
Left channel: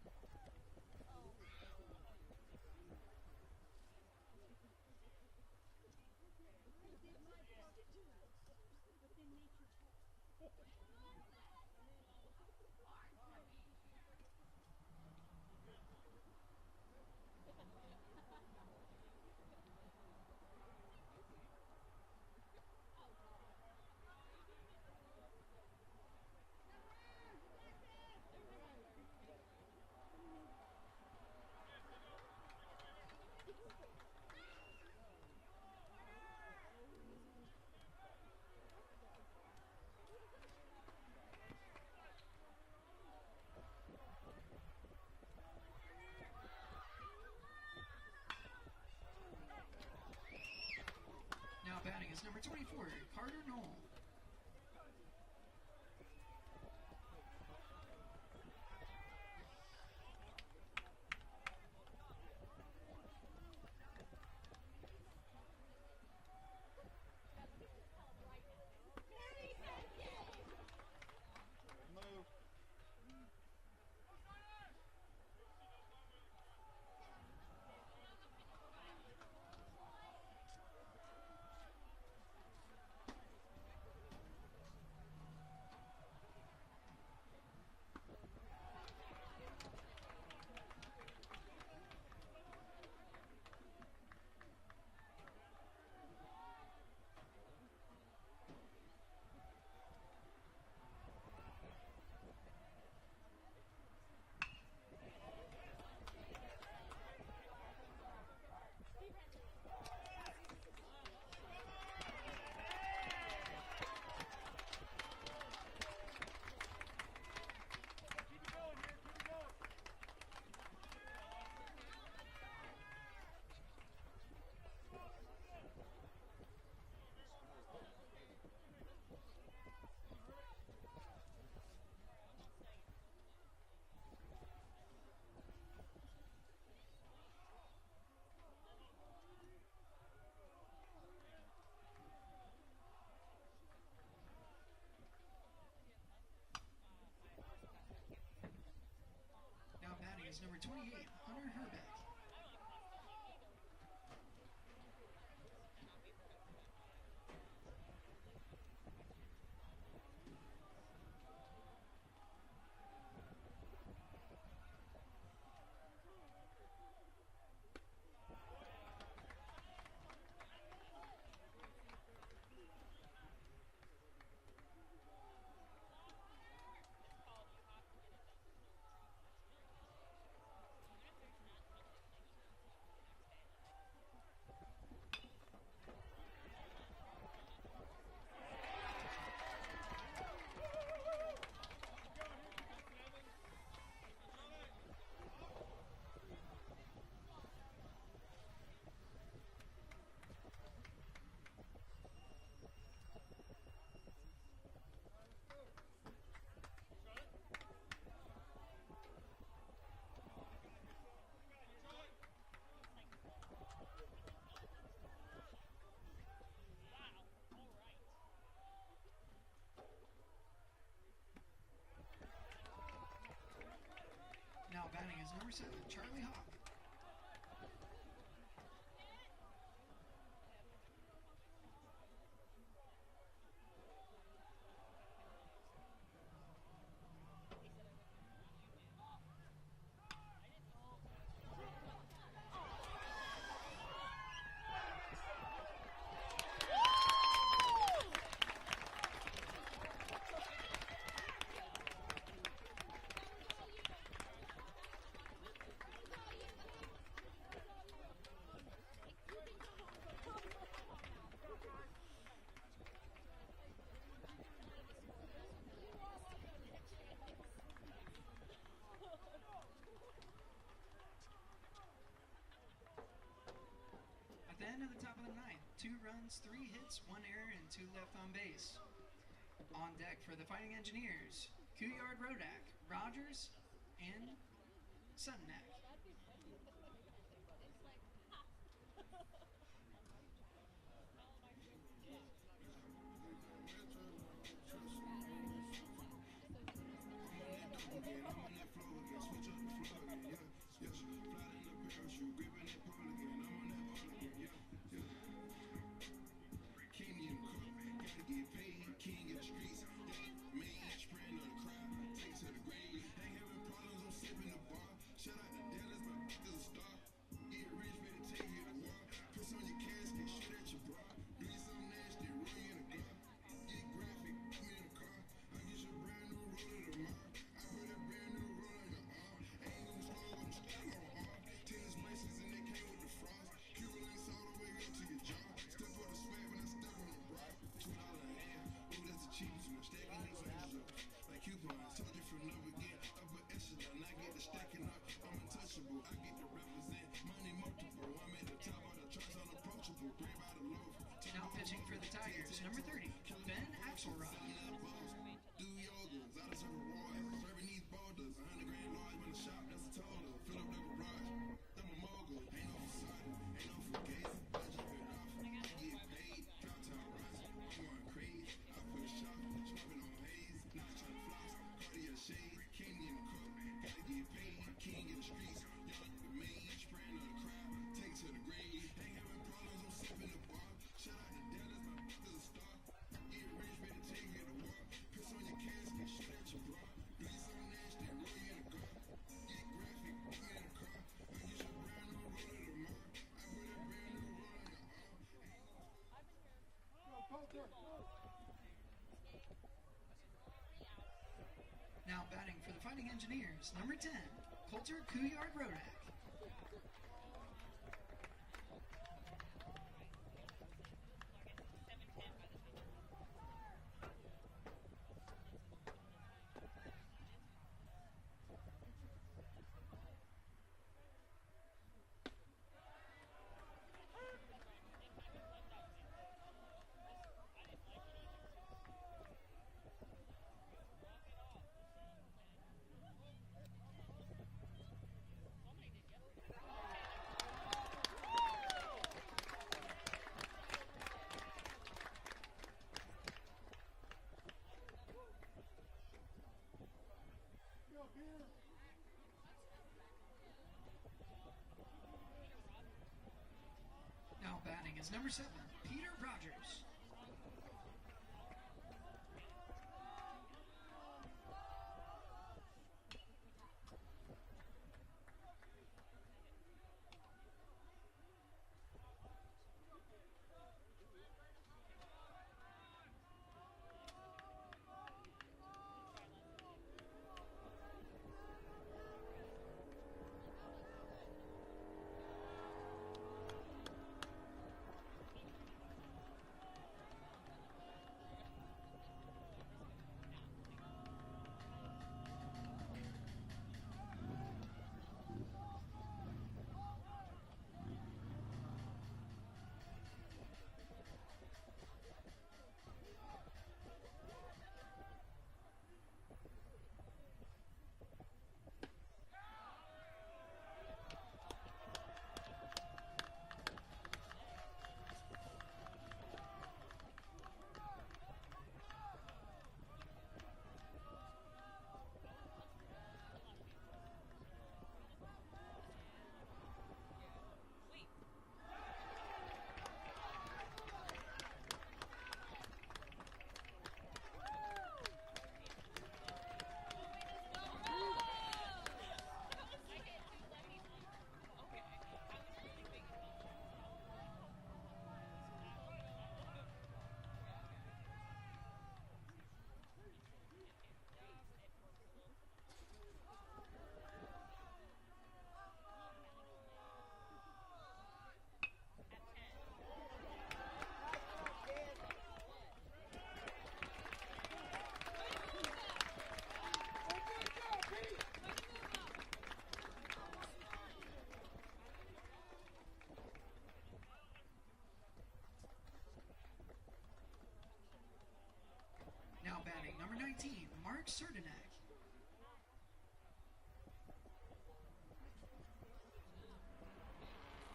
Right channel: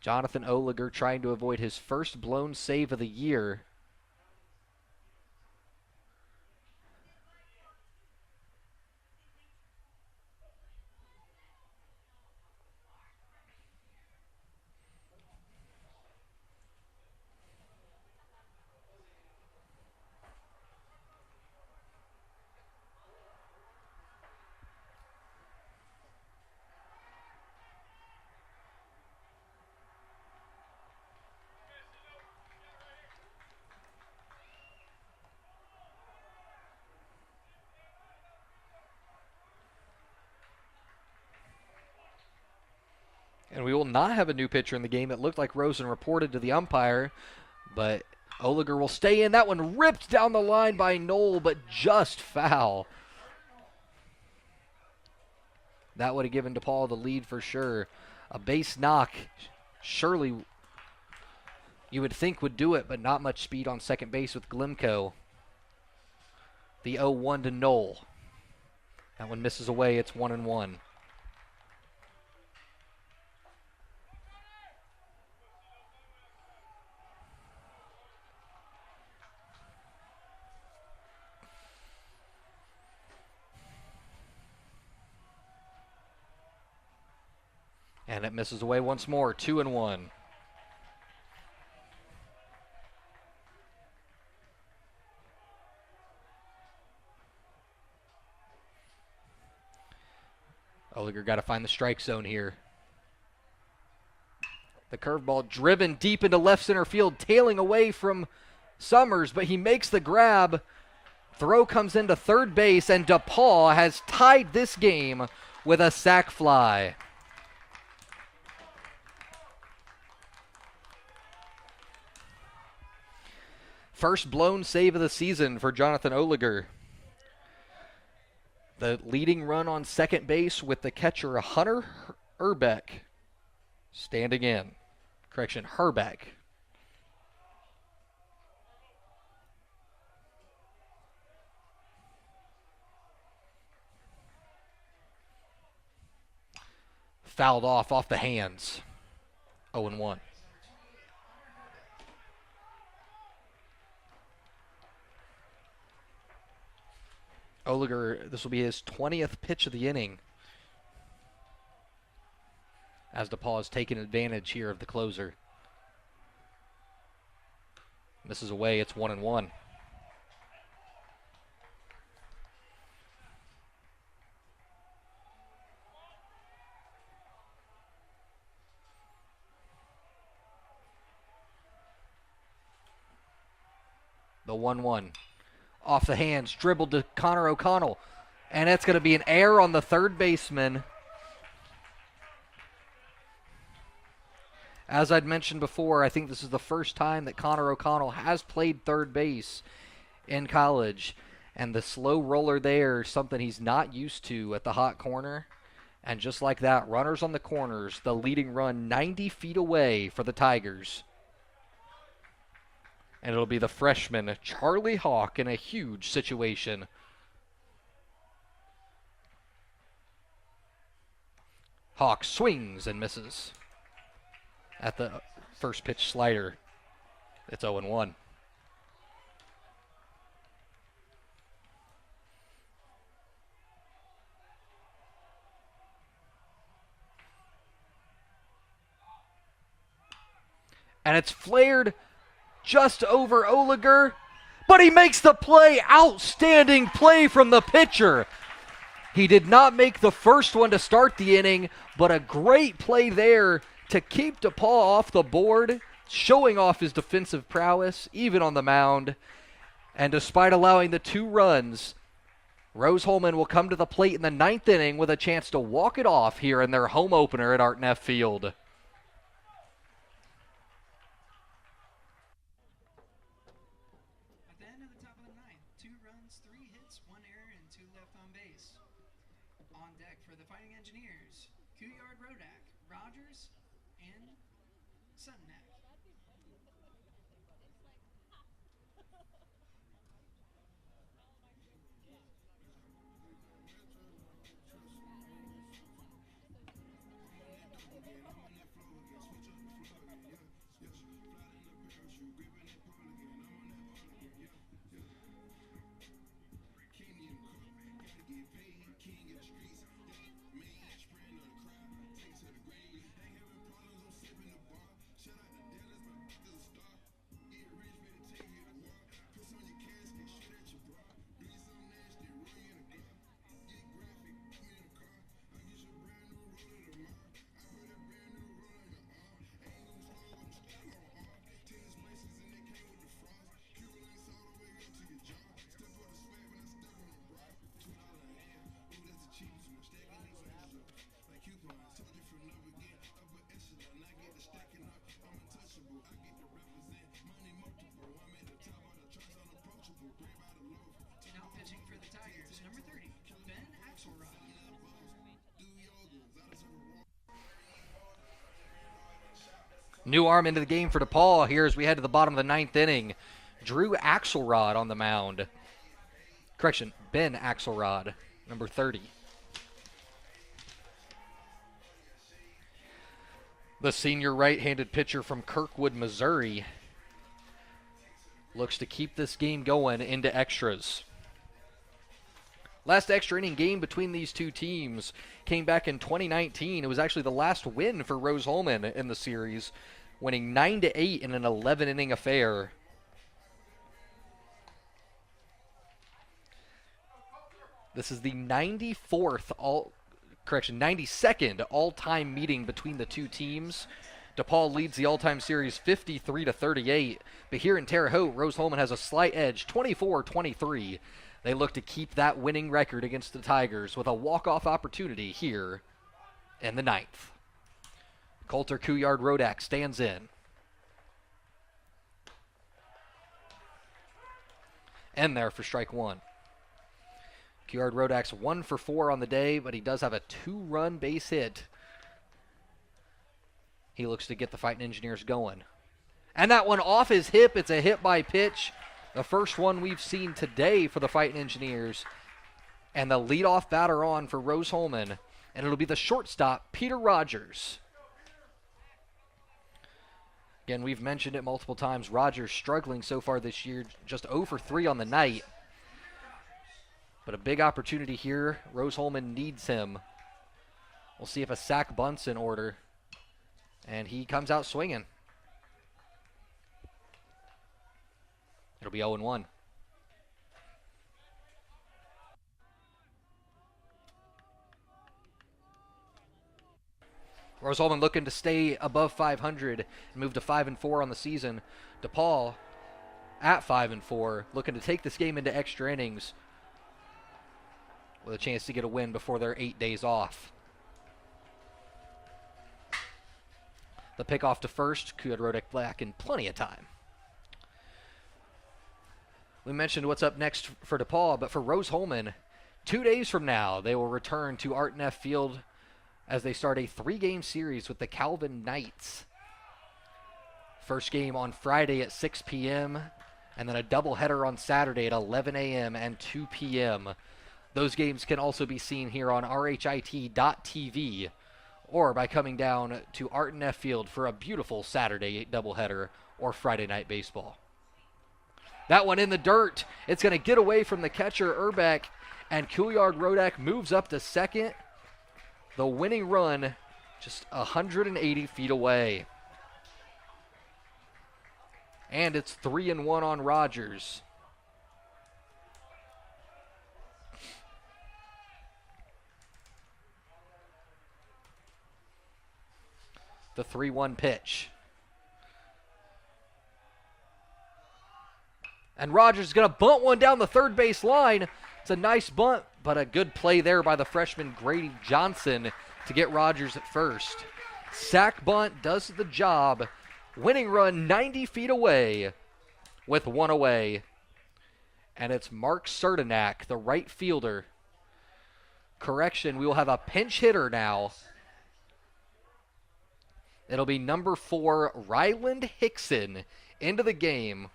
Jonathan Oliger trying to avoid his first blown save of the year. And we will not have a new pitcher in the game. It looked like Rosen reported to the umpire, but Oliger will stay in. That one ripped down the line by Knoll, but just foul. That would have given DePauw the lead for sure. A base knock, surely you would think would do it, but not much speed on second base with Glimko. The 0-1 to Knoll. That one misses away. It's 1-1. And it misses away once more, 2-1. Oliger got to find the strike zone here. The curveball driven deep into left center field, tailing away from Summers, but he makes the grab. Throw comes into third base, and DePauw has tied this game with a sac fly. First blown save of the season for Jonathan Oliger. The leading run on second base with the catcher Hunter Herbeck standing in. Correction, Herbeck. Fouled off the hands. 0-1. Oliger, this will be his 20th pitch of the inning, as DePauw has taken advantage here of the closer. Misses away, it's 1-1. The 1-1. Off the hands, dribbled to Connor O'Connell. And it's going to be an error on the third baseman. As I'd mentioned before, I think this is the first time that Connor O'Connell has played third base in college. And the slow roller there is something he's not used to at the hot corner. And just like that, runners on the corners, the leading run 90 feet away for the Tigers. And it'll be the freshman, Charlie Hawk, in a huge situation. Hawk swings and misses at the first pitch slider. It's 0-1. And it's flared just over Oliger, but he makes the play. Outstanding play from the pitcher. He did not make the first one to start the inning, but a great play there to keep DePauw off the board, showing off his defensive prowess, even on the mound. And despite allowing the 2 runs, Rose-Hulman will come to the plate in the 9th inning with a chance to walk it off here in their home opener at Art Neff Field. At the end of the top of the 9th, 2 runs, 3 hits, 1 error, and 2 left on base. On deck for the Fighting Engineers, Couillard, Rodak, Rogers, and Suttonak. Now pitching for the Tigers, number 30, Ben Axelrod. New arm into the game for DePauw here as we head to the bottom of the 9th inning. Drew Axelrod on the mound. Correction, Ben Axelrod, number 30. The senior right-handed pitcher from Kirkwood, Missouri, looks to keep this game going into extras. Last extra inning game between these 2 teams came back in 2019. It was actually the last win for Rose-Hulman in the series, winning 9-8 in an 11-inning affair. This is the 92nd all-time meeting between the 2 teams. DePauw leads the all-time series 53-38, but here in Terre Haute, Rose-Hulman has a slight edge, 24-23. They look to keep that winning record against the Tigers with a walk-off opportunity here in the 9th. Coulter Couillard Rodak stands in. And there for strike 1. Couillard Rodak's 1 for 4 on the day, but he does have a 2-run base hit. He looks to get the Fightin Engineers going. And that one off his hip. It's a hit by pitch. The first one we've seen today for the Fightin Engineers. And the leadoff batter on for Rose-Hulman. And it'll be the shortstop, Peter Rogers. Again, we've mentioned it multiple times. Rogers struggling so far this year, just 0 for 3 on the night. But a big opportunity here. Rose-Hulman needs him. We'll see if a sac bunt's in order. And he comes out swinging. It'll be 0-1. Rose-Hulman looking to stay above 500 and move to 5-4 on the season. DePauw at 5-4, looking to take this game into extra innings with a chance to get a win before their 8 days off. The pickoff to first, Couillard Rodak back in plenty of time. We mentioned what's up next for DePauw, but for Rose-Hulman, 2 days from now, they will return to Art Neff Field as they start a 3-game series with the Calvin Knights. First game on Friday at 6 p.m., and then a doubleheader on Saturday at 11 a.m. and 2 p.m. Those games can also be seen here on RHIT.TV or by coming down to Art Neff Field for a beautiful Saturday doubleheader or Friday night baseball. That one in the dirt. It's going to get away from the catcher, Urbeck, and Couillard Rodak moves up to second. The winning run just 180 feet away. And it's 3-1 on Rogers. The 3-1 pitch. And Rogers is going to bunt one down the third base line. It's a nice bunt, but a good play there by the freshman Grady Johnson to get Rogers at first. Sack bunt does the job. Winning run 90 feet away with one away. And it's Mark Serdenak, the right fielder. Correction, we will have a pinch hitter now. It'll be number 4, Ryland Hickson, into the game.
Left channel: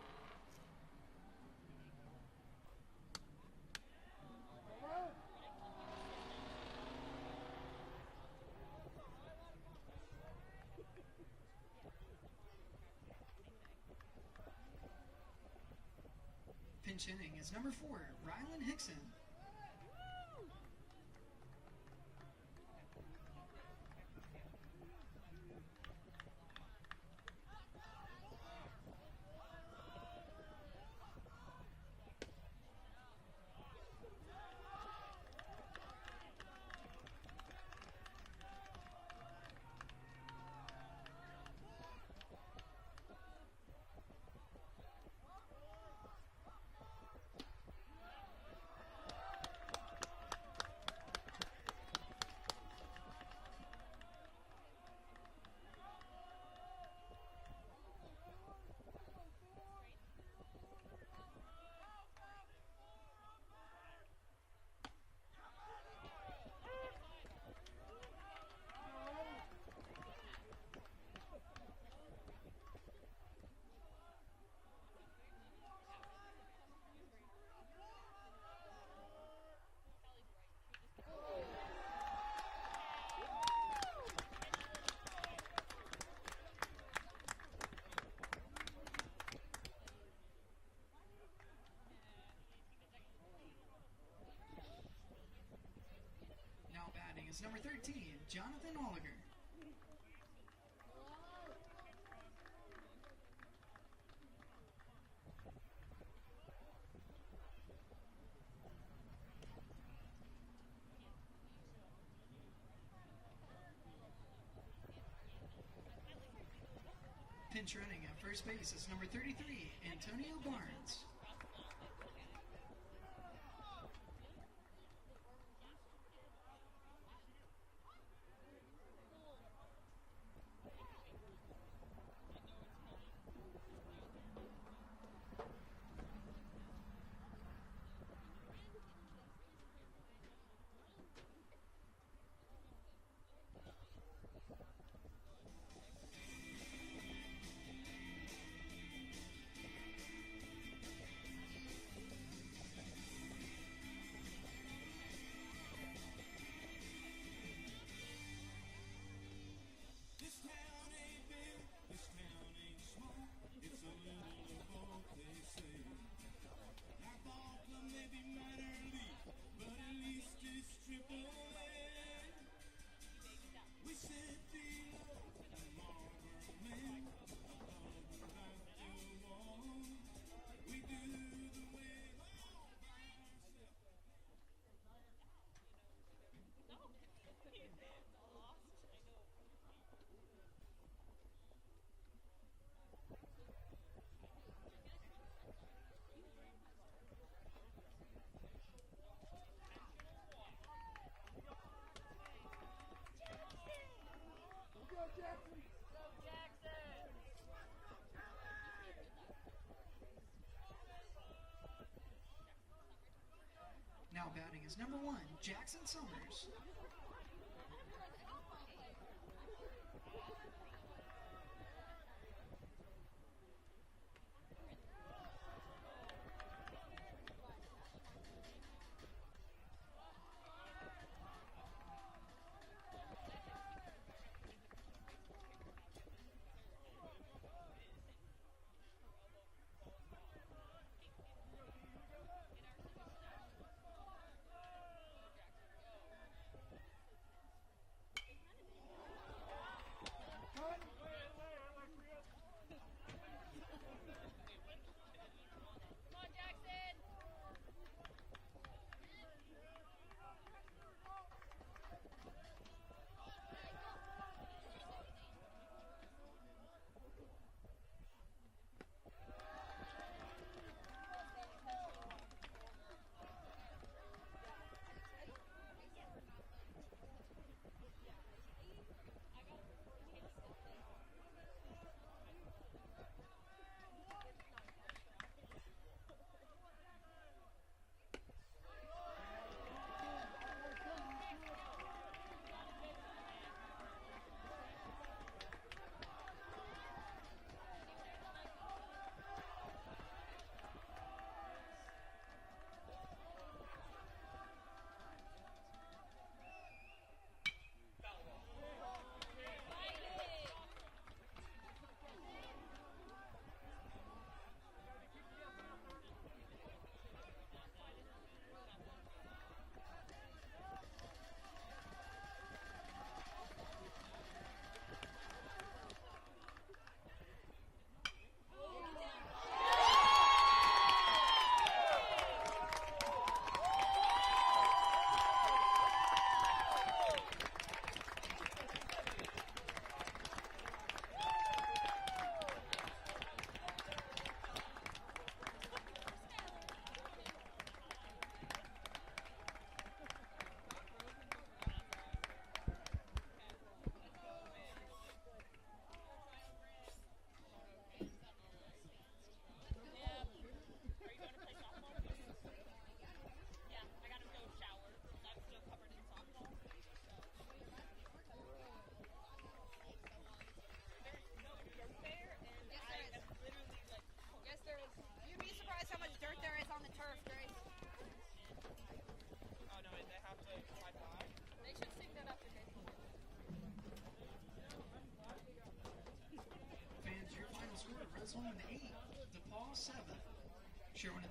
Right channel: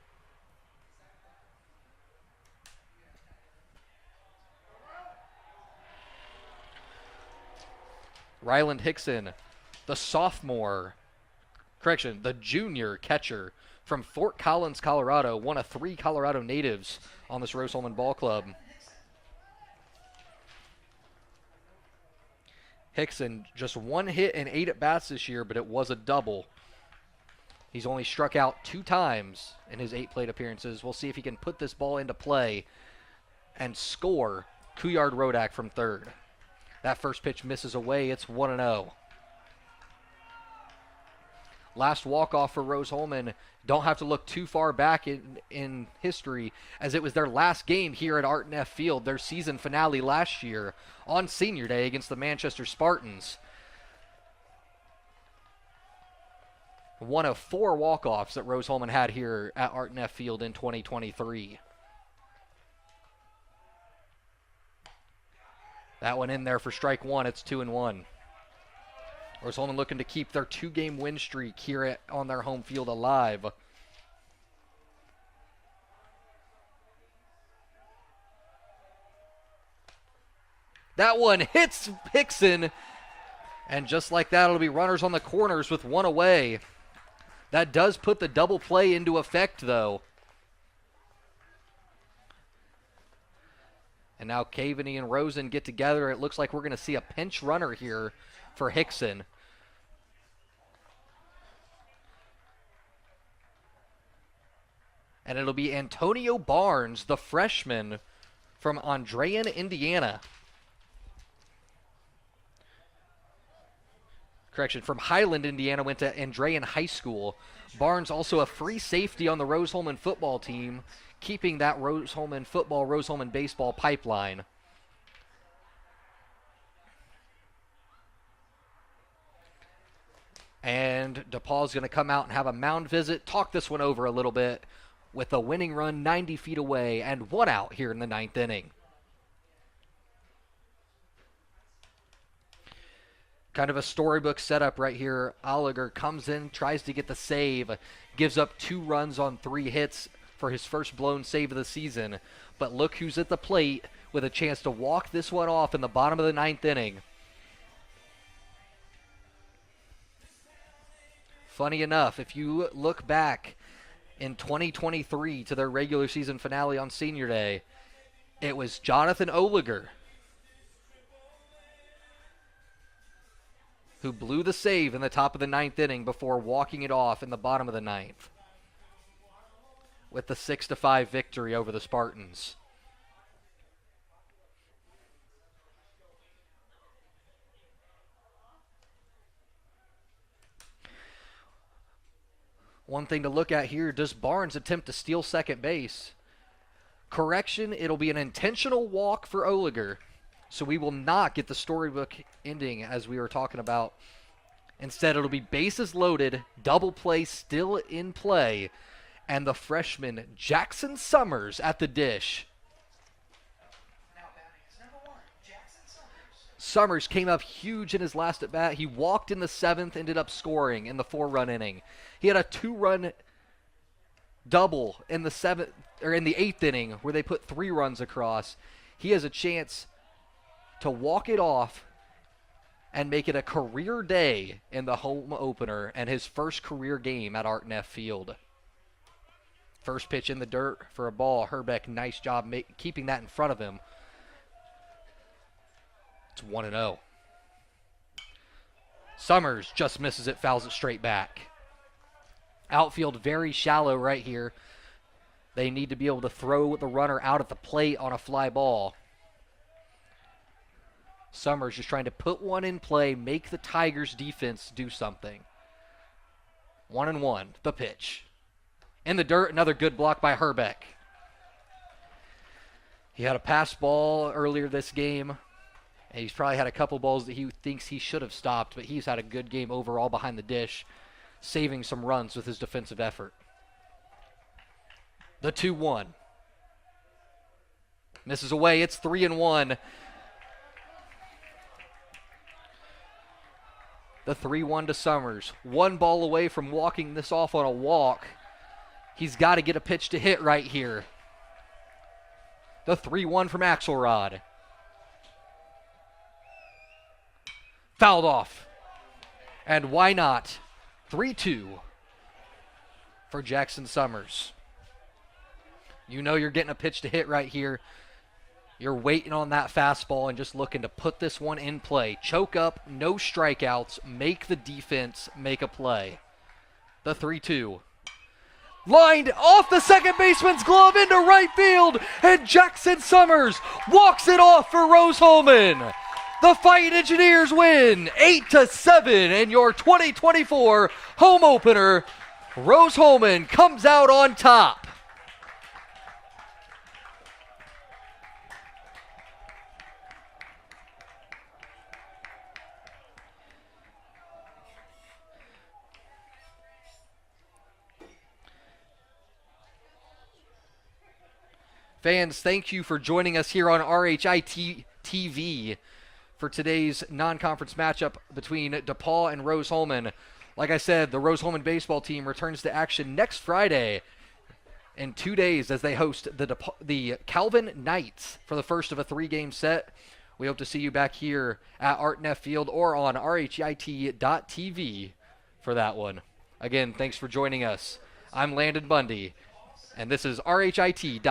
Ryland Hickson, the sophomore, the junior catcher from Fort Collins, Colorado, one of 3 Colorado natives on this Rose-Hulman ball club. Hickson, just 1 hit and 8 at-bats this year, but it was a double. He's only struck out 2 times in his 8 plate appearances. We'll see if he can put this ball into play and score. Couillard Rodak from third. That first pitch misses away. It's 1-0. Last walk-off for Rose-Hulman. Don't have to look too far back in history, as it was their last game here at Art Neff Field, their season finale last year on Senior Day against the Manchester Spartans. One of 4 walk-offs that Rose-Hulman had here at Art Neff Field in 2023. That one in there for strike 1. It's 2-1. Rose-Hulman looking to keep their 2-game win streak here on their home field alive. That one hits Hickson. And just like that, it'll be runners on the corners with 1 away. That does put the double play into effect, though. And now Caveney and Rosen get together. It looks like we're going to see a pinch runner here for Hickson. And it'll be Antonio Barnes, the freshman from Andrean, Indiana. Correction, from Highland, Indiana, went to Andrean High School. Barnes also a free safety on the Rose-Hulman football team, keeping that Rose-Hulman football, Rose-Hulman baseball pipeline. And DePauw's going to come out and have a mound visit, talk this one over a little bit with a winning run 90 feet away and 1 out here in the 9th inning. Kind of a storybook setup right here. Oliger comes in, tries to get the save, gives up 2 runs on 3 hits for his first blown save of the season. But look who's at the plate with a chance to walk this one off in the bottom of the 9th inning. Funny enough, if you look back in 2023 to their regular season finale on Senior Day, it was Jonathan Oliger who blew the save in the top of the 9th inning before walking it off in the bottom of the 9th with the 6-5 victory over the Spartans. One thing to look at here, does Barnes attempt to steal second base? Correction, it'll be an intentional walk for Oliger. So we will not get the storybook ending as we were talking about. Instead, it'll be bases loaded, double play still in play, and the freshman Jackson Summers at the dish. Now batting is number 1, Jackson Summers. Summers came up huge in his last at bat. He walked in the 7th, ended up scoring in the 4-run inning. He had a 2-run double in the 7th or in the 8th inning where they put 3 runs across. He has a chance to walk it off and make it a career day in the home opener and his first career game at Art Neff Field. First pitch in the dirt for a ball. Herbeck, nice job keeping that in front of him. It's 1-0. Summers just misses it, fouls it straight back. Outfield very shallow right here. They need to be able to throw the runner out at the plate on a fly ball. Summers just trying to put one in play, make the Tigers defense do something. 1-1, the pitch. In the dirt, another good block by Herbeck. He had a pass ball earlier this game, and he's probably had a couple balls that he thinks he should have stopped, but he's had a good game overall behind the dish, saving some runs with his defensive effort. The 2-1. Misses away, it's 3-1. The 3-1 to Summers. One ball away from walking this off on a walk. He's got to get a pitch to hit right here. The 3-1 from Axelrod. Fouled off. And why not? 3-2 for Jackson Summers. You know you're getting a pitch to hit right here. You're waiting on that fastball and just looking to put this one in play. Choke up, no strikeouts, make the defense make a play. The 3-2. Lined off the second baseman's glove into right field, and Jackson Summers walks it off for Rose-Hulman. The Fightin Engineers win 8-7 in your 2024 home opener. Rose-Hulman comes out on top. Fans, thank you for joining us here on RHIT TV for today's non-conference matchup between DePauw and Rose-Hulman. Like I said, the Rose-Hulman baseball team returns to action next Friday in 2 days as they host the Calvin Knights for the first of a 3-game set. We hope to see you back here at Art Neff Field or on RHIT.TV for that one. Again, thanks for joining us. I'm Landon Bundy, and this is RHIT.TV.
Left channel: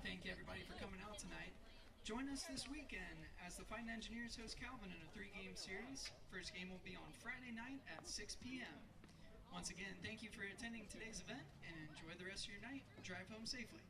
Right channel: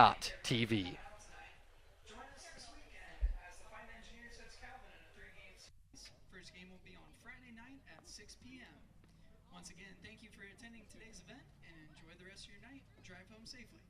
Join us this weekend as the Fightin Engineers host Calvin in a 3-game series. First game will be on Friday night at 6 p.m. Once again, thank you for attending today's event and enjoy the rest of your night. Drive home safely.